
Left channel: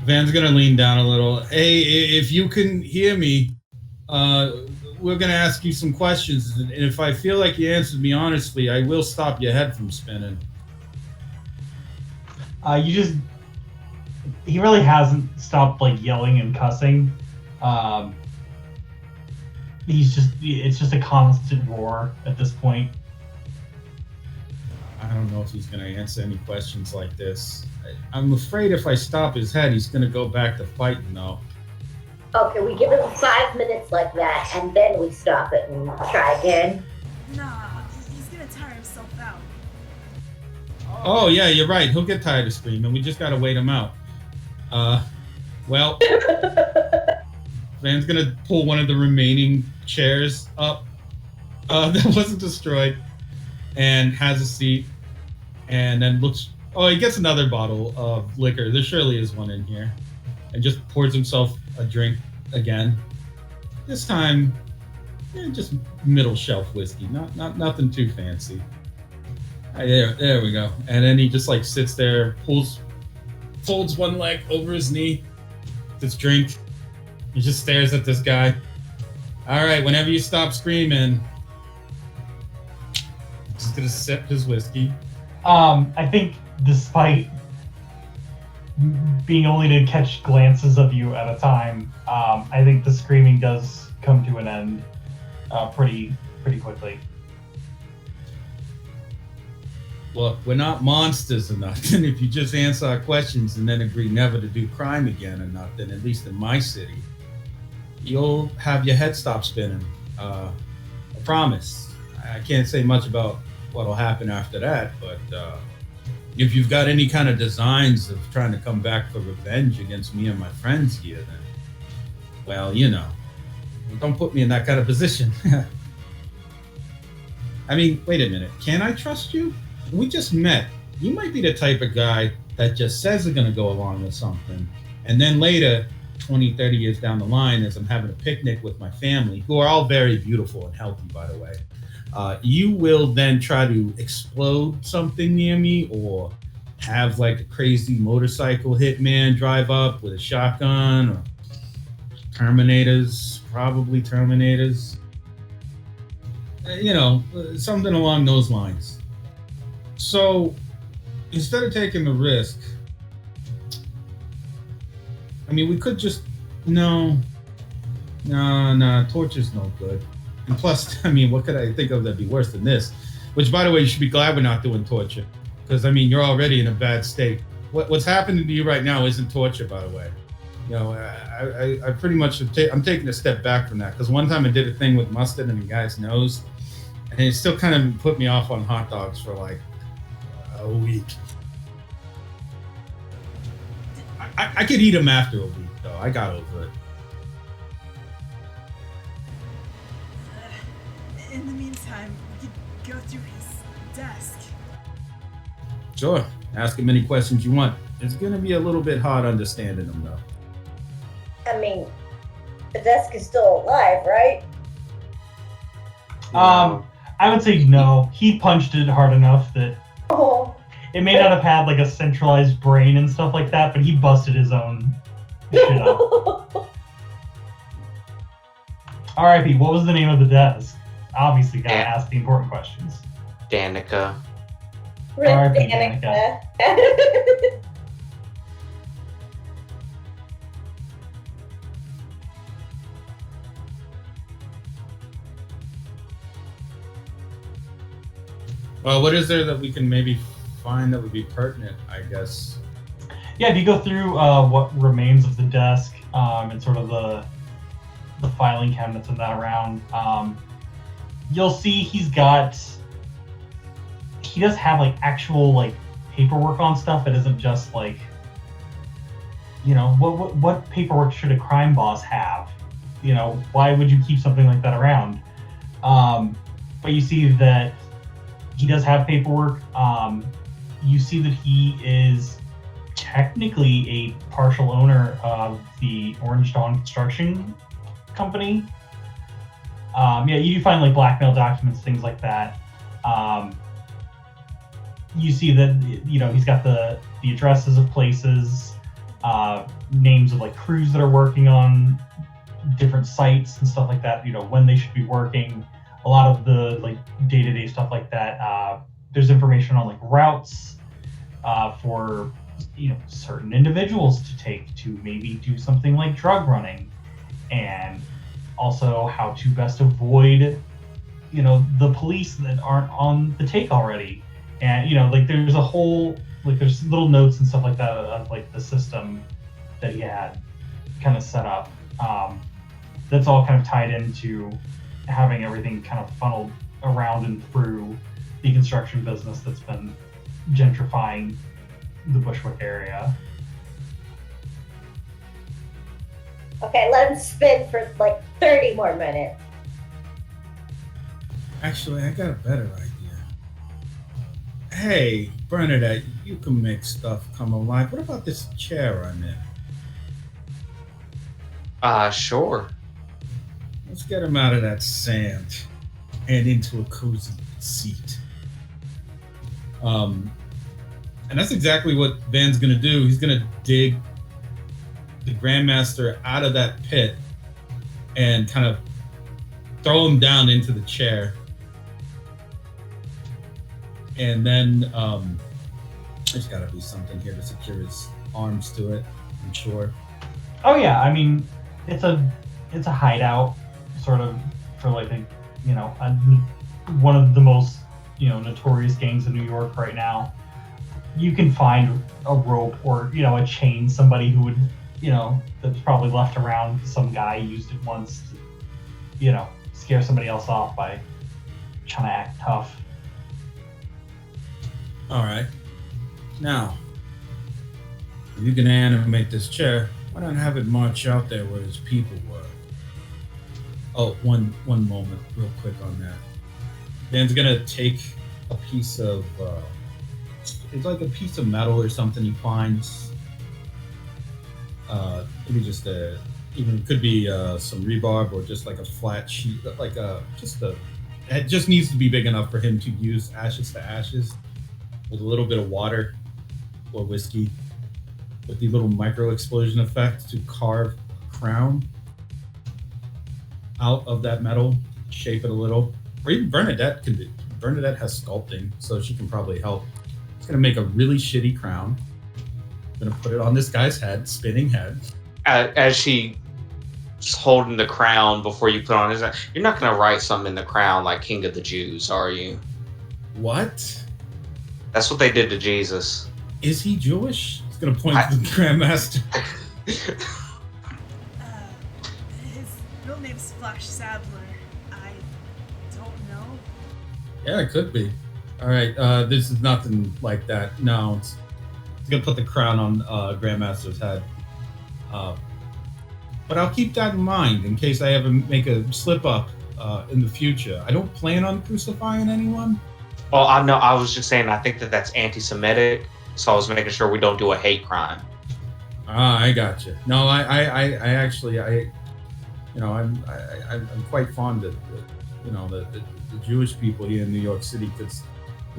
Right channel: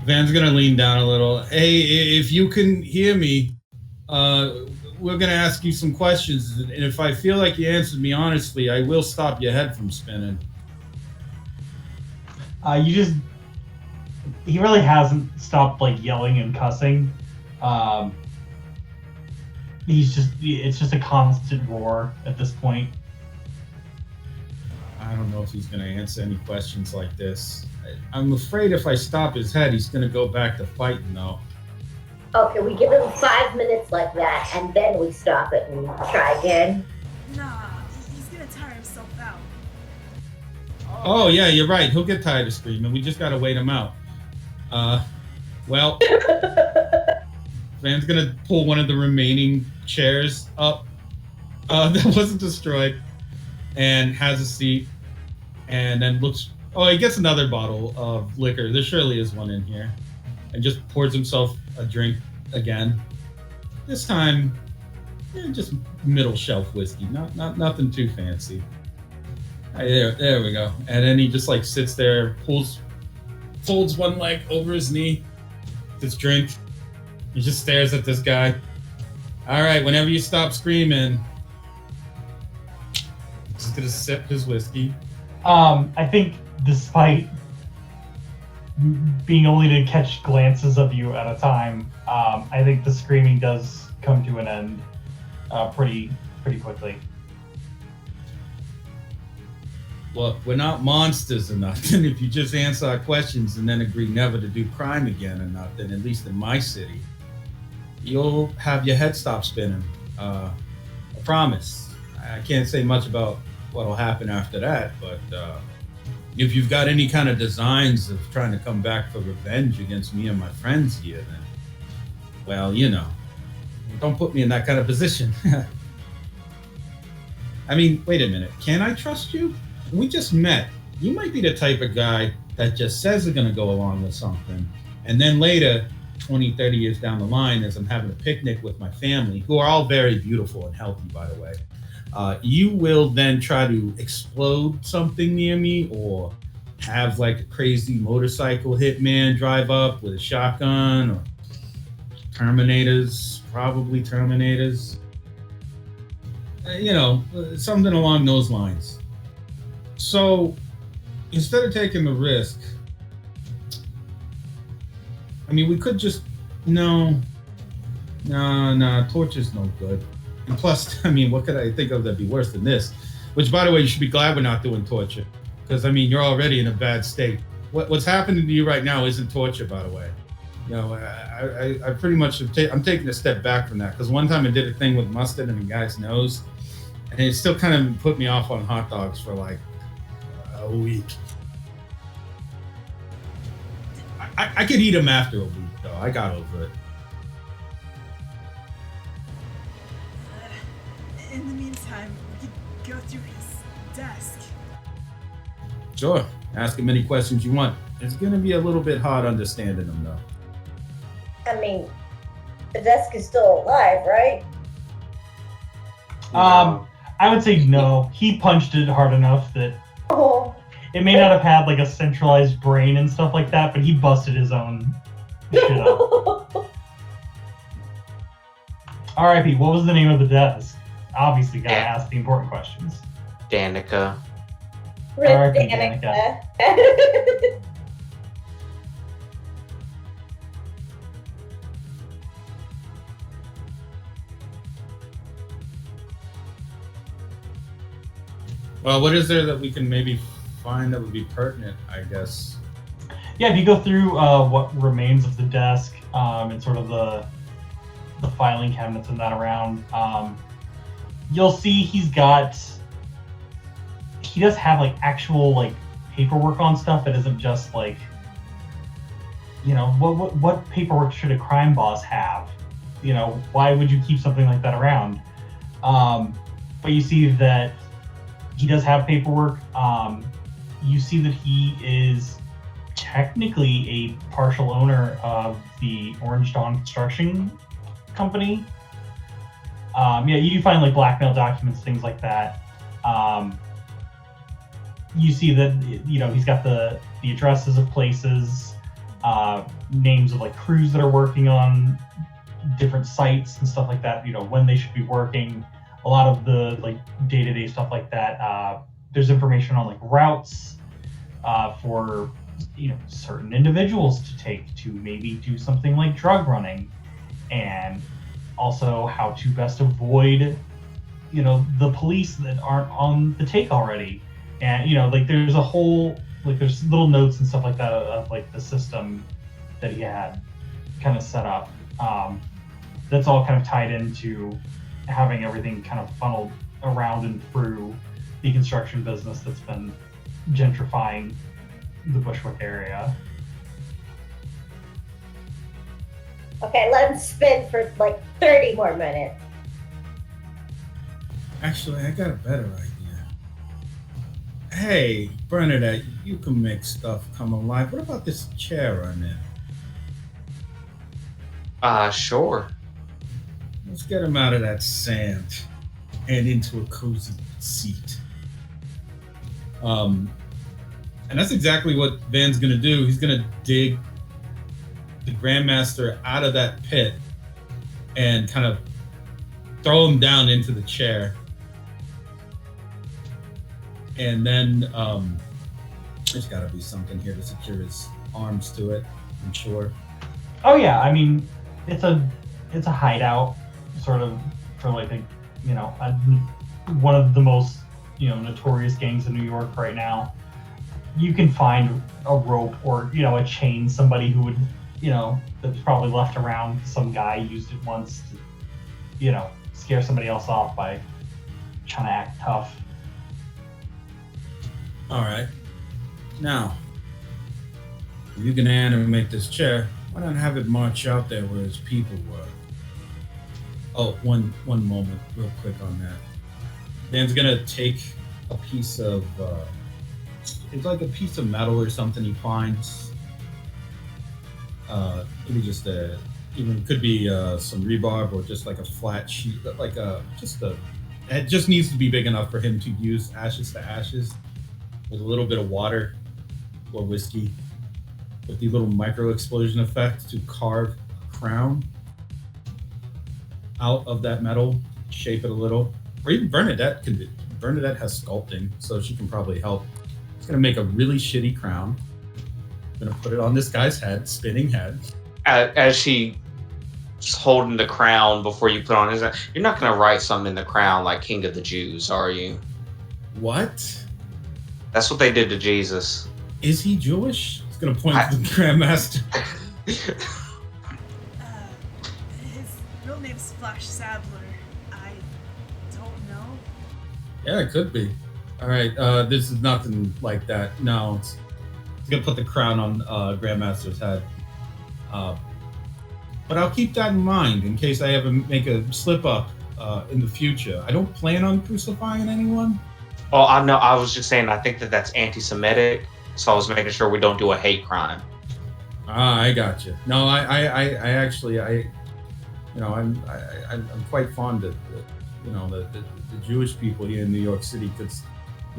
Van's gonna lean down a little. Hey, if you can hear me, we're gonna ask you some questions, and if I feel like you answered me honestly, I will stop your head from spinning. He really hasn't stopped like yelling and cussing. It's just a constant roar at this point. I don't know if he's gonna answer any questions like this. I'm afraid if I stop his head, he's gonna go back to fighting though. Okay, we give him 5 minutes like that, and then we stop it and try again. nah, he's gonna tire himself out. Oh yeah, you're right. He'll get tired of screaming. We just gotta wait him out. Well, Van's gonna pull one of the remaining chairs up that wasn't destroyed, and has a seat, and then looks. Oh, he gets another bottle of liquor. There surely is one in here, and just pours himself a drink again. This time, just middle shelf whiskey, not nothing too fancy. There we go. And then he just like sits there, folds one leg over his knee, this drink. He just stares at this guy. All right, whenever you stop screaming, he's gonna sip his whiskey. I think despite being only to catch glances of you at a time, I think the screaming does come to an end pretty quickly. Look, we're not monsters or nothing. If you just answer our questions and then agree never to do crime again or nothing, at least in my city, you'll have your head stop spinning. I promise. I can't say much about what'll happen after that, but if you've got any kind of designs of trying to come back for revenge against me and my friends here, then, well, don't put me in that kind of position. I mean, wait a minute. Can I trust you? We just met. you might be the type of guy that just says they're going to go along with something. And then later, 20, 30 years down the line, as I'm having a picnic with my family, who are all very beautiful and healthy, by the way, you will then try to explode something near me or have like a crazy motorcycle hitman drive up with a shotgun or Terminators, probably Terminators. Something along those lines. So instead of taking the risk, I mean, we could just no, torture's no good. And plus, I mean, what could I think of that'd be worse than this? Which, by the way, you should be glad we're not doing torture, because I mean, you're already in a bad state. What's happening to you right now isn't torture, by the way. I pretty much I'm taking a step back from that, because one time I did a thing with mustard in a guy's nose, and it still kind of put me off on hot dogs for like a week. I could eat them after a week, though. I got over it. In the meantime, we could go through his desk. Sure. Ask him any questions you want. It's going to be a little bit hard understanding him, though. I mean, the desk is still alive, right? I would say no. He punched it hard enough that Oh, it may not have had like a centralized brain and stuff like that, but he busted his own shit up. R.I.P. What was the name of the desk? Obviously, gotta ask the important questions. Danica. Rip R.I.P. Danica. Well, what is there that we can maybe find that would be pertinent, I guess? Yeah, if you go through what remains of the desk and sort of the filing cabinets and that around, you'll see he does have like actual like paperwork on stuff that isn't just like, what paperwork should a crime boss have? Why would you keep something like that around? But you see that he does have paperwork. You see that he is technically a partial owner of the Orange Dawn Construction Company. You do find like blackmail documents, things like that. You see that he's got the addresses of places, names of like crews that are working on different sites and stuff like that. When they should be working. A lot of the like day-to-day stuff like that. There's information on like routes for certain individuals to take to maybe do something like drug running, and also how to best avoid the police that aren't on the take already. And like there's a whole like there's little notes and stuff like that of like the system that he had kind of set up. That's all kind of tied into having everything kind of funneled around and through the construction business that's been gentrifying the Bushwick area. Okay, let him spin for like 30 more minutes. Actually, I got a better idea. Hey, Bernadette, you can make stuff come alive. What about this chair I'm in? Sure. Let's get him out of that sand and into a cozy seat. And that's exactly what Van's gonna do. He's gonna dig the Grandmaster out of that pit and kind of throw him down into the chair. And then there's gotta be something here to secure his arms to it, I'm sure. Oh yeah, I mean, it's a hideout sort of for like one of the most notorious gangs in New York right now. You can find a rope or a chain, somebody who would that's probably left around because some guy used it once to scare somebody else off by trying to act tough. All right, now if you can animate this chair, why not have it march out there where his people were? Oh, one moment, real quick on that. Dan's gonna take a piece of it's like a piece of metal or something he finds. Maybe just even could be some rebarb or just like a flat sheet, like it just needs to be big enough for him to use ashes to ashes with a little bit of water or whiskey with the little micro explosion effect to carve a crown out of that metal, shape it a little. Or even Bernadette can do. Bernadette has sculpting, so she can probably help. It's gonna make a really shitty crown. Gonna put it on this guy's head, spinning head. As she's holding the crown before you put on his, you're not gonna write something in the crown like King of the Jews, are you? What? That's what they did to Jesus. Is he Jewish? It's gonna point to the Grandmaster. His real name's Flash Sadler. I don't know. Yeah, it could be. All right, this is nothing like that. No, it's gonna put the crown on Grandmaster's head. But I'll keep that in mind in case I ever make a slip up in the future. I don't plan on crucifying anyone. Oh, I know. I was just saying. I think that's anti-Semitic, so I was making sure we don't do a hate crime. Ah, I got you. No, I actually, I'm quite fond of, the Jewish people here in New York City because,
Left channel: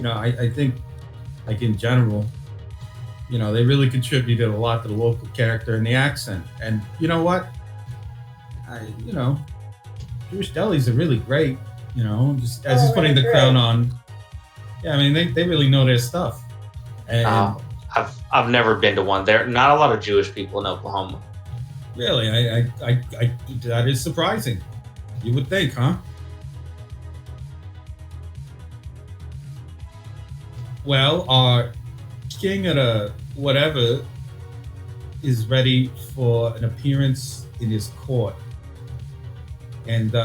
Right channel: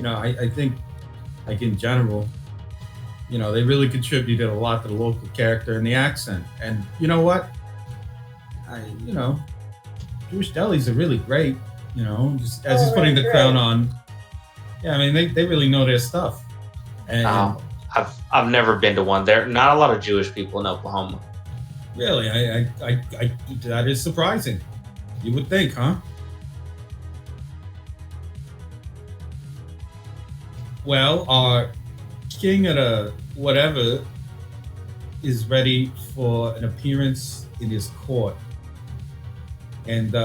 I think, like in general, they really contributed a lot to the local character and the accent. And you know what? Jewish delis are really great. Just as he's putting the crown on. Yeah, I mean they really know their stuff. And I've never been to one. There are not a lot of Jewish people in Oklahoma. Really, I that is surprising. You would think, huh? Well, our king of the whatever is ready for an appearance in his court. And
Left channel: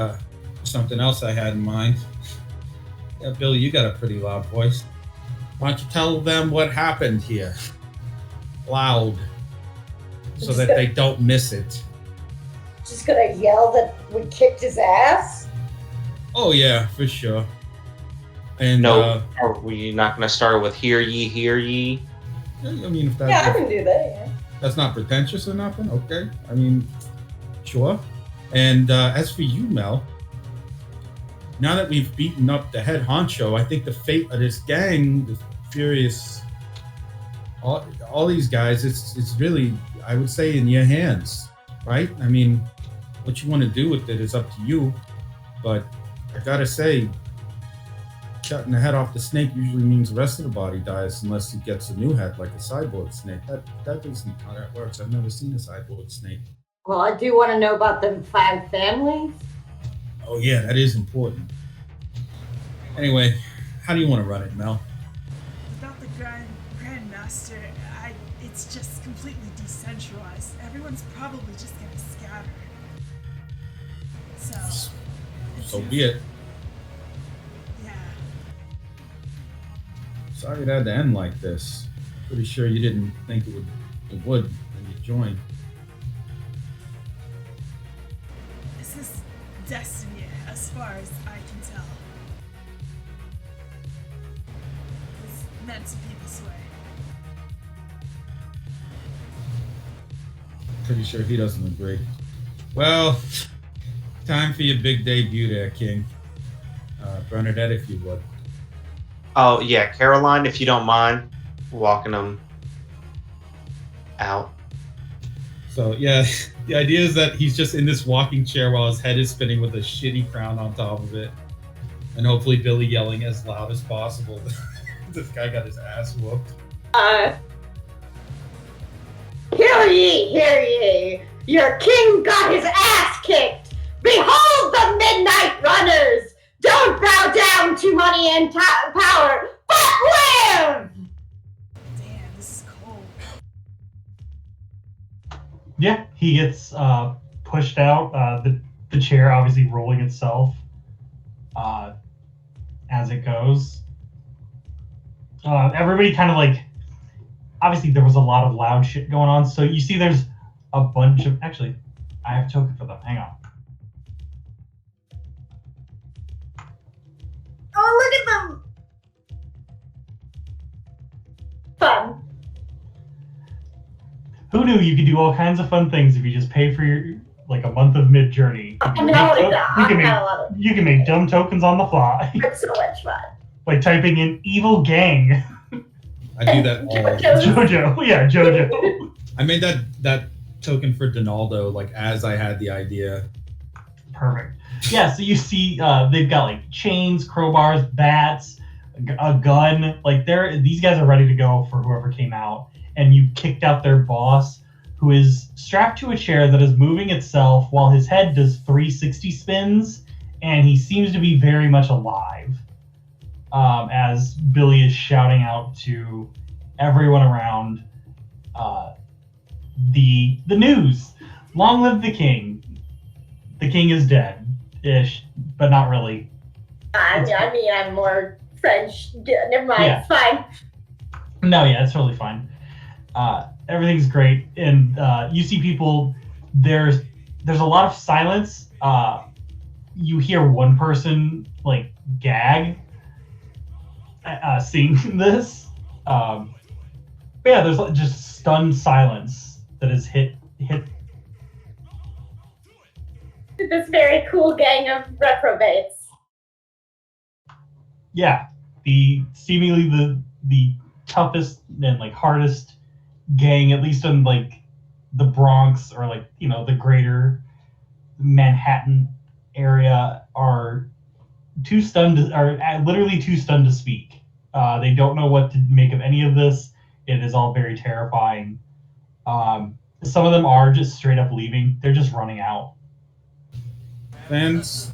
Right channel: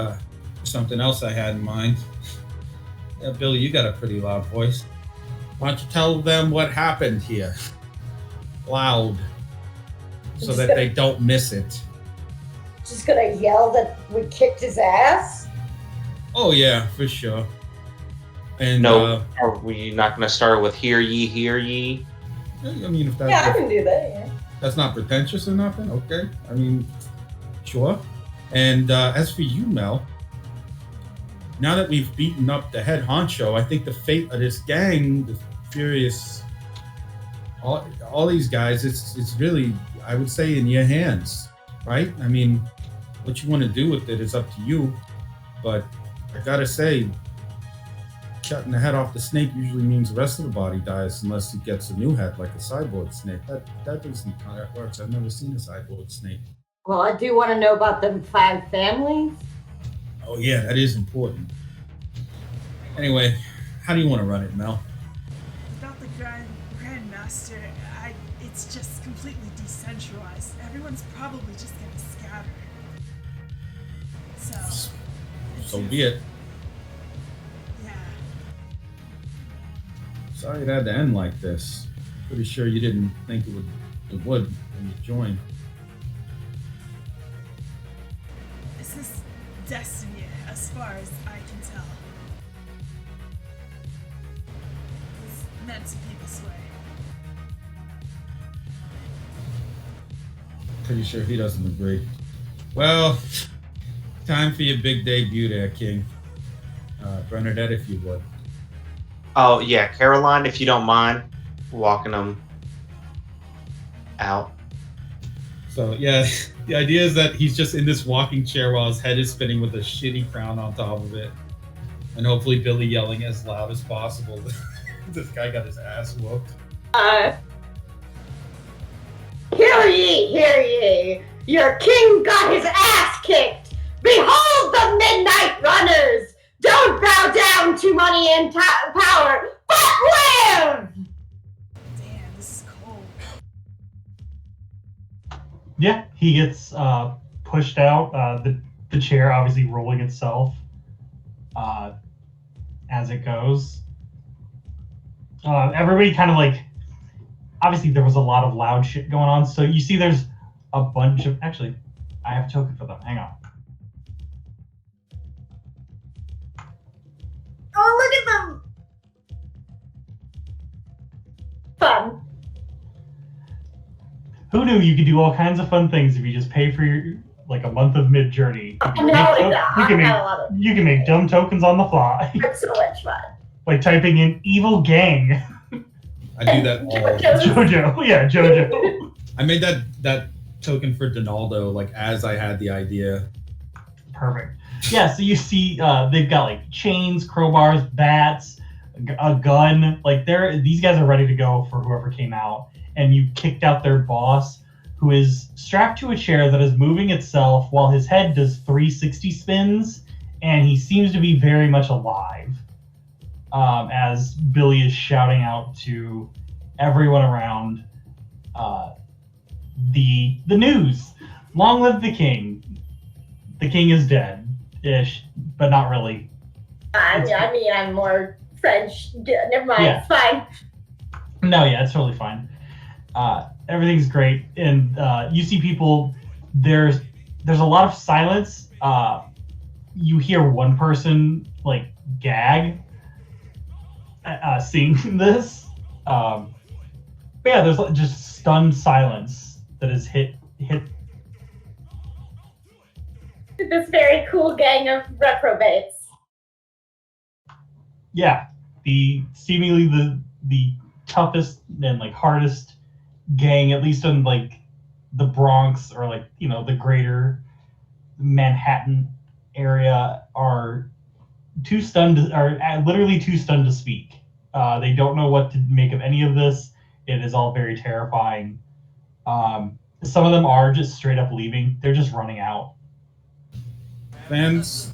something else I had in mind. Yeah, Billy, you got a pretty loud voice. Why don't you tell them what happened here? Loud. So that they don't miss it. Just gonna yell that we kicked his ass? Oh yeah, for sure. And no, are we not going to start with "Hear ye, hear ye"? I mean, if that's yeah, I can do that. Yeah. That's not pretentious or nothing. Okay, I mean, sure. And as for you, Mel, now that we've beaten up the head honcho, I think the fate of this gang, the Furious, all these guys, it's really, I would say, in your hands, right? I mean, what you want to do with it is up to you. But I gotta say, cutting the head off the snake usually means the rest of the body dies unless he gets a new head, like a cyborg snake. That isn't how that works. I've never seen a cyborg snake. Well, I do want to know about them 5 families. Oh yeah, that is important. Anyway, how do you want to run it, Mel? Without the Grandmaster, it's just completely decentralized. Everyone's probably just gonna scatter. So be it. Yeah. Sorry it had to end like this. Pretty sure you didn't think it would when you joined. This is destiny, as far as I can tell. It's meant to be this way. Pretty sure he doesn't agree. Well, time for your big debut there, King. Bernadette, if you would. Oh, yeah, Caroline, if you don't mind walking them out. So, yeah, the idea is that he's just in this walking chair while his head is spinning with a shitty crown on top of it. And hopefully Billy yelling as loud as possible. This guy got his ass whooped. Hear ye, hear ye! Your king got his ass kicked! Behold the midnight runners! Don't bow down to money and power, but live! Damn, this is cold. Yeah, he gets pushed out. The chair obviously rolling itself as it goes. Everybody kind of like, obviously there was a lot of loud shit going on. So you see there's a bunch of, actually, I have a token for them. Hang on. Oh, look at them! Who knew you could do all kinds of fun things if you just pay for your like a month of mid journey? You can make dumb tokens on the fly. It's so much fun. Like typing in evil gang. I do that all. Jojo, yeah, Jojo. I made that token for Donaldo like as I had the idea. Perfect. Yeah, so you see they've got like chains, crowbars, bats, a gun. Like these guys are ready to go for whoever came out. And you kicked out their boss, who is strapped to a chair that is moving itself while his head does 360 spins, and he seems to be very much alive. As Billy is shouting out to everyone around the news. Long live the king. The king is dead-ish, but not really. I mean, I'm more French. Never mind, Yeah. It's fine. No, yeah, it's totally fine. Everything's great, and you see people. There's a lot of silence. You hear one person like gag, seeing this. But yeah, there's just stunned silence that is hit. This very cool gang of reprobates. Yeah, the seemingly the toughest and like hardest gang, at least in like the Bronx or like the greater Manhattan area, are literally too stunned to speak. They don't know what to make of any of this. It is all very terrifying. Some of them are just straight up leaving. They're just running out. Fans.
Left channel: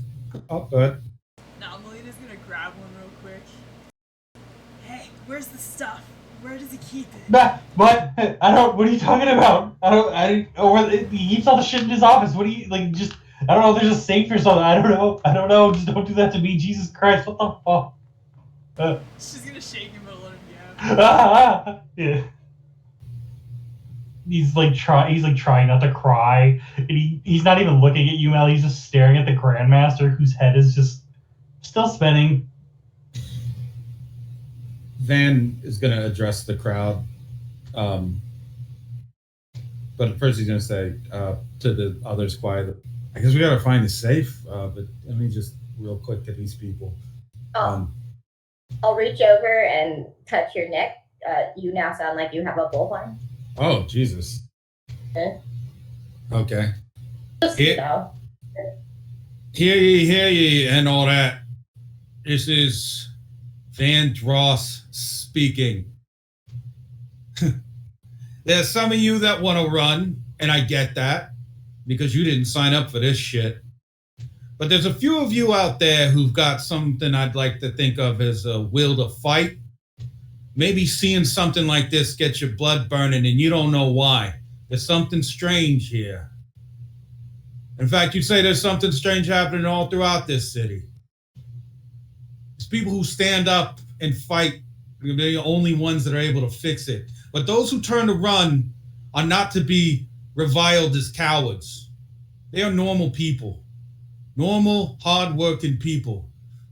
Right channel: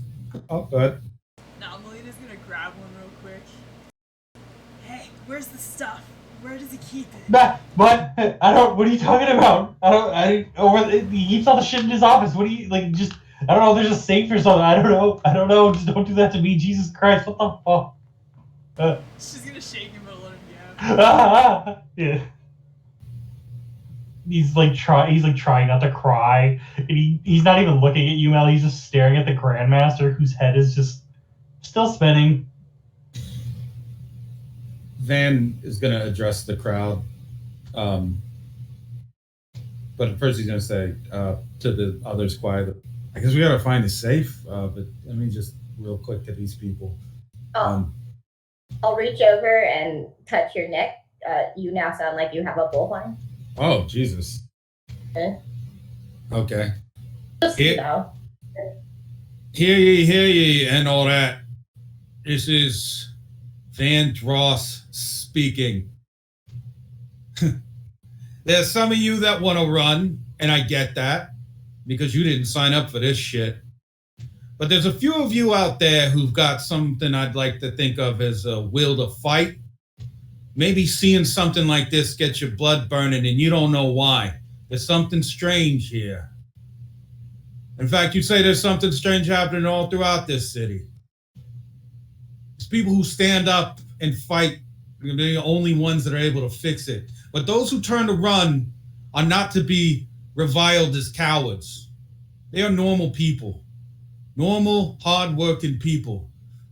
Oh, good. Now Melina's gonna grab one real quick. Hey, where's the stuff? Where does he keep it? What? What are you talking about? He keeps all the shit in his office. What do you like? Just I don't know. There's a safe or something. I don't know. Just don't do that to me. Jesus Christ! What the fuck? She's gonna shake him, but let him go. Yeah. He's trying not to cry. And he's not even looking at you, Mel. He's just staring at the Grandmaster, whose head is just still spinning. Van is going to address the crowd. But first he's going to say to the others quietly, I guess we got to find a safe. But let me just real quick to these people. I'll reach over and touch your neck. You now sound like you have a bullhorn. Oh, Jesus. Okay. Just, Hear ye, and all that. This is Van Dross speaking. There's some of you that want to run, and I get that, because you didn't sign up for this shit. But there's a few of you out there who've got something I'd like to think of as a will to fight. Maybe seeing something like this gets your blood burning and you don't know why. There's something strange here. In fact, you say there's something strange happening all throughout this city. It's people who stand up and fight. They're the only ones that are able to fix it. But those who turn to run are not to be reviled as cowards. They are normal people. Normal, hard-working people.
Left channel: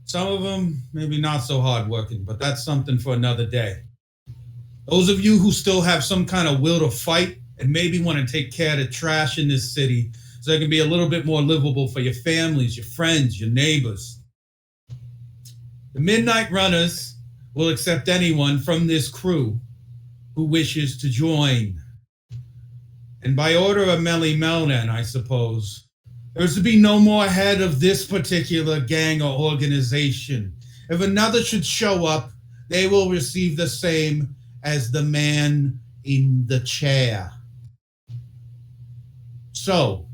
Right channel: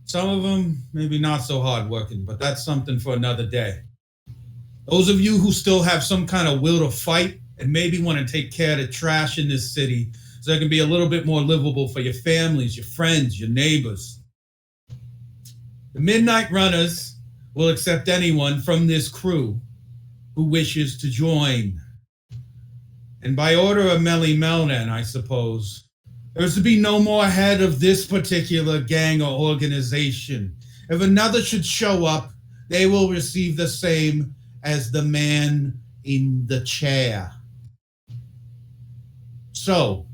Some of them, maybe not so hard-working, but that's something for another day. Those of you who still have some kind of will to fight and maybe want to take care of the trash in this city so it can be a little bit more livable for your families, your friends, your neighbors. The Midnight Runners will accept anyone from this crew who wishes to join. And by order of Melly Melnan, I suppose, there's to be no more head of this particular gang or organization. If another should show up, they will receive the same as the man in the chair. So,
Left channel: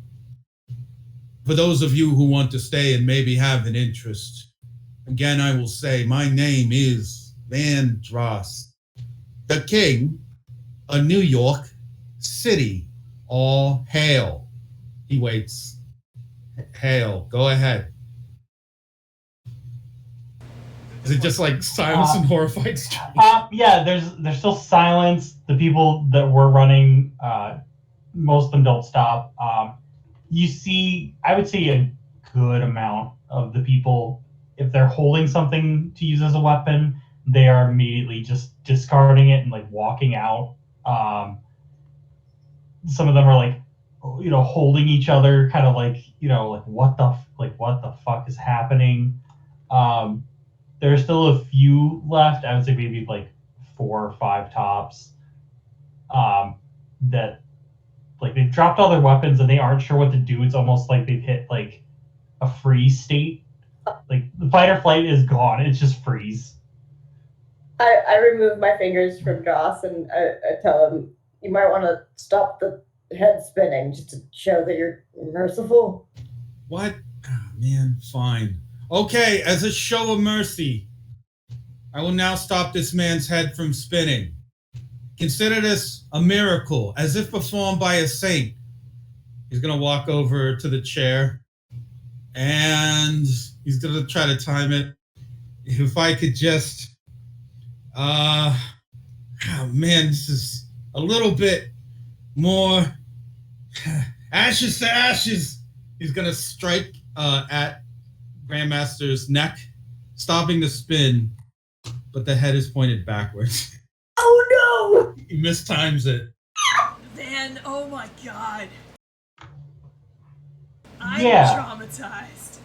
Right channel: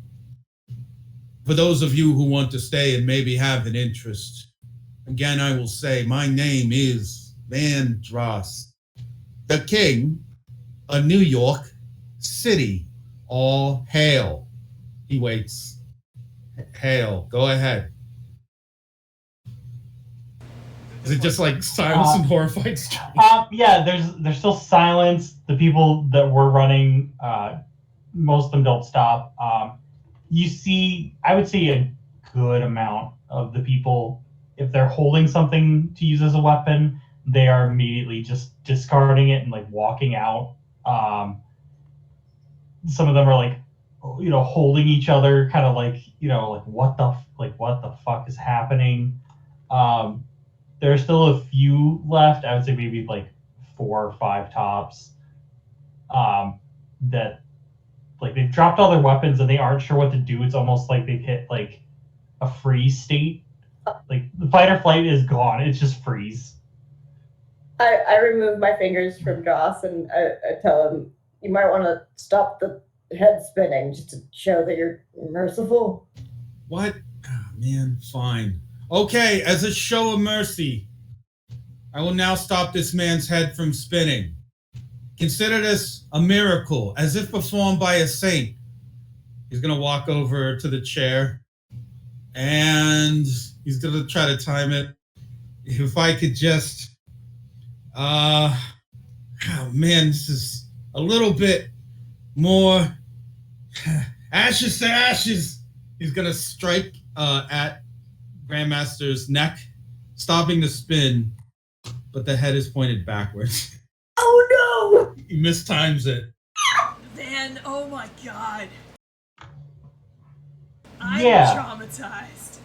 for those of you who want to stay and maybe have an interest, again, I will say my name is Van Dross, the King of New York City. All hail. He waits. Hail. Go ahead. Is it just like silence and horrified? Yeah, there's still silence. The people that were running, most of them don't stop. You see, I would say a good amount of the people, if they're holding something to use as a weapon, they are immediately just discarding it and like walking out. some of them are like, holding each other, kind of like, like what the fuck is happening. There's still a few left. I would say maybe like 4 or 5 tops. That like they've dropped all their weapons and they aren't sure what to do. It's almost like they've hit like a freeze state. Like the fight or flight is gone. It's just freeze. I remove my fingers from Joss and I tell him, you might want to stop the head spinning just to show that you're merciful. What? Oh, man, fine. Okay, as a show of mercy, I will now stop this man's head from spinning. Consider this a miracle, as if performed by a saint. He's going to walk over to the chair, and he's going to try to time it. If I could just... oh, man, this is a little bit more... ashes to ashes. He's going to strike at Grandmaster's neck, stopping the spin, but the head is pointed backwards. Oh no! He mistimes it. Van, oh my god. I'm traumatized.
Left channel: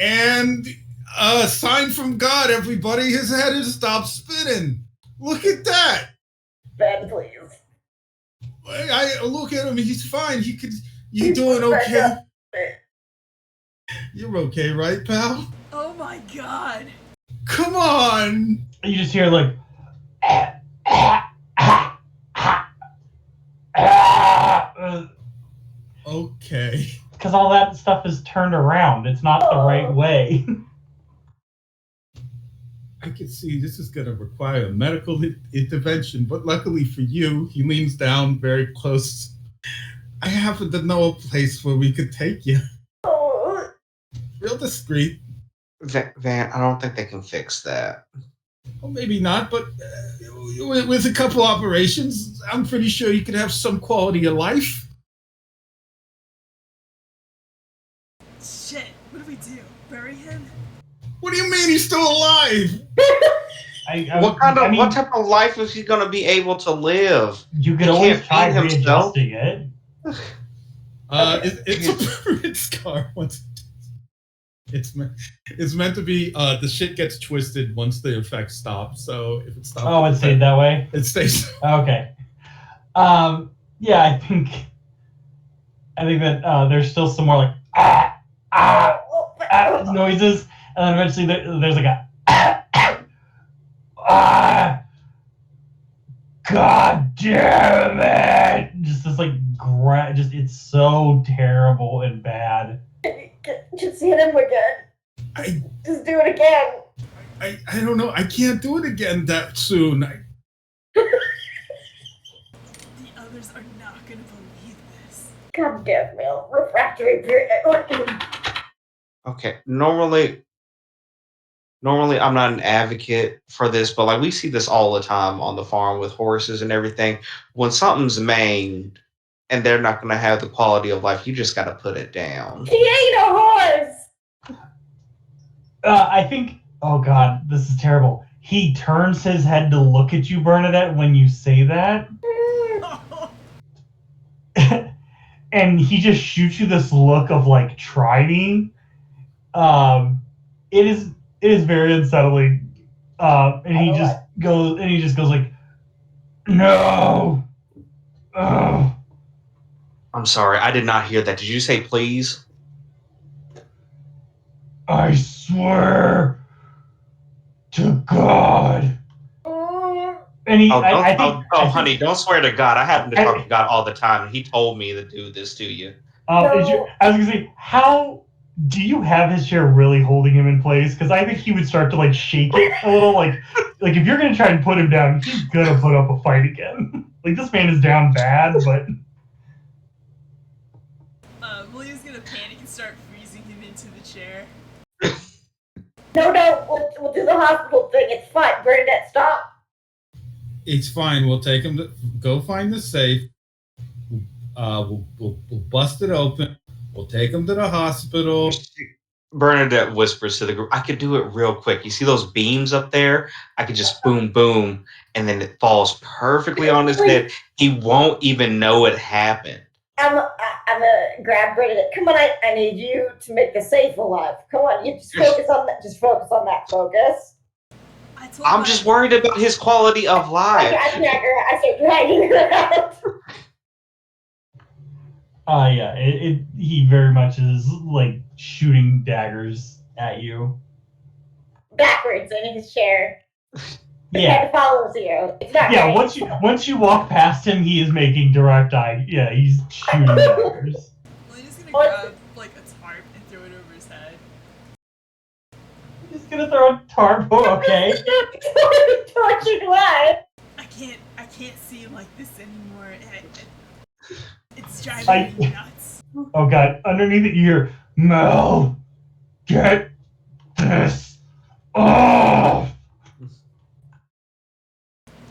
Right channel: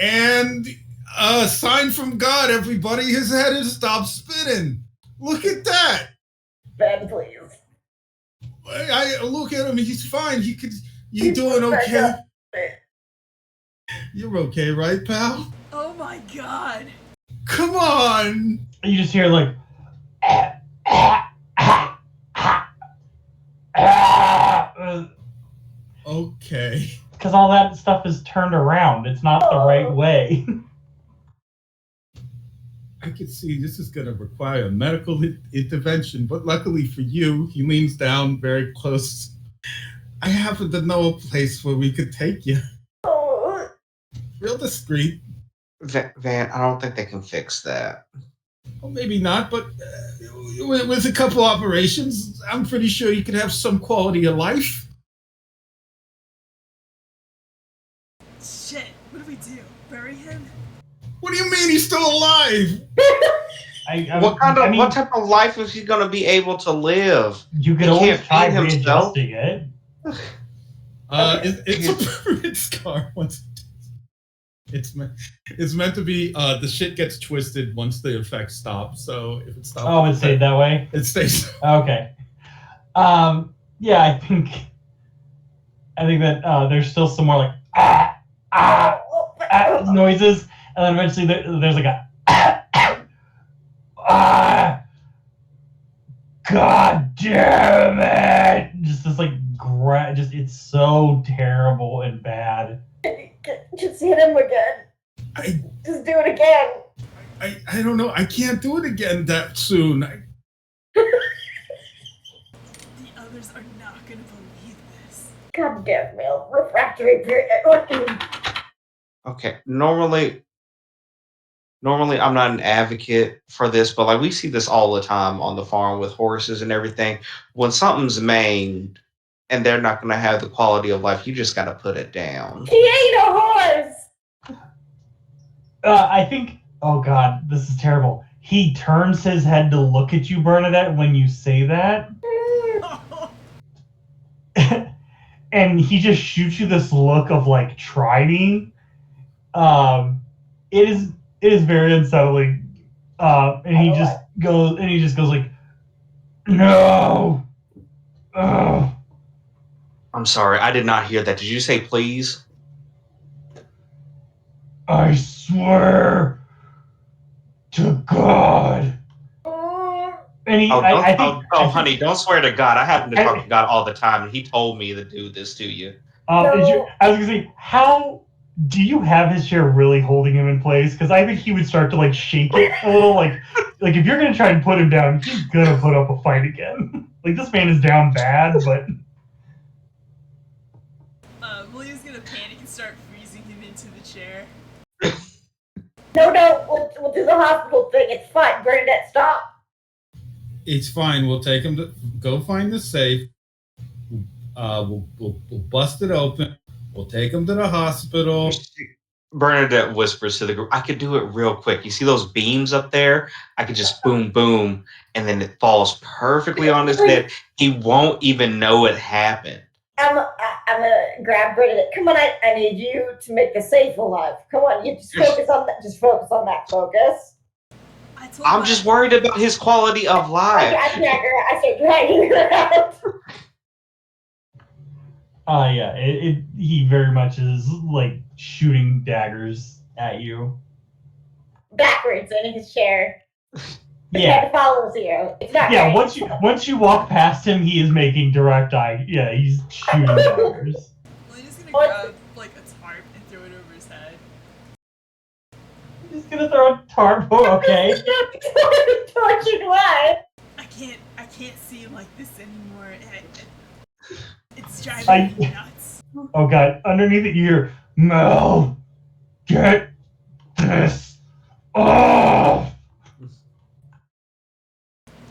And a sign from God, everybody. His head has stopped spinning. Look at that. Ben, please. I look at him. He's fine. You doing okay? You're okay, right, pal? Oh my god. Come on. You just hear like, okay. Because all that stuff is turned around. It's not the right way. I can see this is going to require a medical intervention, but luckily for you, he leans down very close. I happen to know a place where we could take you. Oh. Real discreet. Van, I don't think they can fix that. Well, maybe not, but with a couple operations, I'm pretty sure you could have some quality of life. Shit, what do we do? Bury him? What do you mean he's still alive? What type of life is he going to be able to live? You could always try readjusting it. It's a permanent scar. It's meant to be. The shit gets twisted once the effect stops. So if it stops, it stayed that way. It stays. Okay. Yeah, I think that there's still some more like noises, and then eventually there's like a God damn it! Just this like it's so terrible and bad. Just hit him again. Just do it again. I don't know. I can't do it again that soon. The others are not gonna believe this. God damn, Mel. Refractory period. Okay, normally I'm not an advocate for this, but like we see this all the time on the farm with horses and everything. When something's maimed and they're not going to have the quality of life, you just got to put it down. He ain't a horse. I think. Oh God, this is terrible. He turns his head to look at you, Bernadette, when you say that, and he just shoots you this look of like, try me. It is very unsettling. And he just goes like, no. Oh. I'm sorry, I did not hear that. Did you say please? I swear to God. And he, honey, don't swear to God. I happen to talk to God all the time, and he told me to do this to you. I was gonna say, how do you have his chair really holding him in place? Because I think he would start to like shake it a little. Like if you're gonna try and put him down, he's gonna put up a fight again. Like this man is down bad, but. William's gonna panic and start freezing him into the chair. No, we'll do the hospital thing. It's fine. Bernadette, stop. It's fine. We'll take him to go find the safe. We'll bust it open. We'll take him to the hospital. Bernadette whispers to the group, I could do it real quick. You see those beams up there? I could just boom, boom, and then it falls perfectly on his head. He won't even know it happened. I'm gonna grab Bernadette. Come on, I need you to make the safe alive. Come on, you just focus on that. Just focus on that. Focus. I'm just worried about his quality of life. I start dragging her out. Yeah, he very much is like shooting daggers at you. Backwards in his chair. Yeah. It follows you. It's not Yeah, right. once you walk past him, he is making direct eye. Yeah, he's shooting daggers. Lena's gonna grab like a tarp and throw it over his head. He's gonna throw a tarp. Oh, okay. Why? I can't see like this anymore. It's driving me nuts. Oh god! Underneath it, you hear, Mel, get this off.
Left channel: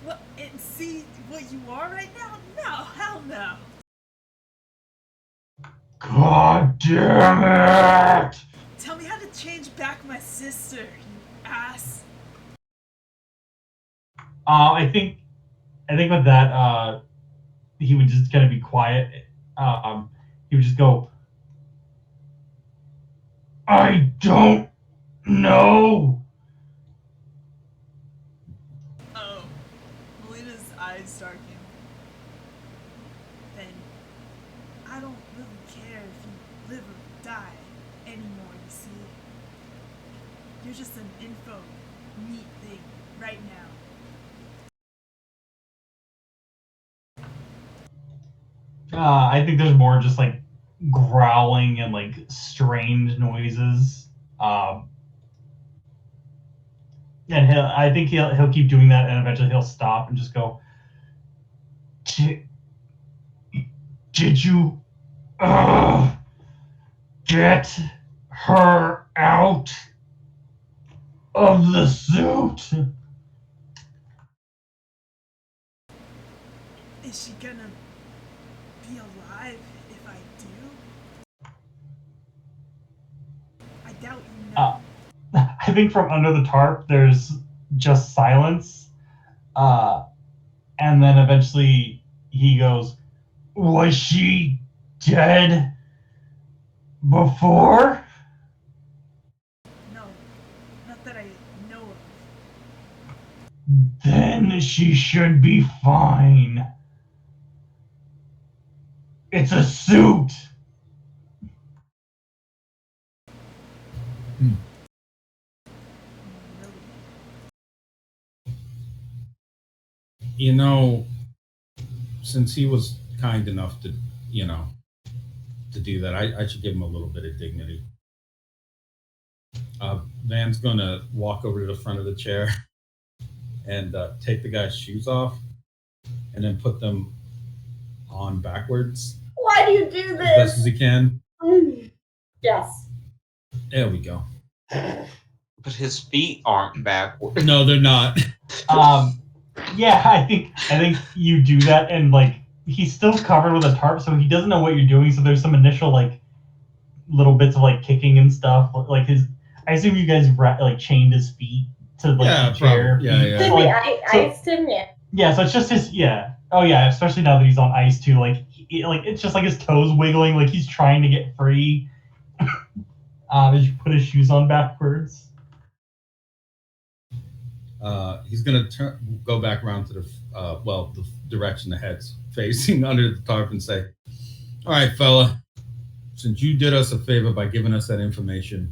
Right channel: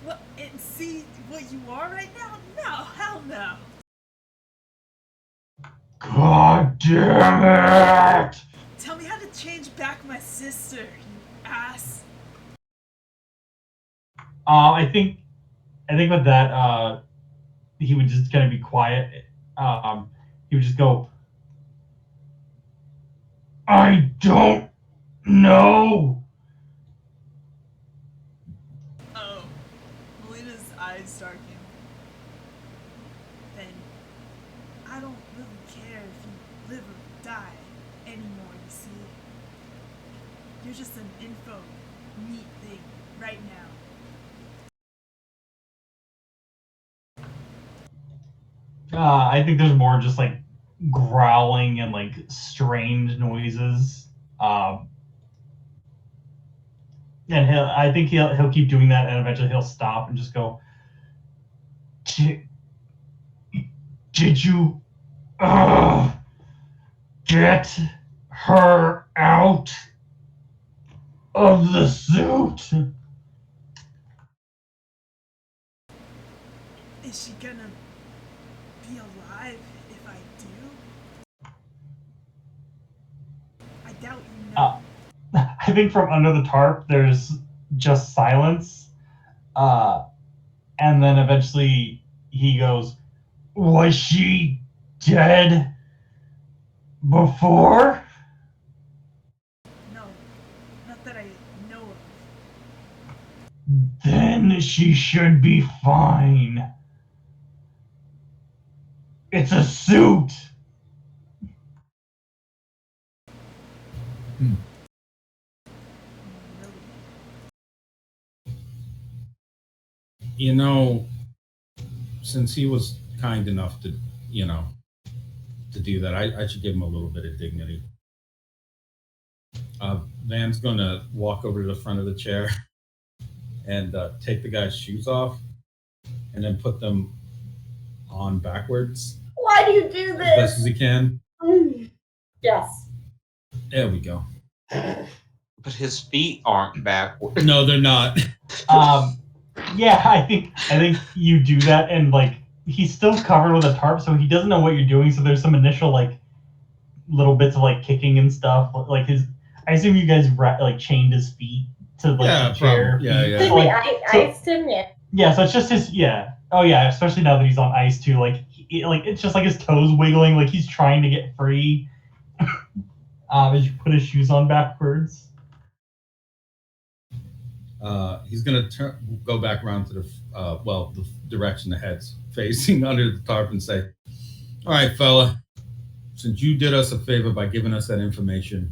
What? And see what you are right now? No, hell no. God damn it! Tell me how to change back my sister, you ass. I think with that, he would just kind of be quiet. He would just go, I don't know. Oh, Melina's eyes darken. Then I don't really care if you live or die anymore, you see. You're just an info neat thing right now. I think there's more just like growling and like strange noises. And I think he'll keep doing that, and eventually he'll stop and just go, Did you get her out of the suit? Is she gonna be alive if I do? I doubt you know. I think from under the tarp, there's just silence. And then eventually he goes, Was she dead before? No, not that I know of. Then she should be fine. It's a suit. You know, since he was kind enough to, to do that, I should give him a little bit of dignity. Van's gonna walk over to the front of the chair and take the guy's shoes off and then put them on backwards. Why do you do this? As best as he can. Yes. There we go. But his feet aren't backward. No, they're not. Yeah, I think you do that, and like he's still covered with a tarp, so he doesn't know what you're doing. So there's some initial like little bits of like kicking and stuff. Like I assume you guys like chained his feet to like the chair. Yeah. Did we iced him yet? Yeah, so it's just his. Yeah. Oh yeah, especially now that he's on ice too. Like it's just like his toes wiggling, like he's trying to get free. As you put his shoes on backwards. He's gonna go back around to the direction the head's facing under the tarp and say, "All right, fella, since you did us a favor by giving us that information,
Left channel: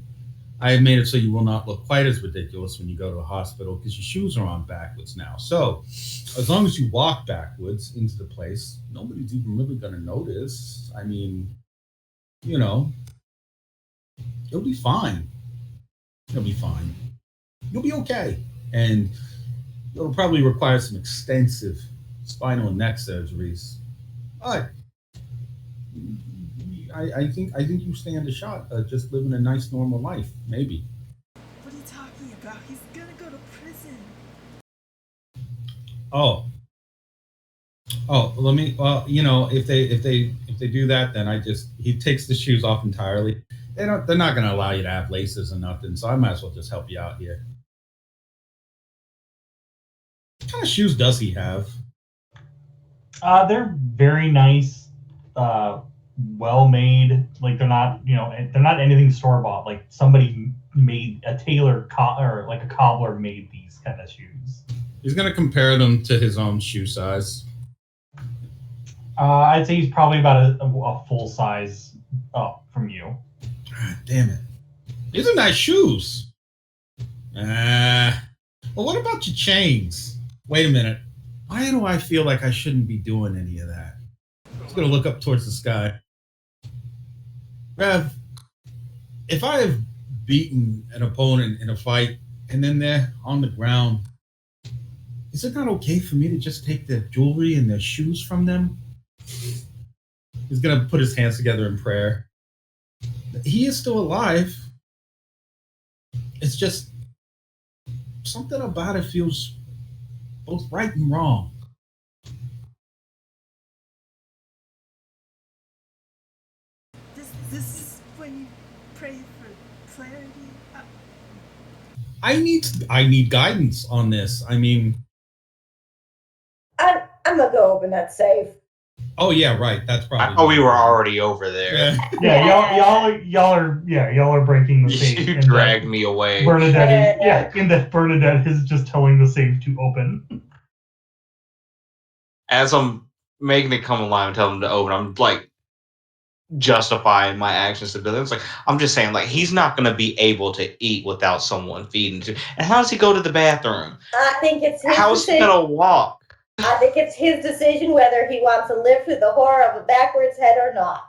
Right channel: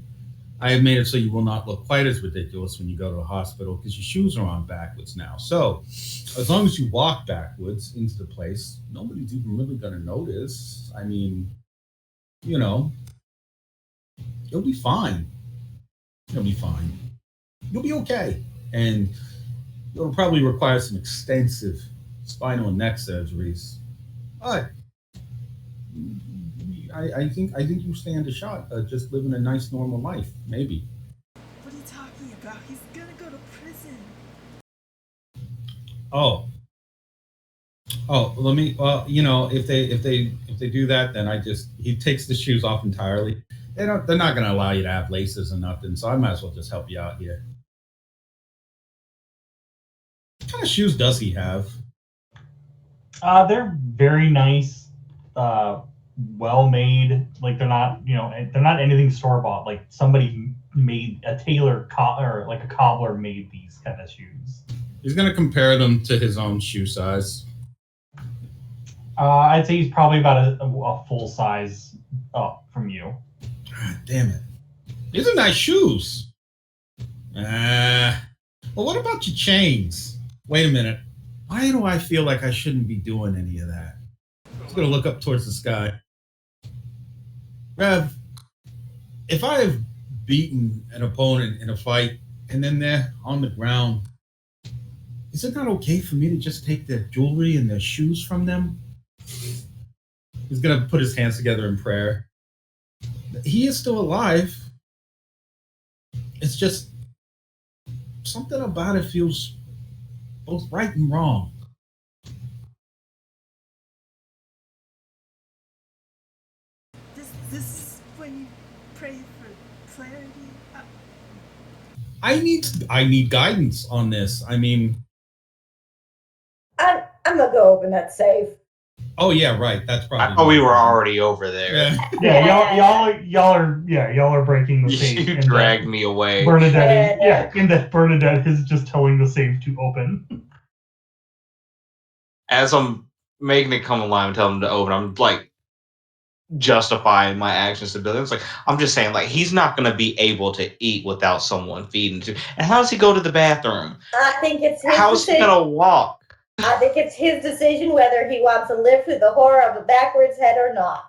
I have made it so you will not look quite as ridiculous when you go to a hospital because your shoes are on backwards now. So, as long as you walk backwards into the place, nobody's even really gonna notice. I mean, you'll be fine. You'll be fine. You'll be okay." And it'll probably require some extensive spinal and neck surgeries. But I think you stand a shot at just living a nice normal life, maybe. What are you talking about? He's gonna go to prison. Oh, let me. Well, if they do that, then he takes the shoes off entirely, They're not going to allow you to have laces or nothing, so I might as well just help you out here. What kind of shoes does he have? They're very nice, well made. Like they're not, they're not anything store bought. Like somebody made a tailor or like a cobbler made these kind of shoes. He's going to compare them to his own shoe size. I'd say he's probably about a full size up from you. God damn it. These are nice shoes. Well, what about your chains? Wait a minute. Why do I feel like I shouldn't be doing any of that? I'm just going to look up towards the sky. Rev, if I have beaten an opponent in a fight and then they're on the ground, is it not okay for me to just take their jewelry and their shoes from them? He's going to put his hands together in prayer. He is still alive. It's just something about it feels both right and wrong. This is when you pray for clarity. I need guidance on this. I mean, I'm gonna go open that safe. oh yeah, right. That's probably. I thought we were already over there. Yeah, y'all are breaking the safe. You dragged me away. Bernadette is just telling the safe to open. As I'm making it come alive and telling him to open, I'm like justifying my actions to Billy. It's like I'm just saying, like he's not going to be able to eat without someone feeding to. And how does he go to the bathroom? I think it's his How's he decision. going to walk? I think it's his decision whether he wants to live through the horror of a backwards head or not.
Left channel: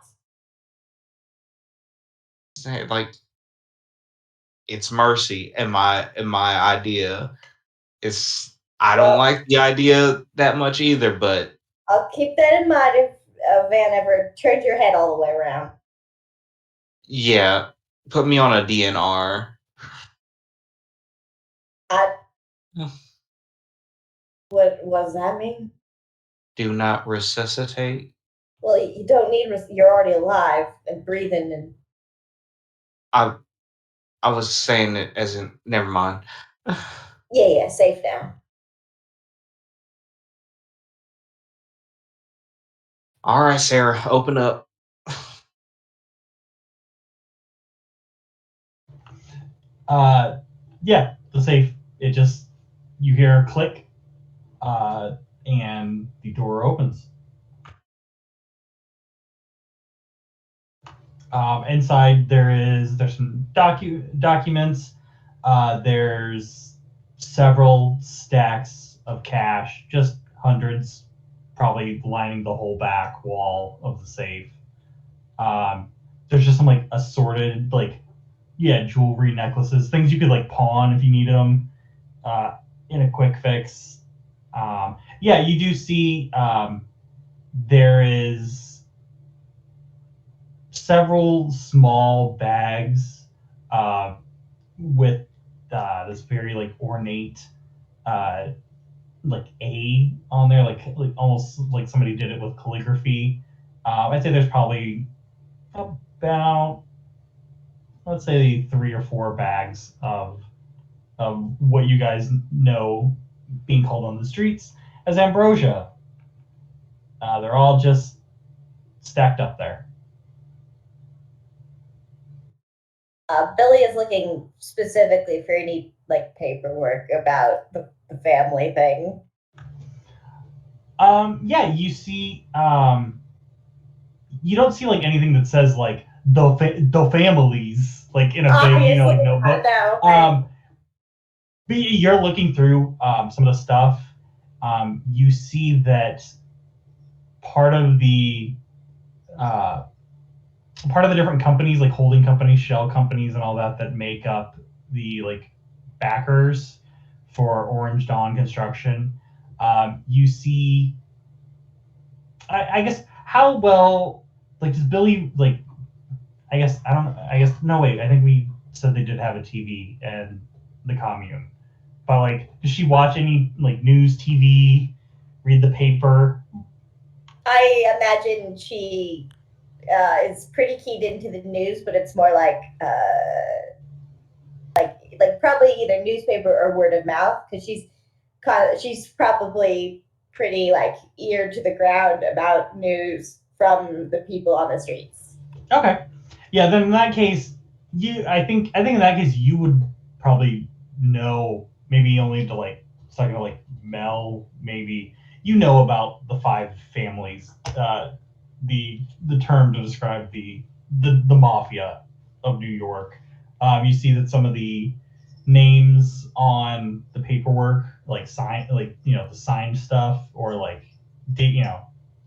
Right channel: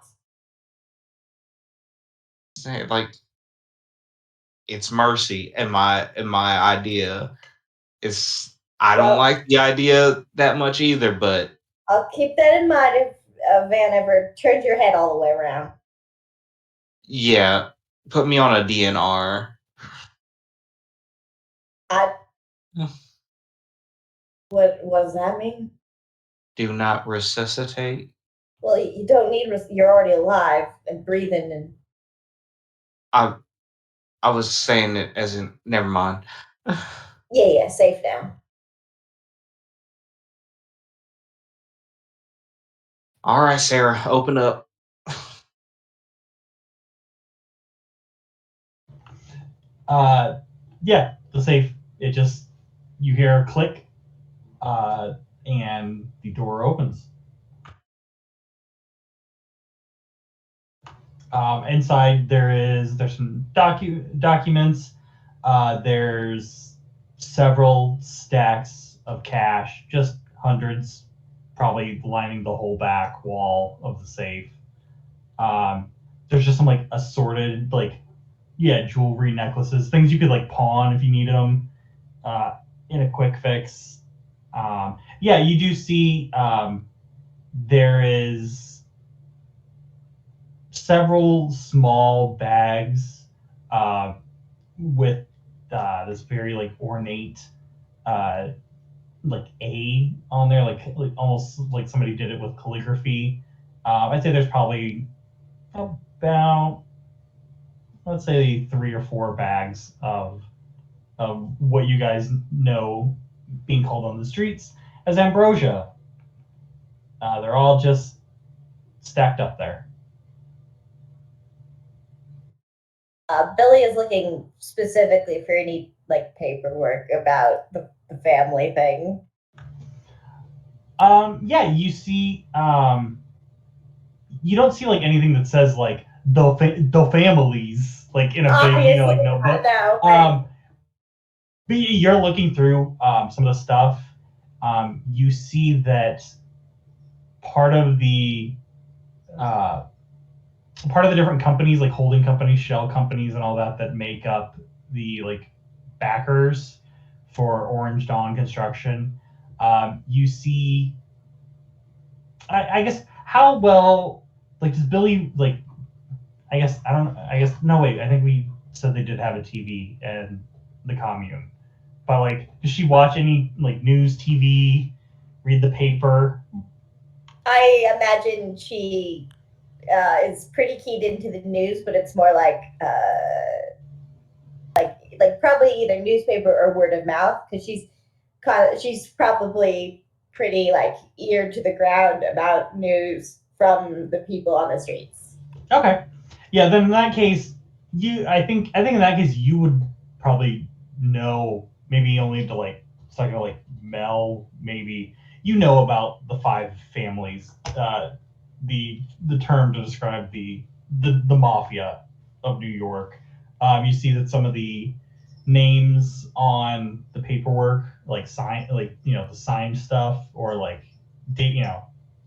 Like it's mercy, and my idea is I don't like the idea that much either, but I'll keep that in mind if Van ever turns your head all the way around. yeah, put me on a DNR. What does that mean? Do not resuscitate. Well, you don't need. You're already alive and breathing, and I was saying it as in never mind. yeah, safe now. All right, Sarah, open up. Yeah, the safe. It just you hear a click, and the door opens. Inside there's some documents. There's several stacks of cash, just hundreds, probably lining the whole back wall of the safe. There's just some like assorted jewelry, necklaces, things you could like pawn if you needed them in a quick fix. You do see there is several small bags with this very like ornate like A on there, like almost like somebody did it with calligraphy. I'd say there's probably about, let's say, 3 or 4 bags of what you guys know being called on the streets as ambrosia. They're all just stacked up there. Billy is looking specifically for any like paperwork about the family thing. You see, you don't see like anything that says like the families like in a big like notebook. But you're looking through some of the stuff. You see that part of the different companies, like holding companies, shell companies, and all that make up the like backers for Orange Dawn Construction. You see, I guess, how well, like, does Billy, like, I guess no, wait, I think we said they did have a TV in the commune, but like, does she watch any like news, TV, read the paper? I imagine she is pretty keyed into the news, but it's more like probably either newspaper or word of mouth because she's probably pretty like ear to the ground about news from the people on the streets. Okay. Yeah, then in that case, I think in that case you would probably know, maybe only to like talking to like Mel, maybe you know about the 5 families, the term to describe the mafia of New York. You see that some of the names on the paperwork, like sign, like the signed stuff, or like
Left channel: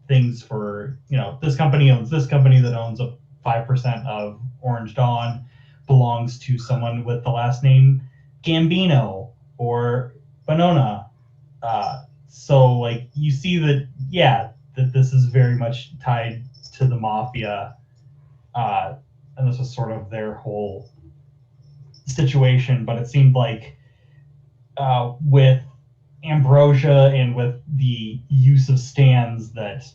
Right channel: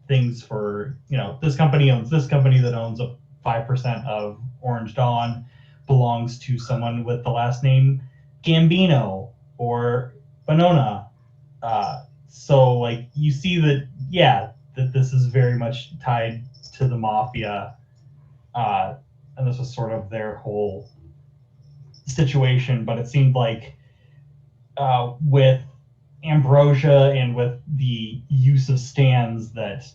things for this company owns this company that owns a 5% of Orange Dawn belongs to someone with the last name Gambino or Bonona. So like you see that, yeah, that this is very much tied to the mafia, and this was sort of their whole situation. But it seemed like with Ambrosia and with the use of stands that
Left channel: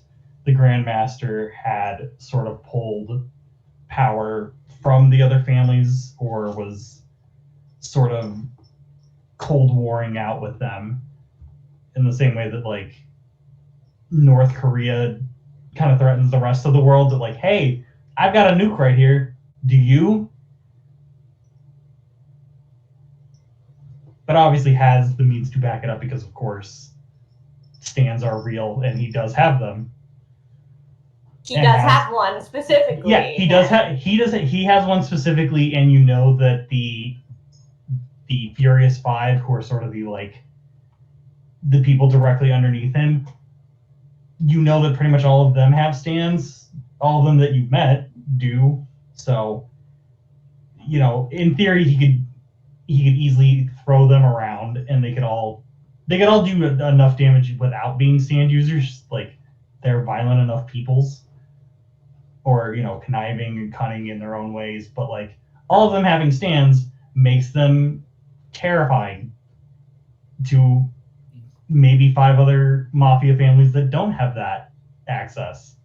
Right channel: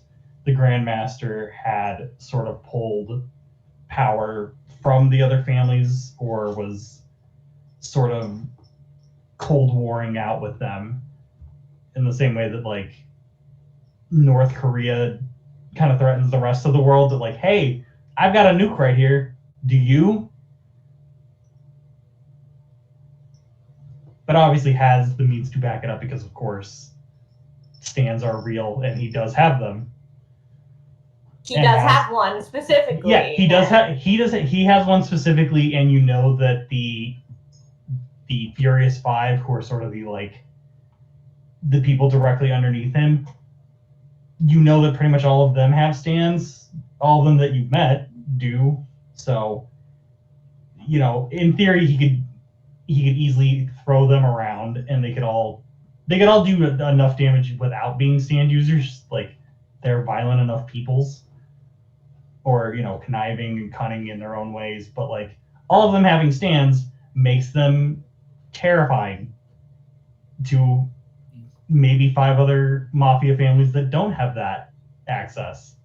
the Grandmaster had sort of pulled power from the other families, or was sort of cold warring out with them in the same way that like North Korea kind of threatens the rest of the world, that like, hey, I've got a nuke right here, do you? But obviously has the means to back it up because of course stands are real and he does have them. He does have one specifically. Yeah, he does have. He has one specifically, and you know that the Furious Five, who are sort of the people directly underneath him, you know that pretty much all of them have stands. All of them that you've met do. So, in theory, he could easily throw them around, and they could all do enough damage without being stand users. Like they're violent enough peoples. Or conniving and cunning in their own ways, but like all of them having stands makes them terrifying to maybe 5 other mafia families that don't have that access.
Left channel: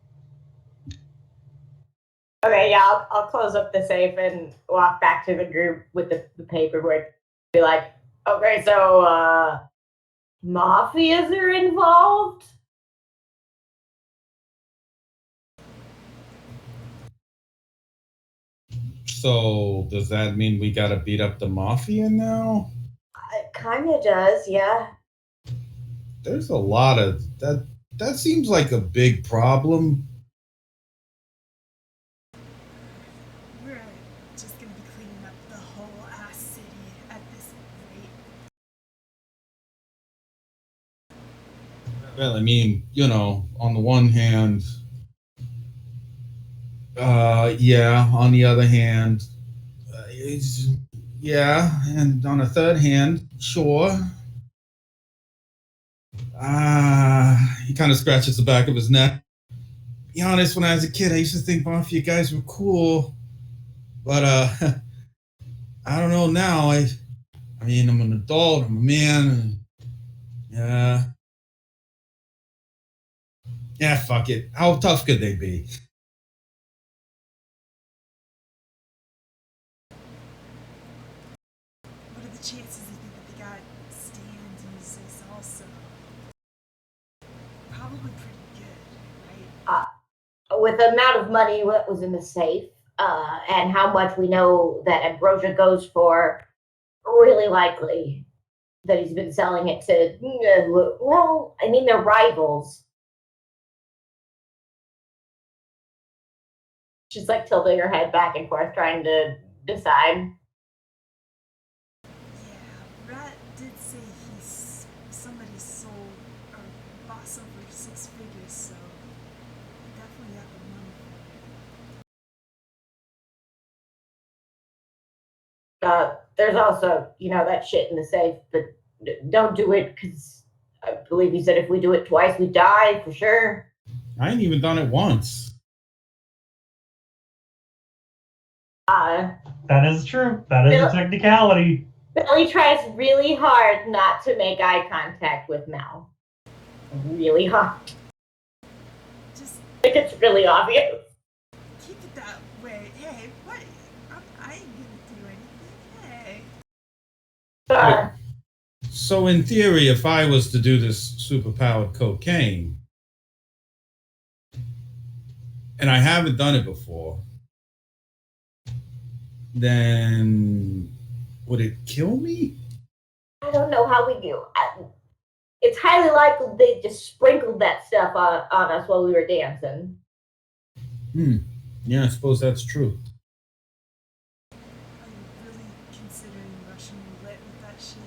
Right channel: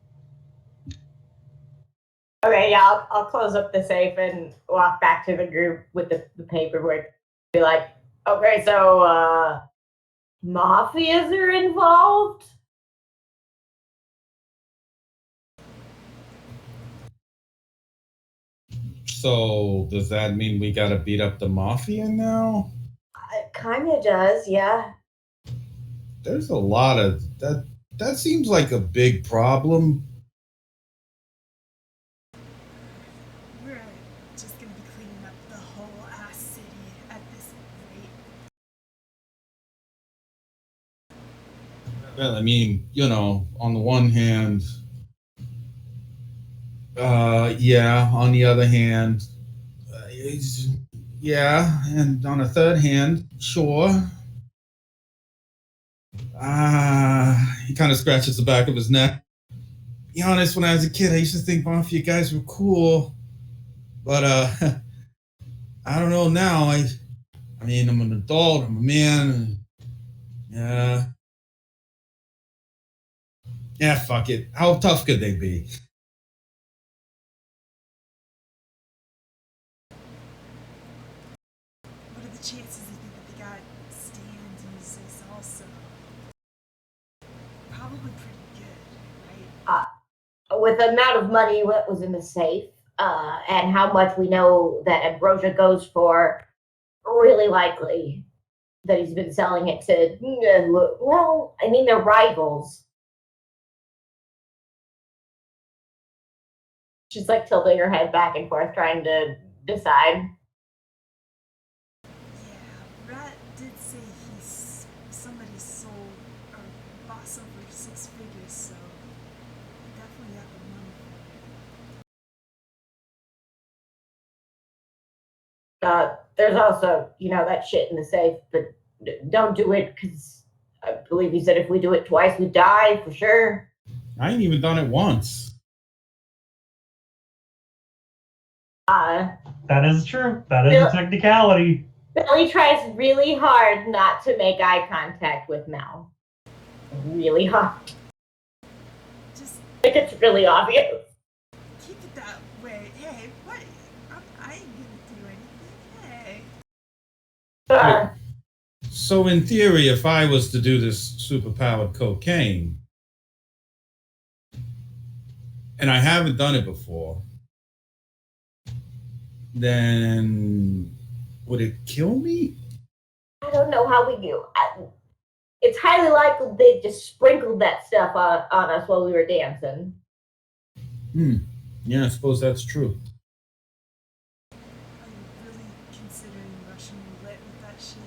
Okay, yeah, I'll close up the safe and walk back to the group with the paperwork. Be like, okay, so mafias are involved? So does that mean we gotta beat up the mafia now? It kind of does, yeah. There's a lot of that. That seems like a big problem. We're just gonna be cleaning up the whole ass city at this rate. Well, I mean, on the one hand, yeah. On the other hand, yeah. And on the third hand, sure. He kind of scratches the back of his neck. Be honest, when I was a kid, I used to think mafia guys were cool, but I don't know now. I mean, I'm an adult. I'm a man. And, yeah, fuck it. How tough could they be? What are the chances you think that they got stand users also? Probably pretty good, right? With the amount of money that was in the safe, and how much we know that Ambrosia goes for, really likely that he's been selling it to, well, I mean, they're rivals. She's like tilting her head back and forth, trying to decide. Yeah, Rat did say somebody sold or bought some for 6 figures, so definitely got the money for it. There's also, that shit in the safe, but don't do it because I believe he said if we do it twice, we die for sure. I ain't even done it once. That is true. That is a technicality. Billy tries really hard not to make eye contact with Mel. Really hard. Just Like it's really obvious. sir. So in theory, if I was to do this superpowered cocaine, and I haven't done it before, then would it kill me? I don't know how we do. It's highly likely they just sprinkled that stuff on us while we were dancing. Yeah, I suppose that's true. Are you really considering Russian roulette with that shit?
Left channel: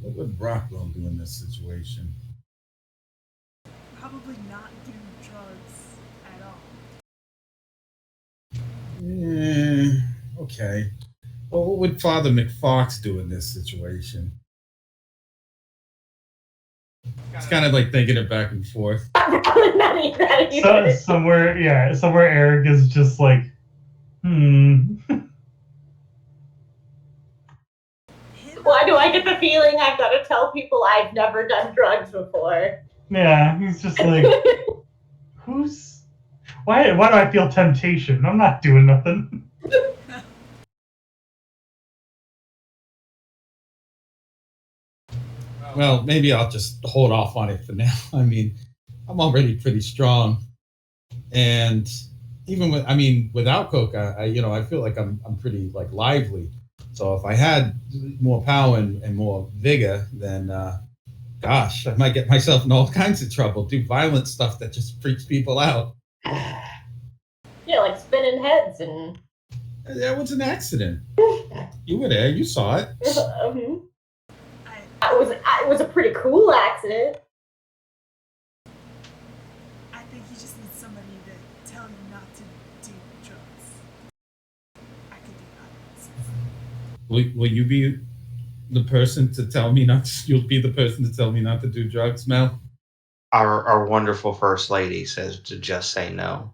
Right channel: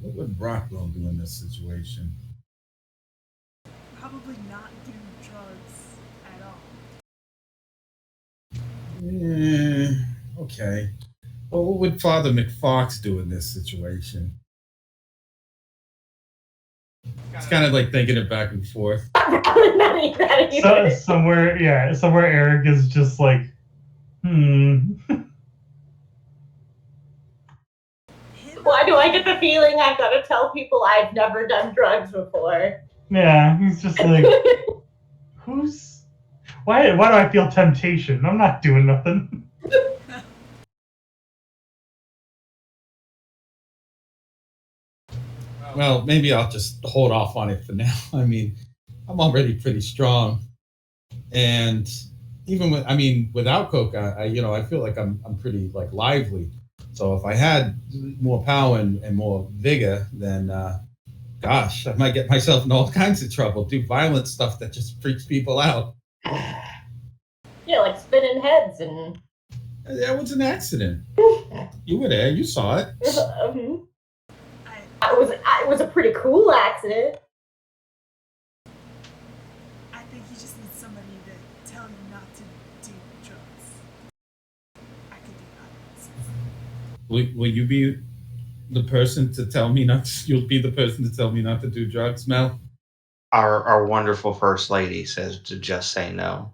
What would Rockwell do in this situation? Probably not do drugs at all. Okay. Well, what would Father McFox do in this situation? It's kind of like thinking it back and forth. Somewhere Eric is just like, Why do I get the feeling I've got to tell people I've never done drugs before? Yeah, he's just like, why do I feel temptation? I'm not doing nothing. Well, maybe I'll just hold off on it for now. I mean, I'm already pretty strong, and even without coke, I feel like I'm pretty like lively. So if I had more power and more vigor, then gosh, I might get myself in all kinds of trouble. Do violent stuff that just freaks people out. Yeah, like spinning heads and. That was an accident. You were there. You saw it. It was a pretty cool accident. I think you just need somebody to tell you not to do drugs. I could do that. Will you be the person to tell me not to? You'll be the person to tell me not to do drugs, Mel? Our wonderful first lady says to just say no.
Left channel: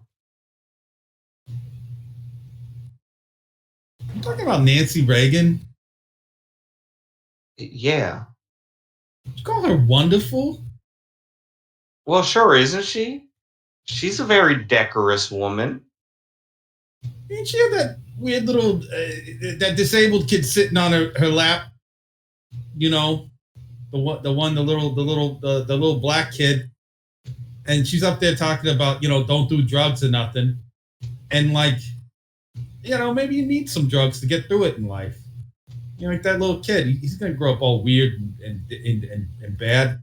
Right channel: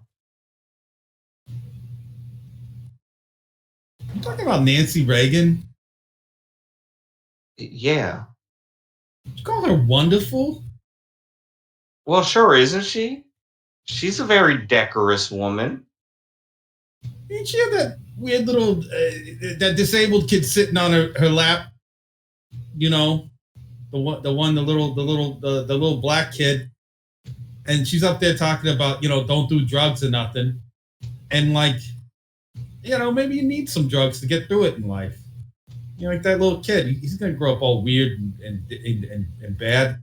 You talking about Nancy Reagan? Yeah. Did you call her wonderful? Well, sure, isn't she? She's a very decorous woman. Ain't she have that weird little that disabled kid sitting on her lap? You know, the little black kid, and she's up there talking about don't do drugs or nothing, and like maybe you need some drugs to get through it in life. Like that little kid, he's gonna grow up all weird and bad.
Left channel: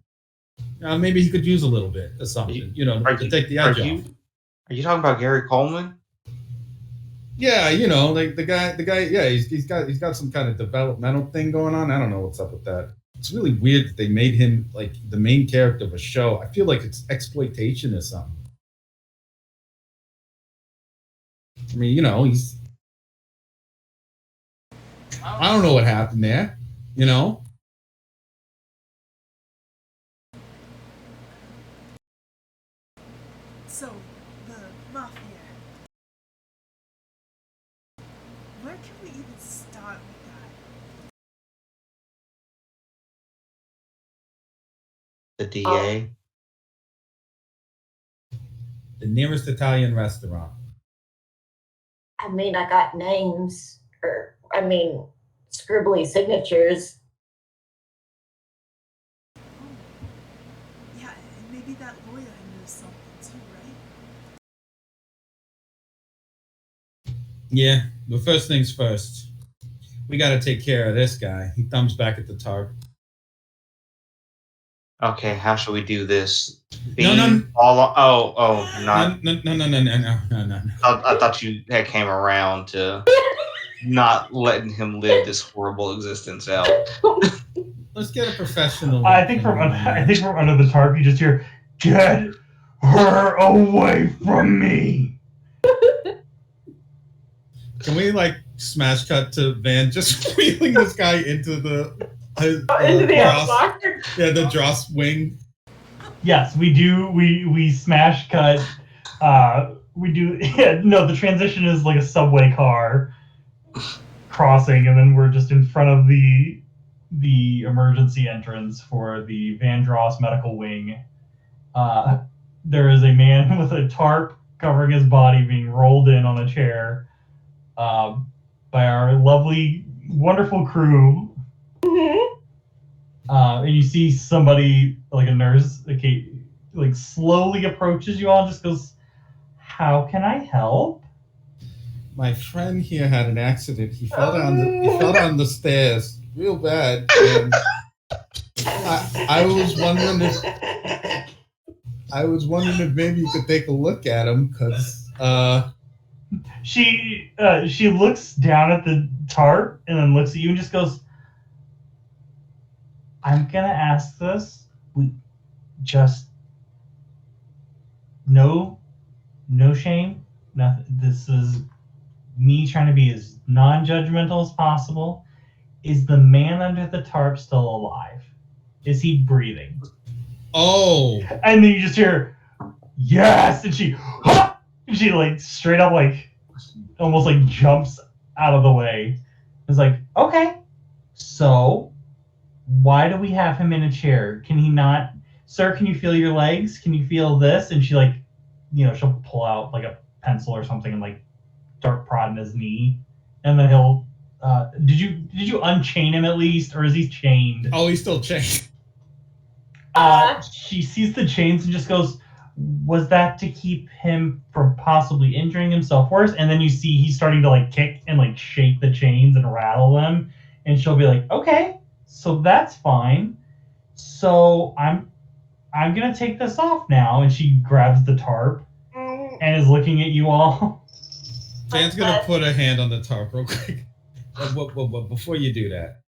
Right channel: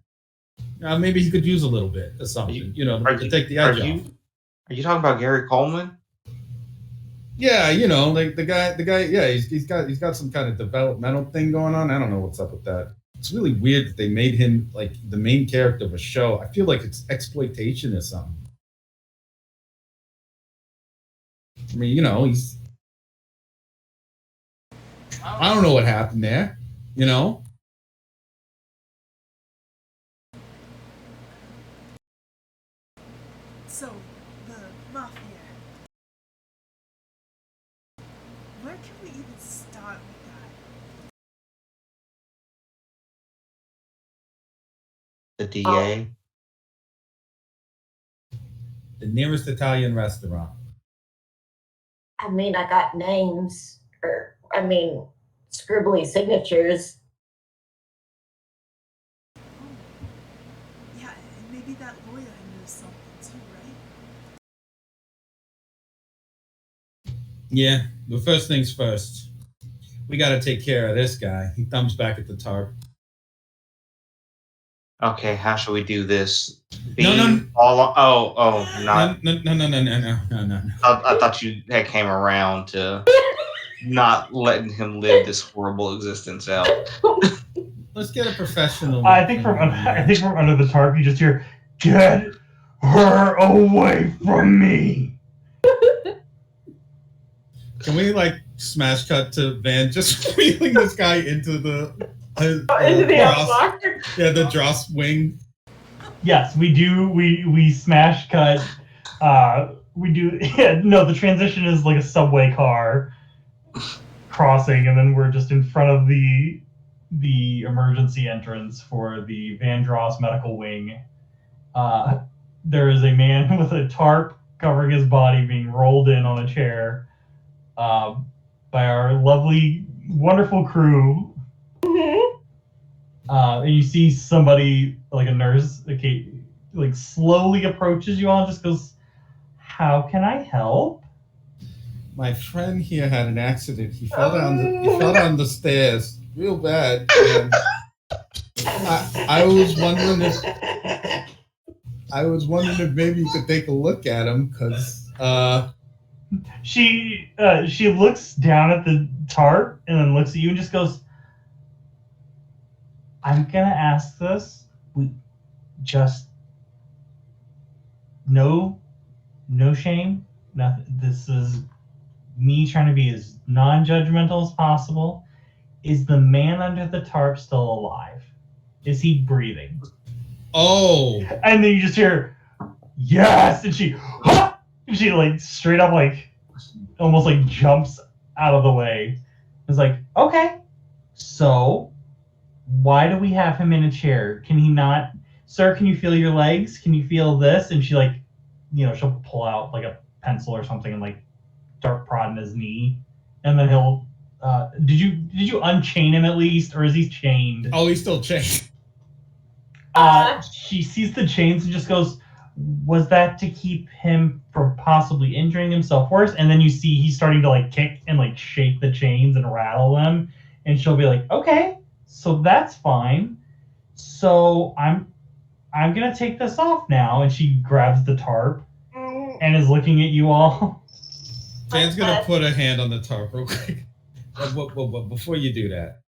Maybe he could use a little bit or something, to take the edge off. Are you talking about Gary Coleman? Yeah, like the guy. Yeah, he's got some kind of developmental thing going on. I don't know what's up with that. It's really weird that they made him like the main character of a show. I feel like it's exploitation or something. I mean, he's. I don't know what happened there. So, the mafia. Where can we even start with that? The DA? The nearest Italian restaurant. I mean, I got names, scribbly signatures. Yeah, and maybe that lawyer knows something too, right? Yeah, but first things first. We got to take care of this guy. He thumbs back at the tarp. Okay, how should we do this? No. Not. No. I thought you had came around to not letting him live this horrible existence out. Let's get a professional. I think from under the tarp, you just hear, "Get her away from me." Can we smash cut to Van just wheeling this guy into the Dross? Yeah, the Dross wing. Yes, we do. We smash cut. We do. Yeah, no, the transition is like a subway car crossing, and then we're just in front of the emergency entrance for the Van Dross medical wing. There is a man with a tarp covering his body being rolled in on a chair. by our lovely, wonderful crew. And you see somebody, like a nurse, okay, like slowly approaches you all and just goes, "How can I help?" My friend here had an accident. He fell down the stairs real bad. And I was wondering if maybe you could take a look at him, because She looks down at the tarp and then looks at you and just goes, "I'm gonna ask this. We just no shame. Nothing. This is me trying to be as non-judgmental as possible. Is the man under the tarp still alive? Is he breathing?" oh, And then you just hear, "Yes!" And she like straight up like almost like jumps out of the way. It's like, "Okay, so why do we have him in a chair? Can he not, sir? Can you feel your legs? Can you feel this?" And she like, she'll pull out like a pencil or something and like start prodding his knee, and then he'll. Did you unchain him at least, or is he chained? oh, he's still chained. She sees the chains and just goes, "Was that to keep him from possibly injuring himself worse?" And then you see he's starting to like kick and like shake the chains and rattle them, and she'll be like, "Okay, so that's fine. So I'm gonna take this off now." And she grabs the tarp and is looking at you all. Jan's gonna put a hand on the tarp real quick. But before you do that,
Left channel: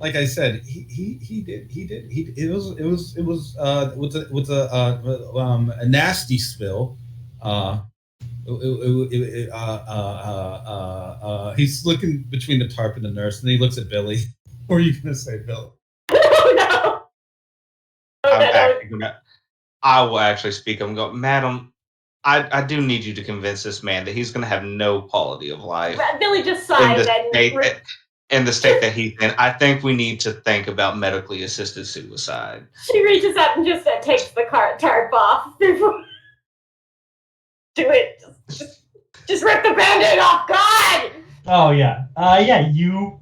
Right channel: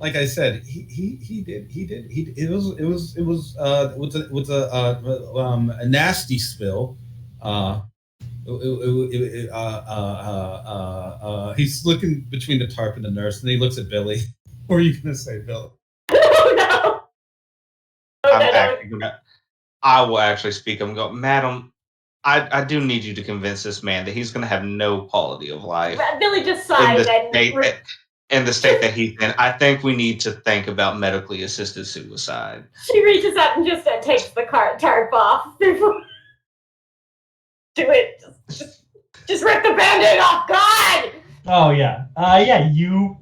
like I said, it was a nasty spill. He's looking between the tarp and the nurse, and he looks at Billy. What are you gonna say, Bill? Oh no! I will actually speak. I'm going, "Madam, I do need you to convince this man that he's going to have no quality of life Billy just sighed in the state that he's in. I think we need to think about medically assisted suicide." She reaches out and just takes the tarp off. Do it. Just rip the band-aid off. God! Oh yeah. You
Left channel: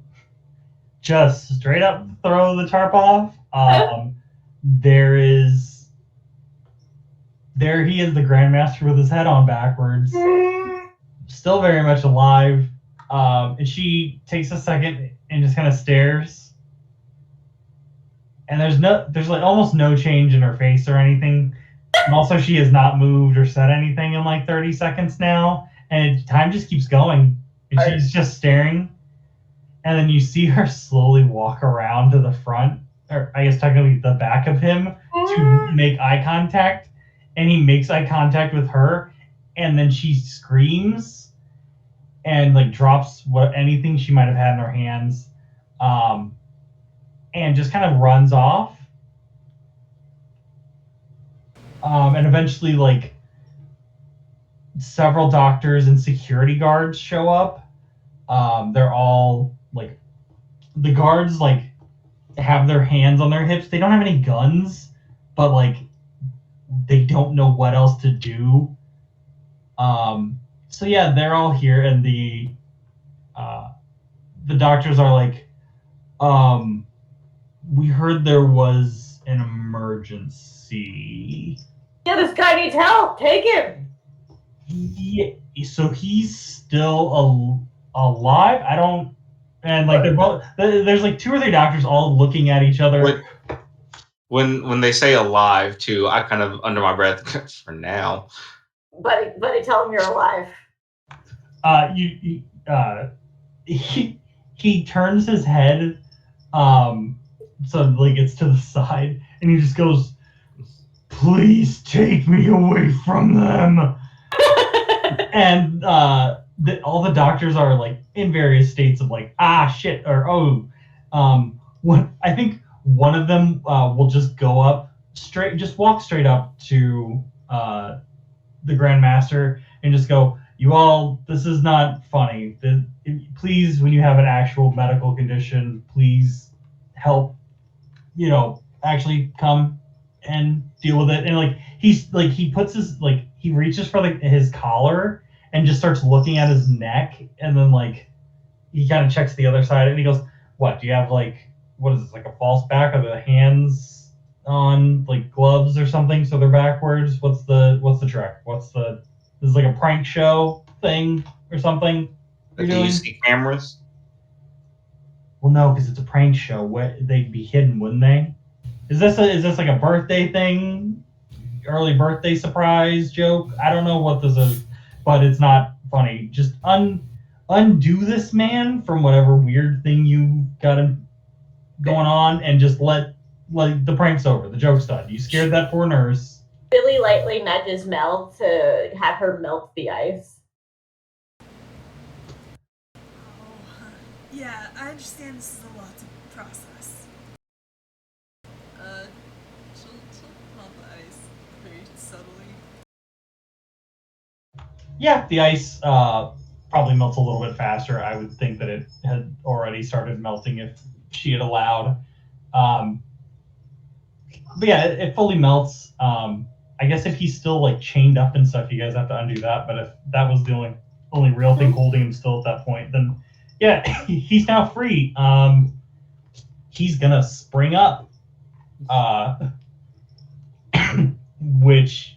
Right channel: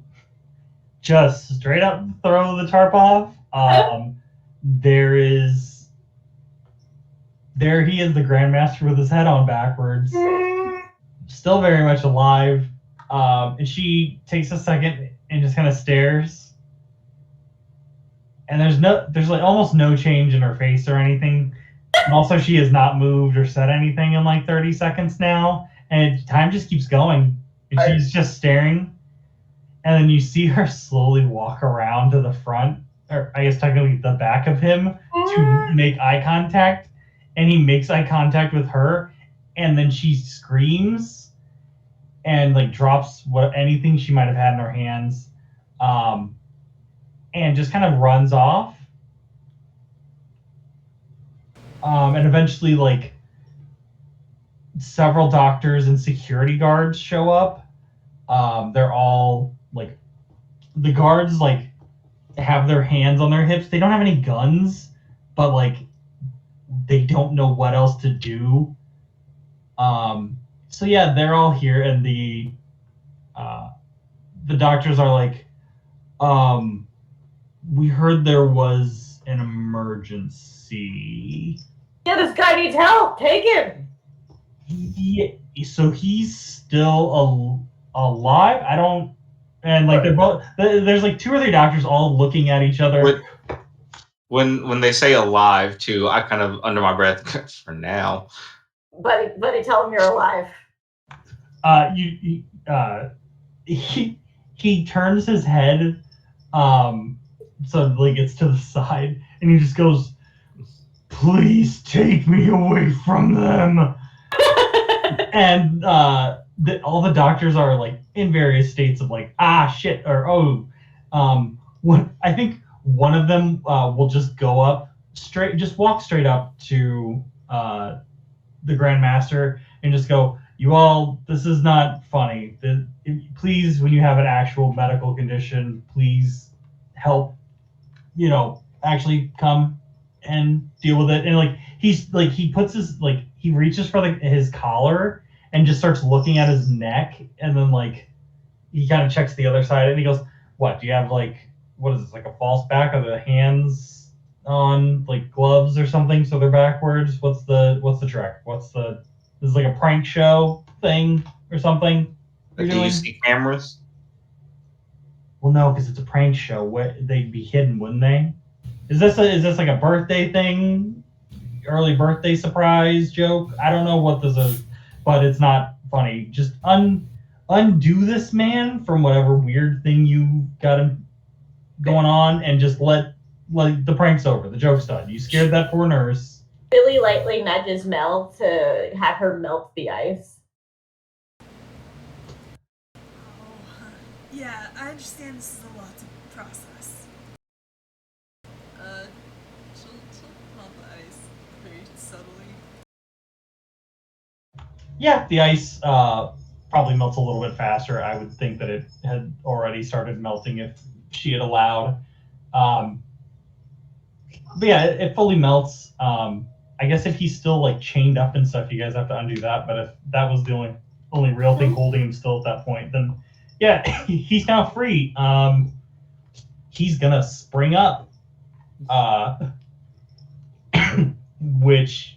just straight up throw the tarp off. There he is, the Grandmaster with his head on backwards, still very much alive. And she takes a second and just kind of stares. And there's like almost no change in her face or anything. And also, she has not moved or said anything in like 30 seconds now, and time just keeps going. And she's just staring. And then you see her slowly walk around to the front, or I guess technically the back of him, to make eye contact. And he makes eye contact with her, and then she screams and like drops anything she might have had in her hands, and just kind of runs off. And eventually, like, several doctors and security guards show up. They're all like, the guards like have their hands on their hips. They don't have any guns, but like they don't know what else to do. So yeah, they're all here, and the doctors are like, "We heard there was an emergency." Yeah, this guy needs help. Take him. So he's still alive? I don't. And like they're both. There's like 2 or 3 doctors all looking at each other. When they say alive too, I kind of under my breath for now. Buddy, tell him you're alive. He turns his head, so like it's to the side, and he just goes, "Please take me away from them." And all the doctors are like in various states of like, shit, or I think one of them will just go up just walk straight up to the Grandmaster and just go, "You all, this is not funny. Please, when you have an actual medical condition, please help, actually come and deal with it." And like he puts his, like, he reaches for his collar and just starts looking at his neck, and then like he kind of checks the other side, and he goes, "What? Do you have like what is this, like a false back? Are the hands on like gloves or something so they're backwards? What's the trick? This is like a prank show thing or something you're Do doing?" you see cameras? Well, no, because it's a prank show. They'd be hidden, wouldn't they? Is this like a birthday thing? Early birthday surprise joke? I don't know what this is, but it's not funny. Just undo this man from whatever weird thing you got him going on, and just let the prank's over. The joke's done. You scared that poor nurse. Billy lightly nudges Mel to have her melt the ice. Oh, yeah, I understand this is a lot to process. She'll melt the ice very subtly. Yeah, the ice probably melts a little bit faster. I would think that it had already started melting if she had allowed. But yeah, it fully melts. I guess if he's still like chained up and stuff, you guys have to undo that. But if that was the only real thing holding him still at that point, then yeah, he's now free. He's gonna spring up, which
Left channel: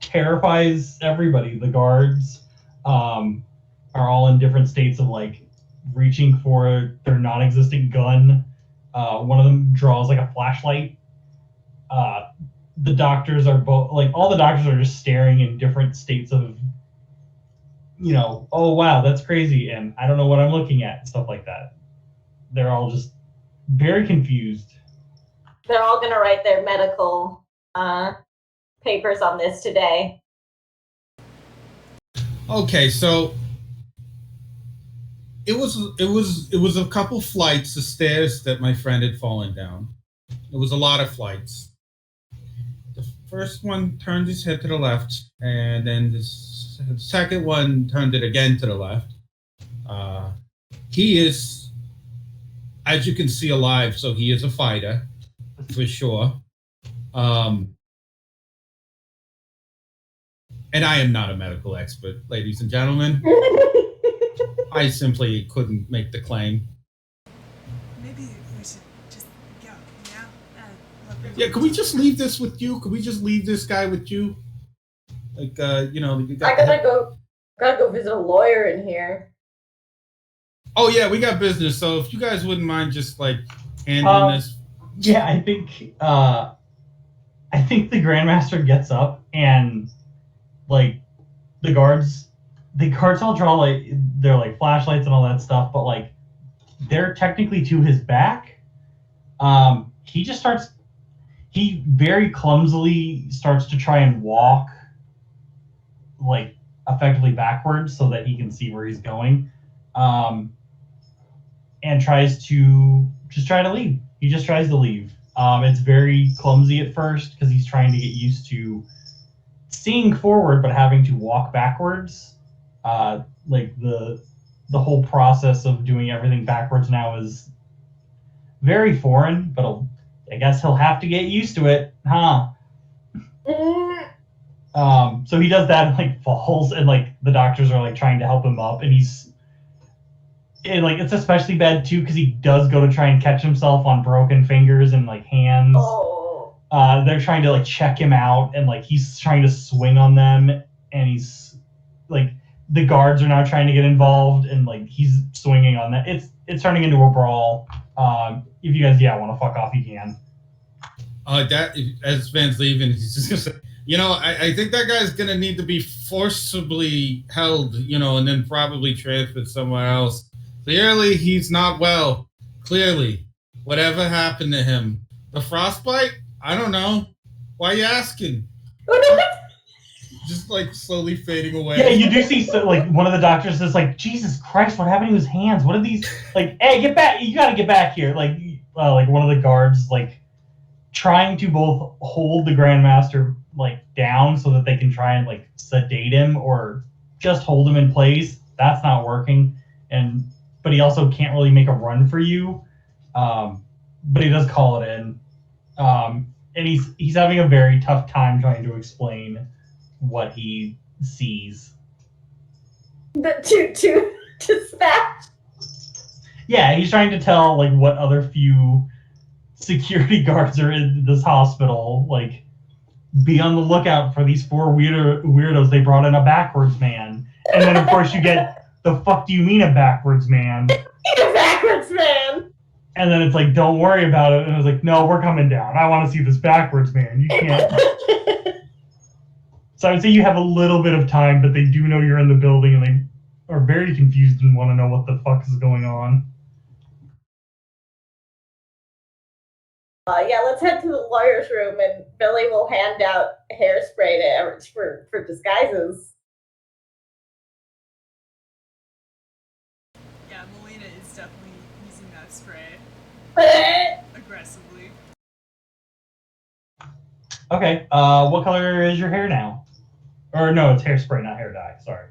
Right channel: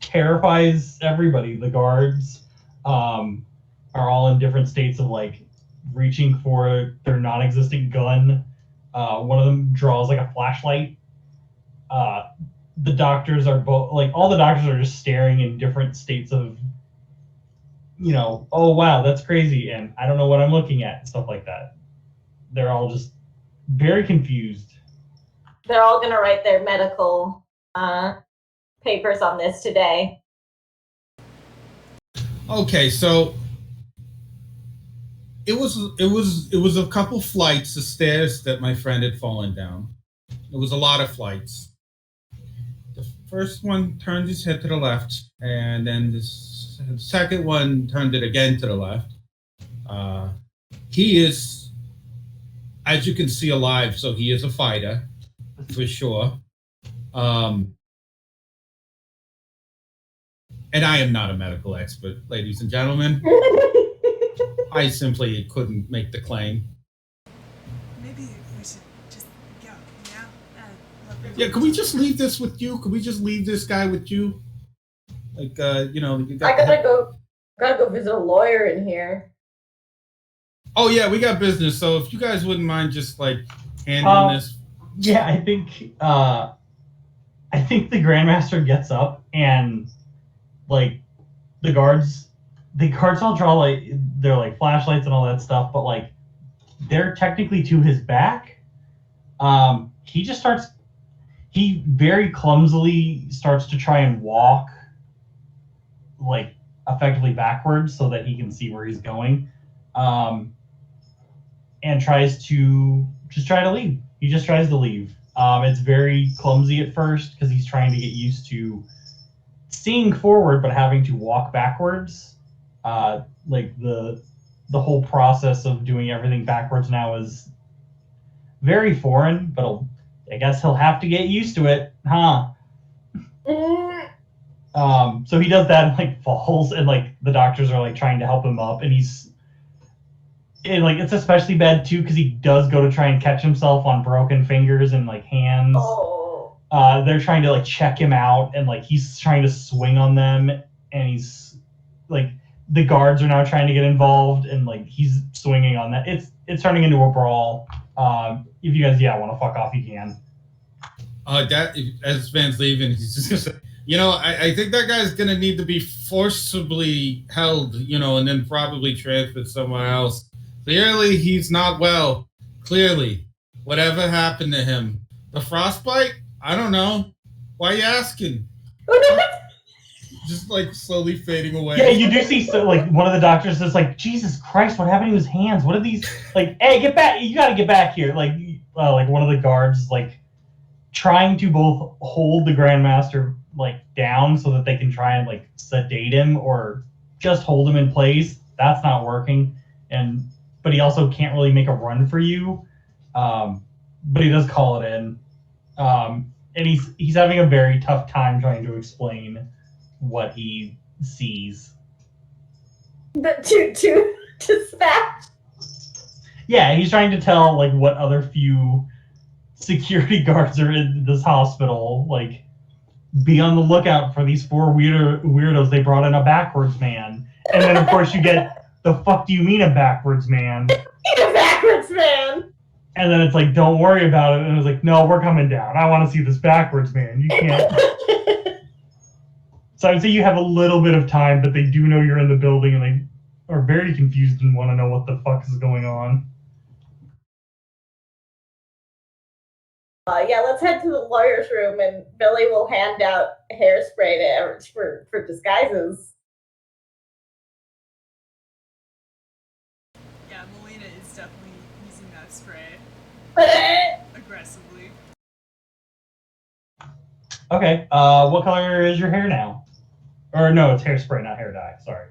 terrifies everybody. The guards are all in different states of like reaching for their non-existent gun. One of them draws like a flashlight. The doctors are both like all the doctors are just staring in different states of, oh wow, that's crazy, and I don't know what I'm looking at, and stuff like that. They're all just very confused. They're all gonna write their medical papers on this today. Okay, so it was a couple flights of stairs that my friend had fallen down. It was a lot of flights. The first one turned his head to the left, and then the second one turned it again to the left. He is, as you can see, alive, so he is a fighter, for sure. And I am not a medical expert, ladies and gentlemen. I simply couldn't make the claim. Maybe we should just go, Yeah, can we just leave this with you? Can we just leave this guy with you? Like, you got I gotta go visit a lawyer in here. Oh yeah, we got business. So if you guys wouldn't mind just like handling this. Yeah, I think the Grandmaster gets up, and like the guards all draw like their like flashlights and all that stuff, but like they're technically to his back. He very clumsily starts to try and walk like effectively backwards so that he can see where he's going. And tries to leave. He just tries to leave. It's very clumsy at first because he's trying to get used to seeing forward but having to walk backwards. Like the whole process of doing everything backwards now is very foreign, but I guess he'll have to get used to it, huh? So he does that and like falls, and like the doctors are like trying to help him up, and it's especially bad too because he does go to try and catch himself on broken fingers and like hands. Oh. They're trying to like check him out, and like he's trying to swing on them, and he's like the guards are now trying to get involved, and like he's swinging on that. It's turning into a brawl. If you guys want to fuck off, you can. That as Van's leaving, he's just gonna say, I think that guy's gonna need to be forcibly held, and then probably transferred somewhere else. Clearly, he's not well. Clearly, whatever happened to him? The frostbite? I don't know. Why are you asking? Just like slowly fading away. Yeah, you do see like one of the doctors is like, Jesus Christ, what happened to his hands? What are these? Like, hey, get back! You got to get back here! Like one of the guards like trying to both hold the Grandmaster like down so that they can try and like sedate him or just hold him in place. That's not working, but he also can't really make a run for you. But he does call it in, and he's having a very tough time trying to explain what he sees. To smash. Yeah, he's trying to tell like what other few security guards are in this hospital. Like, be on the lookout for these 4 weirdos. They brought in a backwards man, and then of course you get the fuck do you mean a backwards man? A backwards man. And then it's like, don't worry about it. And it's like, no, we're coming down. I want to see this backwards man. You can't. So I would say you have a little bit of time, but they do know you're in the building, and they are very confused and want to know what the fuck is going on. Yeah, let's head to the lawyer's room, and Billy will hand out hairspray to Everett for disguises. Yeah, Melina is definitely using that spray aggressively. Okay, what color is your hair now? Or no, it's hairspray, not hair dye. Sorry.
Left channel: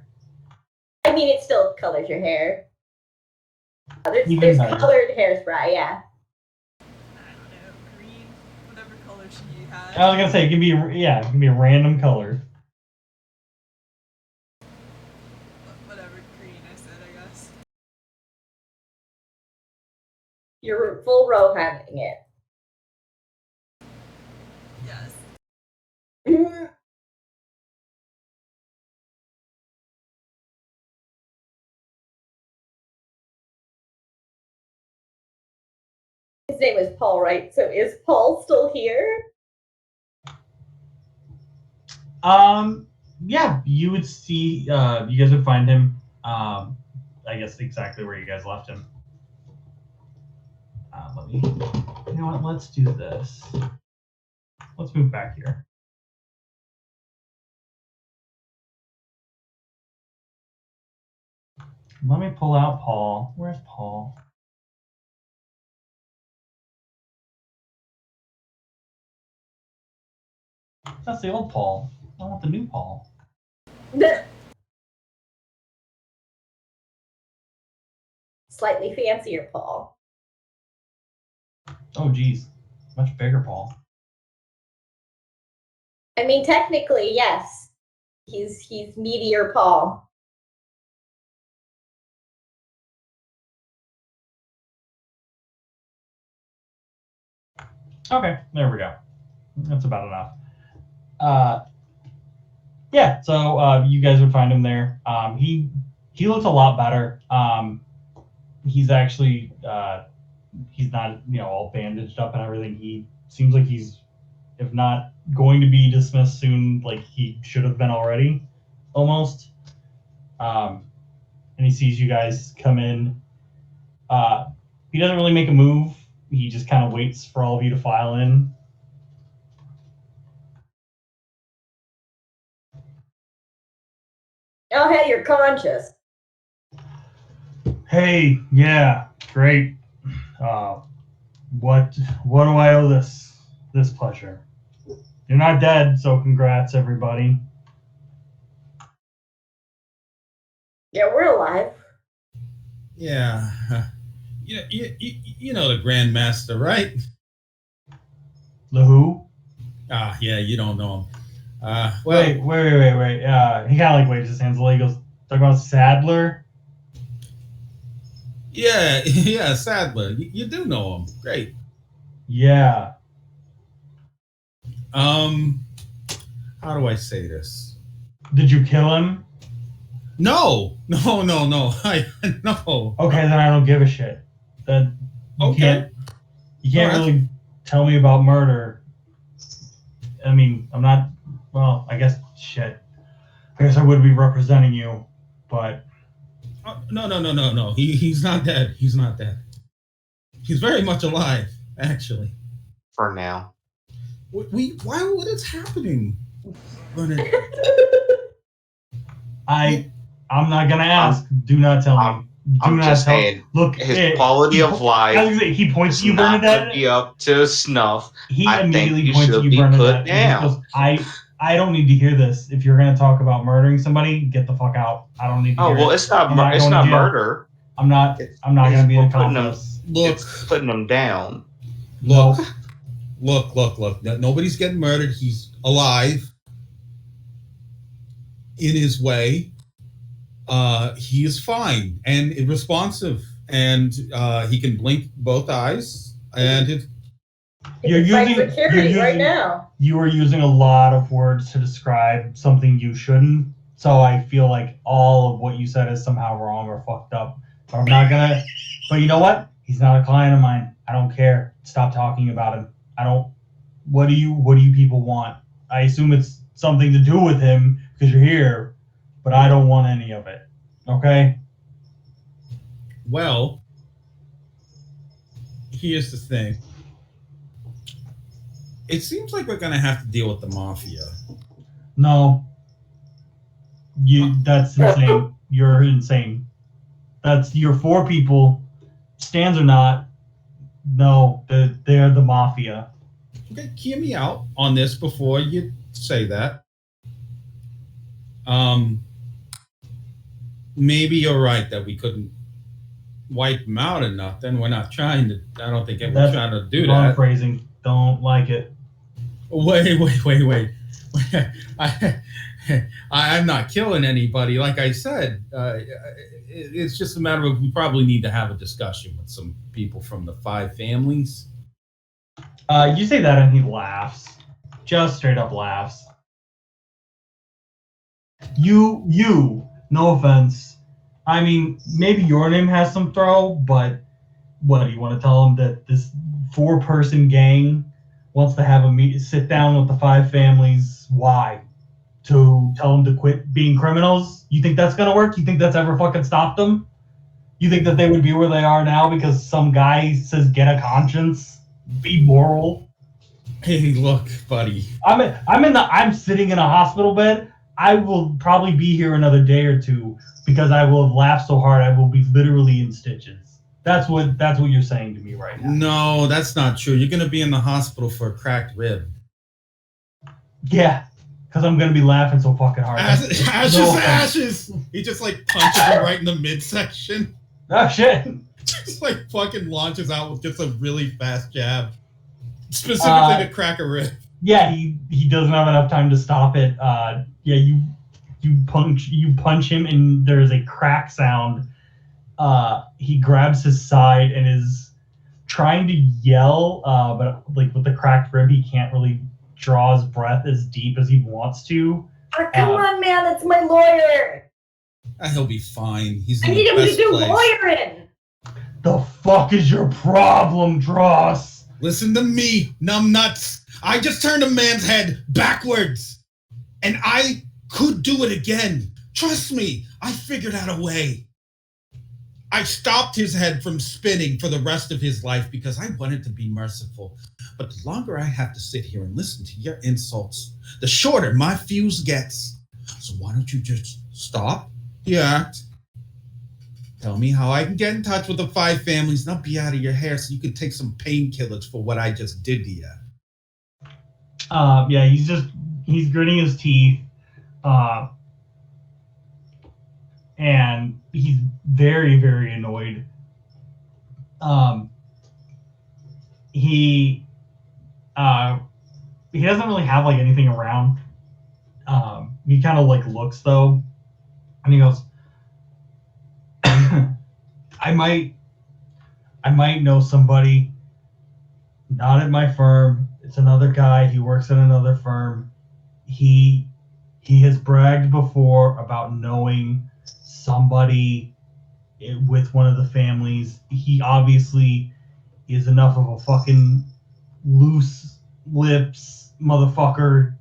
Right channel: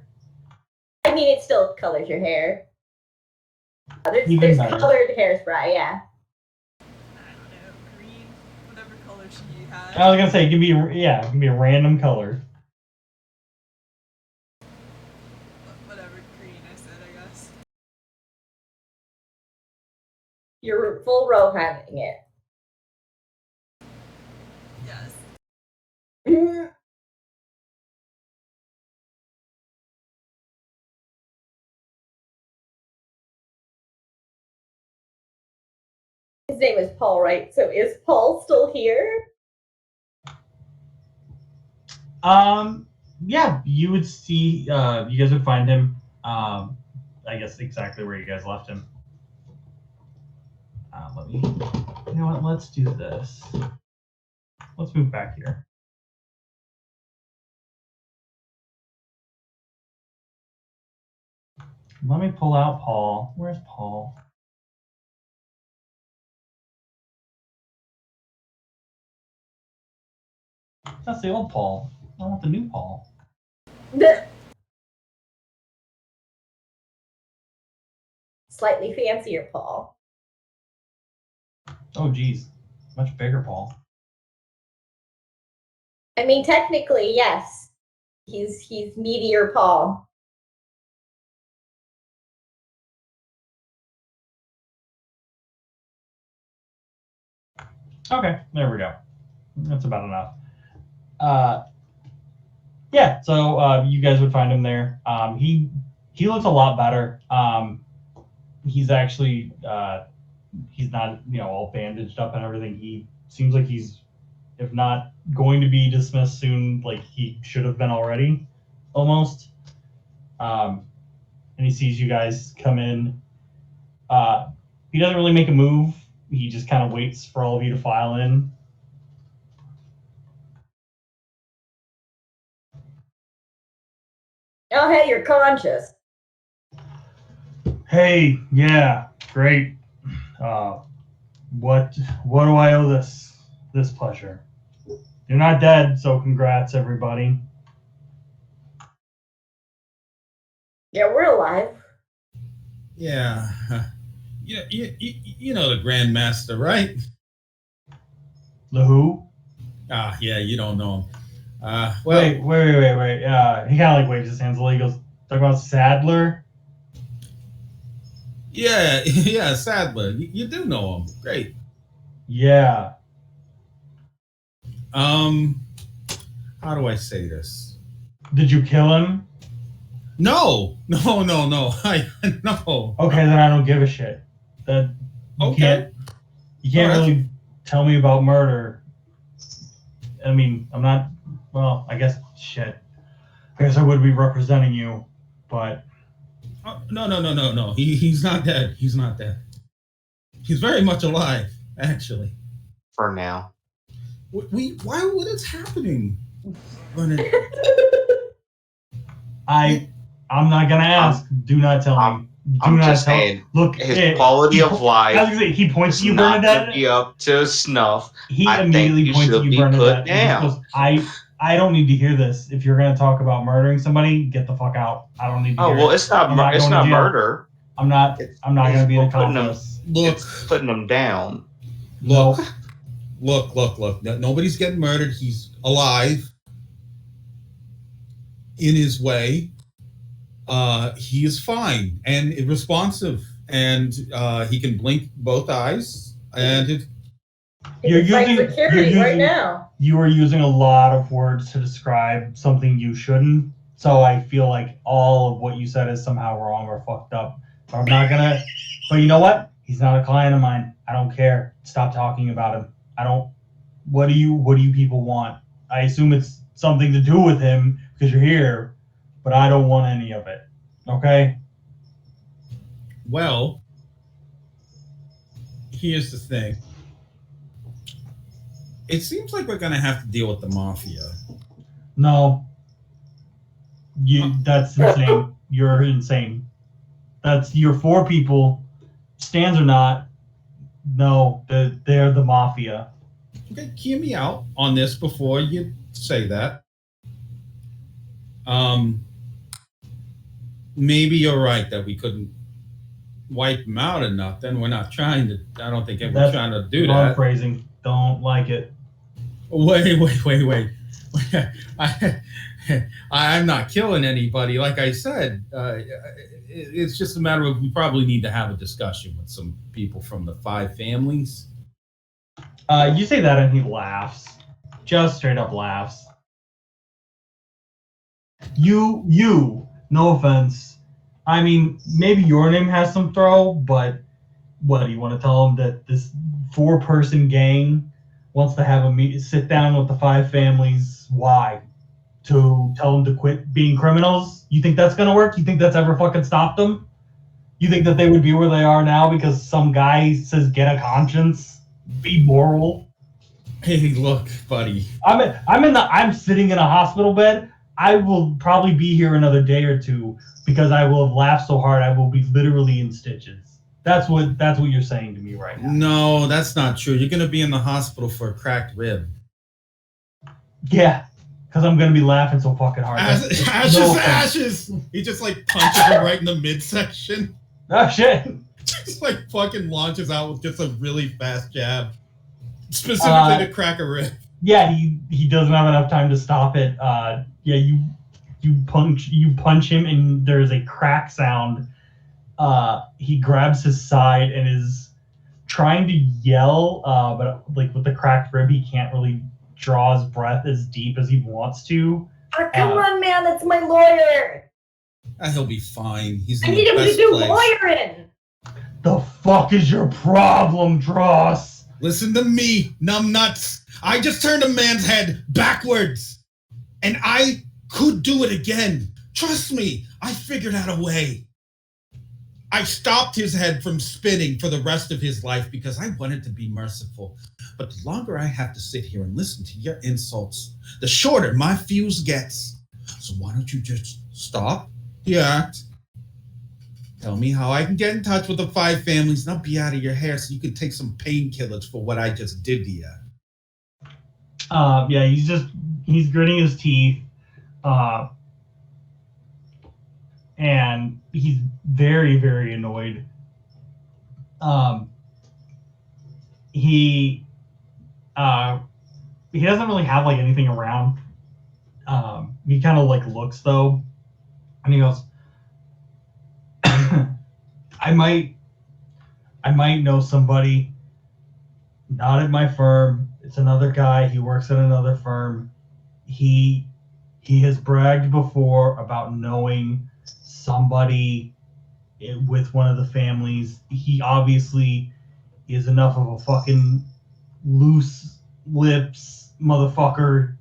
I mean, it still colors your hair. Even There's better. colored hairspray, yeah. I don't know, green, whatever color she had. I was gonna say, give me a random color. Whatever green I said, I guess. You're full Rohaning it. Yes. His name is Paul, right? So is Paul still here? Yeah, you would see. You guys would find him. I guess exactly where you guys left him. Let me. You know what? Let's do this. Let's move back here. Let me pull out Paul. Where's Paul? That's the old Paul. I want the new Paul. Slightly fancier Paul. Oh, geez. Much bigger Paul. I mean, technically, yes. He's meteor Paul. Okay, there we go. That's about enough. Yeah, so you guys would find him there. He looks a lot better. He's actually he's not all bandaged up and everything. He seems like he's, if not going to be dismissed soon, like he should have been already, almost. And he sees you guys come in. He doesn't really make a move. He just kind of waits for all of you to file in. Oh, hey, you're conscious. Hey, yeah, great. What do I owe this pleasure? You're not dead, so congrats, everybody. Yeah, we're alive. Yeah. You know the Grand Master, right? The who? Yeah, you don't know him. Well, Wait. He kind of like waves his hands. He goes, talk about Sadler. yeah, Sadler. You do know him. Great. Yeah. How do I say this? Did you kill him? No. I no. Okay, then I don't give a shit. That you Okay. can't All right. really tell me about murder. I mean, I'm not. Well, I guess shit. I guess I would be representing you, but No. He's not dead. He's not dead. He's very much alive, actually. For now. Why? What is happening? I'm not gonna ask. Do not tell me. Do I'm not just tell. saying, Look, his quality of I was life gonna say, he points is to you, not going to Bernadette. be up to snuff. He I think immediately you points to should you, be Bernadette. put and just down. goes, I don't need to hear this. If you're gonna talk about murdering somebody, get the fuck out. I don't need to Oh hear well, it. it's not. I'm not It's going to not jail. murder. I'm not gonna be an accomplice. Look, It's putting them down. look. Nobody's getting murdered. He's alive in his way. He is fine and responsive, and he can blink both eyes, and it, You're using now. You are using a lot of words to describe something you shouldn't. So I feel like all of what you said is somehow wrong or fucked up. But I'm not gonna. But you know what? He's not a client of mine. I don't care. Stop talking about him. I don't. What do you people want? I assume it's something to do with him because you're here, but I don't want any of it. Okay? well, here's the thing. It seems like we're gonna have to deal with the mafia. No. That's insane. You're insane. You're 4 people, stands or not. No, they're the mafia. Okay, hear me out on this before you say that. Maybe you're right that we couldn't wipe them out or nothing. We're not trying to. I don't think we're trying to do Wrong that. phrasing. Don't like it. Wait. I'm not killing anybody. Like I said, it's just a matter of we probably need to have a discussion with some people from the 5 families. You say that and he laughs. Just straight up laughs. You, no offense. I mean, maybe your name has some throw, but what, do you want to tell him that this 4-person gang wants to have a sit down with the 5 families? Why? To tell them to quit being criminals? You think that's gonna work? You think that's ever fucking stopped them? You think that they would be where they are now because some guy says get a conscience? Be moral? Hey, look, buddy. I'm sitting in a hospital bed. I will probably be here another day or 2 because I will have laughed so hard I will be literally in stitches. That's what you're saying to me right now. No, that's not true. You're gonna be in the hospital for a cracked rib. Yeah, because I'm gonna be laughing so fucking hard. Ashes! He just like punches him right in the midsection. Oh shit! Just like fucking launches out with just a really fast jab, specifically to crack a rib. Yeah, he doesn't have enough time to stop it. Yeah, you punch him, and there's a crack sound. He grabs his side and is trying to yell, but like with the cracked rib, he can't really draw his breath as deep as he wants to. Oh, come on, man, that's my lawyer. He'll be fine. He's in I need the him best to do place. lawyering. The fuck is your problem, Dross? Listen to me, numbnuts. I just turned a man's head backwards, and I could do it again. Trust me, I figured out a way. I stopped his head from spinning for the rest of his life because I wanted to be merciful. But the longer I have to sit here and listen to your insults, the shorter my fuse gets. So why don't you just stop the act? Tell me how I can get in touch with the 5 families, and I'll be out of your hair so you can take some painkillers for what I just did to you. Yeah, he's gritting his teeth, and he's very, very annoyed. He doesn't really have like anything around. He kind of like looks though, and he goes, I might know somebody, not at my firm. It's another guy. He works at another firm. He has bragged before about knowing somebody with one of the families. He obviously is enough of a fucking loose lips motherfucker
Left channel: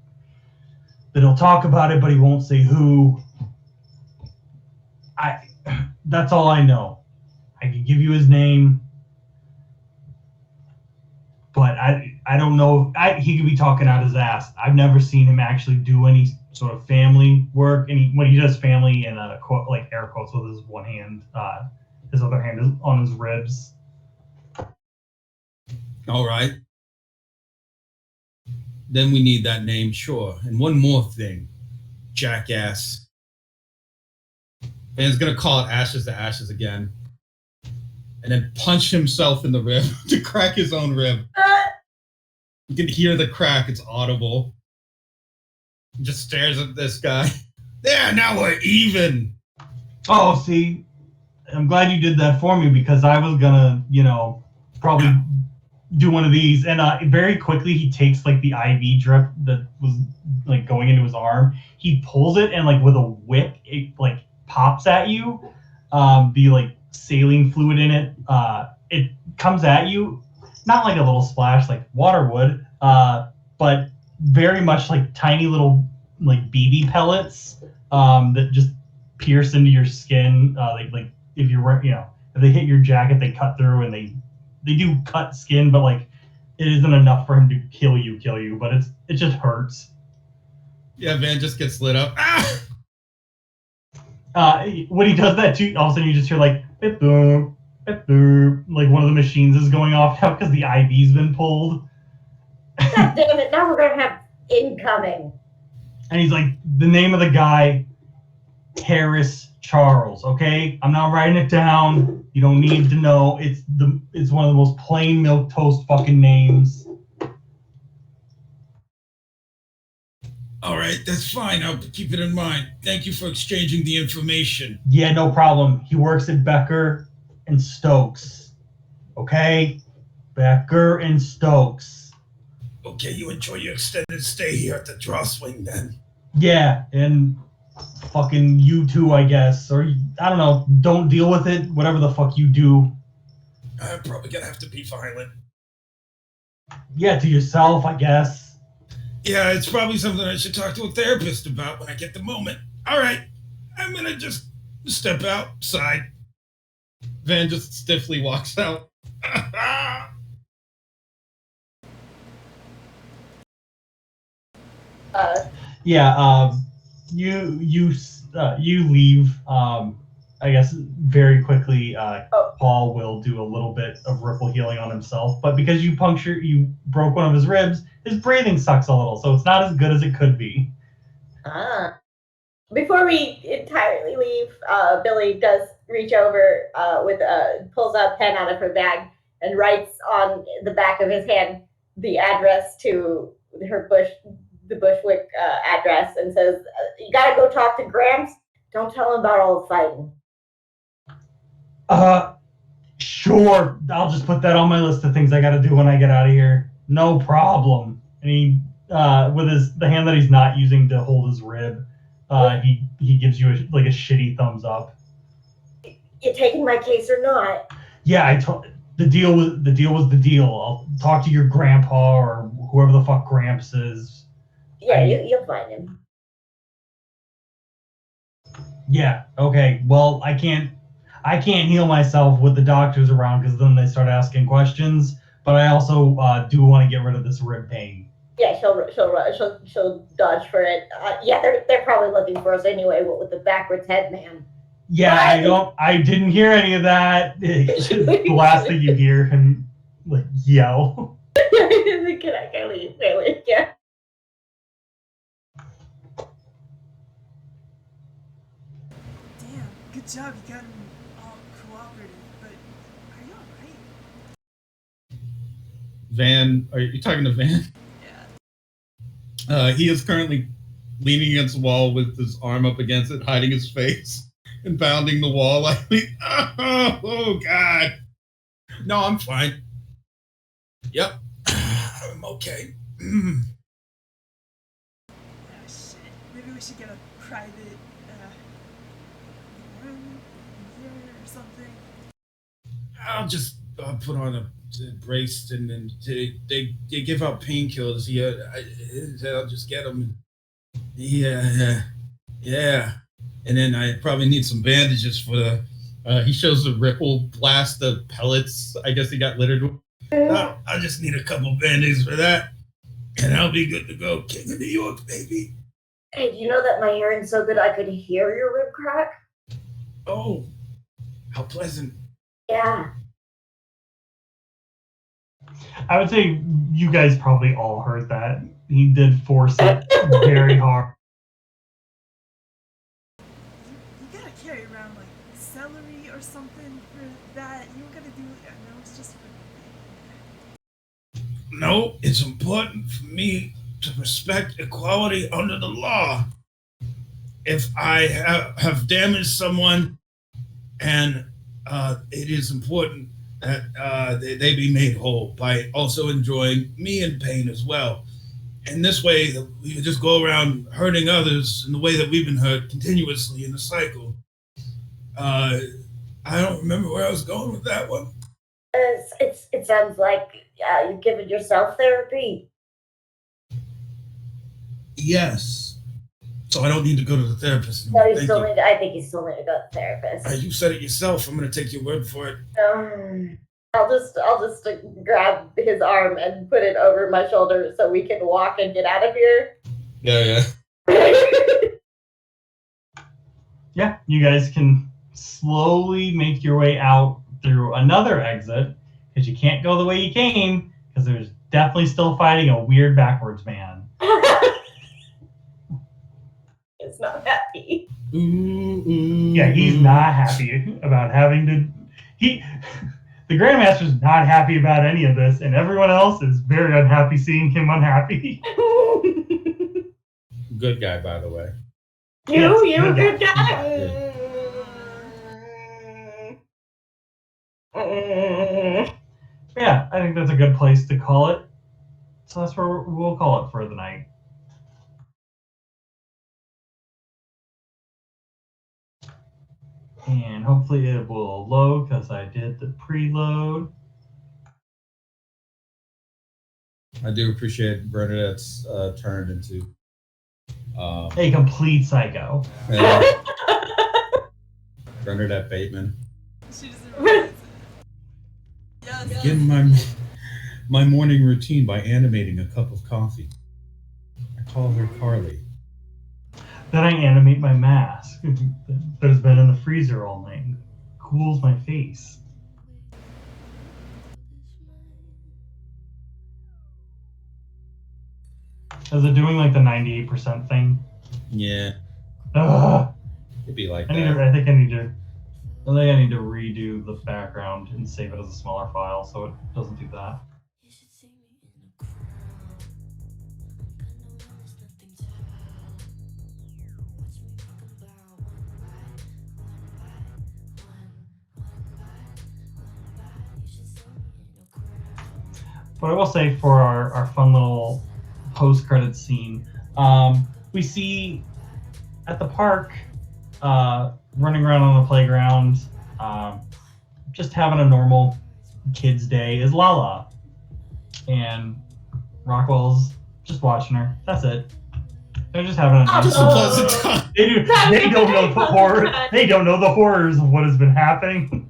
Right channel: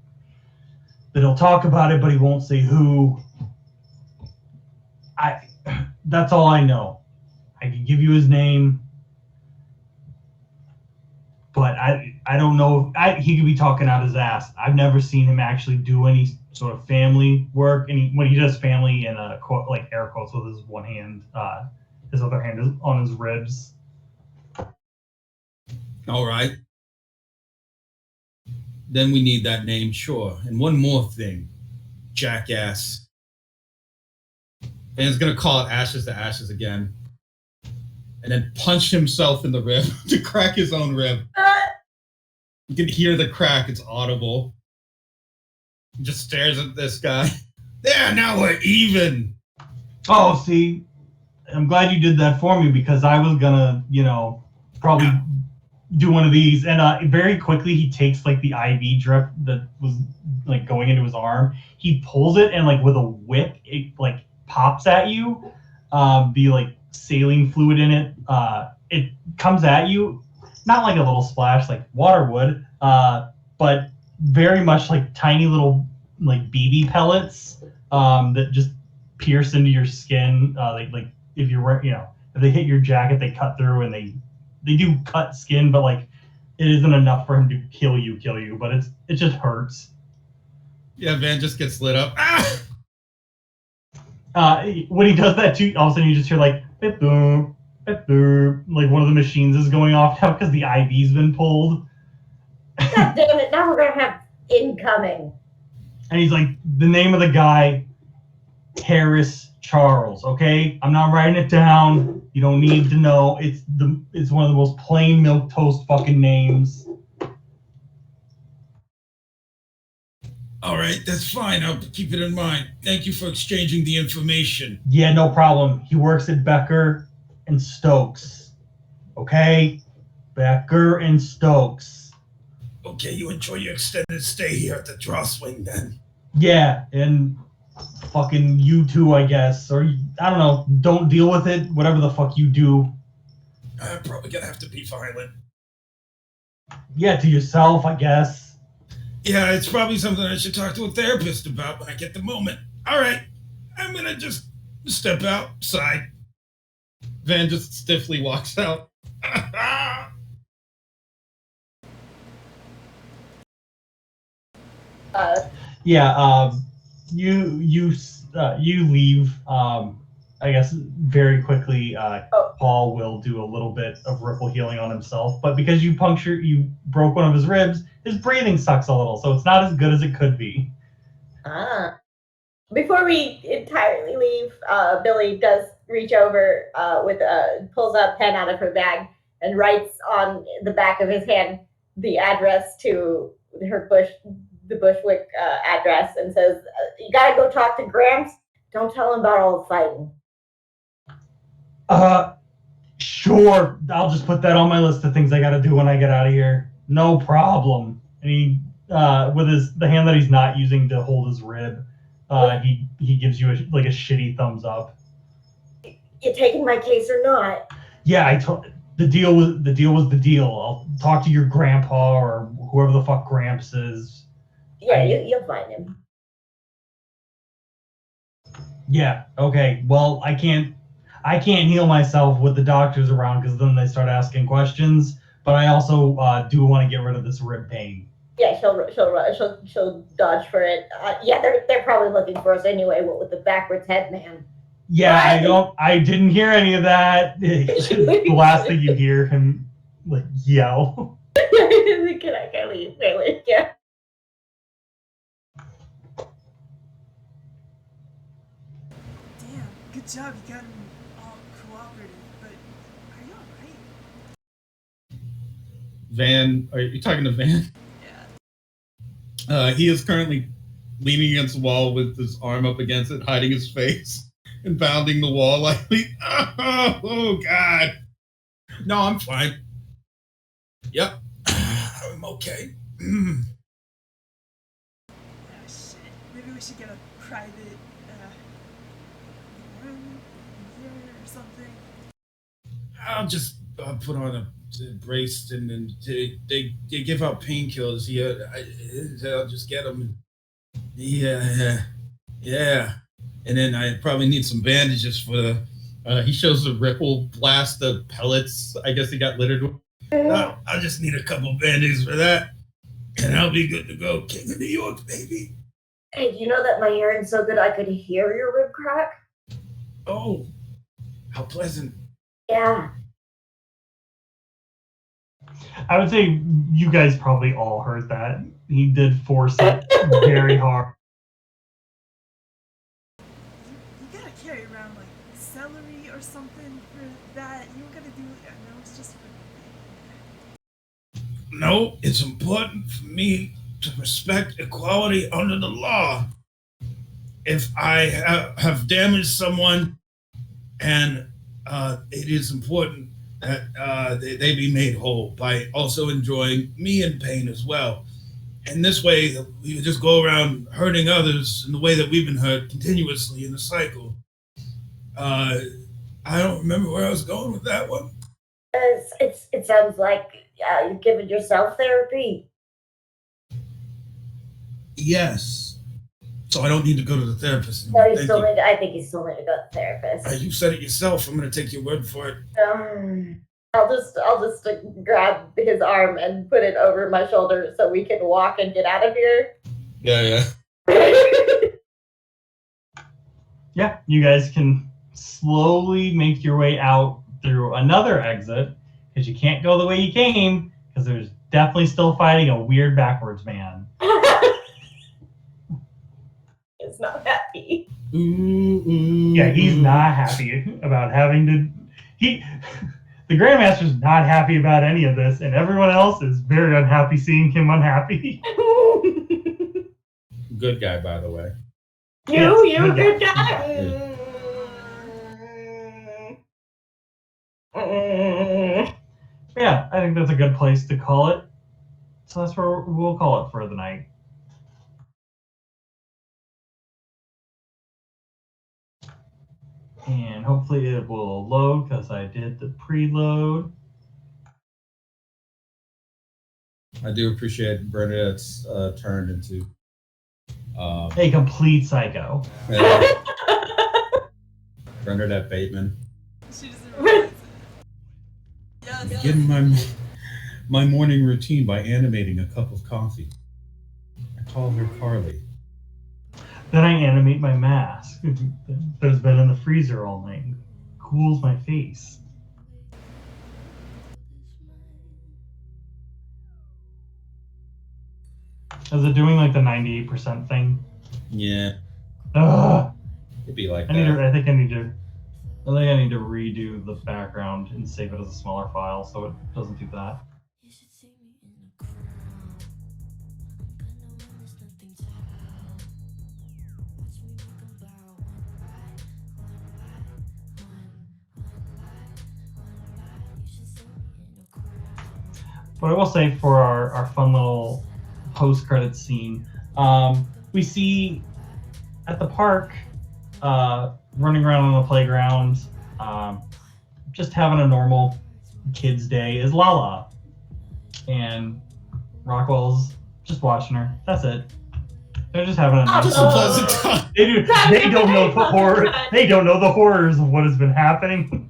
that he'll talk about it, but he won't say who. That's all I know. I could give you his name, but I don't know. He could be talking out his ass. I've never seen him actually do any sort of family work. When he does family in a quote, like air quotes with his one hand, his other hand is on his ribs. All right. Then we need that name, sure. And one more thing, jackass. And he's gonna call it Ashes to Ashes again, and then punch himself in the rib to crack his own rib. You can hear the crack; it's audible. He just stares at this guy. There, now we're even. Oh, see, I'm glad you did that for me because I was gonna, probably do one of these. And very quickly, he takes like the IV drip that was like going into his arm. He pulls it and like with a whip, it like pops at you. The like saline fluid in it. It comes at you, not like a little splash like water would, but very much like tiny little like BB pellets that just pierce into your skin. Like if you're if they hit your jacket, they cut through and they do cut skin, but like it isn't enough for him to kill you, but it just hurts. Yeah, Van just gets lit up. Ah! When he does that too, all of a sudden you just hear like beep boop, beep boop, like one of the machines is going off now because the IV's been pulled. God damn it! Now we're gonna have incoming. And he's like, the name of the guy, Harris Charles. Okay, I'm not writing it down. You don't need to know. It's one of the most plain milk toast fucking names. All right, that's fine. I'll keep it in mind. Thank you for exchanging the information. Yeah, no problem. He works at Becker and Stokes. Okay, Becker and Stokes. Okay, you enjoy your extended stay here at the draw swing then. Yeah, and fucking you too, I guess. Or I don't know. Don't deal with it. Whatever the fuck you do. I'm probably gonna have to be violent. Yeah, to yourself, I guess. Yeah, it's probably something I should talk to a therapist about when I get the moment. All right, I'm gonna just step outside. Van just stiffly walks out. Yeah, you leave. I guess very quickly. Paul will do a little bit of ripple healing on himself, but because you broke one of his ribs, his breathing sucks a little, so it's not as good as it could be. Before we entirely leave, Billy does reach over pulls a pen out of her bag and writes on the back of his hand the address to the Bushwick address, and says, "You gotta go talk to Gramps. Don't tell him about all the fighting." Sure. I'll just put that on my list of things I gotta do when I get out of here. No problem. And he, with the hand that he's not using to hold his rib, he gives you a shitty thumbs up. You taking my case or not? Yeah, the deal was the deal. I'll talk to your grandpa or whoever the fuck Gramps is. Yeah, you'll find him. Yeah. Okay. Well, I can't heal myself with the doctors around because then they start asking questions. But I also do want to get rid of this rib pain. Yeah, she'll dodge for it. Yeah, they're probably looking for us anyway. What with the backwards head man? Yeah, I didn't hear any of that. The last thing you hear him like yell. Can I leave? Really? Yeah. Damn, good job. You got him all cooperative. But are you alright? Van, are you talking to Van? Yeah. He is currently leaning against the wall with his arm up against it, hiding his face and pounding the wall like, oh God. No, I'm fine. Yep, I'm okay. Oh shit. Maybe we should get a private room here or something. I'll just put on a brace and then they give out painkillers here. I'll just get them. Yeah. And then I probably need some bandages for he shows the ripple blast the pellets. I guess he got littered with. I just need a couple bandages for that, and I'll be good to go. King of New York, baby. Hey, do you know that my hearing's so good I could hear your rib crack? Oh, how pleasant. Yeah. I would say you guys probably all heard that. He did force it very hard. You gotta carry around like celery or something for that. You don't gotta do it. I know it's just for. No, it's important for me to respect equality under the law. if I have damaged someone, and it is important that they be made whole by also enjoying me in pain as well. And this way, we just go around hurting others in the way that we've been hurt continuously in the cycle. I don't remember where I was going with that one. It sounds like you've given yourself therapy. Yes. So I don't need to go to the therapist No, anymore. Thank you. I think you still need to go to the therapist. You said it yourself. I'm going to take your word for it. I'll just grab his arm and put it over my shoulder so we can walk and get out of here. Yeah. Yeah, you guys can slowly make your way out through another exit because you can't go the way you came because there's definitely still fighting a weird backwards man. He's not happy. Yeah, he's not happy about having to. The Grandmaster's not happy about any of this, and everyone else is very unhappy seeing him unhappy. Good guy, by the way. You good guy. Yeah, I think that's a good place to call it. So that's where we'll call it for the night. And hopefully it will load because I did the preload. I do appreciate Bernadette's turned into A complete psycho. Bernadette Bateman. She doesn't realize it. Yes. Begin my morning routine by animating a cup of coffee. I call her Carly. Then I animate my mask that has been in the freezer all night. Cools my face. Is it doing like the 98% thing? Yeah, Ugh. it'd be like I think I need to redo the background and save it as a smaller file so it doesn't do that. But I will say for our fun little post-credits scene, we see at the park, running around on the playground, just having a normal kid's day is Lala. And Rockwell's just watching her. That's it. They're just having a nice just a pleasant time. They don't know the horror. They don't know the horrors of what has been happening.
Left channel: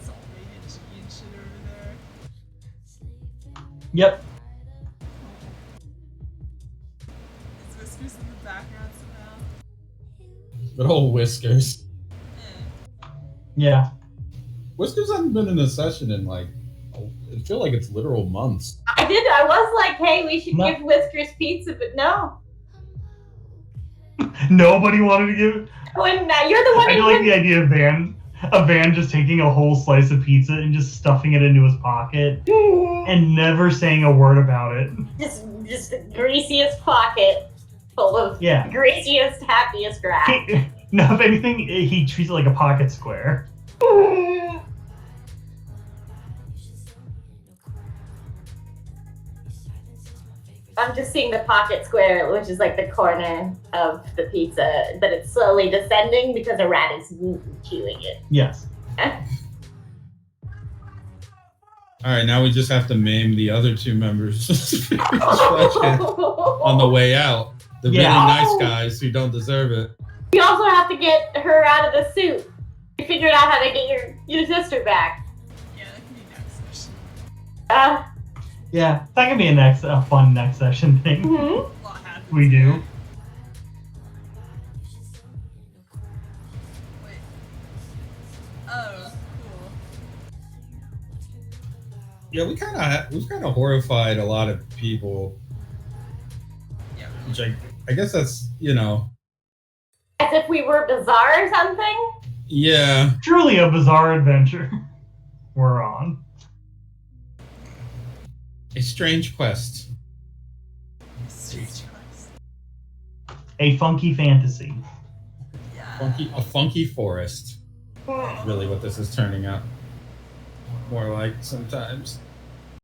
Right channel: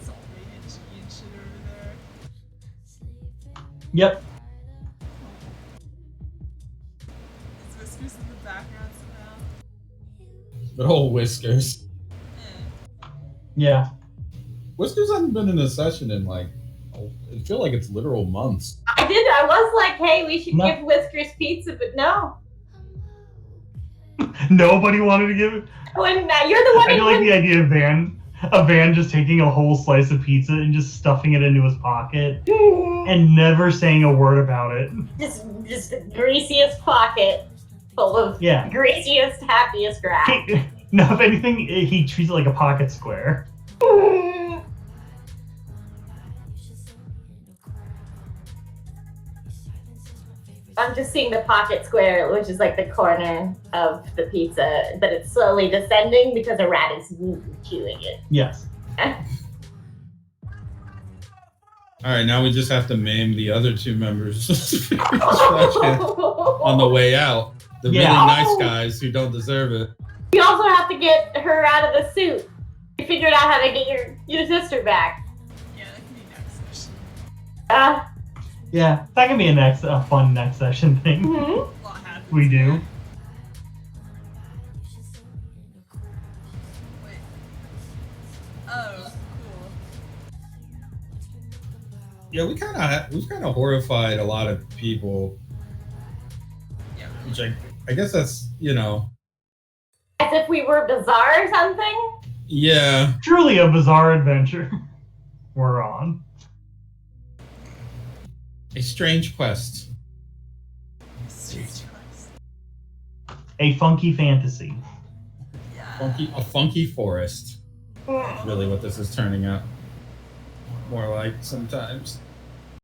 It's all rated G and shit over there. Yep. Is Whiskers in the background somehow? But old Whiskers. Yeah. Whiskers hasn't been in a session in I feel like it's literal months. I was like, hey, we should No. give Whiskers pizza, but no. Nobody wanted to give it. When you're the one I who like the idea of Van just taking a whole slice of pizza and just stuffing it into his pocket and never saying a word about it. just the greasiest pocket full of Yeah. greasiest, happiest grass. No, if anything, he treats it like a pocket square. I'm just seeing the pocket square, which is like the corner of the pizza, but it's slowly descending because a rat is chewing it. Yes. All right, now we just have to maim the other two members on the way out. The really Yeah. nice guys who don't deserve it. You also have to get her out of the suit. You figured out how to get your sister back. Yeah, that can be next session. Yeah, that can be a fun next session thing. Mhm. A lot happens We do. there. Wait. Oh, cool. Yeah, we kind of horrified a lot of people. Yeah. Which I guess that's As if we were bizarre or something. yeah. Truly a bizarre adventure we're on. A strange quest. Strange quest. a funky fantasy. Yeah. A funky forest. Really, what this is turning out more like sometimes.